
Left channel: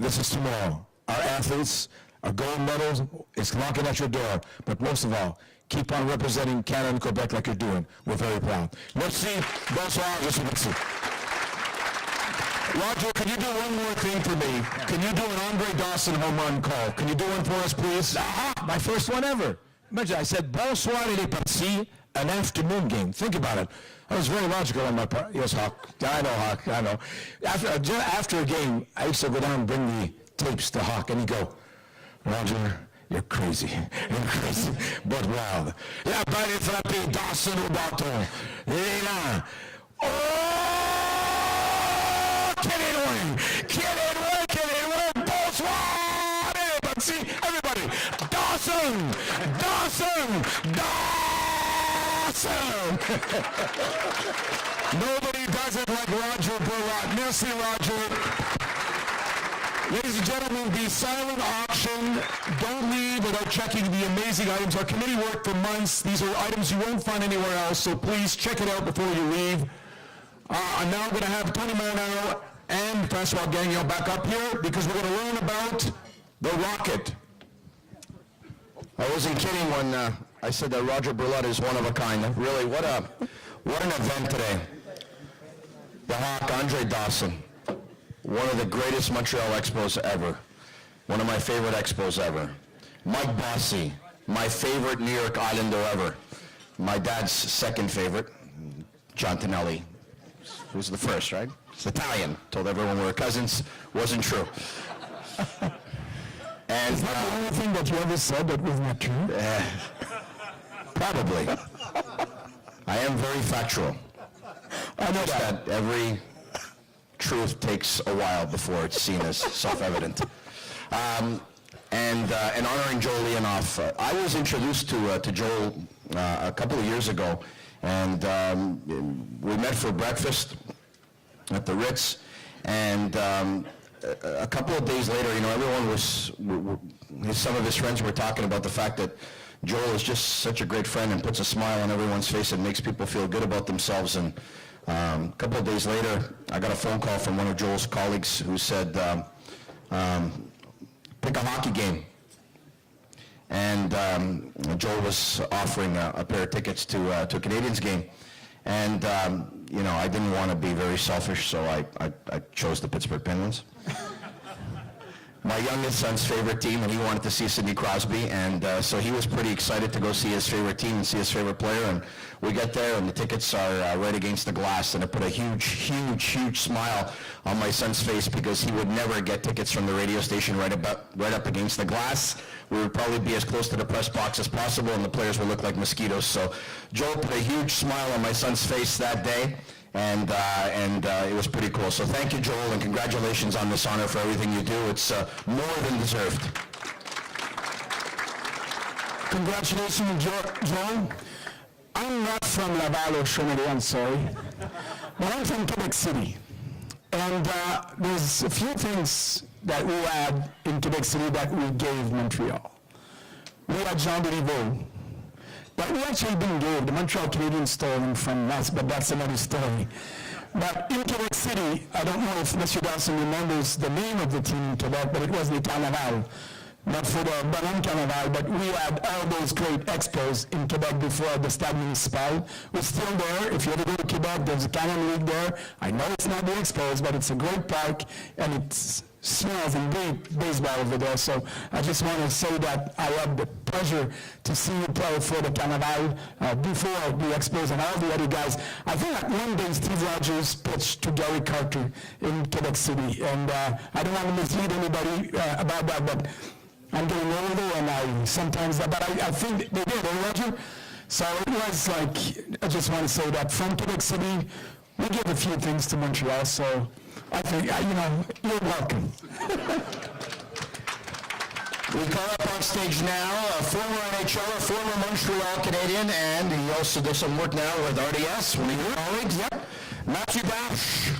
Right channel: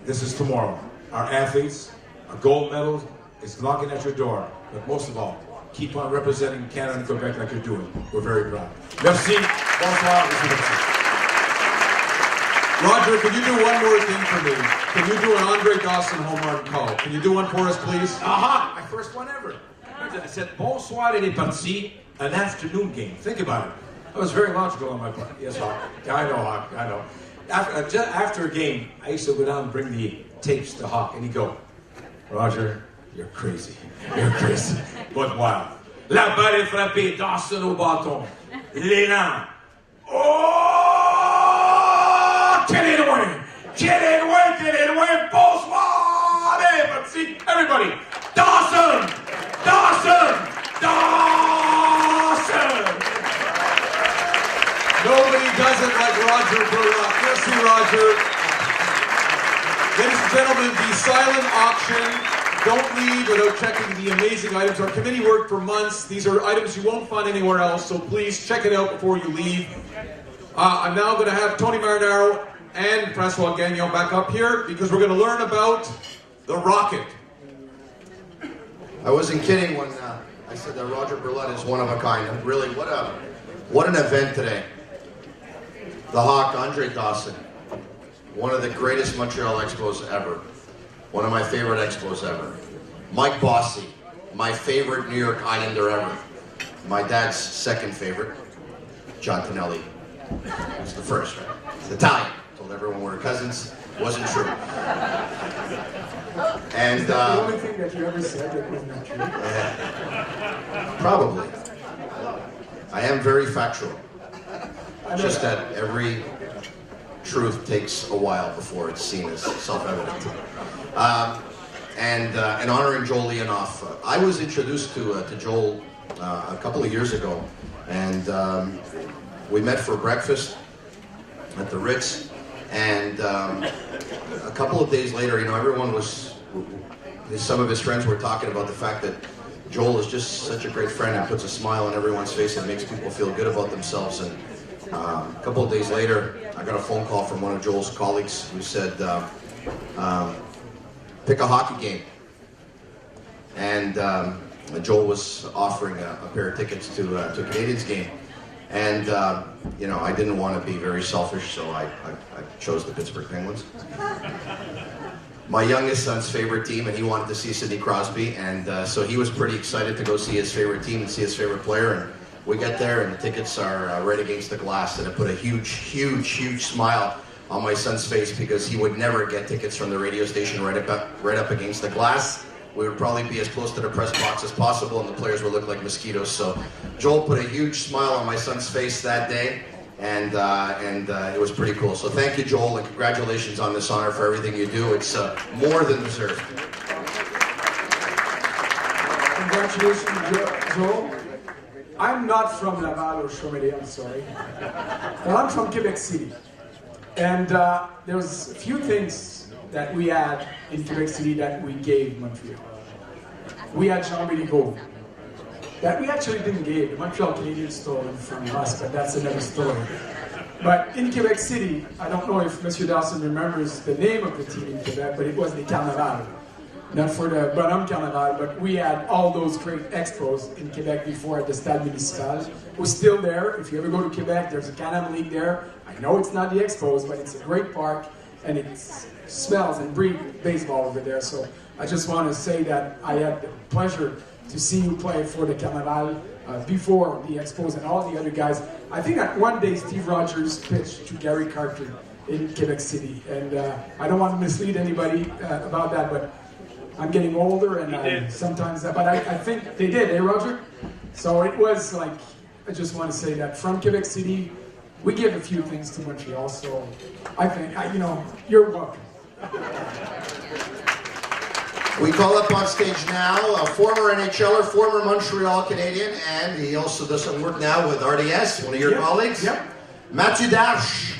this is tomorrow. Our athletes, a gold medal is knocking at your door. But most of all, keep on representing Canada and Quebec like you're doing. We're very proud. Merci. Bonsoir. Merci. Rodger, can you do one more thing for me? Can you do an Andre Dawson home run call? Can you do one for us, please? Aha! My first one ever. Imagine I said, bonsoir et merci, an afternoon game. Think about it. That was very logical on my part. Yes, Hawk. I know. After a game, I used to go down and bring the tapes to Hawk, and he'd go, Rodger, you're crazy. You're crazy. But wild. La balle est frappée, Dawson au bâton. Léna. Oh! Get in win! Get in win! Bonsoir! Allez, merci, everybody! Dawson! Nobody does it like Rodger Brulotte. Merci, Rodger. Ladies and gentlemen, the silent auction, don't leave without checking the amazing items. Our committee worked for months. These are items you won't find anywhere else, so please check it out before you leave. I'm now going to have Tony Marinaro and Pasquale Gagnon back up here because we're going to learn about the rocket. I wasn't kidding when I said that Rodger Brulotte is one of a kind. Really, what an event today. The Hawk, Andre Dawson, one of the greatest Montreal Expos ever. One of my favorite Expos ever. Mike Bossy, my favorite New York Islander ever. My dad's second favorite, John Tonelli. He was the first, right? It's Italian. Told everyone we were cousins. Wasn't true. And the only thing that you ever said that was not true? Yeah. Probably. I am very factual. Just that every truth takes a while before it's seen as self-evident. and honoring Joel Leonoff. I was introduced to Joel a couple of years ago, and we met for breakfast at the Ritz, and a couple of days later, everyone was, some of his friends were talking about the fact that Joel is just such a great friend. He puts a smile on everyone's face and makes people feel good about themselves. And a couple of days later, I got a phone call from one of Joel's colleagues who said, pick a hockey game. And Joel was offering a pair of tickets to a Canadiens game. And, I didn't want to be very selfish, so I chose the Pittsburgh Penguins. My youngest son's favorite team, and he wanted to see Sidney Crosby, and so he was pretty excited to go see his favorite team and see his favorite player. And we get there, and the tickets are right against the glass, and it put a huge, huge, huge smile on my son's face because he would never get tickets from the radio station right up against the glass. We would probably be as close to the press box as possible, and the players would look like mosquitoes. So Joel put a huge smile on my son's face that day, and it was pretty cool. So thank you, Joel, and congratulations on this honor for everything you do. It's more than deserved. Congratulations, Joel. I'm not from Laval or Chaudière, sorry, but I'm from Quebec City. And there's a few things that we had in Quebec City that we gave Montreal. We had Jean-Louis Gault. But we actually didn't give. The Montreal Canadiens stole him from us, but that's another story. But in Quebec City, I don't know if Mr. Dawson remembers the name of the team in Quebec, but it was the Carnaval. Not for the Brown Carnaval, but we had all those great expos in Quebec before the Stade Municipal. We're still there. If you ever go to Quebec, there's a Canada League there. I know it's not the Expos, but it's a great park, and it smells and breathes baseball over there. So I just want to say that I had the pleasure to see you play for the Carnaval before the Expos and all the other guys. I think that one day Steve Rogers pitched to Gary Carter in Quebec City, and I don't want to mislead anybody about that, but I'm getting older, and sometimes, but I think they did, eh, Roger? So it was like, I just want to say that from Quebec City, we gave a few things to Montreal, so I think, you're welcome. We call up on stage now a former NHLer, former Montreal Canadian, and he also does some work now with RDS, one of your colleagues, Matthew Dash.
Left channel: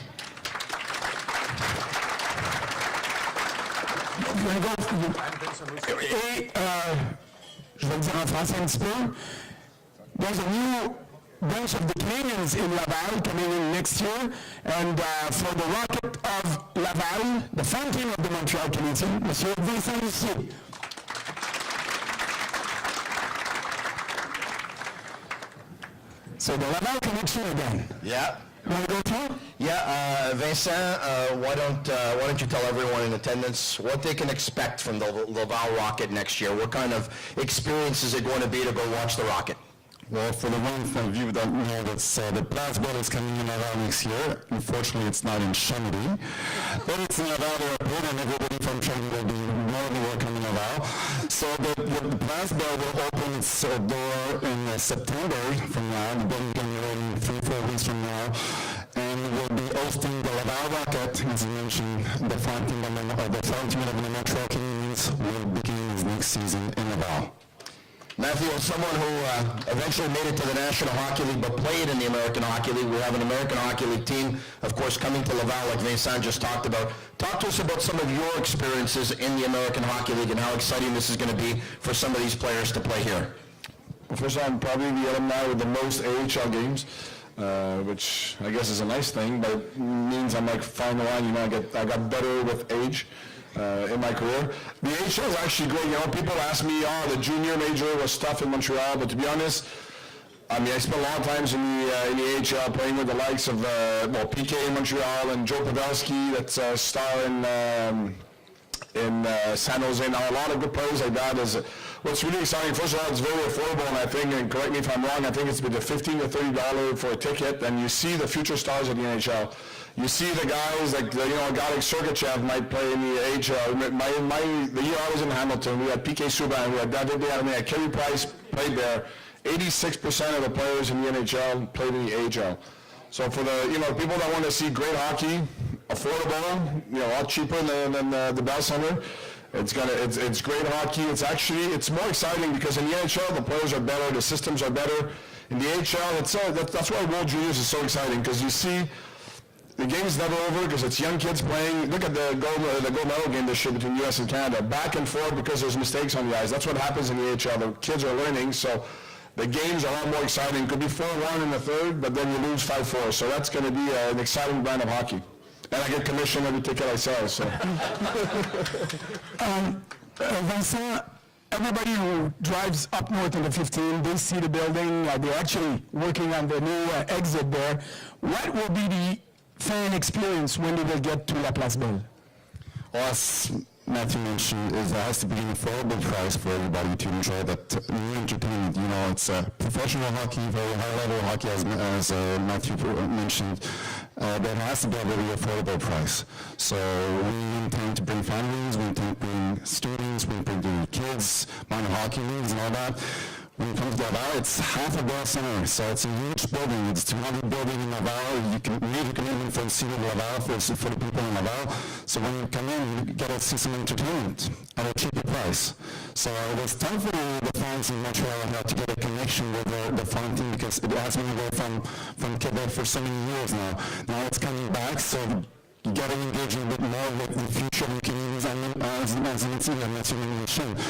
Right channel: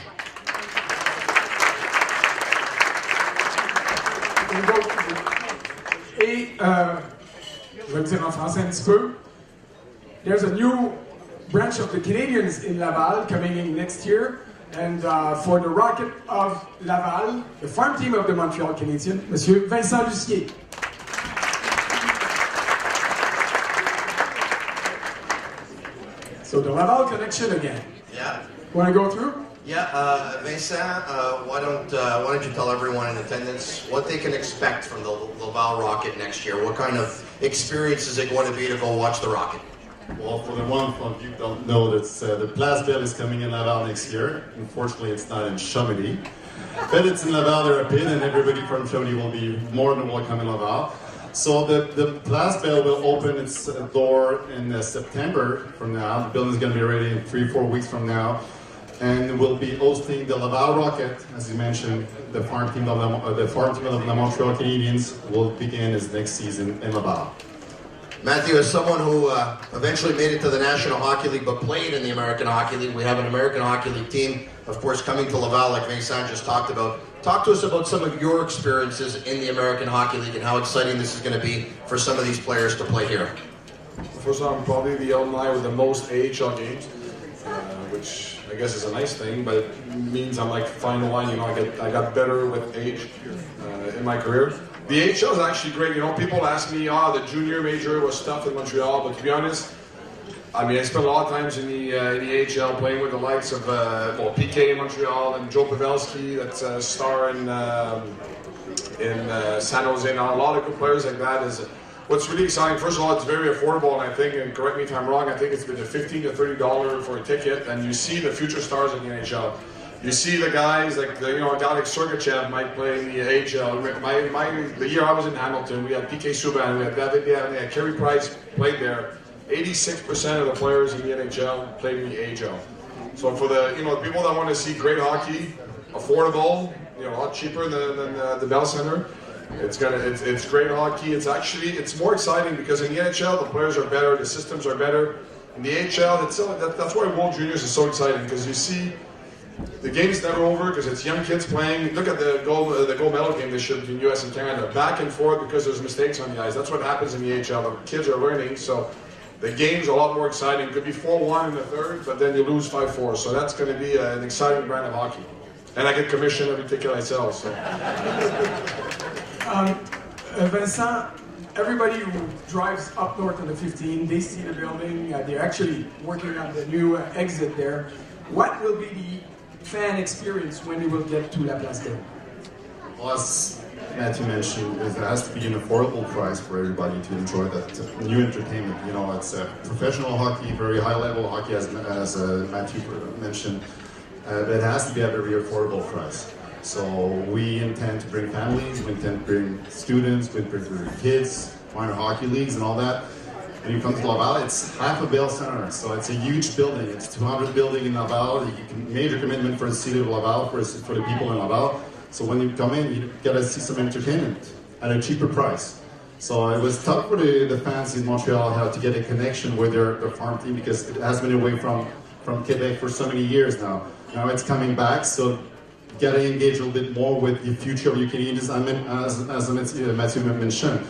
Je vais dire en français un petit peu. There's a new branch of the Canadiens in Laval coming in next year, and for the Rocket of Laval, the farm team of the Montreal Canadiens, Monsieur Vincent Lucier. So the Laval connection again. Yeah. You want to go through? Yeah, Vincent, why don't you tell everyone in attendance what they can expect from the Laval Rocket next year? What kind of experience is it going to be to go watch the Rocket? Well, for the ones of you who don't know this, the Place Belle is coming in Laval next year. Unfortunately, it's not in Chambly. But it's in Laval, they're in, and everybody from Chambly will be more than welcome in Laval. So the Place Belle will open its door in September from now. The building's going to be ready in 3-4 weeks from now. And we'll be hosting the Laval Rocket, as you mentioned. The farm team of the Montreal Canadiens will begin its next season in Laval. Matthew, as someone who eventually made it to the National Hockey League but played in the American Hockey League, we have an American Hockey League team, of course, coming to Laval, like Vincent just talked about. Talk to us about some of your experiences in the American Hockey League and how exciting this is going to be for some of these players to play here. First, I'm probably the alumni with the most AHL games, which I guess is a nice thing, but it means I'm like fun one. I got better with age in my career. The AHL is actually great. People ask me, the junior major was tough in Montreal, but to be honest, I spent a lot of times in the AHL playing with the likes of PK in Montreal and Joe Pavelski, that's a star in San Jose now. A lot of good players like that is what's really exciting. First of all, it's very affordable, I think, and correct me if I'm wrong, I think it's been $15 to $30 for a ticket, and you see the future stars in the NHL. You see the guys like, Alex Sergachev might play in the AHL. The year I was in Hamilton, we had PK Subban, we had David Day, we had Carey Price played there. 86% of the players in the NHL played in the AHL. So for the people that want to see great hockey, affordable, a lot cheaper than the Bell Center, It's great hockey. It's more exciting because in the NHL the players are better, the systems are better. In the AHL, that's why World Juniors is so exciting because you see the game's never over because it's young kids playing. Look at the gold medal game this year between U.S. and Canada, back and forth because there's mistakes on the ice. That's what happens in the AHL. The kids are learning, so the games are a lot more exciting. It could be 4-1 in the third, but then we lose 5-4. So that's going to be an exciting brand of hockey. And I get commission every ticket I sell. So. Vincent, everybody who drives up north of the 15, they see the building. They're actually working on the new exit there. What will be the fan experience when they will get to La Place Belle? Well, as Matthew mentioned, there has to be an affordable price for everybody to enjoy that new entertainment. You know, it's professional hockey, very high-level hockey, as Matthew mentioned. But it has to be at a very affordable price. So we intend to bring families, we intend to bring students, we intend to bring kids on hockey leagues and all that. When you come to Laval, it's half a Bell Center, so it's a huge building. It's 200 building in Laval. You can make a commitment for the city of Laval, for the people in Laval. So when you come in, you get to see some entertainment at a cheaper price. So it was tough for the fans in Montreal how to get a connection with their farm team because it has been away from Quebec for so many years now. Now it's coming back, so you get to engage a little bit more with the future of the Canadians as Matthew mentioned.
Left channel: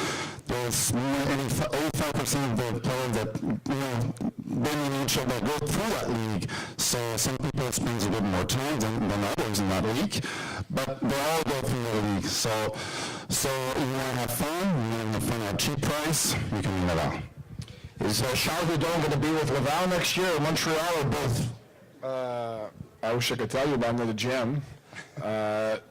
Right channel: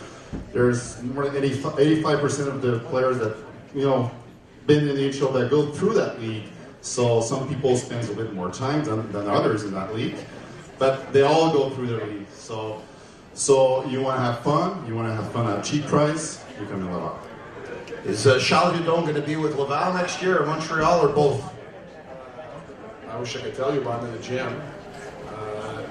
There's more than 85% of the players that been in the NHL that go through that league. So some people spend a little more time than others in that league, but they all go through the league. So you want to have fun. You want to have fun at a cheap price. You can do that. Is Charles Hudon going to be with Laval next year, or Montreal, or both? I wish I could tell you, but I'm in the gym.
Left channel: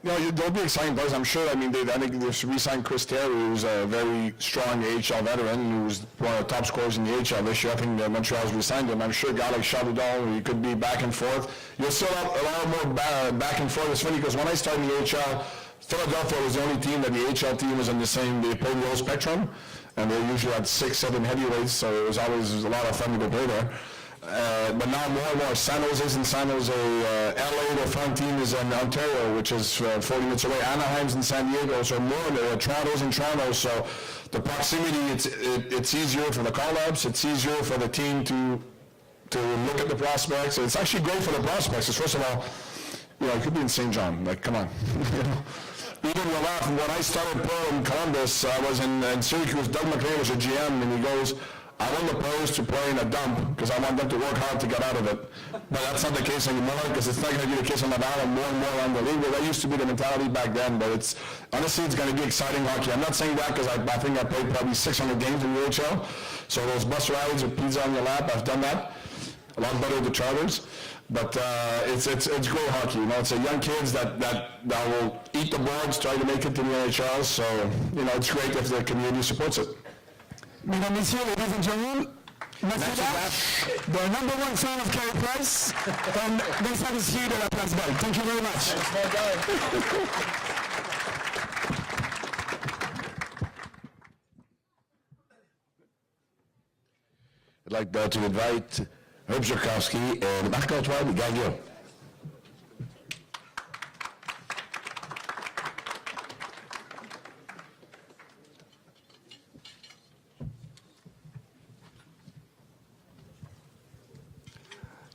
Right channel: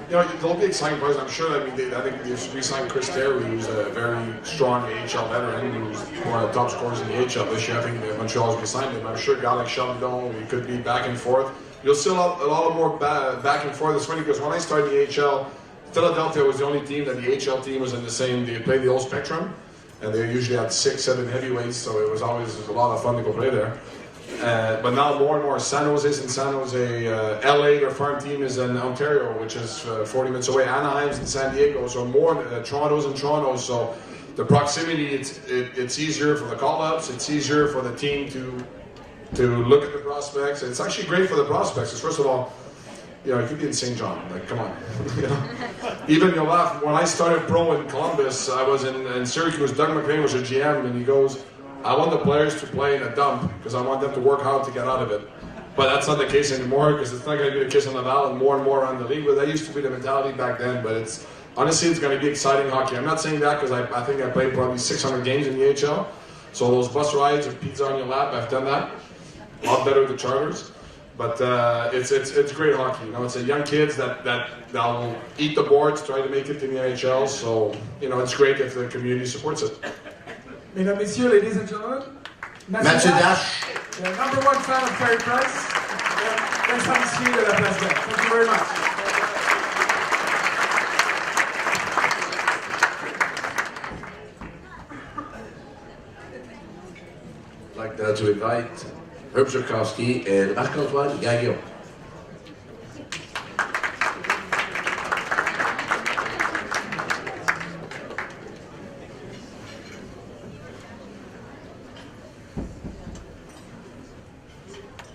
There'll be exciting players, I'm sure. I think we signed Chris Taylor, who's a very strong AHL veteran, who's one of the top scorers in the AHL this year. I think Montreal we signed him. I'm sure Alex Chaldon, we could be back and forth. You'll see a lot more back and forth. It's funny because when I started in the AHL, Philadelphia was the only team that the AHL team was in the same, they played the whole spectrum, and they usually had 6-7 heavyweights, so it was always a lot of fun to go play there. But now more and more, San Jose's in San Jose, LA, their front team is in Ontario, which is 40 minutes away, Anaheim's in San Diego, so more, Toronto's in Toronto, so the proximity, it's easier for the call-ups, it's easier for the team to look at the prospects. It's actually great for the prospects, because first of all, it could be in St. John, like, come on. Even when I started pro in Columbus, I was in Syracuse, Doug McRae was the GM, and he goes, I want the players to play in a dump because I want them to work hard to get out of it. But that's not the case anymore because it's not going to be the case on the ballot more and more on the league. That used to be the mentality back then, but honestly it's going to be exciting hockey. I'm not saying that because I think I played probably 600 games in the AHL. So those bus rides with pizza on your lap, I've done that. A lot better than charters. But it's great hockey. It's a young kids that will eat the boards, try to make it to the AHL. So it's great if the community supports it. Mesdames, Messieurs, ladies and gentlemen, Mathieu Dash, the number one fan of Carey Price, and Vincent Monsieur de la President. Thank you very much. I'd like to invite Herb Zurkowski and Marc-Antoine Gagnon.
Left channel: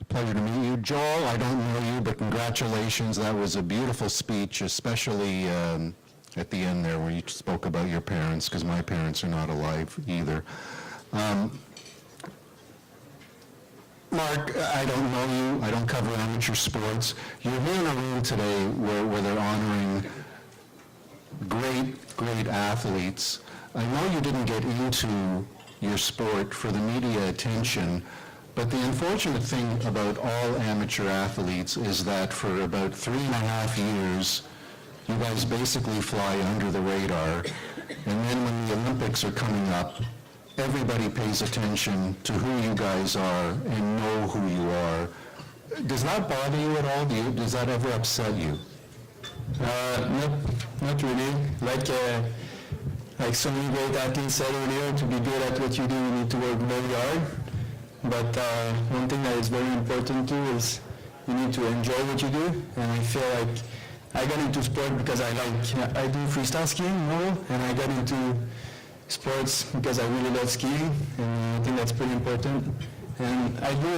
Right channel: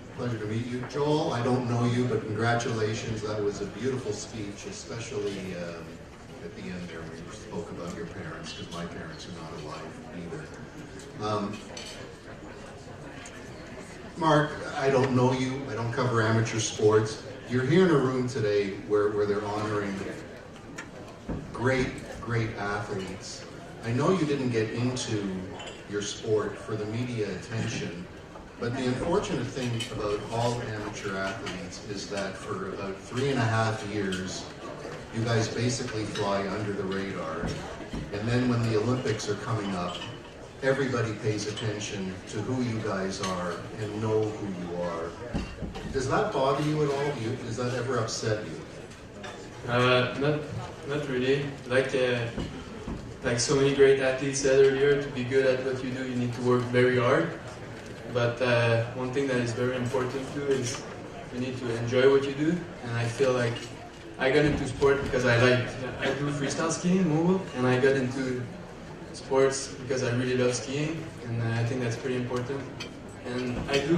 Pleasure to meet you. Joel, I don't know you, but congratulations. That was a beautiful speech, especially at the end there where you spoke about your parents, because my parents are not alive either. Mark, I don't know you. I don't cover amateur sports. You're here in a room today where they're honoring great athletes. I know you didn't get into your sport for the media attention, but the unfortunate thing about all amateur athletes is that for about 3.5 years, you guys basically fly under the radar, and then when the Olympics are coming up, everybody pays attention to who you guys are and know who you are. Does that bother you at all? Does that ever upset you? Not really. Like so many great athletes said earlier, to be good at what you do, you need to work very hard. But one thing that is very important too is you need to enjoy what you do. And I feel like I got into sport because I do freestyle skiing more, and I got into sports because I really love skiing, and I think that's pretty important. And I do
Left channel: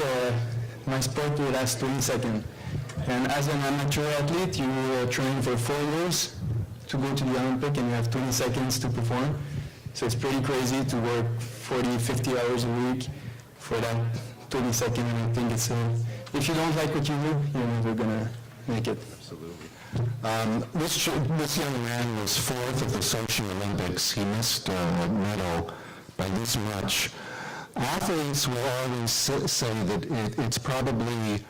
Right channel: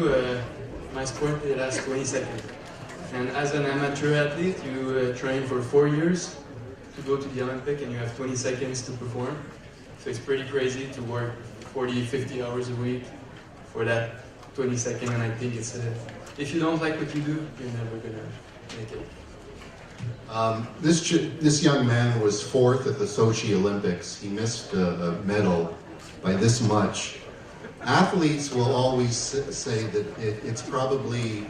my sport will last 20 seconds. And as an amateur athlete, you train for 4 years to go to the Olympic, and you have 20 seconds to perform. So it's pretty crazy to work 40, 50 hours a week for that 20 seconds, and I think it's if you don't like what you do, you're never gonna make it. This young man was fourth at the Sochi Olympics. He missed a medal by this much. Athletes will always say that it's probably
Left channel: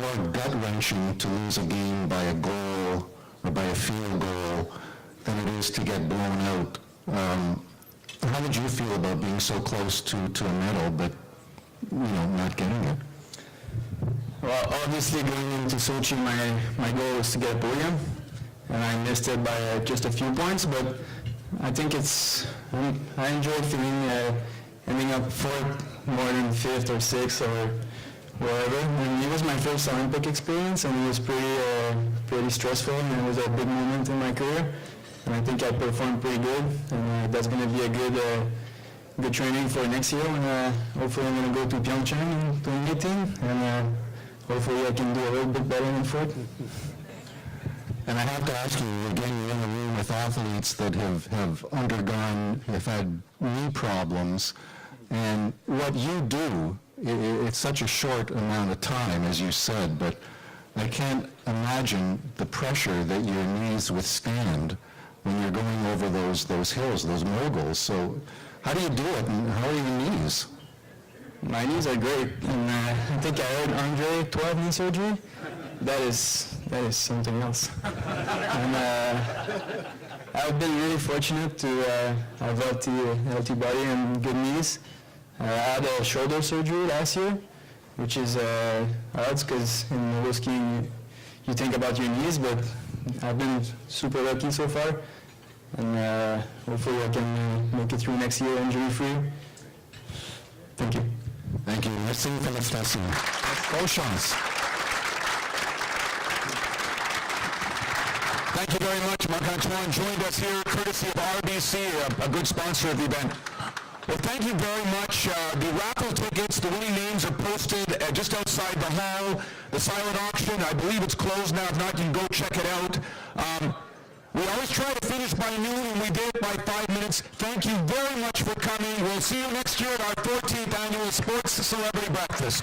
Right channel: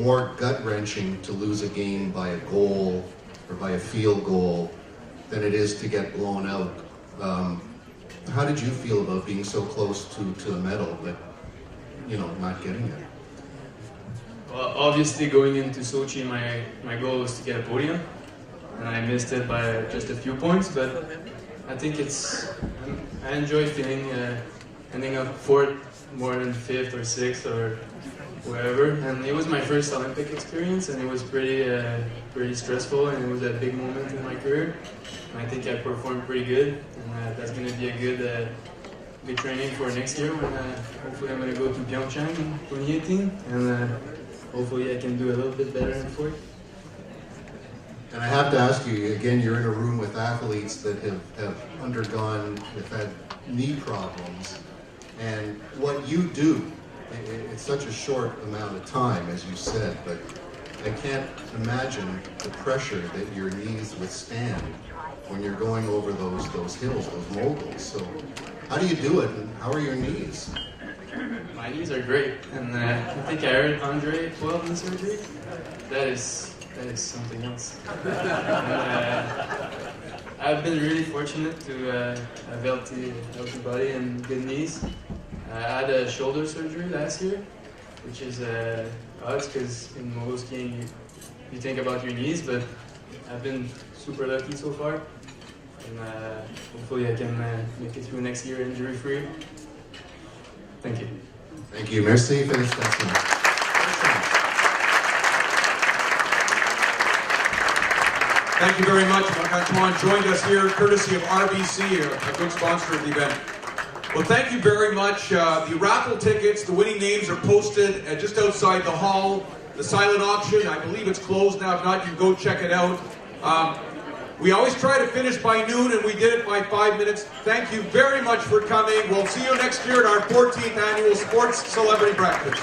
more gut-wrenching to lose a game by a goal or by a field goal than it is to get blown out. How did you feel about being so close to a medal, but not getting it? Well, obviously going into Sochi, my goal was to get a podium, and I missed it by just a few points, but I think I enjoy feeling ending up fourth more than fifth or sixth or whatever. It was my first Olympic experience, and it was pretty stressful, and it was a big moment in my career, and I think I performed pretty good, and that's going to be a good training for next year. Hopefully I'm going to go to Pyeongchang in 2018. Hopefully I can do a little bit better in foot. And I have to ask you, again, you're in a room with athletes that have had knee problems, and what you do, it's such a short amount of time, as you said, but I can't imagine the pressure that your knees withstand when you're going over those hills, those moguls. So how do you do it, and how are your knees? My knees are great, and I think I heard Andre 12 knee surgery. That is something else. And, I've been really fortunate to have healthy body and good knees. I had a shoulder surgery last year, which is odd because in roller skiing you think about your knees, but I've been super lucky so far, and hopefully I can make it through next year injury-free. Thank you. Thank you. Merci for this specimen. Questions? Thank you very much. Antoine joined us here courtesy of RBC, a good sponsor of the event. Well, thank you very much. The raffle tickets, the winning names are posted just outside the hall. The silent auction, I believe it's closed now. If not, you go check it out. We always try to finish by noon, and we did it by 5 minutes. Thank you very much for coming. We'll see you next year at our 14th annual Sports Celebrity Breakfast.